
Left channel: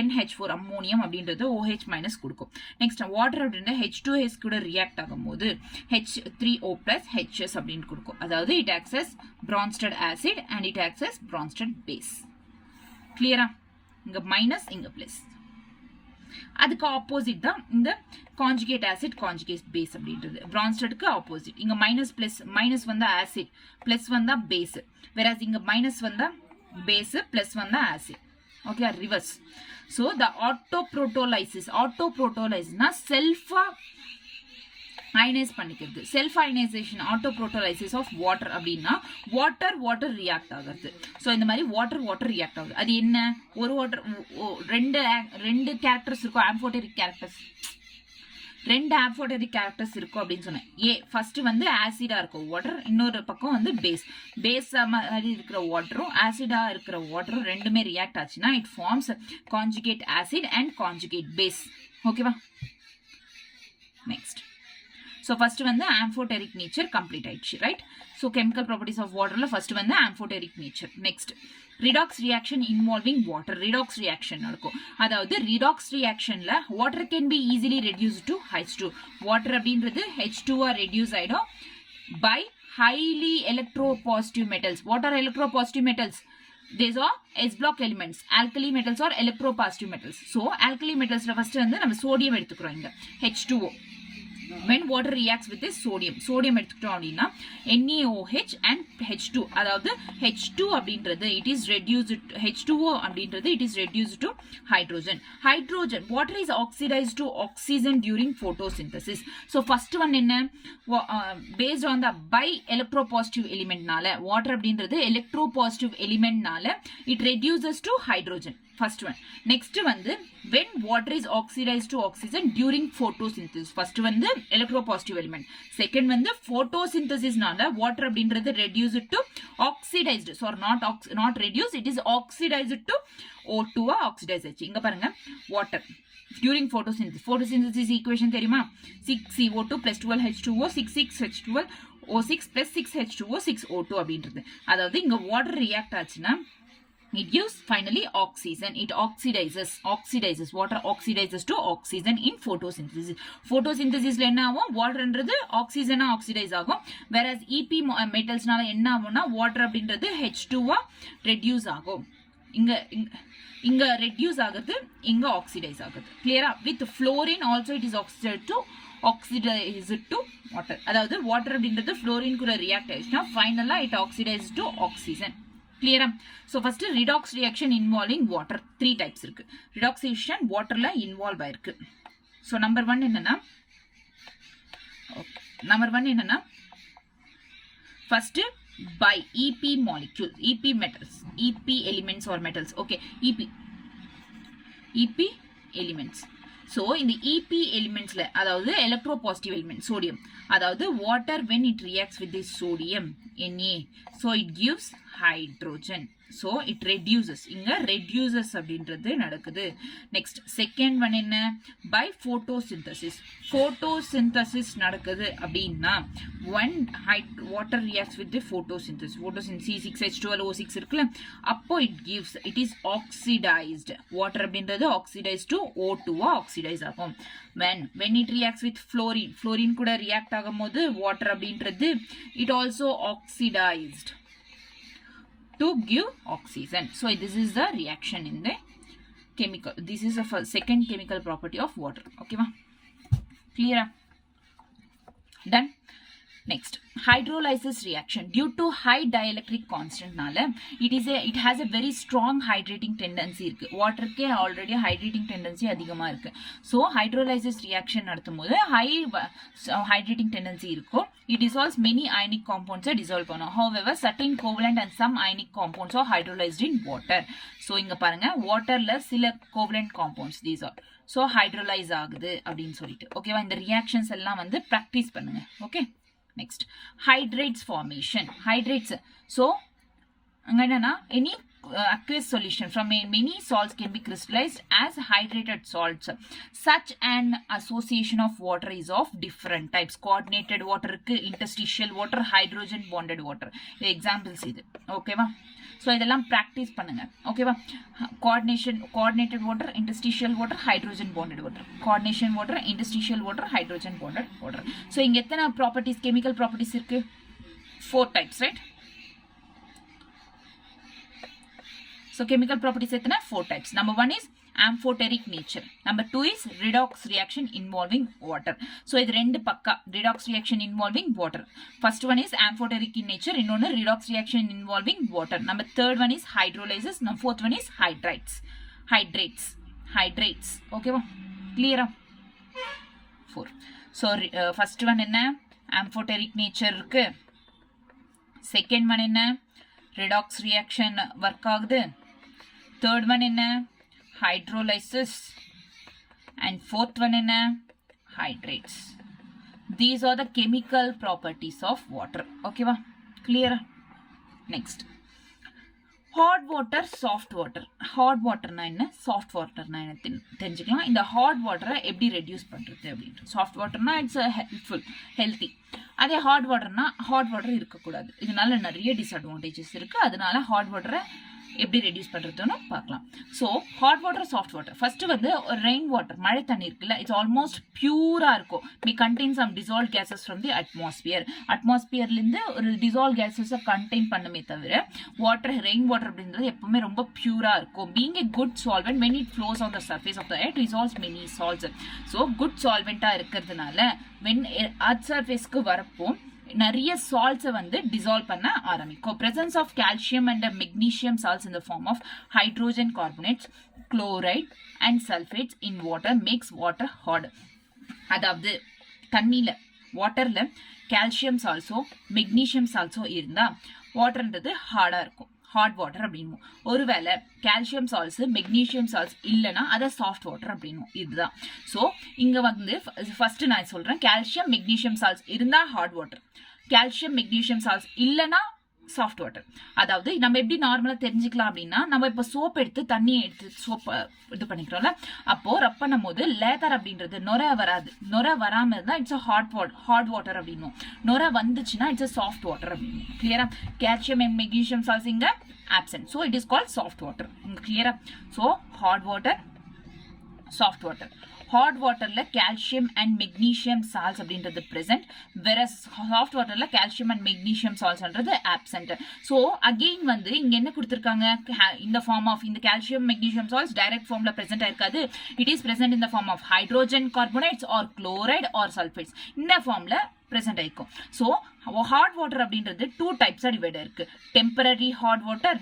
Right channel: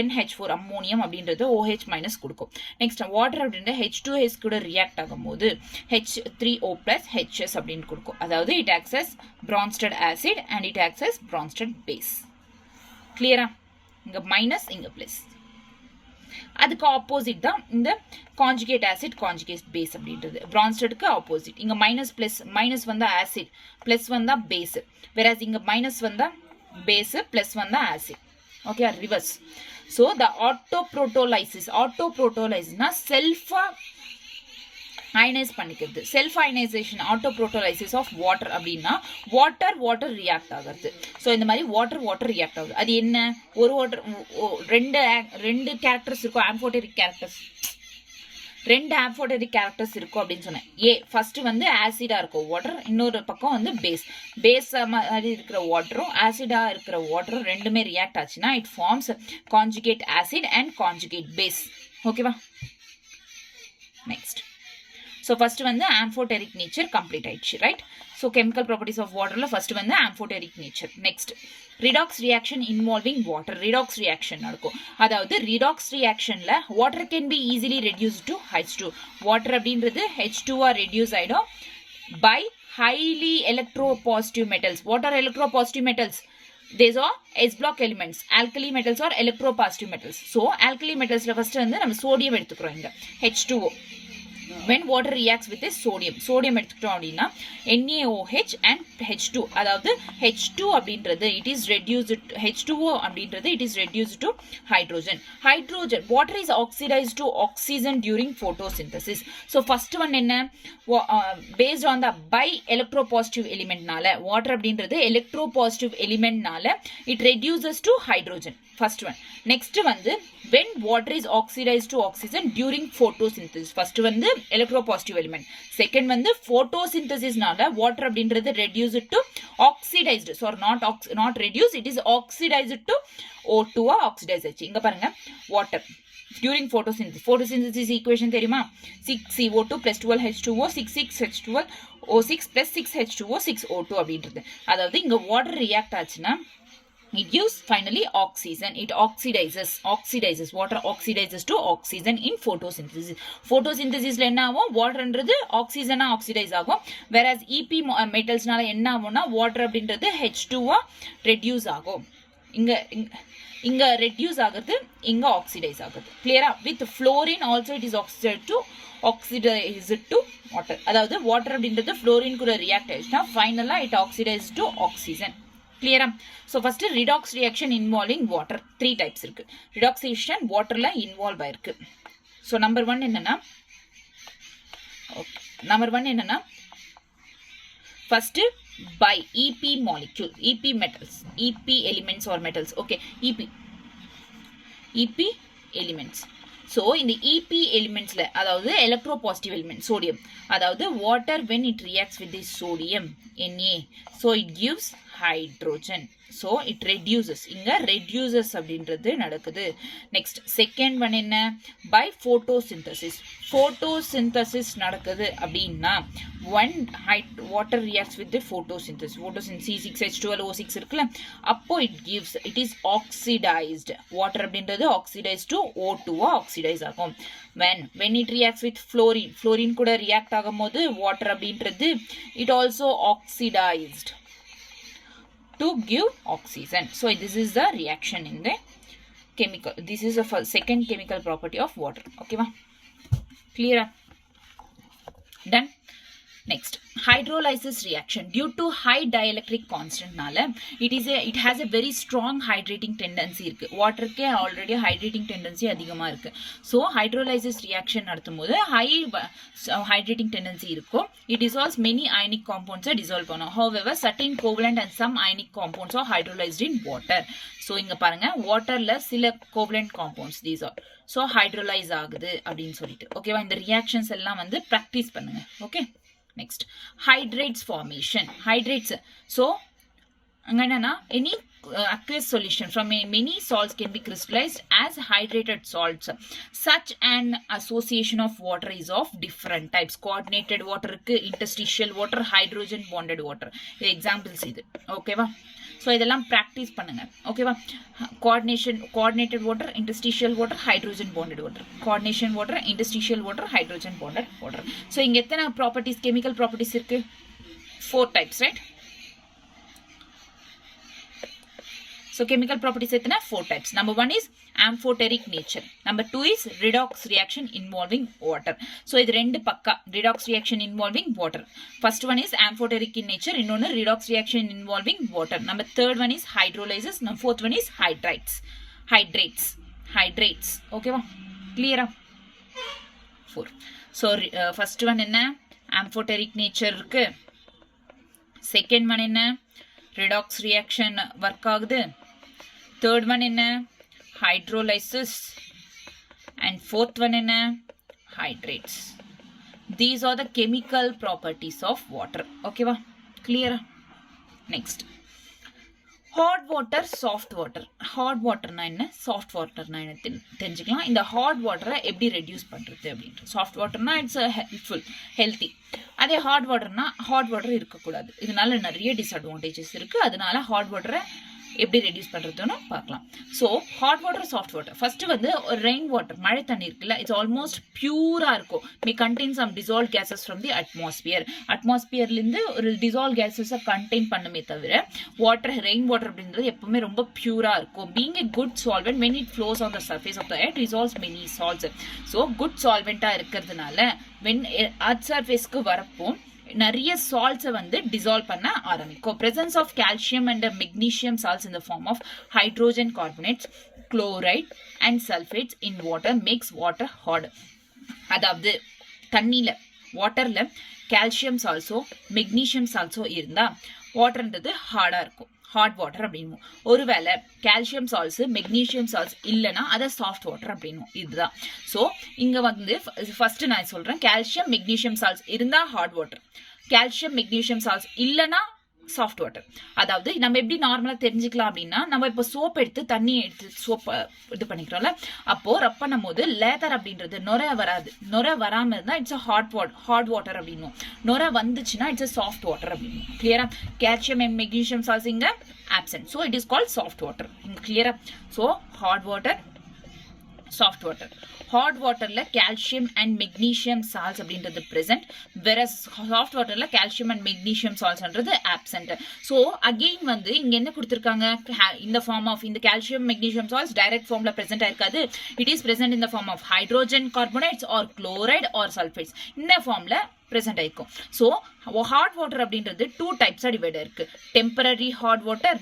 NH4 ammonium அப்படின்றது OH மைனஸ் கொடுக்கும். நெக்ஸ்ட் வாட்டர் அப்படின்ற H2S கூட ரியாக்ட் ஆகும்போது H3O plus HS அப்படின்னு கொடுக்கும். அதாவது it acts as Bronsted acid and it acts as Bronsted base. கிளியரா? இங்க மைனஸ் இங்க பிளஸ். அதுக்கு ஆப்போசிட் தான் இந்த கான்ஜுகேட் ஆசிட் கான்ஜுகேட் பேஸ் அப்படின்றது. பிரான்ஸ்டடுக்கு ஆப்போசிட். இங்க மைனஸ் வந்தா ஆசிட், பிளஸ் வந்தா பேஸ். வேறஸ் இங்க மைனஸ் வந்தா பேஸ், பிளஸ் வந்தா acid. Okay, reverse. So the ஆட்டோப்ரோட்டோலைசிஸ்னா செல்ஃபா அயனைஸ் பண்ணிக்கிறது. Self ionisation autoprotolysis of water அப்படின்னா வாட்டர் ரியாக்ட் ஆகிறது. ஸோ இந்த மாதிரி வாட்டர் ரியாக்ட் ஆகுது. அது என்ன, ஒரு வாட்டர் ரெண்டு கேரக்டர்ஸ் இருக்கும், ரெண்டு ஆம்ஃபோட்டெரிக் கேரக்டர்ஸ் இருக்கும் அப்படின்னு சொன்னேன். ஃபர்ஸ்ட் வந்து ஆசிடா இருக்கும் வாட்டர், இன்னொரு பக்கம் வந்து பேஸ் மாதிரி இருக்கிற வாட்டரும் ஆசிடா இருக்கிற வாட்டரும் ரெண்டுமே ரியாக்ட் ஆச்சுன்னா it forms conjugate acid and conjugate base. ஓகேவா? நெக்ஸ்ட், ஸோ ஃபர்ஸ்ட் வந்து ஆம்ஃபோட்டெரிக் நேச்சர் கம்ப்ளீட் ஆயிடுச்சு, right? So chemical properties of வாட்டர்ல ஃபர்ஸ்ட் வந்து amphoteric nature. Next, redox reaction involving water. Redox reaction நடக்கும். அதாவது ரிடாக்ஸ் ரியாக்ஷன்ல water can be easily reduce to H2. Water அப்படின்றது H2 reduce ஆயிடும் by highly electropositive metals. What are electropositive metals? These are S block elements. Alkali metals are electropositive metals. So alkali metals first வந்து நம்ம sodium எடுத்துக்கிறோம் இங்க H2O. when water reacts with a sodium எடுத்துக்கிட்டோம் அப்படின்னா NaOH and H2, அதாவது H2 அப்படின்றது it is reduced, H2O அப்படின்றது it is reduced to hydrogen. Water is oxidized to oxygen during photosynthesis. So first one என்ன, based on the by electropositive element நால water அப்படின்றது electropositive element நால it reduces to hydrogen. First one. Next வந்து when water is oxidized to oxygen during photosynthesis. First வந்து electropositive element. Second வந்து photosynthesis நால water அப்படின்றது reduced to oxidized. So not reduced, it is oxidized to O2 oxidized ஆச்சு. இங்க பாருங்க water during photosynthesis equation தெரியுமா? 6CO2 plus 12H2O 6H12O6 plus 6H2O 6O2 அப்படின்றது. அதாவது இங்க water react ஆச்சுன்னா it gives finally oxygen. It oxidizes. Water oxidizes to oxygen in photosynthesis. Photosynthesisல என்ன ஆகும், வாட்டர்ன்றது ஆக்சிஜனா ஆக்சிடைஸ் ஆகும். whereas EP மெட்டல்ஸ்னால என்ன ஆகும்னா வாட்டர் அப்படின்றது H2 ரெடியூஸ் ஆகும். இங்க ரெடியூஸ் ஆகுது, இங்க ஆக்சிடைஸ் ஆகுது. கிளியரா? With fluorine also it is oxidized to water. அதாவது வாட்டர் அப்படின்றது fluorine கூட ரியாக்ட் ஆயிடுச்சுன்னா ஃபைனலா it oxidizes to oxygen. கிளியரா? So first redox reaction involving water 3 types இருக்கு. ரிடாக்ஸேஷன் வாட்டர்ல இன்வால்வ் ஆயிருக்கு. ஸோ நம்பர் ஒன் என்னன்னா first by EP molecule, EP metals, EP elements or metals. Okay, EP elements. So in the EP elements அதாவது electropositive element sodium அதாவது water when it reacts with this sodium Na so it gives hydrogen so it reduces இங்க reduces அப்படின்றது நடக்குது next second one என்ன by photosynthesis நடக்குது அப்படின்னா when water reacts with the photosynthesis C6H12O6 இருக்குல்ல அப்போ it is oxidized water அப்படின்றது oxidized to O2 oxidize ஆகும் when it reacts with fluorine கூட react ஆகும்போது water அப்படின்றது it also oxidized to give oxygen. So this is the reaction in the chemical. This is the second chemical property of water. Okay, ma? Clear? Done? Next, hydrolysis reaction. Due to high dielectric constant nala, it has a very strong hydrating tendency irukku. Water ke already hydrating tendency adhigama irukku. So hydrolysis reaction naduthumbodhu high hydrating tendency irukku. It dissolves many ionic compounds dissolve panum. However, certain covalent and some ionic compounds are hydrolyzed in water. So inga parunga water la sila covalent compounds these are. So hydrolyze ஆகுது அப்படின்னு சொல்லிட்டு ஓகேவா இந்த reactions எல்லாம் வந்து practice பண்ணுங்க okay next hydrates formation hydrates so anganana any aqueous solution from many salts can be crystallized as hydrated salts such an association of water is of different types coordinated water interstitial water hydrogen bonded water examples idu okay va so இதெல்லாம் practice பண்ணுங்க ஓகேவா coordinated water interstitial water hydrogen bonded water coordination water interstitial water hydrogen bonded water so இங்க எத்தனை properties chemical properties இருக்கு 4 types right so chemical properties எத்தனை 4 types number 1 is amphoteric nature number 2 is redox reaction involving water so இது ரெண்டு பக்கா redox reaction involving water first one is amphoteric in nature இன்னொன்னு redox reaction involving water number third one is hydrolysis number fourth one is hydrates okay va clear 4 so first one என்ன amphoteric nature இருக்கு second one என்ன redox reaction work ஆகுது third one என்ன hydrolysis and fourth one in hydrates these are the chemical properties of water okay va clear next hot water soft water na enna soft water na enna தெரிஞ்சுக்கலாம் இந்த hot water எப்படி reduce பண்றது அப்படின்றது soft water na it's helpful healthy அதே hot water na hot water இருக்க கூடாது இதனால நிறைய disadvantages இருக்கு அதனால hot water எப்படி ரெடியூஸ் பண்றதுன்னு பார்க்கலாம் so hot water soft water first வந்து ரெயின் வாட்டர் மழை தண்ணி இருக்குல்ல இட்ஸ் ஆல்மோஸ்ட் பியூரா இருக்கும் may contain some dissolve gases from the அட்மாஸ்பியர்ல இருந்து ஒரு டிசால்வ் கேசஸை கண்டெயின் பண்ணுமே தவிர வாட்டர் ரெயின் வாட்டர் அப்படின்றது எப்பவுமே ரொம்ப பியூரா இருக்கும் being a good solvent when it flows on the surface of the earth dissolves many salts so good solvent-ஆ இருக்கிறதுனால when earth surface-க்கு வரப்போ நிறைய சால்ட்ஸை வந்து டிசால்வ் பண்ண ஆரம்பிக்கும் presence of calcium and magnesium salts in the form of hydrogen carbonates chloride and sulfates in water makes water hard அதாவது தண்ணியில வாட்டர்ல calcium சால்ட்ஸோ magnesium சால்ட்ஸோ இருந்தா வாட்டர்ன்றது ஹார்டா இருக்கும் ஹாட் வாட்டர் அப்படின்னும் ஒருவேளை கால்சியம் சால்ட்ஸ் மெக்னீசியம் சால்ட்ஸ் இல்லைன்னா அதை சாஃப்ட் வாட்டர் அப்படின்னும் இதுதான் ஸோ இங்க வந்து ஃபர்ஸ்ட் நான் சொல்றேன் கால்சியம் மெக்னீசியம் சால்ட்ஸ் இருந்தா hot water calcium magnesium salts இல்லைன்னா சாஃப்ட் வாட்டர் அதாவது நம்ம எப்படி நார்மலா தெரிஞ்சுக்கலாம் அப்படின்னா நம்ம இப்ப சோப் எடுத்து தண்ணி எடுத்து சோப் இது பண்ணிக்கிறோம்ல அப்போ ரப் பண்ணும் போது லேதர் அப்படின்றது நொரை வராது நொரை வராம இருந்தா இட்ஸ் ஹாட் வாட்டர் அப்படின்னும் நொரை வந்துச்சுன்னா இட்ஸ் சாஃப்ட் வாட்டர் அப்படின்னும் கிளியரா கால்சியம் அண்ட் மெக்னீசியம் சால்ட்ஸ் இங்க absent so it is called soft water clear so hot water soft water hot water la calcium and magnesium salts அப்படின்றது present whereas soft water la calcium and magnesium salts என்றது absent so again வந்து இங்க என்ன கொடுத்திருக்காங்க in the form of in the calcium magnesium salts direct form la present ஆயிருக்காது it is present in the form of hydrogen carbonates or chloride or sulfates இந்த formல present ஆயிருக்கும் so hot water அப்படின்றது two types divide இருக்கு temporary hot water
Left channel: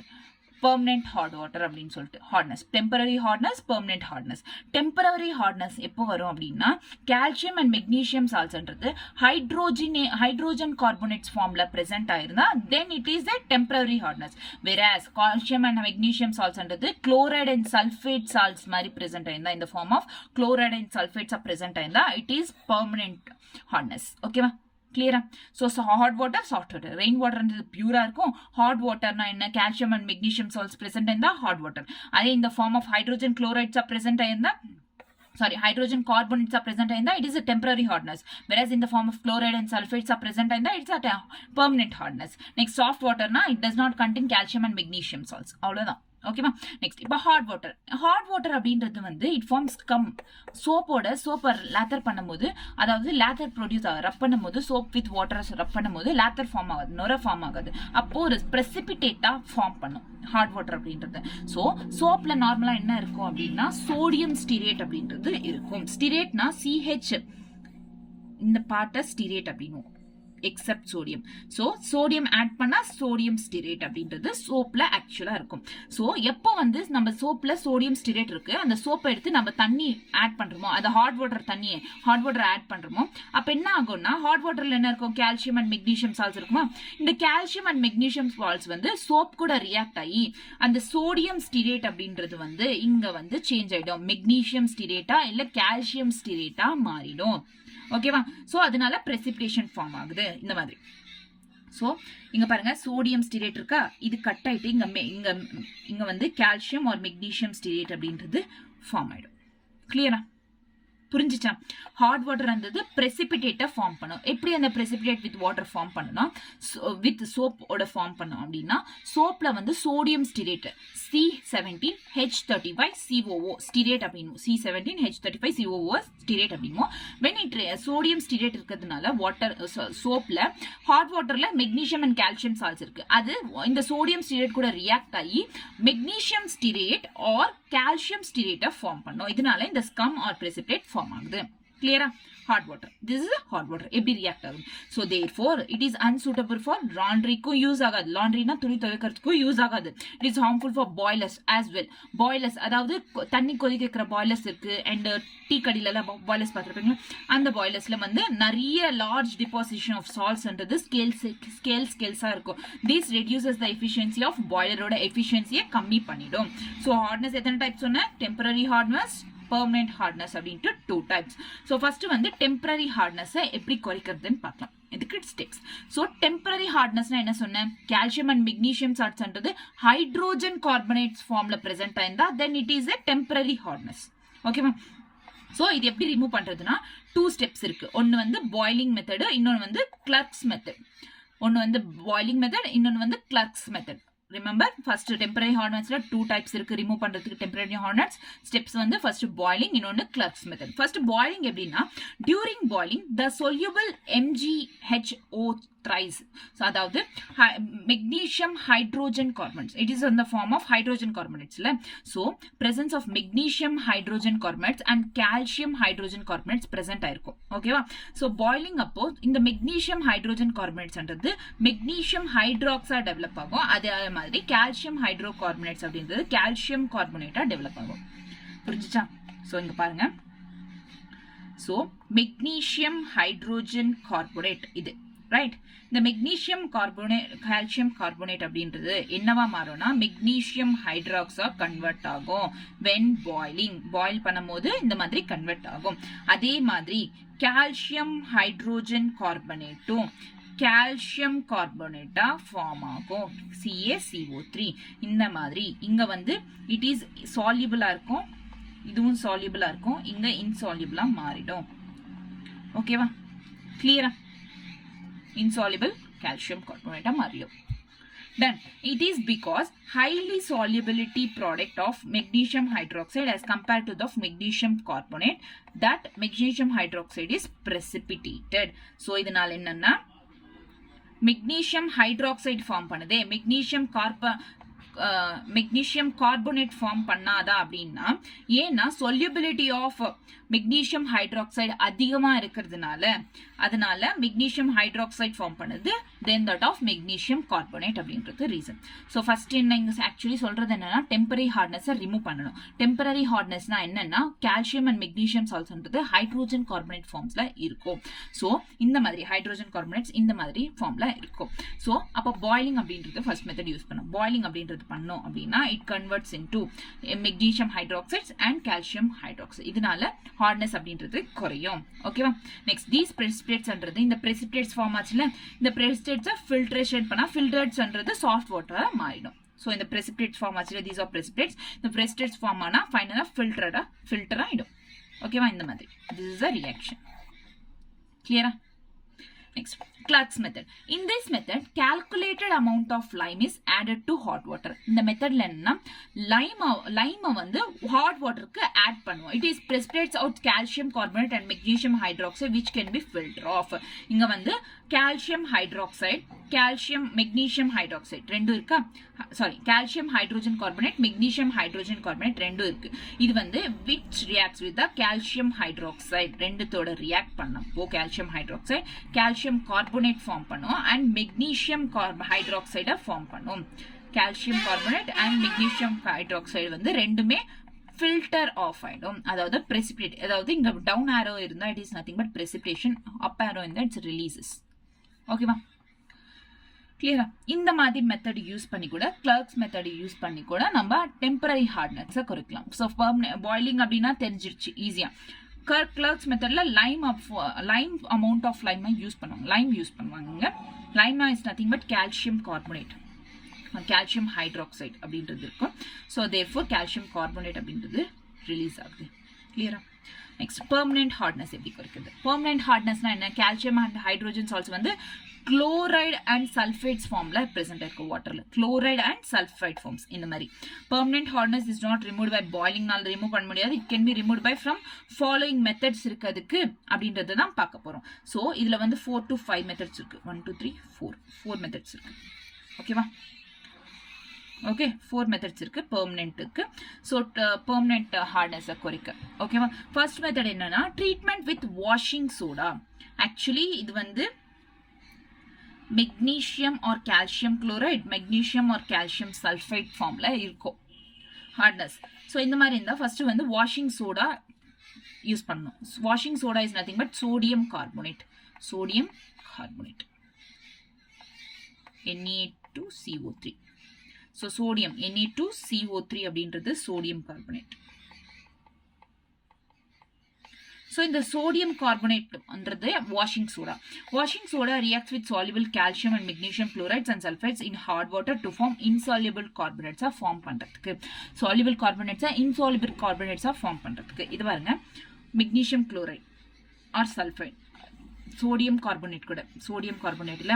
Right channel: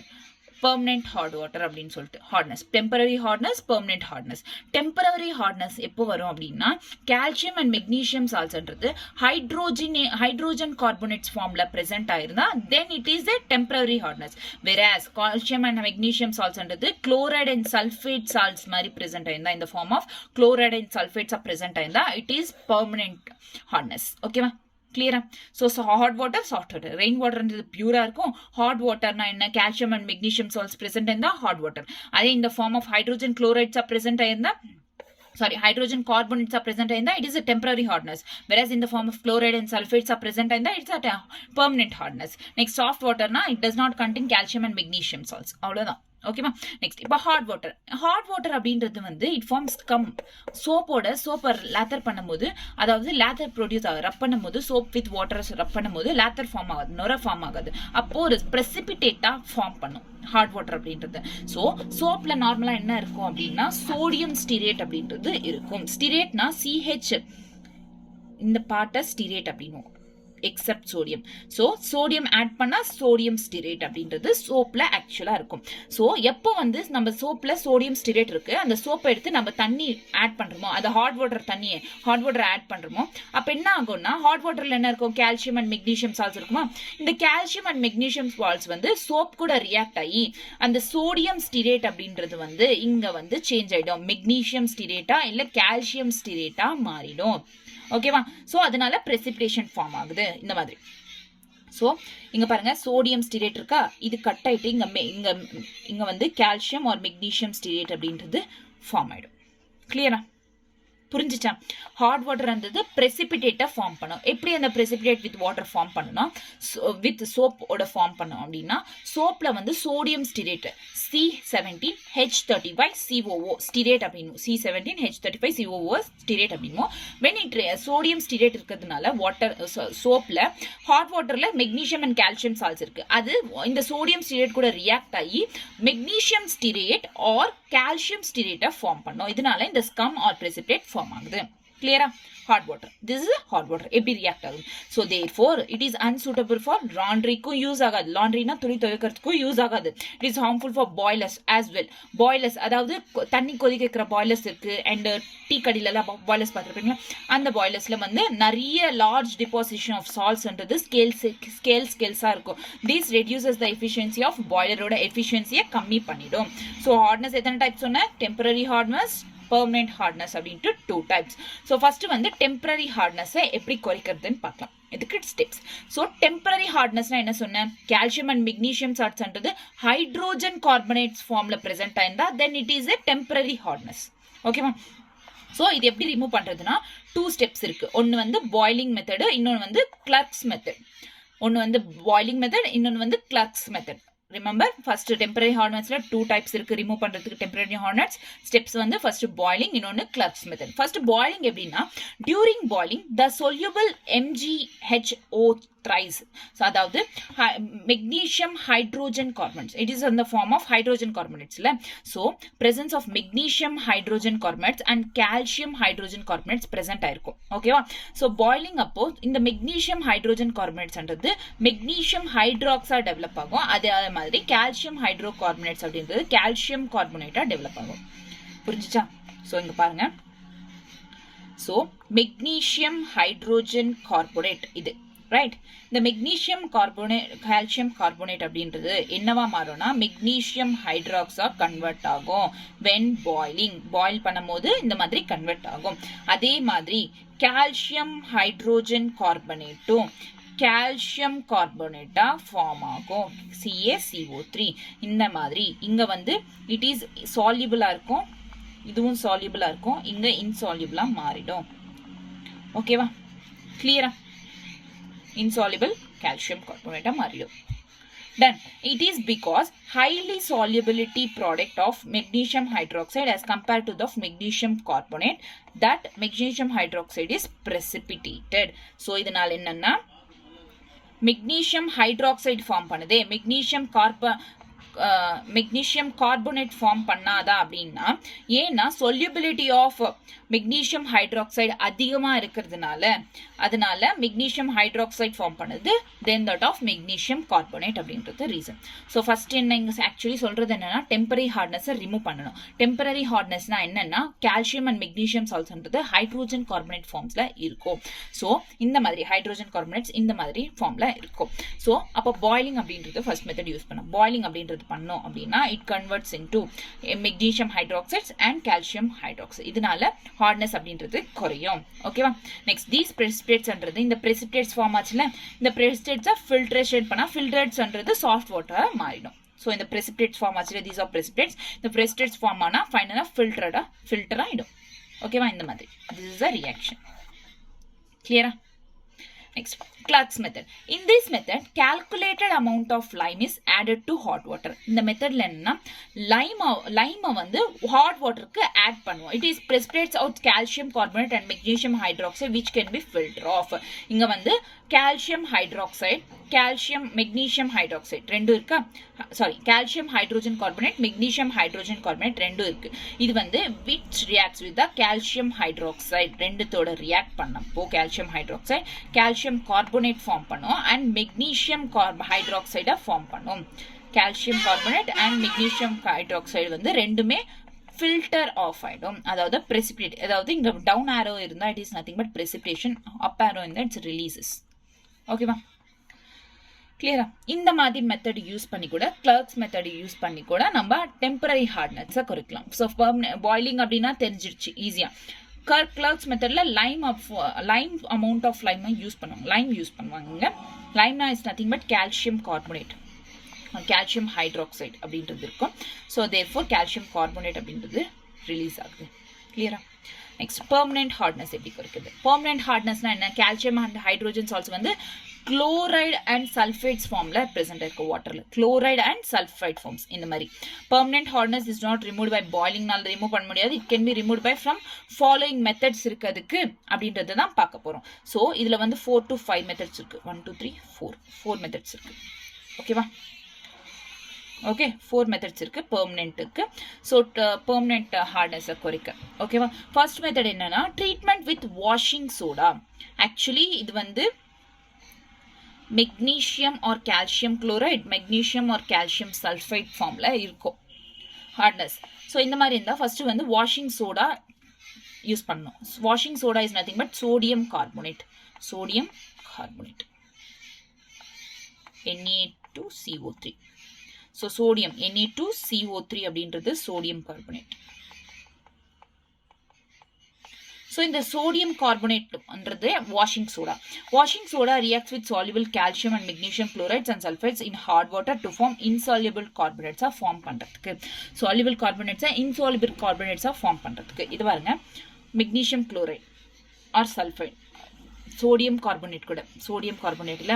permanent hot water அப்படின்னு சொல்லிட்டு hardness, temporary hardness, permanent hardness. Temporary hardness எப்போ வரும் அப்படின்னா கால்சியம் அண்ட் மெக்னீசியம் சால்ட்ஸ்ன்றது ஹைட்ரோஜன் கார்பனேட்ஸ் ஃபார்ம்ல பிரசன்ட் ஆயிருந்தா then it is a temporary hardness. whereas calcium and magnesium saltsன்றது chloride and sulfate salts மாதிரி present ஆயிருந்தா in the form of chloride and sulfates present ஆயிருந்தா it is permanent hardness. ஓகேவா? கிளியரா? So hot water, soft water. Rain வாட்டர்ன்றது பியூரா இருக்கும். Hot வாட்டர்னா என்ன? Calcium and magnesium salts present ஆயிருந்தா ஹாட் வாட்டர். அதே இந்த ஃபார்ம் ஆஃப் ஹைட்ரோஜன் குளோரைட்ஸா பிரசன்ட் ஆயிருந்தா hydrogen carbonates are present in that, it is a temporary hardness. Whereas in the form of chloride and sulfates are present in that, it's a permanent hardness. Next, soft water, it does not contain calcium and magnesium salts. ஓகேவா? Next இப்போ hot water அப்படின்றது வந்து it forms come. சோப்பை laureth பண்ணும்போது, அதாவது laureth produce ரப் பண்ணும்போது, soap with water ரப் பண்ணும்போது laureth form ஆகாது, நுர ஃபார்ம் ஆகாது. அப்போ ஒரு பிரசிபிடேட்டா ஃபார்ம் பண்ணும் ஹாட் வாட்டர் அப்படின்றது. ஸோ சோப்ல நார்மலா என்ன இருக்கும் அப்படின்னா சோடியம் ஸ்டிரேட் அப்படின்றது இருக்கும். ஸ்டிரேட்னா CH, இந்த பார்ட்டை ஸ்டிரேட் அப்படின்னும், except sodium. So sodium add பண்ணா சோடியம் ஸ்டிரேட் அப்படின்றது சோப்ல ஆக்சுவலா இருக்கும். ஸோ எப்போ வந்து நம்ம சோப்ல சோடியம் ஸ்டிரேட் இருக்கு, அந்த சோப்பை எடுத்து நம்ம தண்ணி ஆட் பண்றோமோ, அது ஹாட் வாட்டர் ஆட் பண்றோமோ, அப்ப என்ன ஆகும்னா ஹாட் வாட்டர்ல என்ன இருக்கும்? கால்சியம் அண்ட் மெக்னீசியம் சால்ட்ஸ் இருக்குமா? இந்த கால்சியம் அண்ட் மெக்னீசியம் சால்ட்ஸ் வந்து சோப் கூட ரியாக்ட் ஆகி அந்த சோடியம் ஸ்டிரேட் அப்படின்றது வந்து இங்க வந்து சேஞ்ச் ஆயிடும். மெக்னீசியம் ஸ்டிரேட்டா இல்ல கால்சியம் ஸ்டிரேட்டா மாறிடும். ஓகேவா? சோ அதனால precipitation ஃபார்ம் ஆகுது இந்த மாதிரி. சோ இங்க பாருங்க சோடியம் ஸ்டிரேட் இருக்கா, இது கட் ஆயிட்டு இங்க வந்து கால்சியம் ஆர் மெக்னீசியம் ஸ்டிரேட் அப்படின்றது ஃபார்ம் ஆயிடும். கிளியரா? புரிஞ்சுச்சா? ஹாட் வாட்டர் இருந்தது precipitate ஃபார்ம் பண்ணும். எப்படி அந்த precipitate வித் வாட்டர் ஃபார்ம் பண்ணணும், வித் சோப்போட ஃபார்ம் பண்ணும் அப்படின்னா சோப்ல வந்து சோடியம் ஸ்டிரேட் C17H35COO ஸ்டிரேட் அப்படின்னும், C17H35COO ஸ்டிரேட் அப்படின்னும். when it சோடியம் ஸ்டிரேட் இருக்கிறதுனால வாட்டர் சோப்ல ஹாட் வாட்டர்ல மெக்னீசியம் அண்ட் கால்சியம் சால்ட்ஸ் இருக்கு, அது இந்த சோடியம் ஸ்டிரேட் கூட ரியாக்ட் ஆகி மெக்னீசியம் ஸ்டிரேட் ஆர் கால்சியம் ஸ்டிரேட்டை ஃபார்ம் பண்ணும். இதனால இந்த ஸ்கம் ஆர் precipitate ஃபார்ம் ஆகுது. கிளியரா? hot water. This is a hot water. எப்படி ரியாக்ட் ஆகும்? So therefore it is unsuitable for laundryக்கும் யூஸ் ஆகாது. லாண்ட்ரினா துணி துவைக்கிறதுக்கும் யூஸ் ஆகாது. It is harmful for boilers as well. Boilers அதாவது தண்ணி கொதிக்கிற boilers இருக்கு, அண்ட் டீ கடியில எல்லாம் boilers பார்த்துருப்பீங்களா? அந்த boilersல வந்து நிறைய லார்ஜ் டிபாசிஷன் ஆஃப் சால்ட்ஸ்ன்றது ஸ்கேல்ஸா இருக்கும். This reduces the efficiency of boilerோட எஃபிஷியன்சியை கம்மி பண்ணிடும். So hardness எத்தனை டைப் சொன்ன? டெம்பரரி ஹார்ட்னஸ், permanent hardness அப்படின்ட்டு 2 types. ஸோ ஃபர்ஸ்ட் வந்து டெம்பரரி ஹார்ட்னஸை எப்படி குறைக்கிறதுன்னு பார்க்கலாம். இதுக்கு ஸ்டெப்ஸ். ஸோ டெம்பரரி ஹார்ட்னஸ்னா என்ன சொன்னேன்? கால்சியம் அண்ட் மெக்னீசியம் சால்ட்ஸ்ன்றது ஹைட்ரோஜன் கார்பனேட்ஸ் ஃபார்ம்ல பிரசன்ட் ஆயிருந்தா then it is a temporary hardness. ஓகேவா? ஸோ இது எப்படி ரிமூவ் பண்றதுன்னா 2 ஸ்டெப்ஸ் இருக்கு. ஒன்னு வந்து பாய்லிங் மெத்தடு, இன்னொன்று வந்து கிளர்க்ஸ் மெத்தட். ஒன்னு வந்து பாய்லிங் மெத்தட், இன்னொன்று வந்து clerks method. Remember, first temporary hardness-ல 2 types இருக்கு remove பண்றதுக்கு temporary hardness. Steps வந்து first boiling, இன்னொன்னு Clark's method. First boiling எப்படின்னா, during boiling the soluble MgHO thrice. So அதாவது magnesium hydrogen carbonates. It is in the form of hydrogen carbonates. So presence of magnesium hydrogen carbonates and calcium hydrogen carbonates present ஆயிருக்கும். ஓகேவா? So boiling அப்போ இந்த magnesium hydrogen carbonates என்றது magnesium hydroxide develop ஆகும். அதே மாதிரி calcium hydrocarbonates அப்படின்றது calcium carbonate develop ஆகும். புரிஞ்சுச்சா? So இங்க பாருங்க. So magnesium hydrogen carbonate இது ரைட். இந்த மெக்னீசியம் கார்போனேட் கால்சியம் கார்போனேட் அப்படின்றது என்னவா மாறும்னா மெக்னீசியம் ஹைட்ராக்ஸா கன்வெர்ட் ஆகும். வென் பாயில் பண்ணும்போது இந்த மாதிரி கன்வெர்ட் ஆகும். அதே மாதிரி கால்சியம் ஹைட்ரோஜன் கார்பனேட்டும் கால்சியம் கார்பனேட்டா ஃபார்ம் ஆகும். CaCO3 இந்த மாதிரி இங்க வந்து இட் இஸ் சால்யூபிளா இருக்கும், இதுவும் சால்யூபிளா இருக்கும், இங்க இன்சால்யூபிளா மாறிடும். ஓகேவா? கிளியரா? Insoluble calcium carbonate மாறிடும். Then it is because highly solubility product of magnesium hydroxide as compared to the magnesium carbonate that magnesium hydroxide is precipitated. So இதனால என்னன்னா magnesium hydroxide ஃபார்ம் பண்ணுதே, மெக்னீசியம் கார்போனேட் ஃபார்ம் பண்ணாதா அப்படின்னா, ஏன்னா solubility of magnesium hydroxide அதிகமா இருக்கிறதுனால அதனால magnesium hydroxide form பண்ணுது, then that of magnesium carbonate அப்படின்றது ரீசன். ஸோ ஃபர்ஸ்ட் என்ன இங்க ஆக்சுவலி சொல்றது என்னன்னா டெம்பரரி ஹார்ட்னஸை ரிமூவ் பண்ணணும். டெம்பரரி ஹார்ட்னஸ்னா என்னன்னா கால்சியம் அண்ட் மெக்னீசியம் சால்ட்ஸ்ன்றது ஹைட்ரோஜன் கார்பனேட் ஃபார்ம்ஸ்ல இருக்கும். ஸோ இந்த மாதிரி ஹைட்ரோஜன் கார்பனேட்ஸ் இந்த மாதிரி ஃபார்ம்ல இருக்கும். ஸோ அப்போ பாய்லிங் அப்படின்றது ஃபர்ஸ்ட் மெத்தட் யூஸ் பண்ணோம். பாய்லிங் அப்படின்றது பண்ணோம் அப்படின்னா it converts into magnesium hydroxides and calcium hydroxide. இதனால ஹார்ட்னஸ் அப்படின்றது குறையும். ஓகேவா? நெக்ஸ்ட் தீஸ் precipitatesன்றது இந்த precipitate ஃபார்ம் ஆச்சுல, இந்த precipitates ஃபில்ட்ரேஷன் பண்ணா filtrateஸ்ன்றது சாஃப்ட் வாட்டரா மாறிடும். ஸோ இந்த precipitate ஃபார்ம் ஆச்சுல, தீஸ் ஆர் precipitates. இந்த precipitates ஃபார்ம் ஆனா ஃபைனலா ஃபில்டர் ஆயிடும். ஓகேவா? இந்த மாதிரி this is a reaction. Clear? Next, Clark's method. In this method, calculated amount of lime is added to hot water. இந்த மெத்தட்ல என்னன்னா லைமை வந்து hot waterக்கு add பண்ணுவோம். It is precipitates out calcium carbonate and magnesium hydroxide which can be filtered off. இங்க வந்து calcium hydroxide, calcium magnesium hydroxide ரெண்டு இருக்கா? Sorry, calcium hydrogen carbonate, magnesium hydrogen carbonate ரெண்டு இருக்கு. இது வந்து which reacts with the calcium hydroxide ரெண்டுத்தோட react பண்ணப்போ calcium hydroxide calcium carbonate form பண்ணும் and magnesium hydroxide form பண்ணும். calcium carbonate and magnesium hydroxide வந்து ரெண்டுமே filter off ஆயிடும். அதாவது precipitate, அதாவது இங்க down arrow இருந்தா it is nothing but precipitation, up arrow இருந்தா it releases. ஓகேவா? கிளியரா? இந்த மாதிரி மெத்தட் யூஸ் பண்ணி கூட கிளர்க்ஸ் மெத்தட் யூஸ் பண்ணி கூட நம்ம டெம்பரரி ஹார்ட்னஸை குறைக்கலாம். ஸோ பாய்லிங் அப்படின்னா தெரிஞ்சிருச்சு ஈஸியா. கிளர்க்ஸ் மெத்தட்ல lime amount of lime use பண்ணுவாங்க. லைம் யூஸ் பண்ணுவாங்க. லைம்னா is nothing but calcium carbonate, calcium hydroxide அப்படின்றது இருக்கும். ஸோ தேர்ஃபோர் கால்சியம் கார்பனேட் அப்படின்றது ரிலீஸ் ஆகுது. கிளியரா? நெக்ஸ்ட் பெர்மனன்ட் ஹார்ட்னஸ் எப்படி குறைக்குது? பெர்மனன்ட் ஹார்ட்னஸ்னா என்ன? கால்சியம் அண்ட் ஹைட்ரோஜன் சால்ட்ஸ் வந்து குளோரைடு அண்ட் சல்ஃபைட்ஸ் ஃபார்ம்ல பிரசன்ட் இருக்கு வாட்டர்ல. குளோரைடு அண்ட் சல்ஃபைட் ஃபார்ம்ஸ் இந்த மாதிரி. Permanent hardness is not remove by பாய்லிங்னால ரிமூவ் பண்ண முடியாது. It can be remove by from following methods இருக்கிறதுக்கு அப்படின்றது தான் பார்க்க போறோம். ஸோ இதுல வந்து 4 to 5 மெத்தட்ஸ் இருக்கு. 1 2 3 4 மெத்தட்ஸ் இருக்கு. ஓகேவா? ஓகே, 4 மெத்தட்ஸ் இருக்கு பெர்மனன்ட்டுக்கு. ஸோ பெர்மனன்ட் ஹார்ட்னஸை குறைக்க. ஓகேவா? ஃபர்ஸ்ட் மெத்தட் என்னன்னா treatment with washing soda. Actually இது வந்து magnesium or calcium chloride, magnesium or calcium sulphite ஃபார்ம்ல இருக்கும் ஹார்ட்னஸ். ஸோ இந்த மாதிரி இருந்தால் ஃபர்ஸ்ட் வந்து வாஷிங் சோடா யூஸ் பண்ணணும். Washing soda is nothing but sodium carbonate. Sodium carbonate Na2CO3. So sodium Na2CO3 அப்படின்றது சோடியம் கார்பனேட். ஸோ இந்த சோடியம் கார்பனேட்ன்றது washing soda. Washing soda reacts with soluble calcium and magnesium chlorides and sulphites in heart water to form insoluble கார்பனேட்ஸாக form பண்ணுறதுக்கு. Soluble கார்பனேட்ஸை insoluble கார்பனேட்ஸாக form பண்ணுறதுக்கு. இது பாருங்க, magnesium chloride or sulphite, sodium carbonate கூட. சோடியம் கார்பனேட்டில்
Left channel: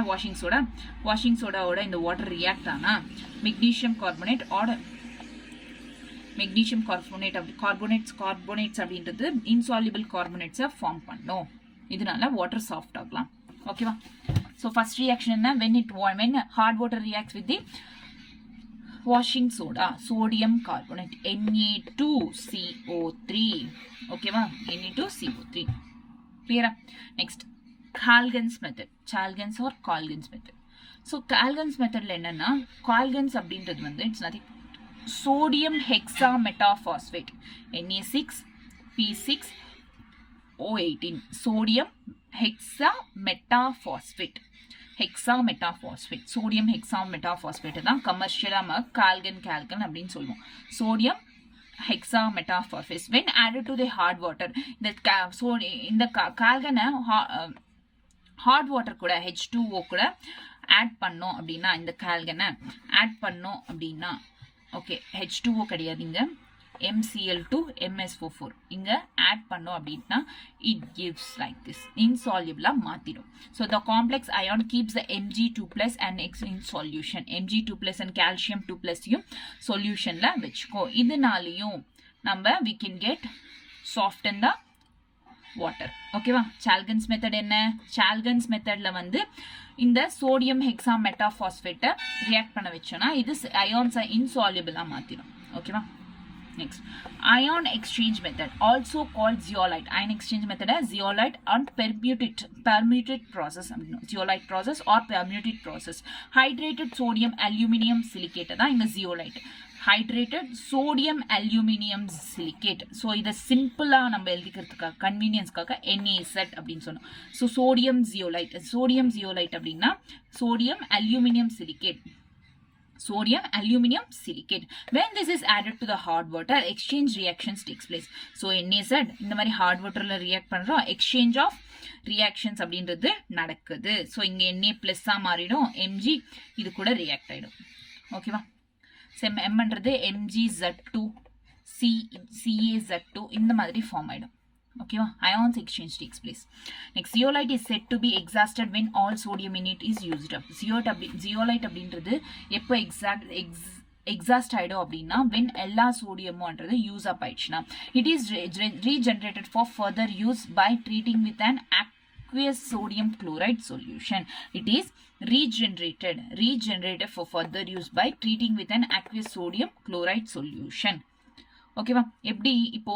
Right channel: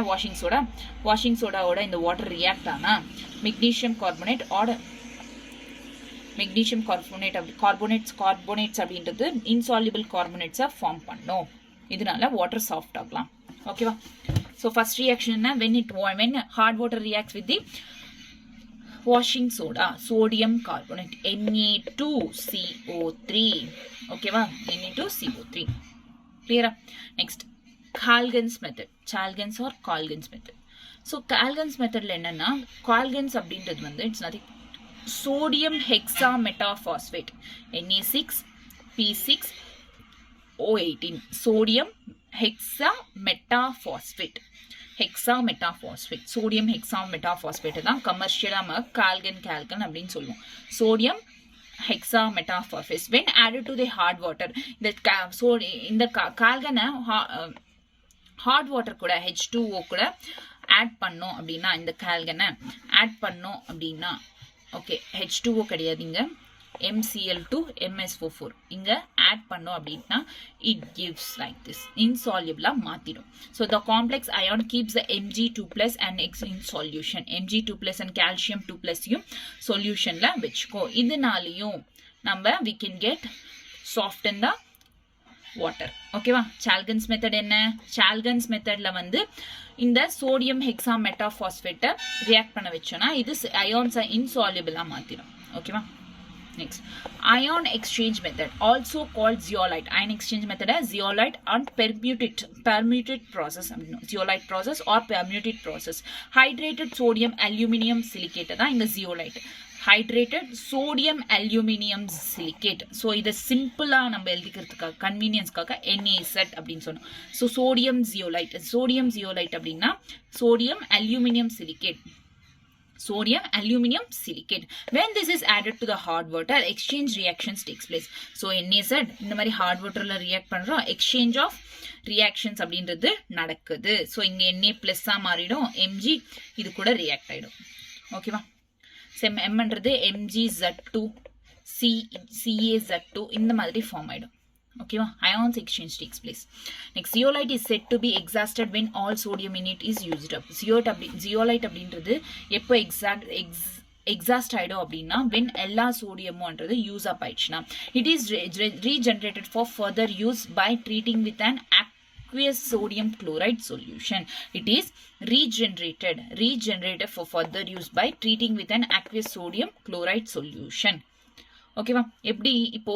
வாஷிங் சோடாவோட இந்த வாட்டர் ரியாக்ட் ஆனால் magnesium carbonate order magnesium carbonate carbonates அப்படின்றது இன்சால்யூபிள் கார்பனேட்ஸை ஃபார்ம் பண்ணும். இதனால வாட்டர் சாஃப்ட் ஆகலாம். ஓகேவா? ஸோ ஃபர்ஸ்ட் ரியாக்ஷன் என்ன? when hard water reacts with the washing soda, sodium carbonate Na2CO3. ஓகேவா? Na2CO3. கிளியரா? Next Calgon's method. Calgon's method. So Calgon's மெத்தட்ல என்னன்னா கால்கன்ஸ் அப்படின்றது வந்து it's nothing sodium hexametaphosphate Na6P6O18. sodium hexametaphosphate sodium hexametaphosphate தான் கமர்ஷியலா நம்ம கால்கன் அப்படின்னு சொல்லுவோம். Sodium hexametaphosphate when added to the hard water. இந்த கால்கனை ஹாட் வாட்டர் கூட H2O கூட ஆட் பண்ணோம் அப்படின்னா, இந்த கால்கனை ஆட் பண்ணோம் அப்படின்னா, ஓகே H2O கிடையாது, இங்க MCl2 MS44 இங்க ஆட் பண்ணோம் அப்படின்னா it gives like this insoluble மாத்திடும். So the complex ion keeps the Mg2+ and X in solution. Mg2+ and calcium 2+ solutionல வெச்சுக்கோ. இதனாலயும் நம்ம we can get soften the water. ஓகேவா? சால்கன்ஸ் method என்ன? சால்கன்ஸ் மெத்தட்ல வந்து இந்த சோடியம் ஹெக்ஸாமெட்டாபாஸ்பேட்டை ரியாக்ட் பண்ண வச்சோம்னா இது அயான்ஸை இன்சால்யூபிளா மாத்திடும். ஓகேவா? Next, ion exchange method, also called zeolite. Ion exchange method is zeolite and permutate process. Zeolite process or permutate process. Hydrated sodium aluminum silicate தான் இந்த zeolite. Hydrated sodium aluminum silicate. So இதை சிம்பிளா நம்ம எழுதிக்கிறதுக்காக கன்வீனியன்ஸ்க்காக Ncert அப்படின்னு சொன்னோம். So sodium zeolite. Sodium zeolite அப்படின்னா sodium aluminum silicate. Sodium aluminum silicate. When this is added to the hard water, exchange reactions takes place. So Ncert இந்த மாதிரி hard waterல react பண்றோம், exchange of reactions அப்படின்றது நடக்குது. So இங்க Na plus மாறிடும், Mg இது கூட react ஆயிடும். ஓகேவா? M என்றது MgZ2 CaZ2 இந்த மாதிரி ஃபார்ம் ஆயிடும். ஓகேவா? Ions exchange takes place. Next, zeolite is said to be exhausted when all sodium in it is used up. Zeolite அப்படின்றது எப்போ exhaust ஆயிடும் அப்படின்னா when எல்லா சோடியமும்ன்றது யூஸ் அப் ஆயிடுச்சுன்னா. It is regenerated for further use by treating with an aqueous sodium chloride solution. It is regenerated for further use by treating with an aqueous sodium chloride solution. ஓகேவா? எப்படி இப்போ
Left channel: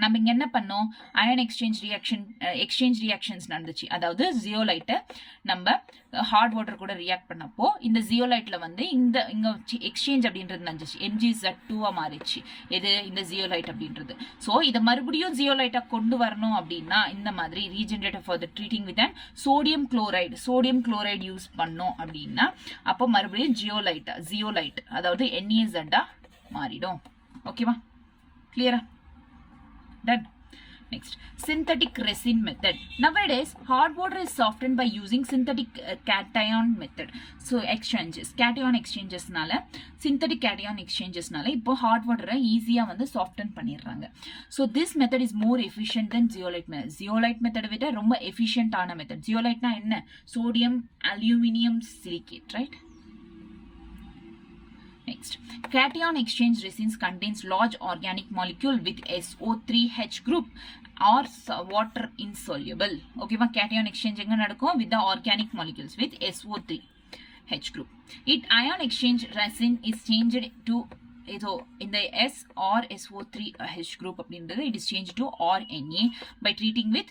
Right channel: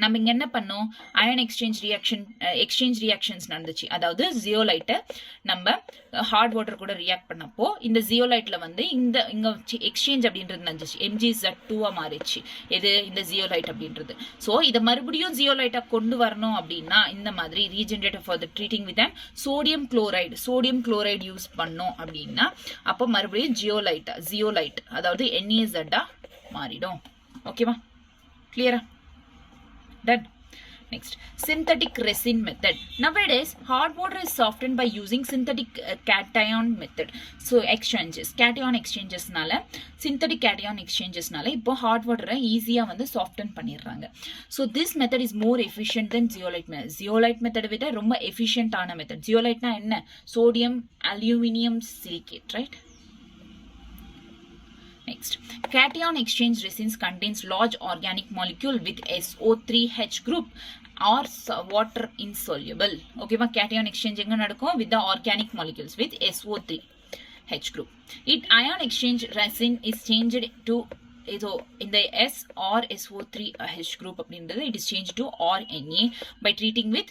நம்ம இங்க என்ன பண்ணோம், அயன் எக்ஸ்சேஞ்ச் ரியாக்ஷன்ஸ் நடந்துச்சு. அதாவது ஜியோலைட்டை நம்ம ஹார்ட் வாட்டர் கூட ரியாக்ட் பண்ணப்போ இந்த ஜியோலைட்ல வந்து இங்க எக்ஸ்சேஞ்ச் அப்படின்றது நடந்துச்சு, MgZ2 மாறிச்சு. எது? இந்த ஜியோலைட் அப்படின்றது. ஸோ இதை மறுபடியும் ஜியோலைட்டா கொண்டு வரணும் அப்படின்னா இந்த மாதிரி regenerative for the treating with and sodium chloride use பண்ணோம் அப்படின்னா அப்போ மறுபடியும் ஜியோலைட் அதாவது NaZ மாறிடும். ஓகேவா? கிளியரா? Done. Next, synthetic resin method. Nowadays, hard water is softened by using synthetic cation method. So, cation exchanges நால synthetic cation exchanges நால இப்போ hard water ஈஸியா வந்து soften பண்ணிடுறாங்க. So, this method is more efficient than zeolite method. Zeolite method விட ரொம்ப efficient ஆன method. Zeolite னா என்ன? Sodium aluminum silicate, right? Next, cation exchange resins contains large organic molecule with SO3H group or water insoluble. Okay, cation exchange எங்க நடக்கும்? With the organic molecules with SO3H group. Ion exchange resin is changed to in the S or SO3H group அப்படின்றது it is changed to RNA by treating with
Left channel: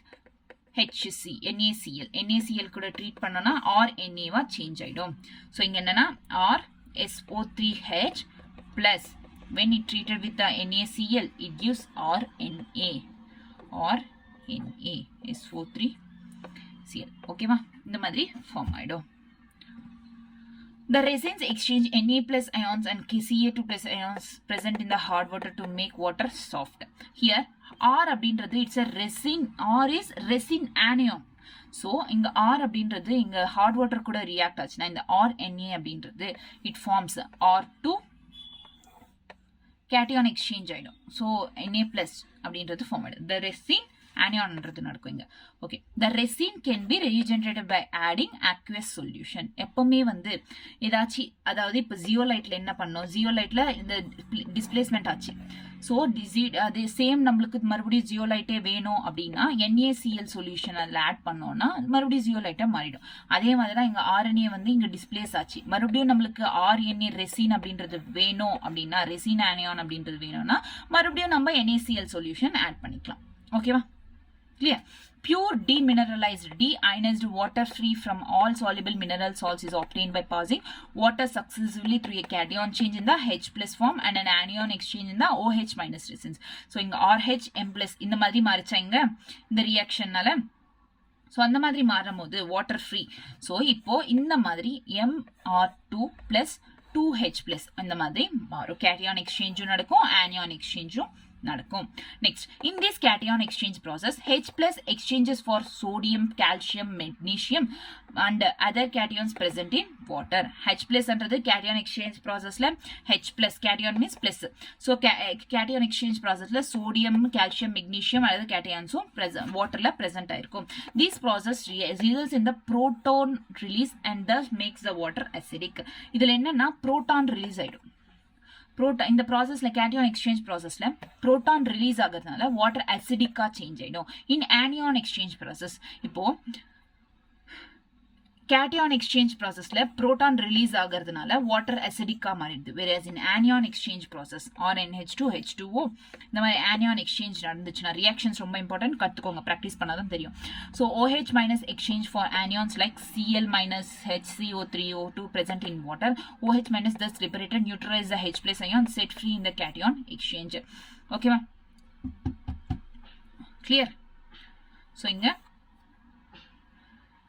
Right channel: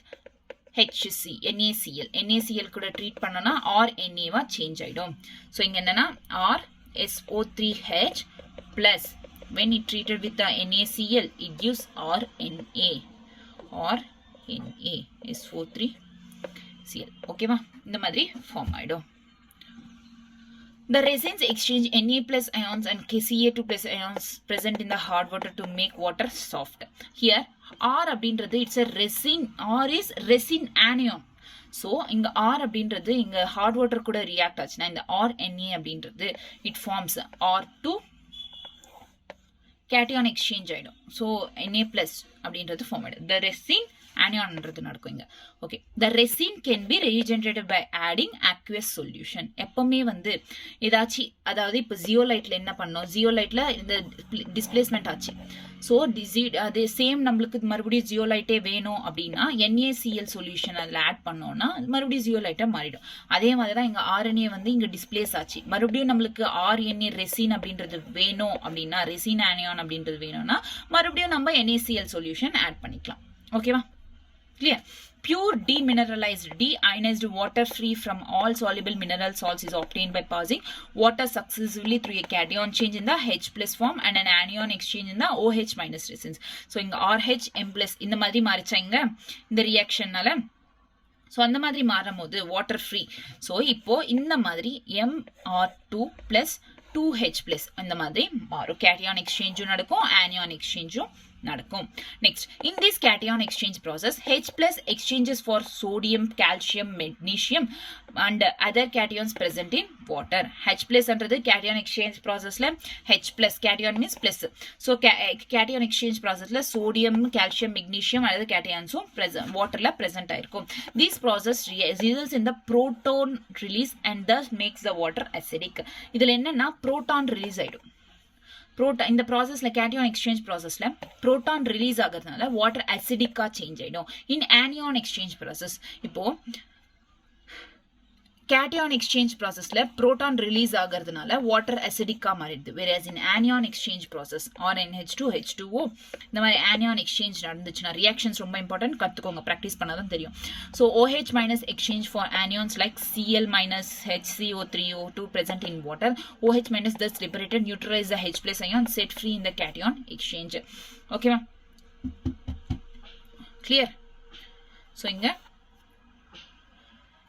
NaCl கூட treat பண்ணோம்னா RNA வா change ஆயிடும். So இங்க என்னன்னா SO3H plus when it treated with the NaCl it gives RNA SO3Cl. ஓகேவா? இந்த மாதிரி ஃபார்ம் ஆயிடும். The resins exchange Na plus ions and Ca2 plus ions present in the hard water to make water soft. Here R அப்படின்றது it's a resin. R is resin anion. So இங்கே R அப்படின்றது இங்கே heart water கூட react ஆச்சுன்னா இந்த RNA அப்படின்றது it forms R2 cation exchange ஆகிடும். So Na plus அப்படின்றது ஃபார்ம் ஆகிடும். த ரெசின் ஆனியான்ன்றது நடக்கும் இங்கே. Okay, the resin can be regenerated by adding aqueous solution. எப்பவுமே வந்து ஏதாச்சும் அதாவது இப்போ ஜியோலைட்ல என்ன பண்ணோம், ஜியோலைட்ல இந்த டிஸ்பிளேஸ்மெண்ட் ஆச்சு. ஸோ அதே சேம் நம்மளுக்கு மறுபடியும் ஜியோலைட்டே வேணும் அப்படின்னா NaCl சொல்யூஷன் அதில் ஆட் பண்ணோம்னா மறுபடியும் ஜியோலைட்டாக மாறிடும். அதே மாதிரி தான் இங்கே RNA வந்து இங்கே டிஸ்பிளேஸ் ஆச்சு. மறுபடியும் நம்மளுக்கு RNA ரெசின் அப்படின்றது வேணும் அப்படின்னா ரெசின் ஆனியான் அப்படின்றது வேணும்னா மறுபடியும் நம்ம NaCl சொல்யூஷன் ஆட் பண்ணிக்கலாம். ஓகேவா? Clear? Pure demineralized, deionized water free from all soluble mineral salts is obtained by passing water successively through a cation change in the H plus form and an anion exchange in the OH minus resins. So, இங்க RH M plus இந்த மாதிரி மாறிச்சாங்க இந்த ரியாக்ஷன்னால. So அந்த மாதிரி மாறும் போது water free. So இப்போ இந்த மாதிரி MR2 plus 2H plus இந்த மாதிரி மாறும். கேட்டியான் எக்ஸ்சேஞ்சும் நடக்கும், ஆனியான் எக்ஸ்சேஞ்சும் நடக்கும். Next, in this cation exchange process, H plus exchanges for sodium, calcium, magnesium and other cations present in water. H plus என்றது cation exchange processல H plus, cation means plus. So cation exchange processல sodium, calcium, magnesium and other cations waterல present ஆயிருக்கும். This process results in the proton release and thus makes the water acidic. இதுல என்னன்னா proton release ஆயிடும். இந்த ப்ராசஸ்ல கேட்டியான் exchange ப்ராசஸ்ல proton release ஆகிறதுனால water அசிடிக்கா change ஆயிடும். இன் anion exchange process இப்போ cation exchange processல proton release ஆகிறதுனால water acidic மாறிடுது. whereas in anion exchange process or NH2 H2O இந்த மாதிரி anion exchange நடந்துச்சுன்னா reactions ரொம்ப important, கத்துக்கோங்க, practice பண்ணாதான் தெரியும். so OH minus exchange for anions like Cl minus HCO3O2 present in water. OH minus thus liberated neutralize the H plus ion set free in the cation exchange. okay ma, clear? so inga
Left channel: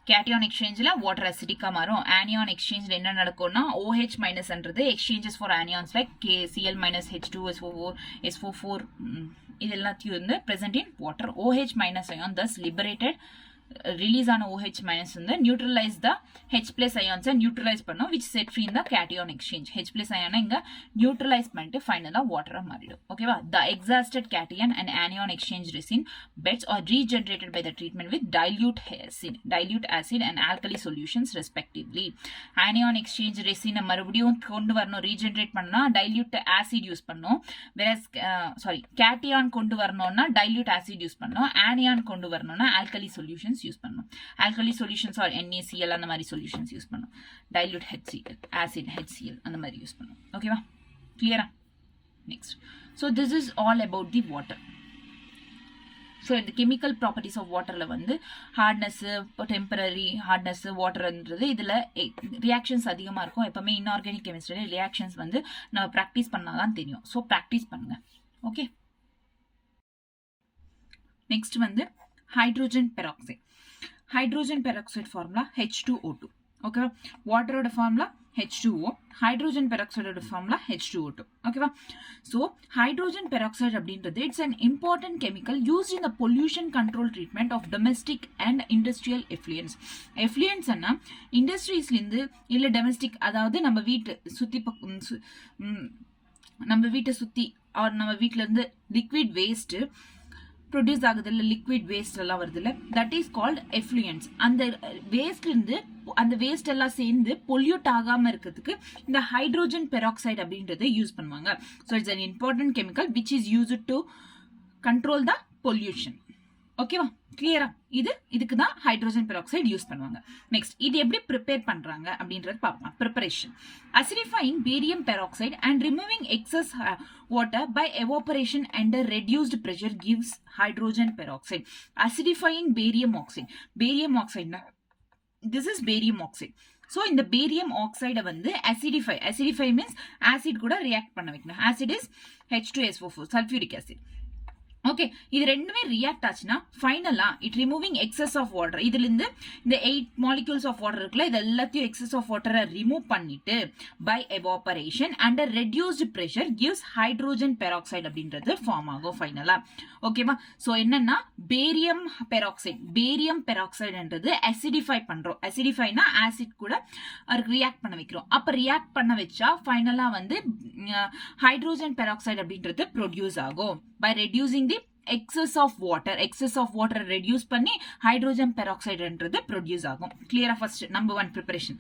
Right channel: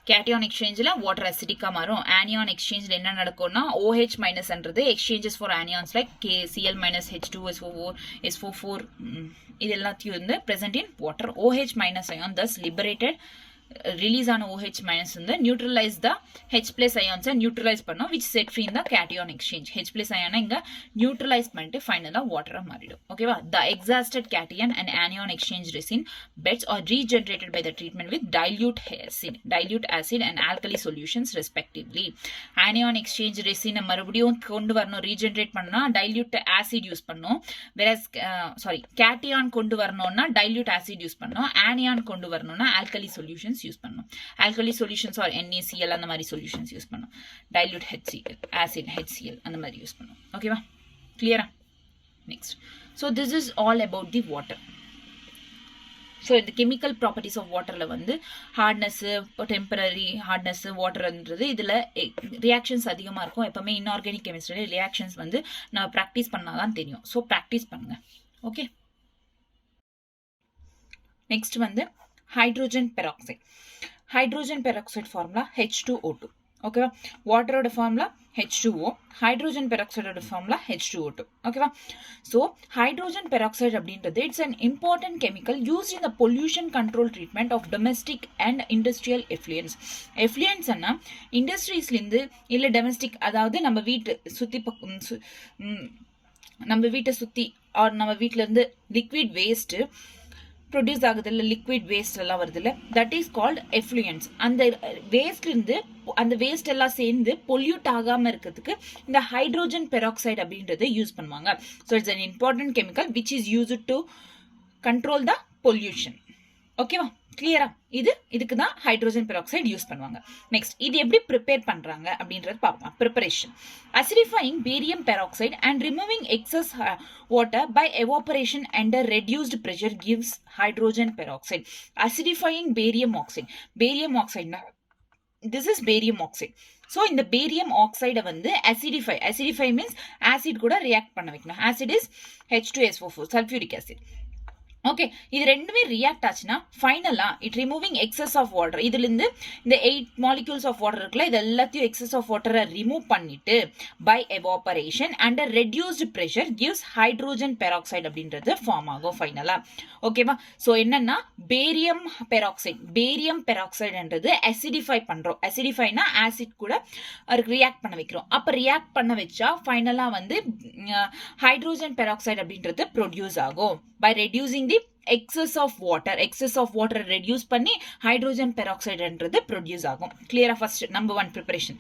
cation exchange la water acidic marum. anion exchange la enna nadakona OH minus என்றது exchanges for anions like Cl minus H2SO4 SO4 இது எல்லாத்தையும் வந்து present in water. OH minus ion thus liberated release on OH minus வந்து neutralize the H plus ions neutralize பண்ணும் which set free in the cation exchange. H plus ion இங்க neutralize பண்ணிட்டு finally water மாறிடும். ஓகேவா? The exhausted cation and anion exchange resin beds are regenerated by the treatment with dilute acid and alkali solutions respectively. Anion exchange resin மறுபடியும் கொண்டு வரணும், regenerate பண்ணா dilute acid use பண்ணும். whereas cation கொண்டு வரணும்னா dilute acid use பண்ணும். anion கொண்டு வரணும்னா alkali solutions யூஸ் பண்ணும். alkali solutions or NaCl அந்த மாதிரி solutions யூஸ் பண்ணும். dilute HCl acid HCl அந்த மாதிரி யூஸ் பண்ணும். ஓகேவா? clear? next, so this is all about the water. so the chemical properties of waterல வந்து hardness, temporary hardness waterன்றது இதுல reactions அதிகமா இருக்கும். எப்பவுமே inorganic chemistry reactions வந்து நம்ம practice பண்ணாதான் தெரியும். so practice பண்ணுங்க. okay, next வந்து hydrogen peroxide. hydrogen peroxide formula H2O2. okay, water oda formula H2O, hydrogen peroxide oda formula H2O2. okay, so hydrogen peroxide அப்படின்றது it's an important chemical used in the pollution control treatment of domestic and industrial effluents. effluents அண்ணா இண்டஸ்ட்ரீஸ்ல இருந்து இல்ல domestic, அதாவது நம்ம வீட்டு சுத்தி நம்ம வீட்டை சுத்தி or நம்ம வீட்ல இருந்து liquid waste ப்ரொடியூஸ் ஆகுதுல்ல, லிக்விட் வேஸ்ட் எல்லாம் வருதுல்ல, தட் இஸ் கால்ட் எஃப்ளூயன்ஸ். அந்த வேஸ்ட்ல இருந்து அந்த வேஸ்ட் எல்லாம் சேர்ந்து பொல்யூட் ஆகாம இருக்கிறதுக்கு இந்த ஹைட்ரோஜன் பெராக்சைடு அப்படின்றத யூஸ் பண்ணுவாங்க. So it's an important chemical which is used to control the pollution. ஓகேவா? கிளியரா? இதுக்கு தான் ஹைட்ரோஜன் பெராக்சைடு யூஸ் பண்ணுவாங்க. நெக்ஸ்ட், இது எப்படி ப்ரிப்பேர் பண்றாங்க அப்படின்றது பார்க்கலாம். Preparation: acidifying barium peroxide and removing excess water by evaporation under reduced pressure gives hydrogen peroxide. acidifying barium oxide. barium oxide na this is barium oxide. so இந்த barium oxide வந்து acidify means acid கூட react பண்ண வைக்கணும். acid is H2SO4 sulfuric acid. Okay, இது ரெண்டுமே react ஆச்சுன்னா ஃபைனலா it removing excess of water. இதுல இருந்து இந்த 8 மாலிகூல்ஸ் ஆஃப் வாட்டர் இருக்குல்ல, இது எல்லாத்தையும் எக்ஸஸ் ஆஃப் வாட்டரை ரிமூவ் பண்ணிட்டு by evaporation under reduced pressure gives hydrogen peroxide அப்படின்றது ஃபார்ம் ஆகும் ஃபைனலா. ஓகேவா? ஸோ என்னன்னா பேரியம் பெராக்சைடுன்றது அசிடிஃபை பண்றோம். அசிடிஃபைனா ஆசிட் கூட ரியாக்ட் பண்ண வைக்கிறோம். அப்ப ரியாக்ட் பண்ண வச்சா ஃபைனலா வந்து ஹைட்ரோஜன் பெராக்சைடு அப்படின்றது ப்ரொடியூஸ் ஆகும். by reducing the excess of water reduce பண்ணி hydrogen peroxide என்றது produce ஆகும். clear? first number 1 preparation,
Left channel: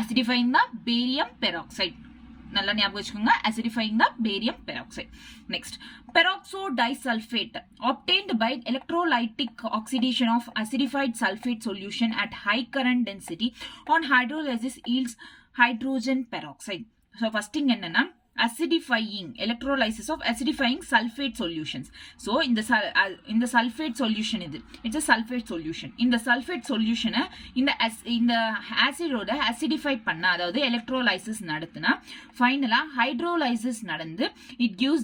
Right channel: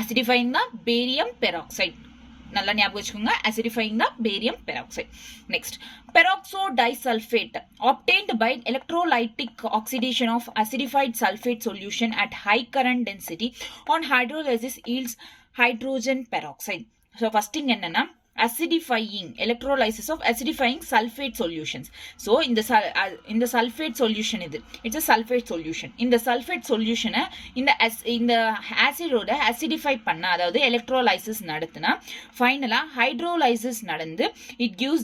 acidifying the barium peroxide. நல்லா ஞாபகம் வச்சுக்கோங்க, acidifying the barium peroxide. next, peroxo disulfate obtained by electrolytic oxidation of acidified sulfate solution at high current density on hydrolysis yields hydrogen peroxide. so first thing என்னன்னா acidifying electrolysis of acidifying sulfate solutions. so in the sulfate solution it's a sulfate solution. in the sulfate solution in the acid oda acidify panna, அதாவது electrolysis நடத்துனா ஃபைனலா hydrolysis நடந்து it gives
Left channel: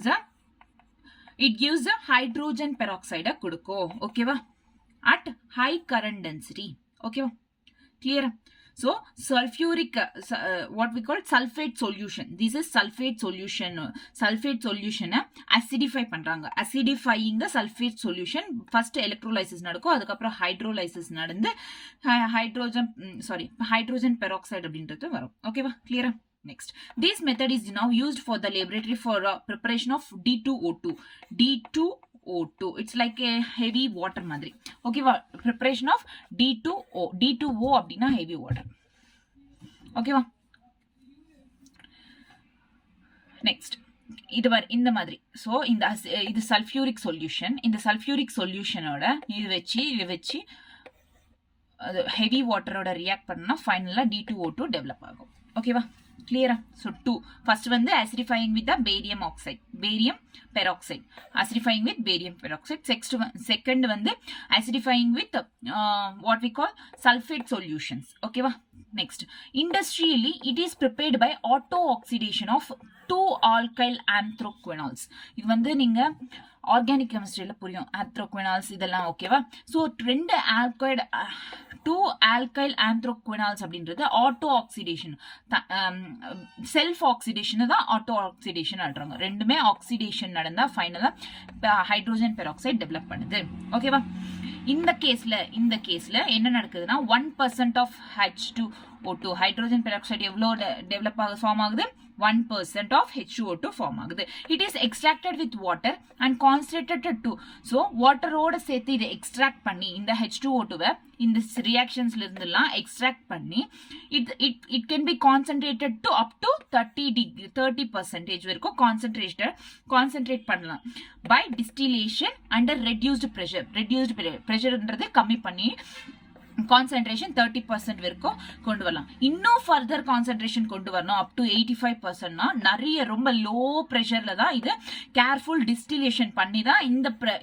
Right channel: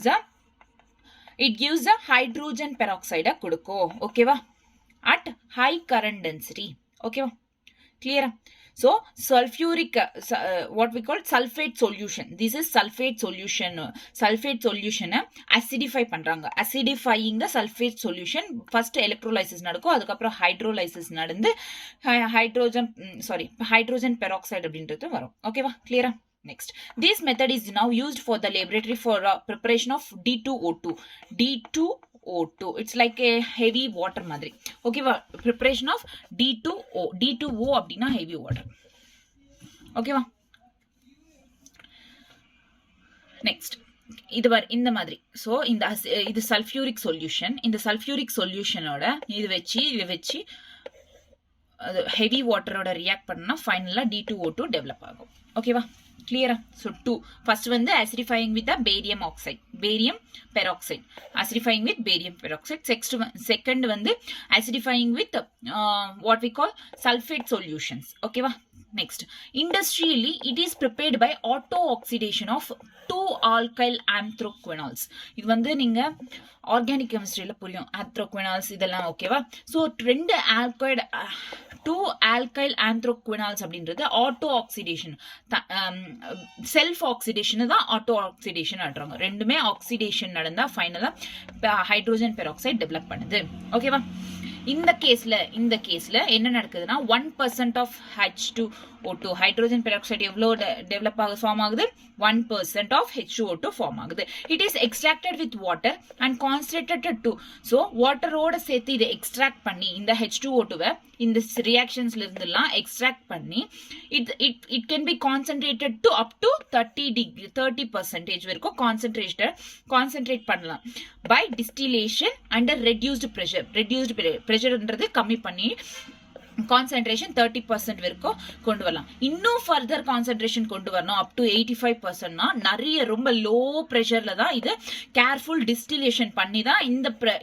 the hydrogen peroxide கொடுக்கும். ஓகேவா? at high current density. ஓகேவா? clear? so sulfuric what we call sulfate solution, this is sulfate solution acidify பண்றாங்க. acidifying the sulfate solution first electrolysis நடக்கும், அதுக்கு அப்புறம் hydrolysis நடந்து hydrogen peroxide அப்படின்றது வரும். ஓகேவா? clear? next, this method is now used for the laboratory for preparation of D2O2. It's like a heavy water மாதிரி. ஓகேவா? preparation of D2O அப்படின்னா heavy water. ஓகேவா? next, இந்த மாதிரி. so இது sulfuric solution. இந்த sulfuric solutionோட இது வச்சு ஹெவி வாட்டரோட ரியாக்ட் பண்ணா ஃபைனலாக D2O2 டெவலப் ஆகும். ஓகேவா, கிளியரா? ஸோ 2 ஃபர்ஸ்ட் வந்து acidifying with the barium oxide, barium peroxide, acidifying with barium peroxide. Second வந்து acidifying with what we call sulfate solutions. ஓகேவா, next industrially it is prepared by auto oxidation of 2 alkyl anthraquinols. இது வந்து நீங்க organic கெமிஸ்ட்ரியில புரியும், anthraquinols இதெல்லாம். ஓகேவா, so 2 alkyl anthraquinols அப்படின்றது auto oxidation, self oxidation தான் ஆட்டோ ஆக்சிடேஷன் ஆடுறாங்க. ரெண்டுமே ஆக்சிடேஷன் நடந்தா ஃபைனலா ஹைட்ரோஜன் பெராக்சைடு டெவலப் பண்ணுது. ஓகேவா, இந்த கேஸ்ல என்ன நடக்குதுன்னா 1% ஆஃப் H2O2 ஹைட்ரோஜன் பெராக்சைடு எவ்வளோ டெவலப் ஃபார்ம் ஆகுது, 1% ஆஃப் H2O2 ஃபார்ம் ஆகுது. It is extracted with water and concentrated to. So வாட்டரோட சேர்த்து இதை எக்ஸ்ட்ராக்ட் பண்ணி இந்த H2O2வை இந்த ரியாக்ஷன்ஸ்ல இருந்தெல்லாம் எக்ஸ்ட்ராக்ட் பண்ணி it can B concentrated to up to 30% வரைக்கும் கான்சன்ட்ரேட் பண்ணலாம் பை டிஸ்டிலேஷன் அண்டர் ரெடியூஸ்டு ப்ரெஷர்ன்றது கம்மி பண்ணி கான்சென்ட்ரேஷன் 30% வரைக்கும் கொண்டு வரலாம். இன்னும் ஃபர்தர் கான்சென்ட்ரேஷன் கொண்டு வரணும் அப் டு 85%னா நிறைய ரொம்ப லோ ப்ரெஷர்ல தான் இது கேர்ஃபுல் டிஸ்டிலேஷன் பண்ணி தான்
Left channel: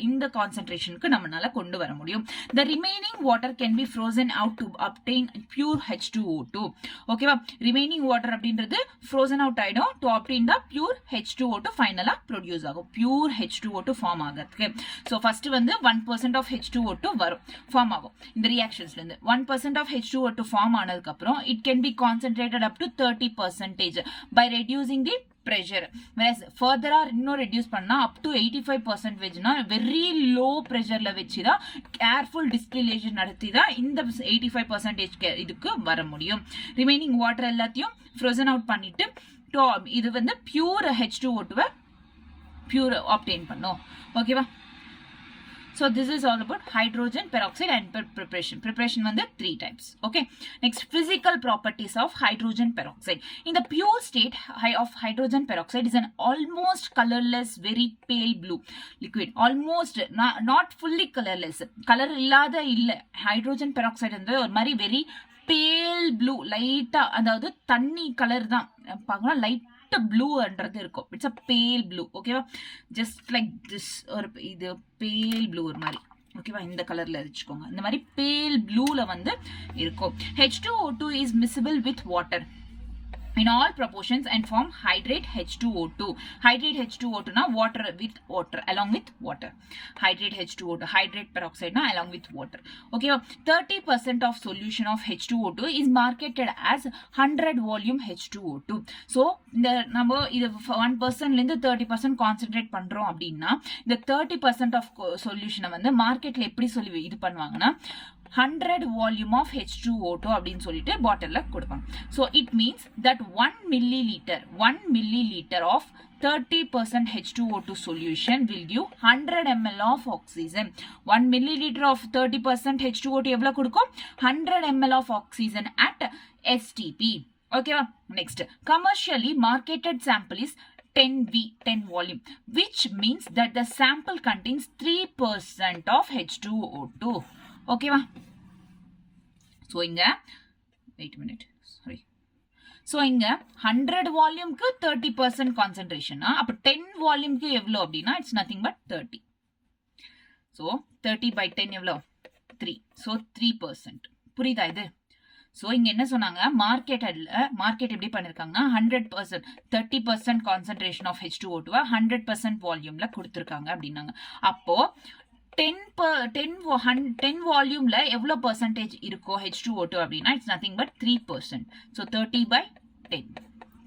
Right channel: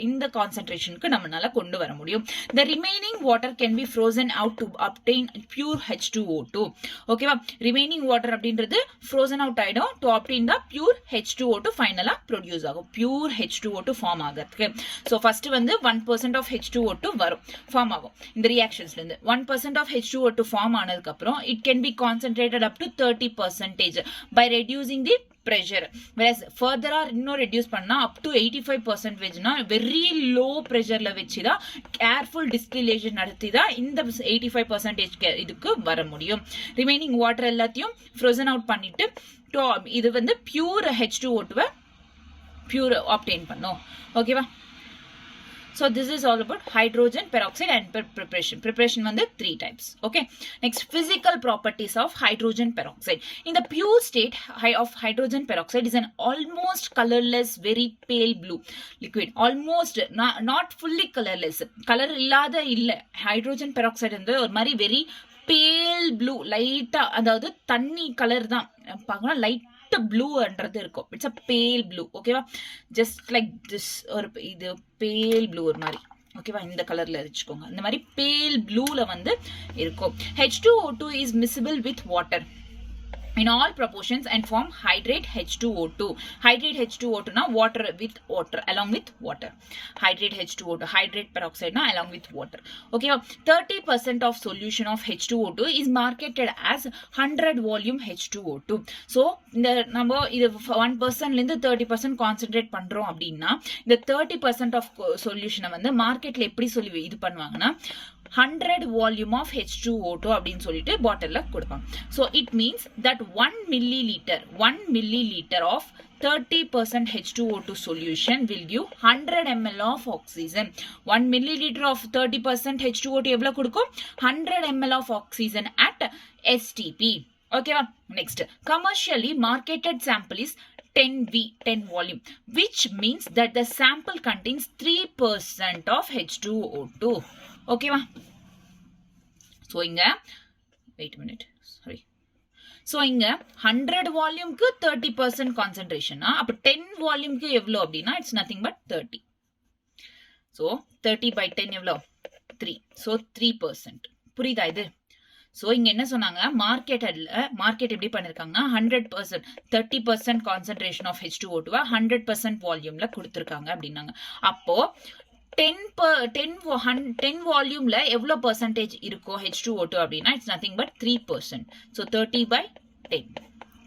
இந்த கான்சென்ட்ரேஷனுக்கு நம்மளால கொண்டு வர முடியும். The remaining water can be frozen out to obtain pure H2O2. ஓகேவா, ரிமைனிங் வாட்டர் அப்படின்றது frozen out ஆயிடும் to obtain the pure H2O2 ஃபைனலா ப்ரொடியூஸ் ஆகும், பியூர் H2O2 ஃபார்ம் ஆகிறதுக்கு. ஸோ ஃபர்ஸ்ட் வந்து 1% ஆஃப் H2O2 வரும், ஃபார்ம் ஆகும் இந்த ரியாக்ஷன்ஸ்ல. 1% of H2O2 form ஆனதுக்கு அப்புறம் it can be concentrated up to 30% by reducing the pressure. Whereas further இன்னும் reduce பண்ணா up to 85% னா very low pressureல வச்சுதான் careful distillation நடத்தி தான் இந்த 85% இதுக்கு வர முடியும். ரிமைனிங் வாட்டர் எல்லாத்தையும் frozen out பண்ணிட்டு இது வந்து பியூர் H2O2 பியூர் obtain பண்ணும். ஓகேவா, so this is all about hydrogen peroxide and preparation வந்து 3 types. Okay, next physical properties of hydrogen peroxide. In the pure state of hydrogen peroxide is an almost colorless very pale blue liquid, almost not fully colorless, color இல்லாத இல்ல. hydrogen peroxide வந்து ஒரு மாதிரி very pale blue, லைட்டா, அதாவது தண்ணி colour தான் பார்க்கலாம், லைட் ப்ளூன்றது இருக்கும். இட்ஸ் அ பேல் ப்ளூ. ஓகேவா, ஜஸ்ட் லைக் திஸ், ஒரு இது பேல் ப்ளூ ஒரு மாதிரி. ஓகேவா, இந்த கலர்ல வச்சுக்கோங்க. இந்த மாதிரி பேல் ப்ளூல வந்து இருக்கும். H2O2 is miscible with water in all proportions and form hydrate H2O2. Hydrate H2O2 na water with water, along with water. Hydrate H2O2, hydrate peroxide na along with water. Okay, 30% of solution of H2O2 is marketed as 100 volume H2O2. So இந்த நம்ம இது 1% இருந்து 30% concentrate பண்றோம் அப்படின்னா இந்த 30% of சொல்யூஷனை வந்து மார்க்கெட்ல எப்படி சொல்லி இது பண்ணுவாங்கன்னா 100 volume of H2O2 அப்படின்னு சொல்லிட்டு பாட்டில்ல கொடுப்பாங்க. So it means that 1 milliliter of 30% H2O2 solution will give 100 ml of oxygen. 1 milliliter of 30% H2O2 எவ்வளவு கொடுக்கும்? 100 ml of oxygen at STP. Okay, next, commercially marketed sample is 10 volume, which means that the sample contains 3% of H2O2. ஓகேவா, so இங்க wait minute, sorry. So இங்க 100 வால்யூம்க்கு 30% கான்சென்ட்ரேஷனா, அப்போ 10 வால்யூம்க்கு எவ்வளோ அப்படின்னா it's nothing but 30. So 30 by 10 எவ்வளோ? 3. So 3%. புரியுதா இது? So இங்க என்ன சொன்னாங்க, மார்க்கெட் எப்படி பண்ணிருக்காங்கன்னா 100% 30% கான்சென்ட்ரேஷன் ஆஃப் H2O2 100% வால்யூம்ல கொடுத்துருக்காங்க அப்படின்னாங்க. அப்போ 10 வால்யூம்ல எவ்வளோ பர்சன்டேஜ் இருக்கும் H2O2 அப்படின்னா it's nothing but 3%. So 30 by 10,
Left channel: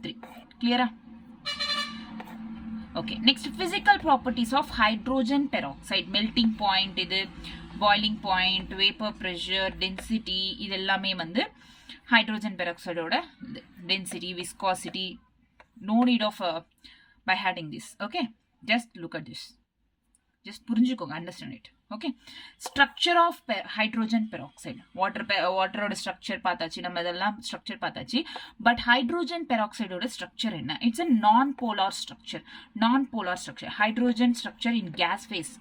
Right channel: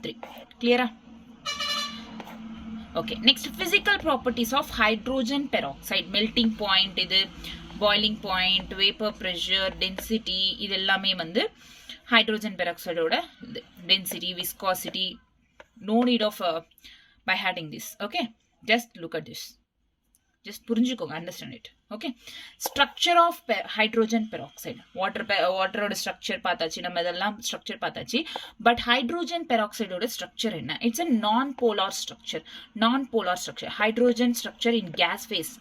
3. கிளியரா? Okay, next physical properties of hydrogen peroxide. Melting point, இது boiling point, vapour pressure, density, இது எல்லாமே வந்து ஹைட்ரோஜன் பெராக்சைடோட density, viscosity. No need of by hearting this. Okay, just look at this, just புரிஞ்சுக்கோங்க, understand it. Okay, structure of hydrogen peroxide. வாட்டரோட structure பார்த்தாச்சு, நம்ம இதெல்லாம் ஸ்ட்ரக்சர் பார்த்தாச்சு. பட் ஹைட்ரோஜன் பெராக்சைடோட ஸ்ட்ரக்சர் என்ன? It's a non-polar structure. Hydrogen structure in gas phase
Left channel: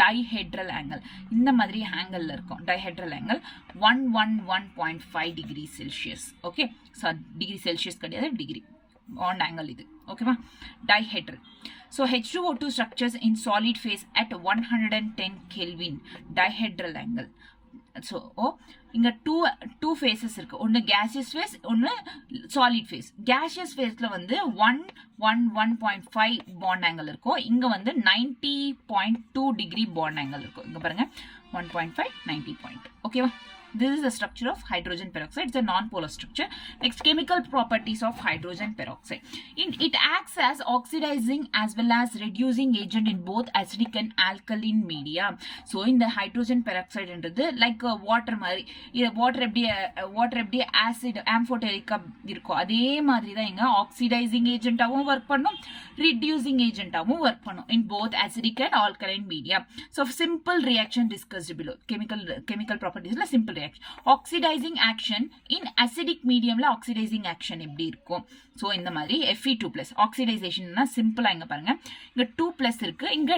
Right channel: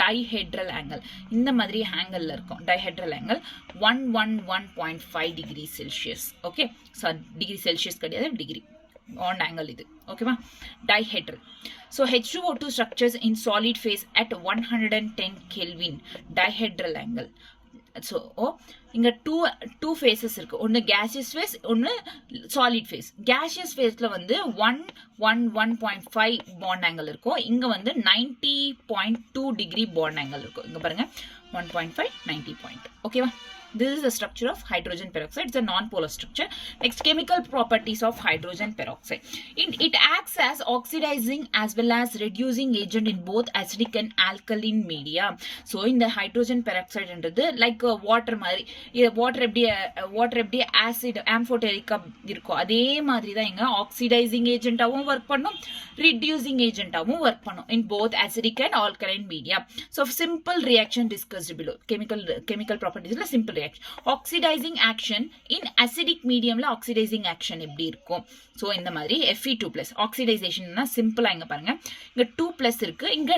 dihedral angle இந்த மாதிரி ஆங்கிள் இருக்கும். Dihedral angle 111.5 degree Celsius. Okay, so degree Celsius கிடையாது, டிகிரி பாண்ட் ஆங்கிள் இது. ஓகேவா, dihedral. So H2O2 structures in solid phase at 110 Kelvin dihedral angle. So இங்கே two phases இருக்குது. ஒன்று gaseous phase, ஒன்று சாலிட் ஃபேஸ். கேஷியஸ் ஃபேஸில் வந்து 111.5 பாண்ட் ஆங்கிள் இருக்கும். இங்கே வந்து 90.2 டிகிரி பாண்ட் ஆங்கிள் இருக்கும். இங்கே பாருங்கள் 1.5 90. ஓகேவா, this is the structure of hydrogen peroxide. It's a non-polar structure. Next, chemical properties of hydrogen peroxide. It acts as oxidizing as well as reducing agent in both acidic and alkaline media. So in the hydrogen peroxide என்றது like water மாதிரி, water எப்படி acid amphoteric இருக்கும், அதே மாதிரி தான் இங்க oxidizing agent ஆவும் work பண்ணும், reducing agent ஆவும் work பண்ணும் in both acidic and alkaline media. So simple reaction discussed below. Chemical properties la simple reaction. Oxidizing action in acidic medium la oxidizing action எப்படி இருக்கும். ஸோ இந்த மாதிரி Fe2+. ஆக்சிடைசேஷன்னா சிம்பிளா இங்க பாருங்க, இங்க 2+ இருக்கு, இங்க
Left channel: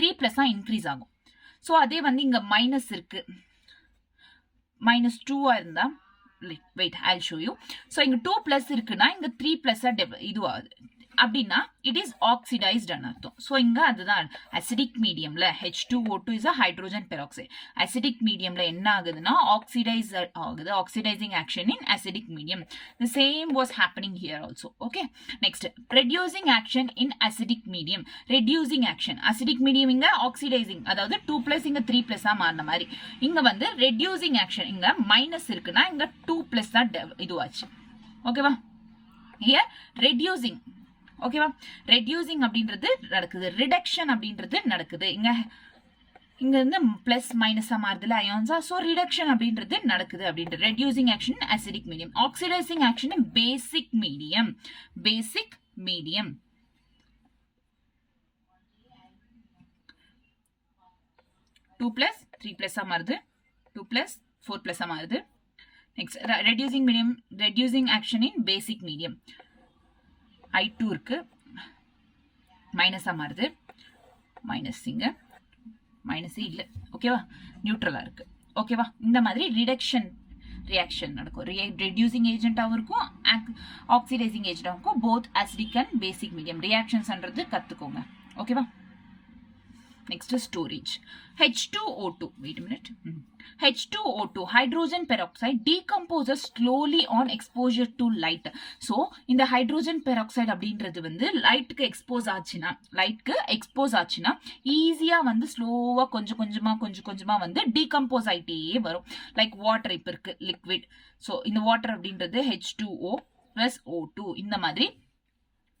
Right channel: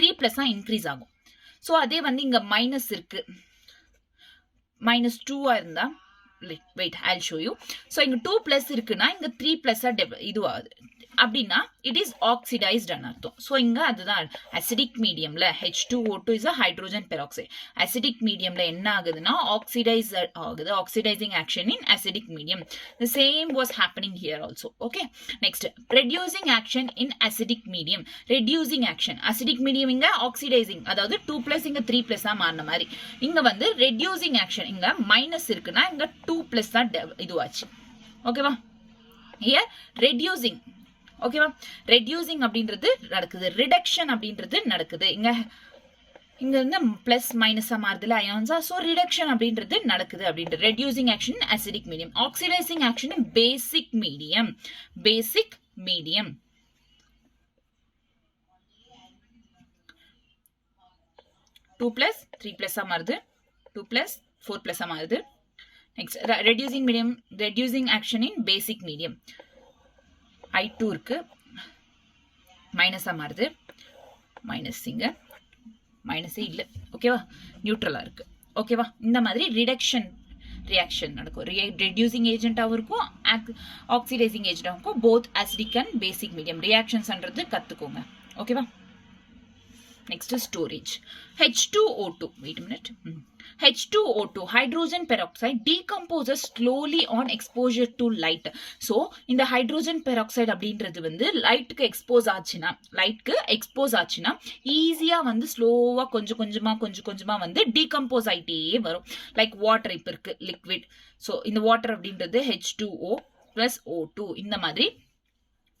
3+ இன்க்ரீஸ் ஆகும். ஸோ அதே வந்து இங்க மைனஸ் இருக்கு, -2 இருந்தா wait I'll show you. So இங்க 2+ இருக்குன்னா இங்க 3+ இது ஆகுது அப்படின்னா it is oxidized அர்த்தம். ஸோ இங்க அதுதான் acidic mediumல H2O2 is a hydrogen peroxide. acidic mediumல என்ன ஆகுதுன்னா oxidize ஆகுது, oxidizing action in acidic medium. The same was happening here also. Okay, next, reducing action in acidic medium. reducing action acidic medium இங்க oxidizing, அதாவது 2+ இங்க 3+ மாறின மாதிரி. இங்க வந்து reducing action, இங்க மைனஸ் இருக்குன்னா இங்க 2+ தான் இதுவாச்சு. ஓகேவா, here reducing. ஓகேவா, ரெடியூசிங் அப்படின்றது நடக்குது, ரிடக்ஷன் அப்படின்றது நடக்குது. இங்க இருந்து பிளஸ் மைனஸா மாறுதுல அயான்ஸா, ஸோ ரிடக்ஷன் அப்படின்றது நடக்குது அப்படின்றது. Reducing action acidic medium, oxidising action பேசிக் மீடியம். பேசிக் மீடியம் 2+, 3+ மாறுது, 2+, 4+ மாறுது. Next reducing medium, reducing action இன் பேசிக் மீடியம். I2 இருக்கு, மைனஸா மாறுது, மைனஸ் இங்க மைனஸே இல்லை. ஓகேவா, நியூட்ரலா இருக்கு. ஓகேவா, இந்த மாதிரி ரிடக்ஷன் ரியாக்ஷன் நடக்கும். ரெடியூசிங் ஏஜென்ட்டாகவும் இருக்கும், ஆக்சிடைசிங் ஏஜென்ட்டாகவும் இருக்கும். Both acidic and basic medium ரியாக்ஷன்ஸ்ன்றது கற்றுக்கோங்க. ஓகேவா, next is storage. H2O2, wait a minute. H2O2 hydrogen peroxide decomposes slowly on exposure to light. So இந்த hydrogen peroxide அப்படின்றது வந்து லைட்டுக்கு எக்ஸ்போஸ் ஆச்சுன்னா ஈஸியா வந்து ஸ்லோவா கொஞ்சம் கொஞ்சமா வந்து டீகம்போஸ் ஆயிட்டே வரும். லைக் வாட்டர் இப்ப இருக்கு லிக்விட். ஸோ இந்த வாட்டர் அப்படின்றது H2O + O2 இந்த மாதிரி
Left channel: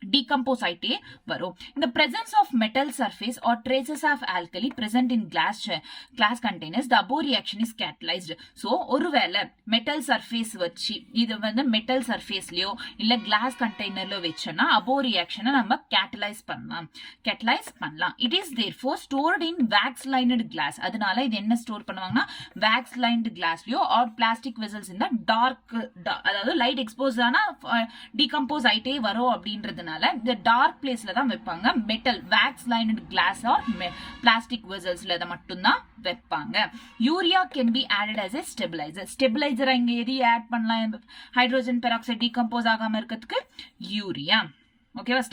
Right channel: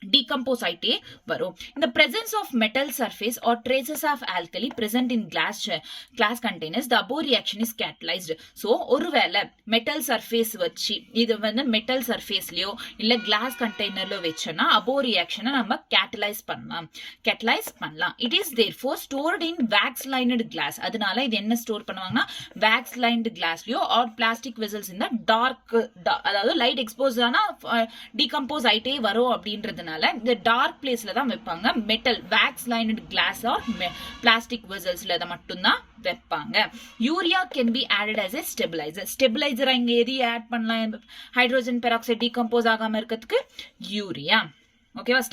decompose ஆயிட்டே வரும். In the presence of metal surface or traces of alkali present in glass containers, the above reaction is catalyzed. So ஒருவேளை மெட்டல் சர்ஃபேஸ் வச்சு இது வந்து மெட்டல் சர்ஃபேஸ்லயோ இல்ல கிளாஸ் கண்டெய்னர்ல வச்சோம்னா above reaction நம்ம கேட்டலைஸ் பண்ணலாம். It is therefore stored in wax lined glass. அதனால இது என்ன ஸ்டோர் பண்ணுவாங்கன்னா wax lined glassலயோ or plastic vessels in the dark, அதாவது லைட் எக்ஸ்போஸ் ஆனா டீகம்போஸ் ஆயிட்டே வரும் அப்படின்றது இந்த டார்க் பிளேஸ்ல தான் வைப்பாங்க. Metal wax lined glass or plastic வெசல்ஸ்ல அதை மட்டும் தான் வைப்பாங்க. Urea can be added as a stabiliser. Stabiliser இங்க எது ஆட் பண்ணலாம் ஹைட்ரோஜன் பெராக்சைடு டீகம்போஸ் ஆகாம இருக்கிறதுக்கு? யூரியா. ஓகேவா,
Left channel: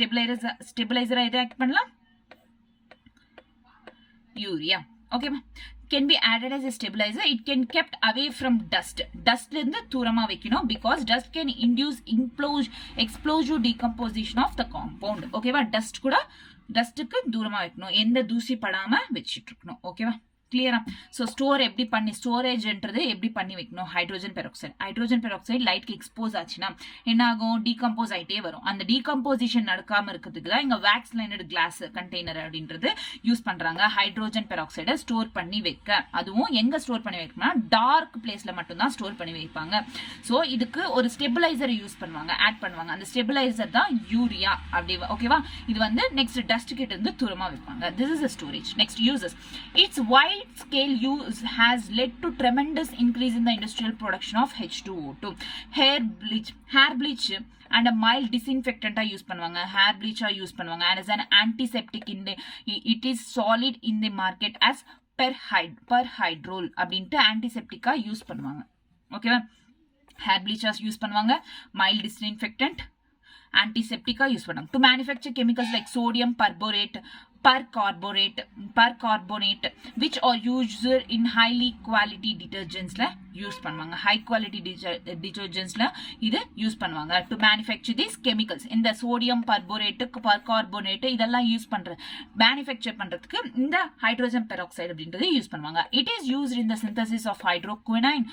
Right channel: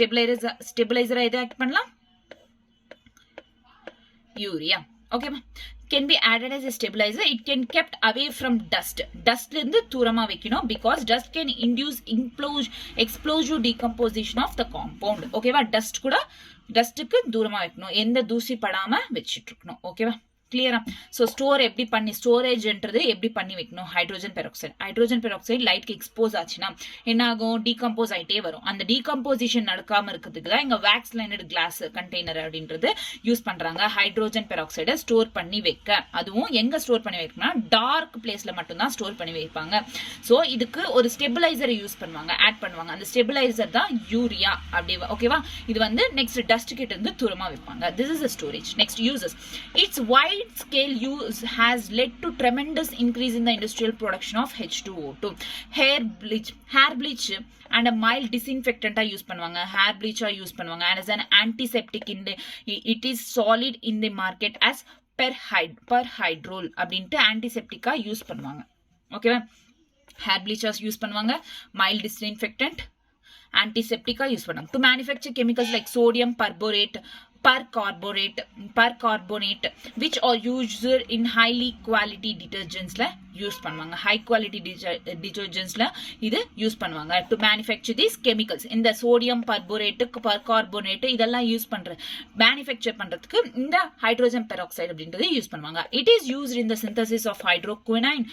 ஸ்டெபிலைசர் எது ஆட் பண்ணலாம்? யூரியா. ஓகேவா, can be added as a stabilizer. It can kept away from dust. Dustல இருந்து தூரமா வைக்கணும், because dust can induce explosive decomposition of the compound. ஓகேவா, டஸ்ட்டுக்கு தூரமா வைக்கணும், எந்த தூசி படாம வச்சிட்டு இருக்கணும். ஓகேவா, கிளியரா? ஸோ ஸ்டோரேஜ்ன்றது எப்படி பண்ணி வைக்கணும்? ஹைட்ரோஜன் பெராக்சைடு லைட்க்கு எக்ஸ்போஸ் ஆச்சுன்னா என்ன ஆகும்? டீகம்போஸ் ஆயிட்டே வரும். அந்த டீகம்போசிஷன் நடக்காம இருக்கிறதுக்கு தான் இங்க வேக்ஸ் லைனட் கிளாஸ் கண்டெய்னர் அப்படின்றது யூஸ் பண்றாங்க. ஹைட்ரோஜன் பெராக்சைடை ஸ்டோர் பண்ணி வைக்க. அதுவும் எங்க ஸ்டோர் பண்ணி வைக்கணும்னா டார்க் பிளேஸ்ல மட்டும் தான் ஸ்டோர் பண்ணி வைப்பாங்க. ஸோ இதுக்கு ஒரு ஸ்டெபிலைசரை யூஸ் பண்ணுவாங்க, ஆட் பண்ணுவாங்க. அந்த ஸ்டெபிலைசர் தான் யூரியா. அப்படி ஓகேவா? இது வந்து நெக்ஸ்ட் டஸ்ட் கிட்ட இருந்து தூரமா வைப்பாங்க. This is storage. Next uses. It's wide wide scale use has led to tremendous increase in the industrial production of H2O2. Hair bleach and a mild disinfectant use பண்ணுவாங்க, hair bleach use பண்ணுவாங்க, and as an antiseptic in the, it is solid in the market as perhydrol அப்படின்ட்டு antiseptic use பண்ணுவாங்க. ஓகேவா, hair bleachers use பண்ணுவாங்க, mild disinfectant, antiseptic use பண்ணுவாங்க. To manufacture chemicals like sodium percarbonate which are used in highly quality detergents la use பண்ணுவாங்க, high quality detergents la இது use பண்ணுவாங்க. to manufacture these chemicals இந்த sodium percarbonate இதெல்லாம் use பண்ற manufacture பண்றதுக்கு இந்த hydrogen peroxide அப்படின்றது யூஸ் பண்ணுவாங்க. it is used in the synthesis of hydroquinone,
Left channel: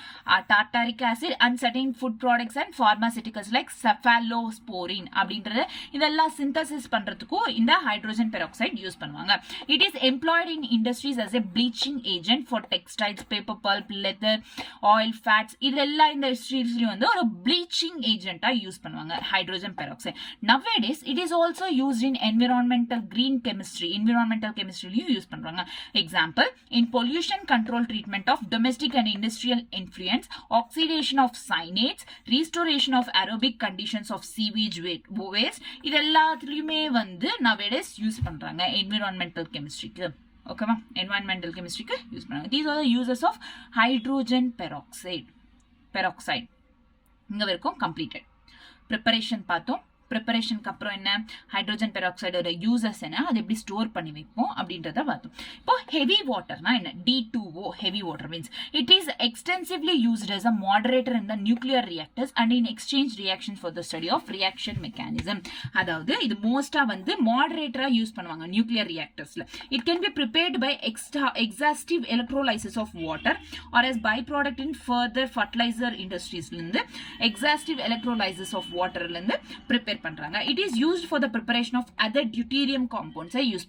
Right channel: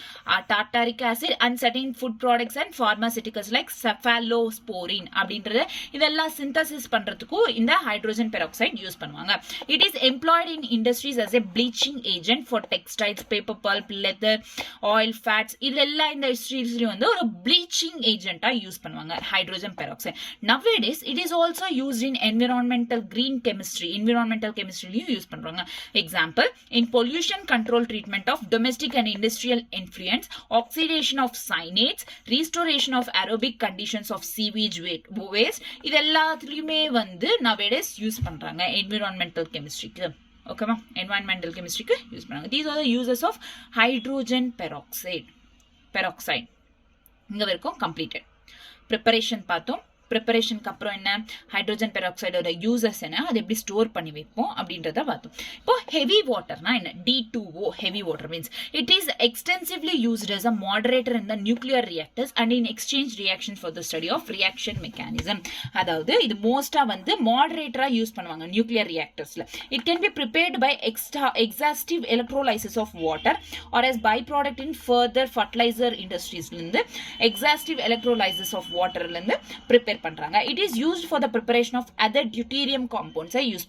tartaric acid and certain food products and pharmaceuticals like cephalosporin அப்படின்றது இதெல்லாம் synthesis பண்றதுக்கு இந்த hydrogen peroxide யூஸ் பண்ணுவாங்க. it is employed in industries as a bleaching agent for textiles, paper pulp, leather, oil, fats. இதெல்லாம் இந்த industries வந்து ஒரு bleaching agent use பண்ணுவாங்க hydrogen peroxide. nowadays it is also used in environmental chemistry use பண்றாங்க. example, in pollution control treatment of domestic and industrial effluents, oxidation of cyanates, restoration of aerobic conditions of sewage waste, இதெல்லாத்துலயுமே வந்து nowadays use பண்றாங்க environmental chemistry க்கு. ஓகேவா, environmental chemistry க்கு use பண்ணுவாங்க. these are the uses of hydrogen peroxide. இங்க வரைக்கும் completed. preparation பார்த்தோம். ப்ரிப்பரேஷனுக்கு அப்புறம் என்ன, ஹைட்ரோஜன் பெராக்சைடோட யூசஸ் என்ன, அதை எப்படி ஸ்டோர் பண்ணி வைப்போம் அப்படின்றத பார்த்தோம். இப்போ ஹெவி வாட்டர்னா என்ன, D2O heavy water means it is extensively used as a moderator in the nuclear reactors and in exchange reactions for the study of reaction mechanism. அதாவது இது மோஸ்டா வந்து மாடரேட்டரா யூஸ் பண்ணுவாங்க நியூக்ளியர் ரியாக்டர்ஸ்ல. It can be prepared by exhaustive electrolysis of water or as byproduct in further fertilizer industries இருந்து exhaustive electrolysis of waterல இருந்து prepare பண்றாங்க. it is used for the preparation of other deuterium compounds. use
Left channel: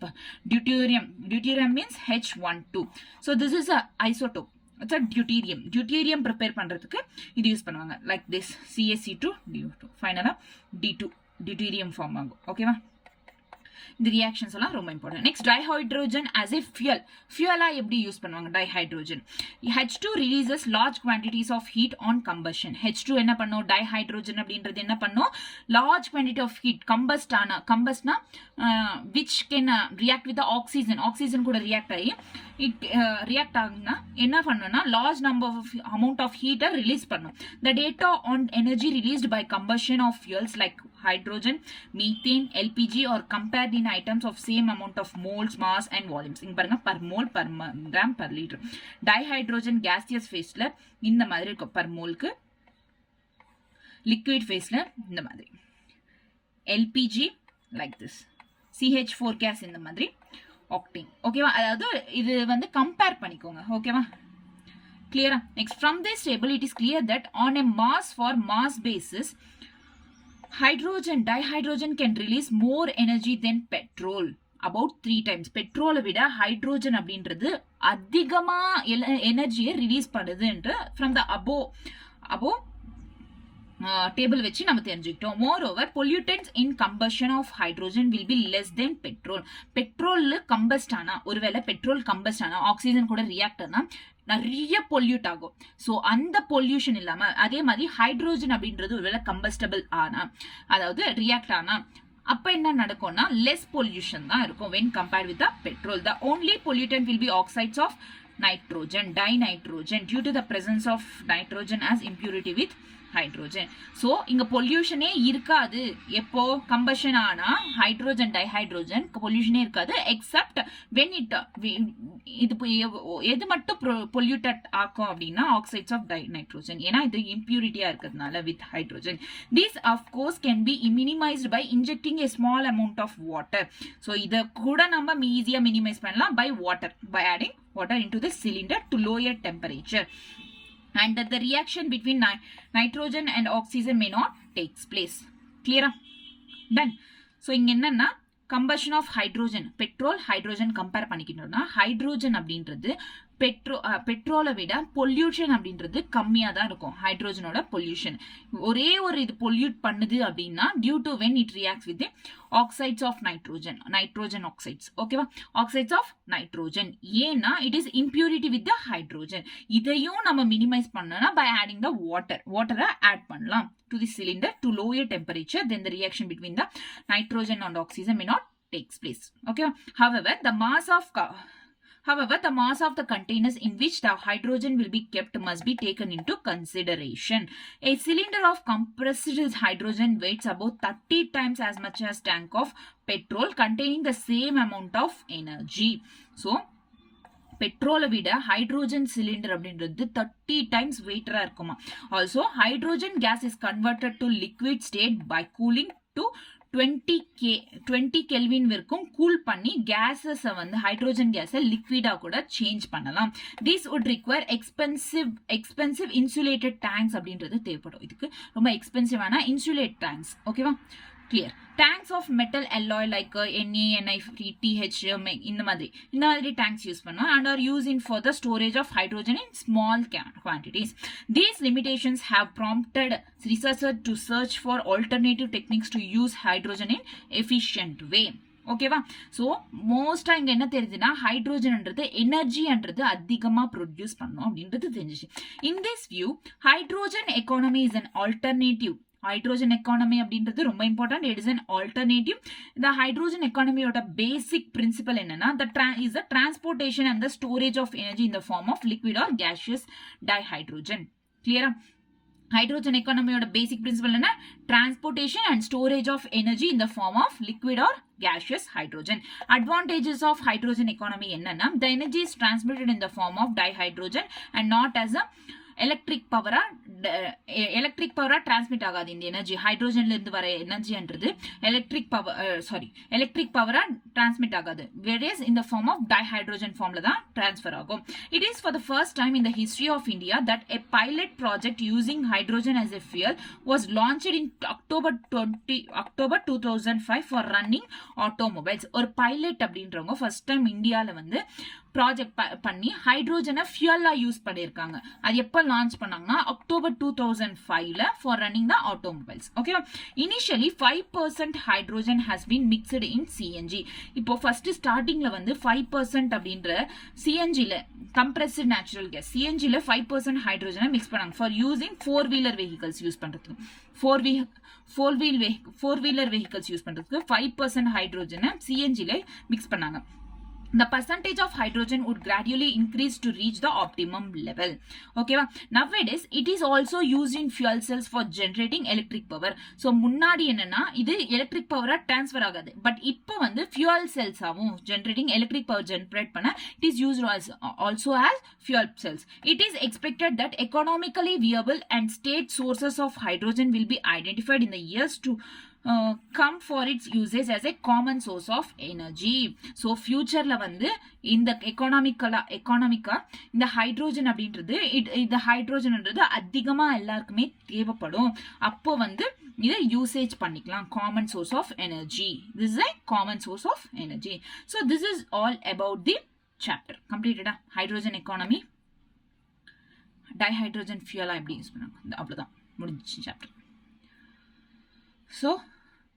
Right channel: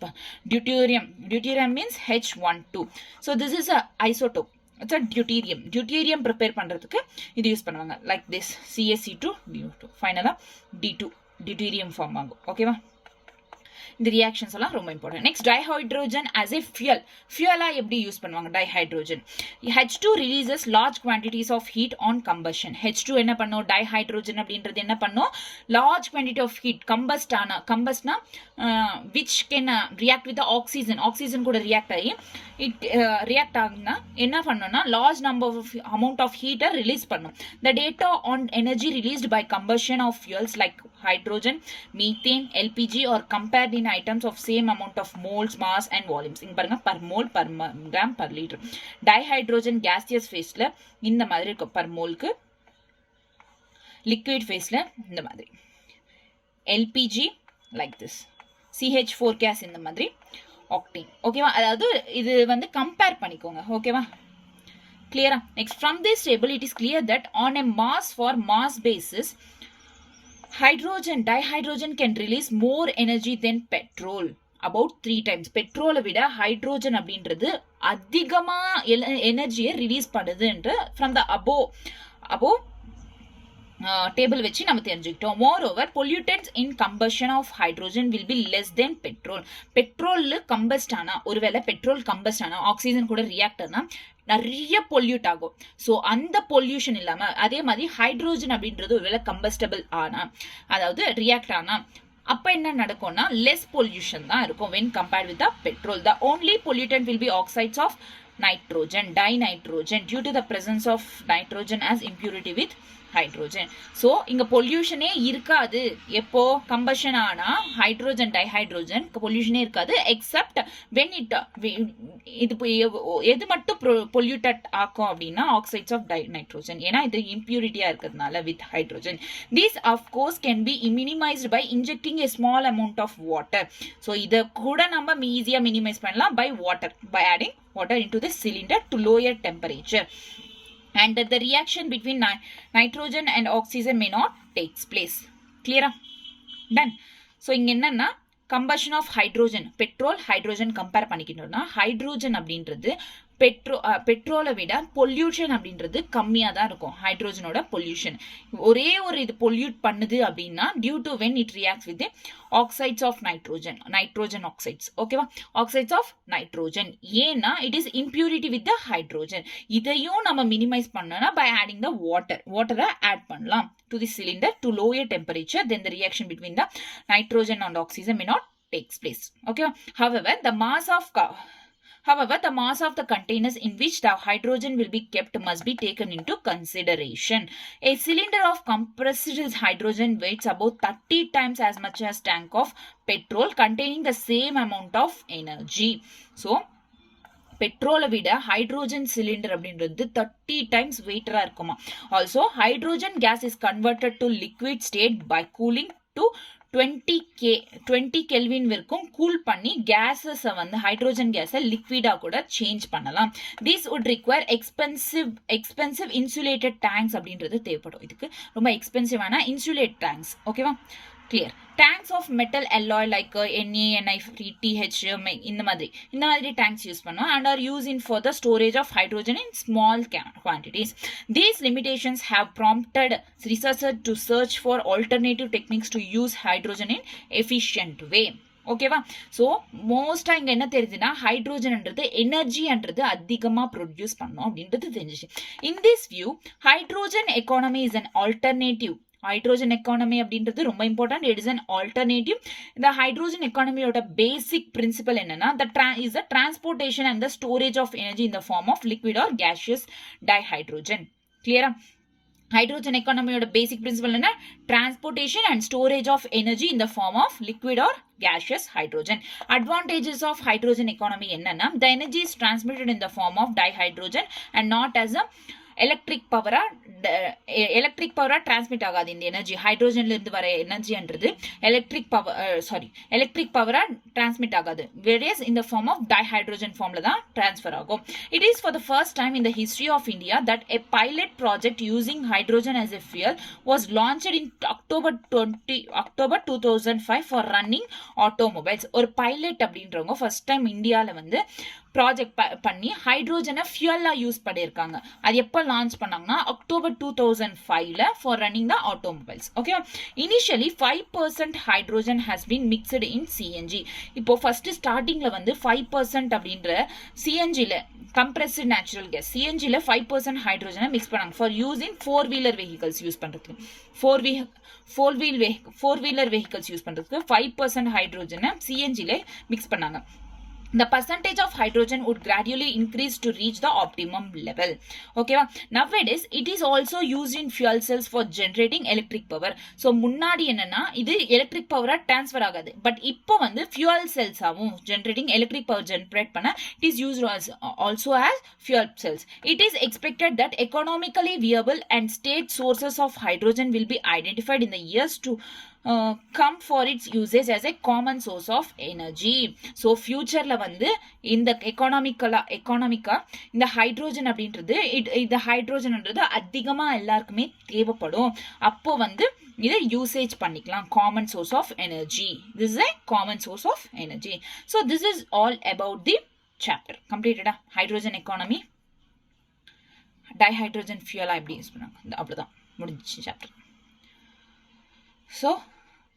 deuterium means H12. so this is a isotope, it's a deuterium prepare பண்றதுக்கு இது use பண்ணுவாங்க. like this CaC2 ஃபைனலா D2 deuterium form ஆகும். ஓகேவா, இந்த reactions எல்லாம் ரொம்ப important. Next dihydrogen as a fuel எப்படி யூஸ் பண்ணுவாங்க dihydrogen. H2 releases large quantities of heat on combustion. H2 என்ன பண்ணும், டைஹைட்ரோஜன் அப்படின்றது என்ன பண்ணும், large quantity of heat கம்பஸ்ட்னா which can react with the oxygen கூட ரியாக்ட் ஆகி ரியாக்ட் ஆகுனா என்ன பண்ணணும்னா large number of amount of heat release பண்ணும். the data on energy released by combustion of fuels like hydrogen, methane, LPG or compared in items of same amount of moles, mass and volumes. இங்க பாருங்க per mole, per gram, per liter. டைஹைட்ரோஜன் gaseous phaseல இந்த மாதிரி இருக்கும் per moleக்கு, liquid phaseல இந்த மாதிரி, LPG like this, CH4 gas இந்த மாதிரி, octane. ஓகேவா, அதாவது இது வந்து கம்பேர் பண்ணிக்கோங்க. ஓகேவா, clear? next, from this table it is clear that on a mass basis dihydrogen can release more energy than petrol, about 3 times. பெட்ரோலை விட ஹைட்ரோஜன் அப்படின்றது அதிகமா எனர்ஜியை ரிலீஸ் பண்ணுதுன்ற from the above டேபிள் வச்சு நம்ம தெரிஞ்சுக்கிட்டோம். moreover, pollutants in combustion of hydrogen will be less than petrol. Petrol combust ஆனா, ஒருவேளை பெட்ரோல் கம்பஸ்ட் ஆனா ஆக்சிஜன் கூட ரியாக்ட் ஆனா நிறைய பொல்யூட் ஆகும். ஸோ அந்த பொல்யூஷன் இல்லாம அதே மாதிரி ஹைட்ரோஜன் அப்படின்றது ஒருவேளை கம்பஸ்டபிள் ஆனா, அதாவது ரியாக்ட் ஆனா அப்ப என்ன நடக்கும்னா லெஸ் பொல்யூஷன் தான் இருக்கும் when compared with the petrol. the only pollutant will be oxides of nitrogen, dinitrogen, due to the presence of nitrogen as impurity with hydrogen. So இங்க பொல்யூஷனே இருக்காது எப்போ கம்பஷன் ஆனா ஹைட்ரோஜன் டைஹைட்ரோஜன் பொல்யூஷனே இருக்காது எக்ஸப்ட் வென் இட் இது எது மட்டும் பொல்யூட்டட் ஆக்கும் அப்படின்னா ஆக்சைட்ஸ் ஆஃப் நைட்ரோஜன், ஏன்னா இது இம்பியூரிட்டியா இருக்கிறதுனால with hydrogen. These of course can be minimized by injecting a small amount of water. So இதை கூட நம்ம ஈஸியா மினிமைஸ் பண்ணலாம் by water, by adding water into the cylinder to lower temperature, and that the reaction between nitrogen and oxygen may not takes place. Clear? Done. So இங்க என்னன்னா combustion of hydrogen, petrol hydrogen compare பண்ணிக்கிட்டோம்னா hydrogen அப்படின்றது பெட்ரோலை விட pollution அப்படின்றது கம்மியா தான் இருக்கும் ஹைட்ரோஜனோட பொல்யூஷன். ஒரே ஒரு இது பொல்யூட் பண்ணுது அப்படின்னா due to when it reacts with oxides of nitrogen oxides. ஓகேவா, ஆக்சைட்ஸ் ஆஃப் நைட்ரோஜன். ஏன்னா it is impurity with the hydrogen. இதையும் நம்ம மினிமைஸ் பண்ணனா பை ஆடிங் த வாட்டரை ஆட் பண்ணலாம் to the cylinder to lower temperature. Then the reaction between the nitrogen and oxygen may not takes place. Okay, however the mass of the containers in which the hydrogen will be kept must be taken into consideration. A cylinder of compressed hydrogen weighs about 30 times as much as tank of petrol containing the same amount of energy. So பெட்ரோலை விட hydrogen cylinder அப்படின்றது 30 times வெயிட்டரா இருக்குமா. Also hydrogen gas is converted to liquid state by cooling to 20 kelvin வரைக்கும் cool பண்ணி கேஸஸை வந்து hydrogen கேஸை லிக்விடா கூட சேஞ்ச் பண்ணலாம். This would require expensive insulated tanks அப்படின்றது தேவைப்படும். இதுக்கு ரொம்ப எக்ஸ்பென்சிவான இன்சுலேட் டேங்க்ஸ். ஓகேவா, clear. Tanks of metal alloy like Na, Ni, TH இந்த மாதிரி tanks யூஸ் பண்ணோம் and are used in for the storage of hydrogen in small quantities. These limitations have prompted researchers to search for alternative techniques to use hydrogen in efficient way. ஓகேவா, so மோஸ்டா இங்க என்ன தெரியுதுன்னா ஹைட்ரோஜன்ன்றது எனர்ஜின்றது அதிகமா produce பண்ணும் அப்படின்றது தெரிஞ்சிச்சு. In this view hydrogen economy is an alternative. Hydrogen economy அப்படின்றது ரொம்ப important. It is an alternative. இந்த ஹைட்ரோஜன் எக்கானமியோட பேசிக் பிரின்சிபல் என்னன்னா is the transportation and the storage of energy in the form of liquid or gaseous dihydrogen. கிளியரா, hydrogen எக்கானமியோட basic principle என்ன? Transportation and storage of energy in the form of liquid or gaseous hydrogen. Advantages of hydrogen economy என்னன்னா the energy is transmitted in the form of dihydrogen and not as a electric பவரா transmit ஆகாது. இந்த energy ஹைட்ரோஜன்ல இருந்து வர எனர்ஜின்றது electric பவரா transmit ஆகாது. வேரியஸ் இந்த ஃபார்ம் ஆஃப் டைஹைட்ரோஜன் ஃபார்ம்ல தான் டிரான்ஸ்ஃபர் ஆகும். It is for the first time in the history of India that a pilot project using hydrogen as a fuel was launched in October 2005 for running automobiles. ஒரு pilot அப்படின்றவங்க first time இந்தியால வந்து project பண்ணி ஹைட்ரோஜனை ஃபியூலா use பண்ணியிருக்காங்க. அது எப்போ launch பண்ணாங்கன்னா October 2005 for running the automobiles. Okay, initially 5% hydrogen has been mixed in CNG. இப்போ ஃபர்ஸ்ட் ஸ்டார்டிங்ல வந்து 5% அப்படின்ற சிஎன்ஜில கம்ப்ரஸ்டு நேச்சுரல் கேஸ் சிஎன்ஜில 5% ஹைட்ரோஜனை மிக்ஸ் பண்ணாங்க for use in 4-wheeler vehicles use பண்றதுக்கு. ஃபோர் வீலர் வெஹிக்கல்ஸ் யூஸ் பண்றதுக்கு 5% ஹைட்ரோஜனை சிஎன்ஜில மிக்ஸ் பண்ணாங்க. The percentage of hydrogen would gradually increase to reach the optimum level. Okay, nowadays it is also used in fuel cells for generating electric power. So முன்னாடி என்னன்னா இது electric power transfer ஆகாது, but இப்போ வந்து fuel cells ஆகும் generating electric power generate பண்ண it is used also as fuel cells. It is expected that economically viable and state sources of hydrogen will be identified in the years to come for its usage as a common source of energy. So futureல வந்து இந்த எக்கானமிக்கா இந்த hydrogen அப்படின்றது இந்த ஹைட்ரோஜன்ன்றது அதிகமா எல்லாருக்குமே தேவைப்படும். அப்போ வந்து இதை யூசேஜ் பண்ணிக்கலாம். Common source of energy. This is a common source of energy. So this is all about the chapter. Completed hydrogen economy dihydrogen ஃபியூலா எப்படி யூஸ் பண்ணாங்க அவ்வளவுதான் முடிஞ்சிச்சு சாப்டர். ஸோ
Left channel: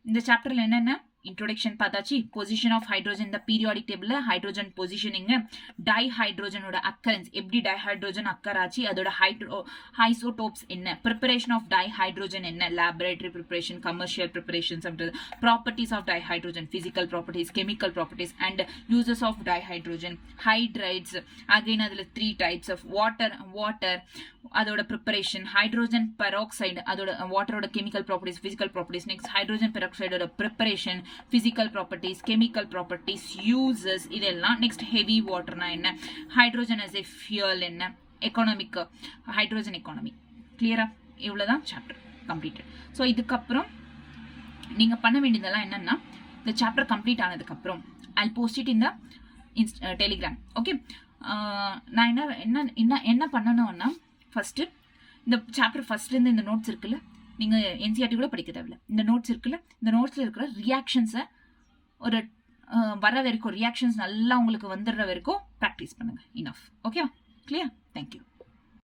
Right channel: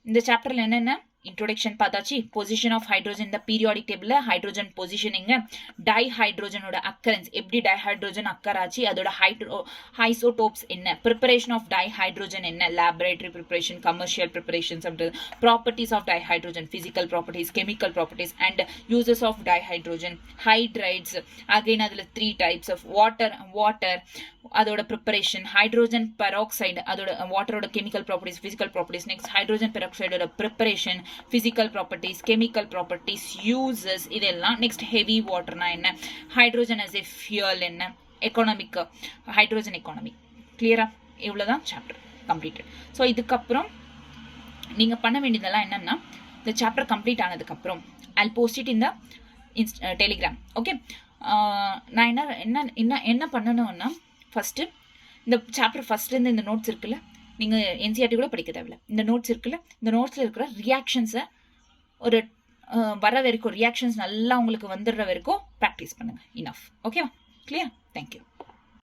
இந்த சாப்டர்ல என்னென்ன introduction பார்த்தாச்சு. பொசிஷன் ஆஃப் ஹைட்ரோஜன் இந்த பீரியாடிக் டேபிள்ல ஹைட்ரோஜன் பொசிஷனிங், டைஹைட்ரோஜனோட அக்கரன்ஸ் எப்படி டைஹைட்ரோஜன் அக்கர் ஆச்சு, அதோட ஐசோடோப்ஸ் என்ன, ப்ரிப்பரேஷன் ஆஃப் டைஹைட்ரோஜன் என்ன, laboratory preparation, commercial preparations, properties of dihydrogen, physical properties, chemical properties and uses of dihydrogen, hydrides again அதுல 3 டைப்ஸ் ஆஃப் வாட்டர் அதோட preparation, hydrogen peroxide அதோட வாட்டரோட chemical properties, physical properties, next hydrogen பெராக்சைடோட preparation, physical properties, chemical properties, uses இதெல்லாம். Next heavy வாட்டர்னா என்ன, hydrogen as a fuel என்ன, economic hydrogen economy. கிளியரா? இவ்வளவுதான் சாப்டர் கம்ப்ளீட்டட். ஸோ இதுக்கப்புறம் நீங்க பண்ண வேண்டியதெல்லாம் என்னன்னா இந்த சாப்டர் கம்ப்ளீட் ஆனதுக்கு அப்புறம் I'll post it in the Telegram. Okay, நான் என்ன பண்ணணும்னா ஃபர்ஸ்ட் இந்த சாப்டர் ஃபர்ஸ்ட்லேருந்து இந்த நோட்ஸ் இருக்குல்ல, நீங்கள் என்சிஆர்டி கூட படிக்க தேவையில்ல, இந்த நோட்ஸ் இருக்குல்ல, இந்த நோட்ஸில் இருக்கிற ரியாக்ஷன்ஸை ஒரு வர வரைக்கும் ரியாக்ஷன்ஸ் நல்லா உங்களுக்கு வந்துடுற வரைக்கும் ப்ராக்டிஸ் பண்ணுங்கள். இனஃப். ஓகேவா? கிளியர்? தேங்க்யூ.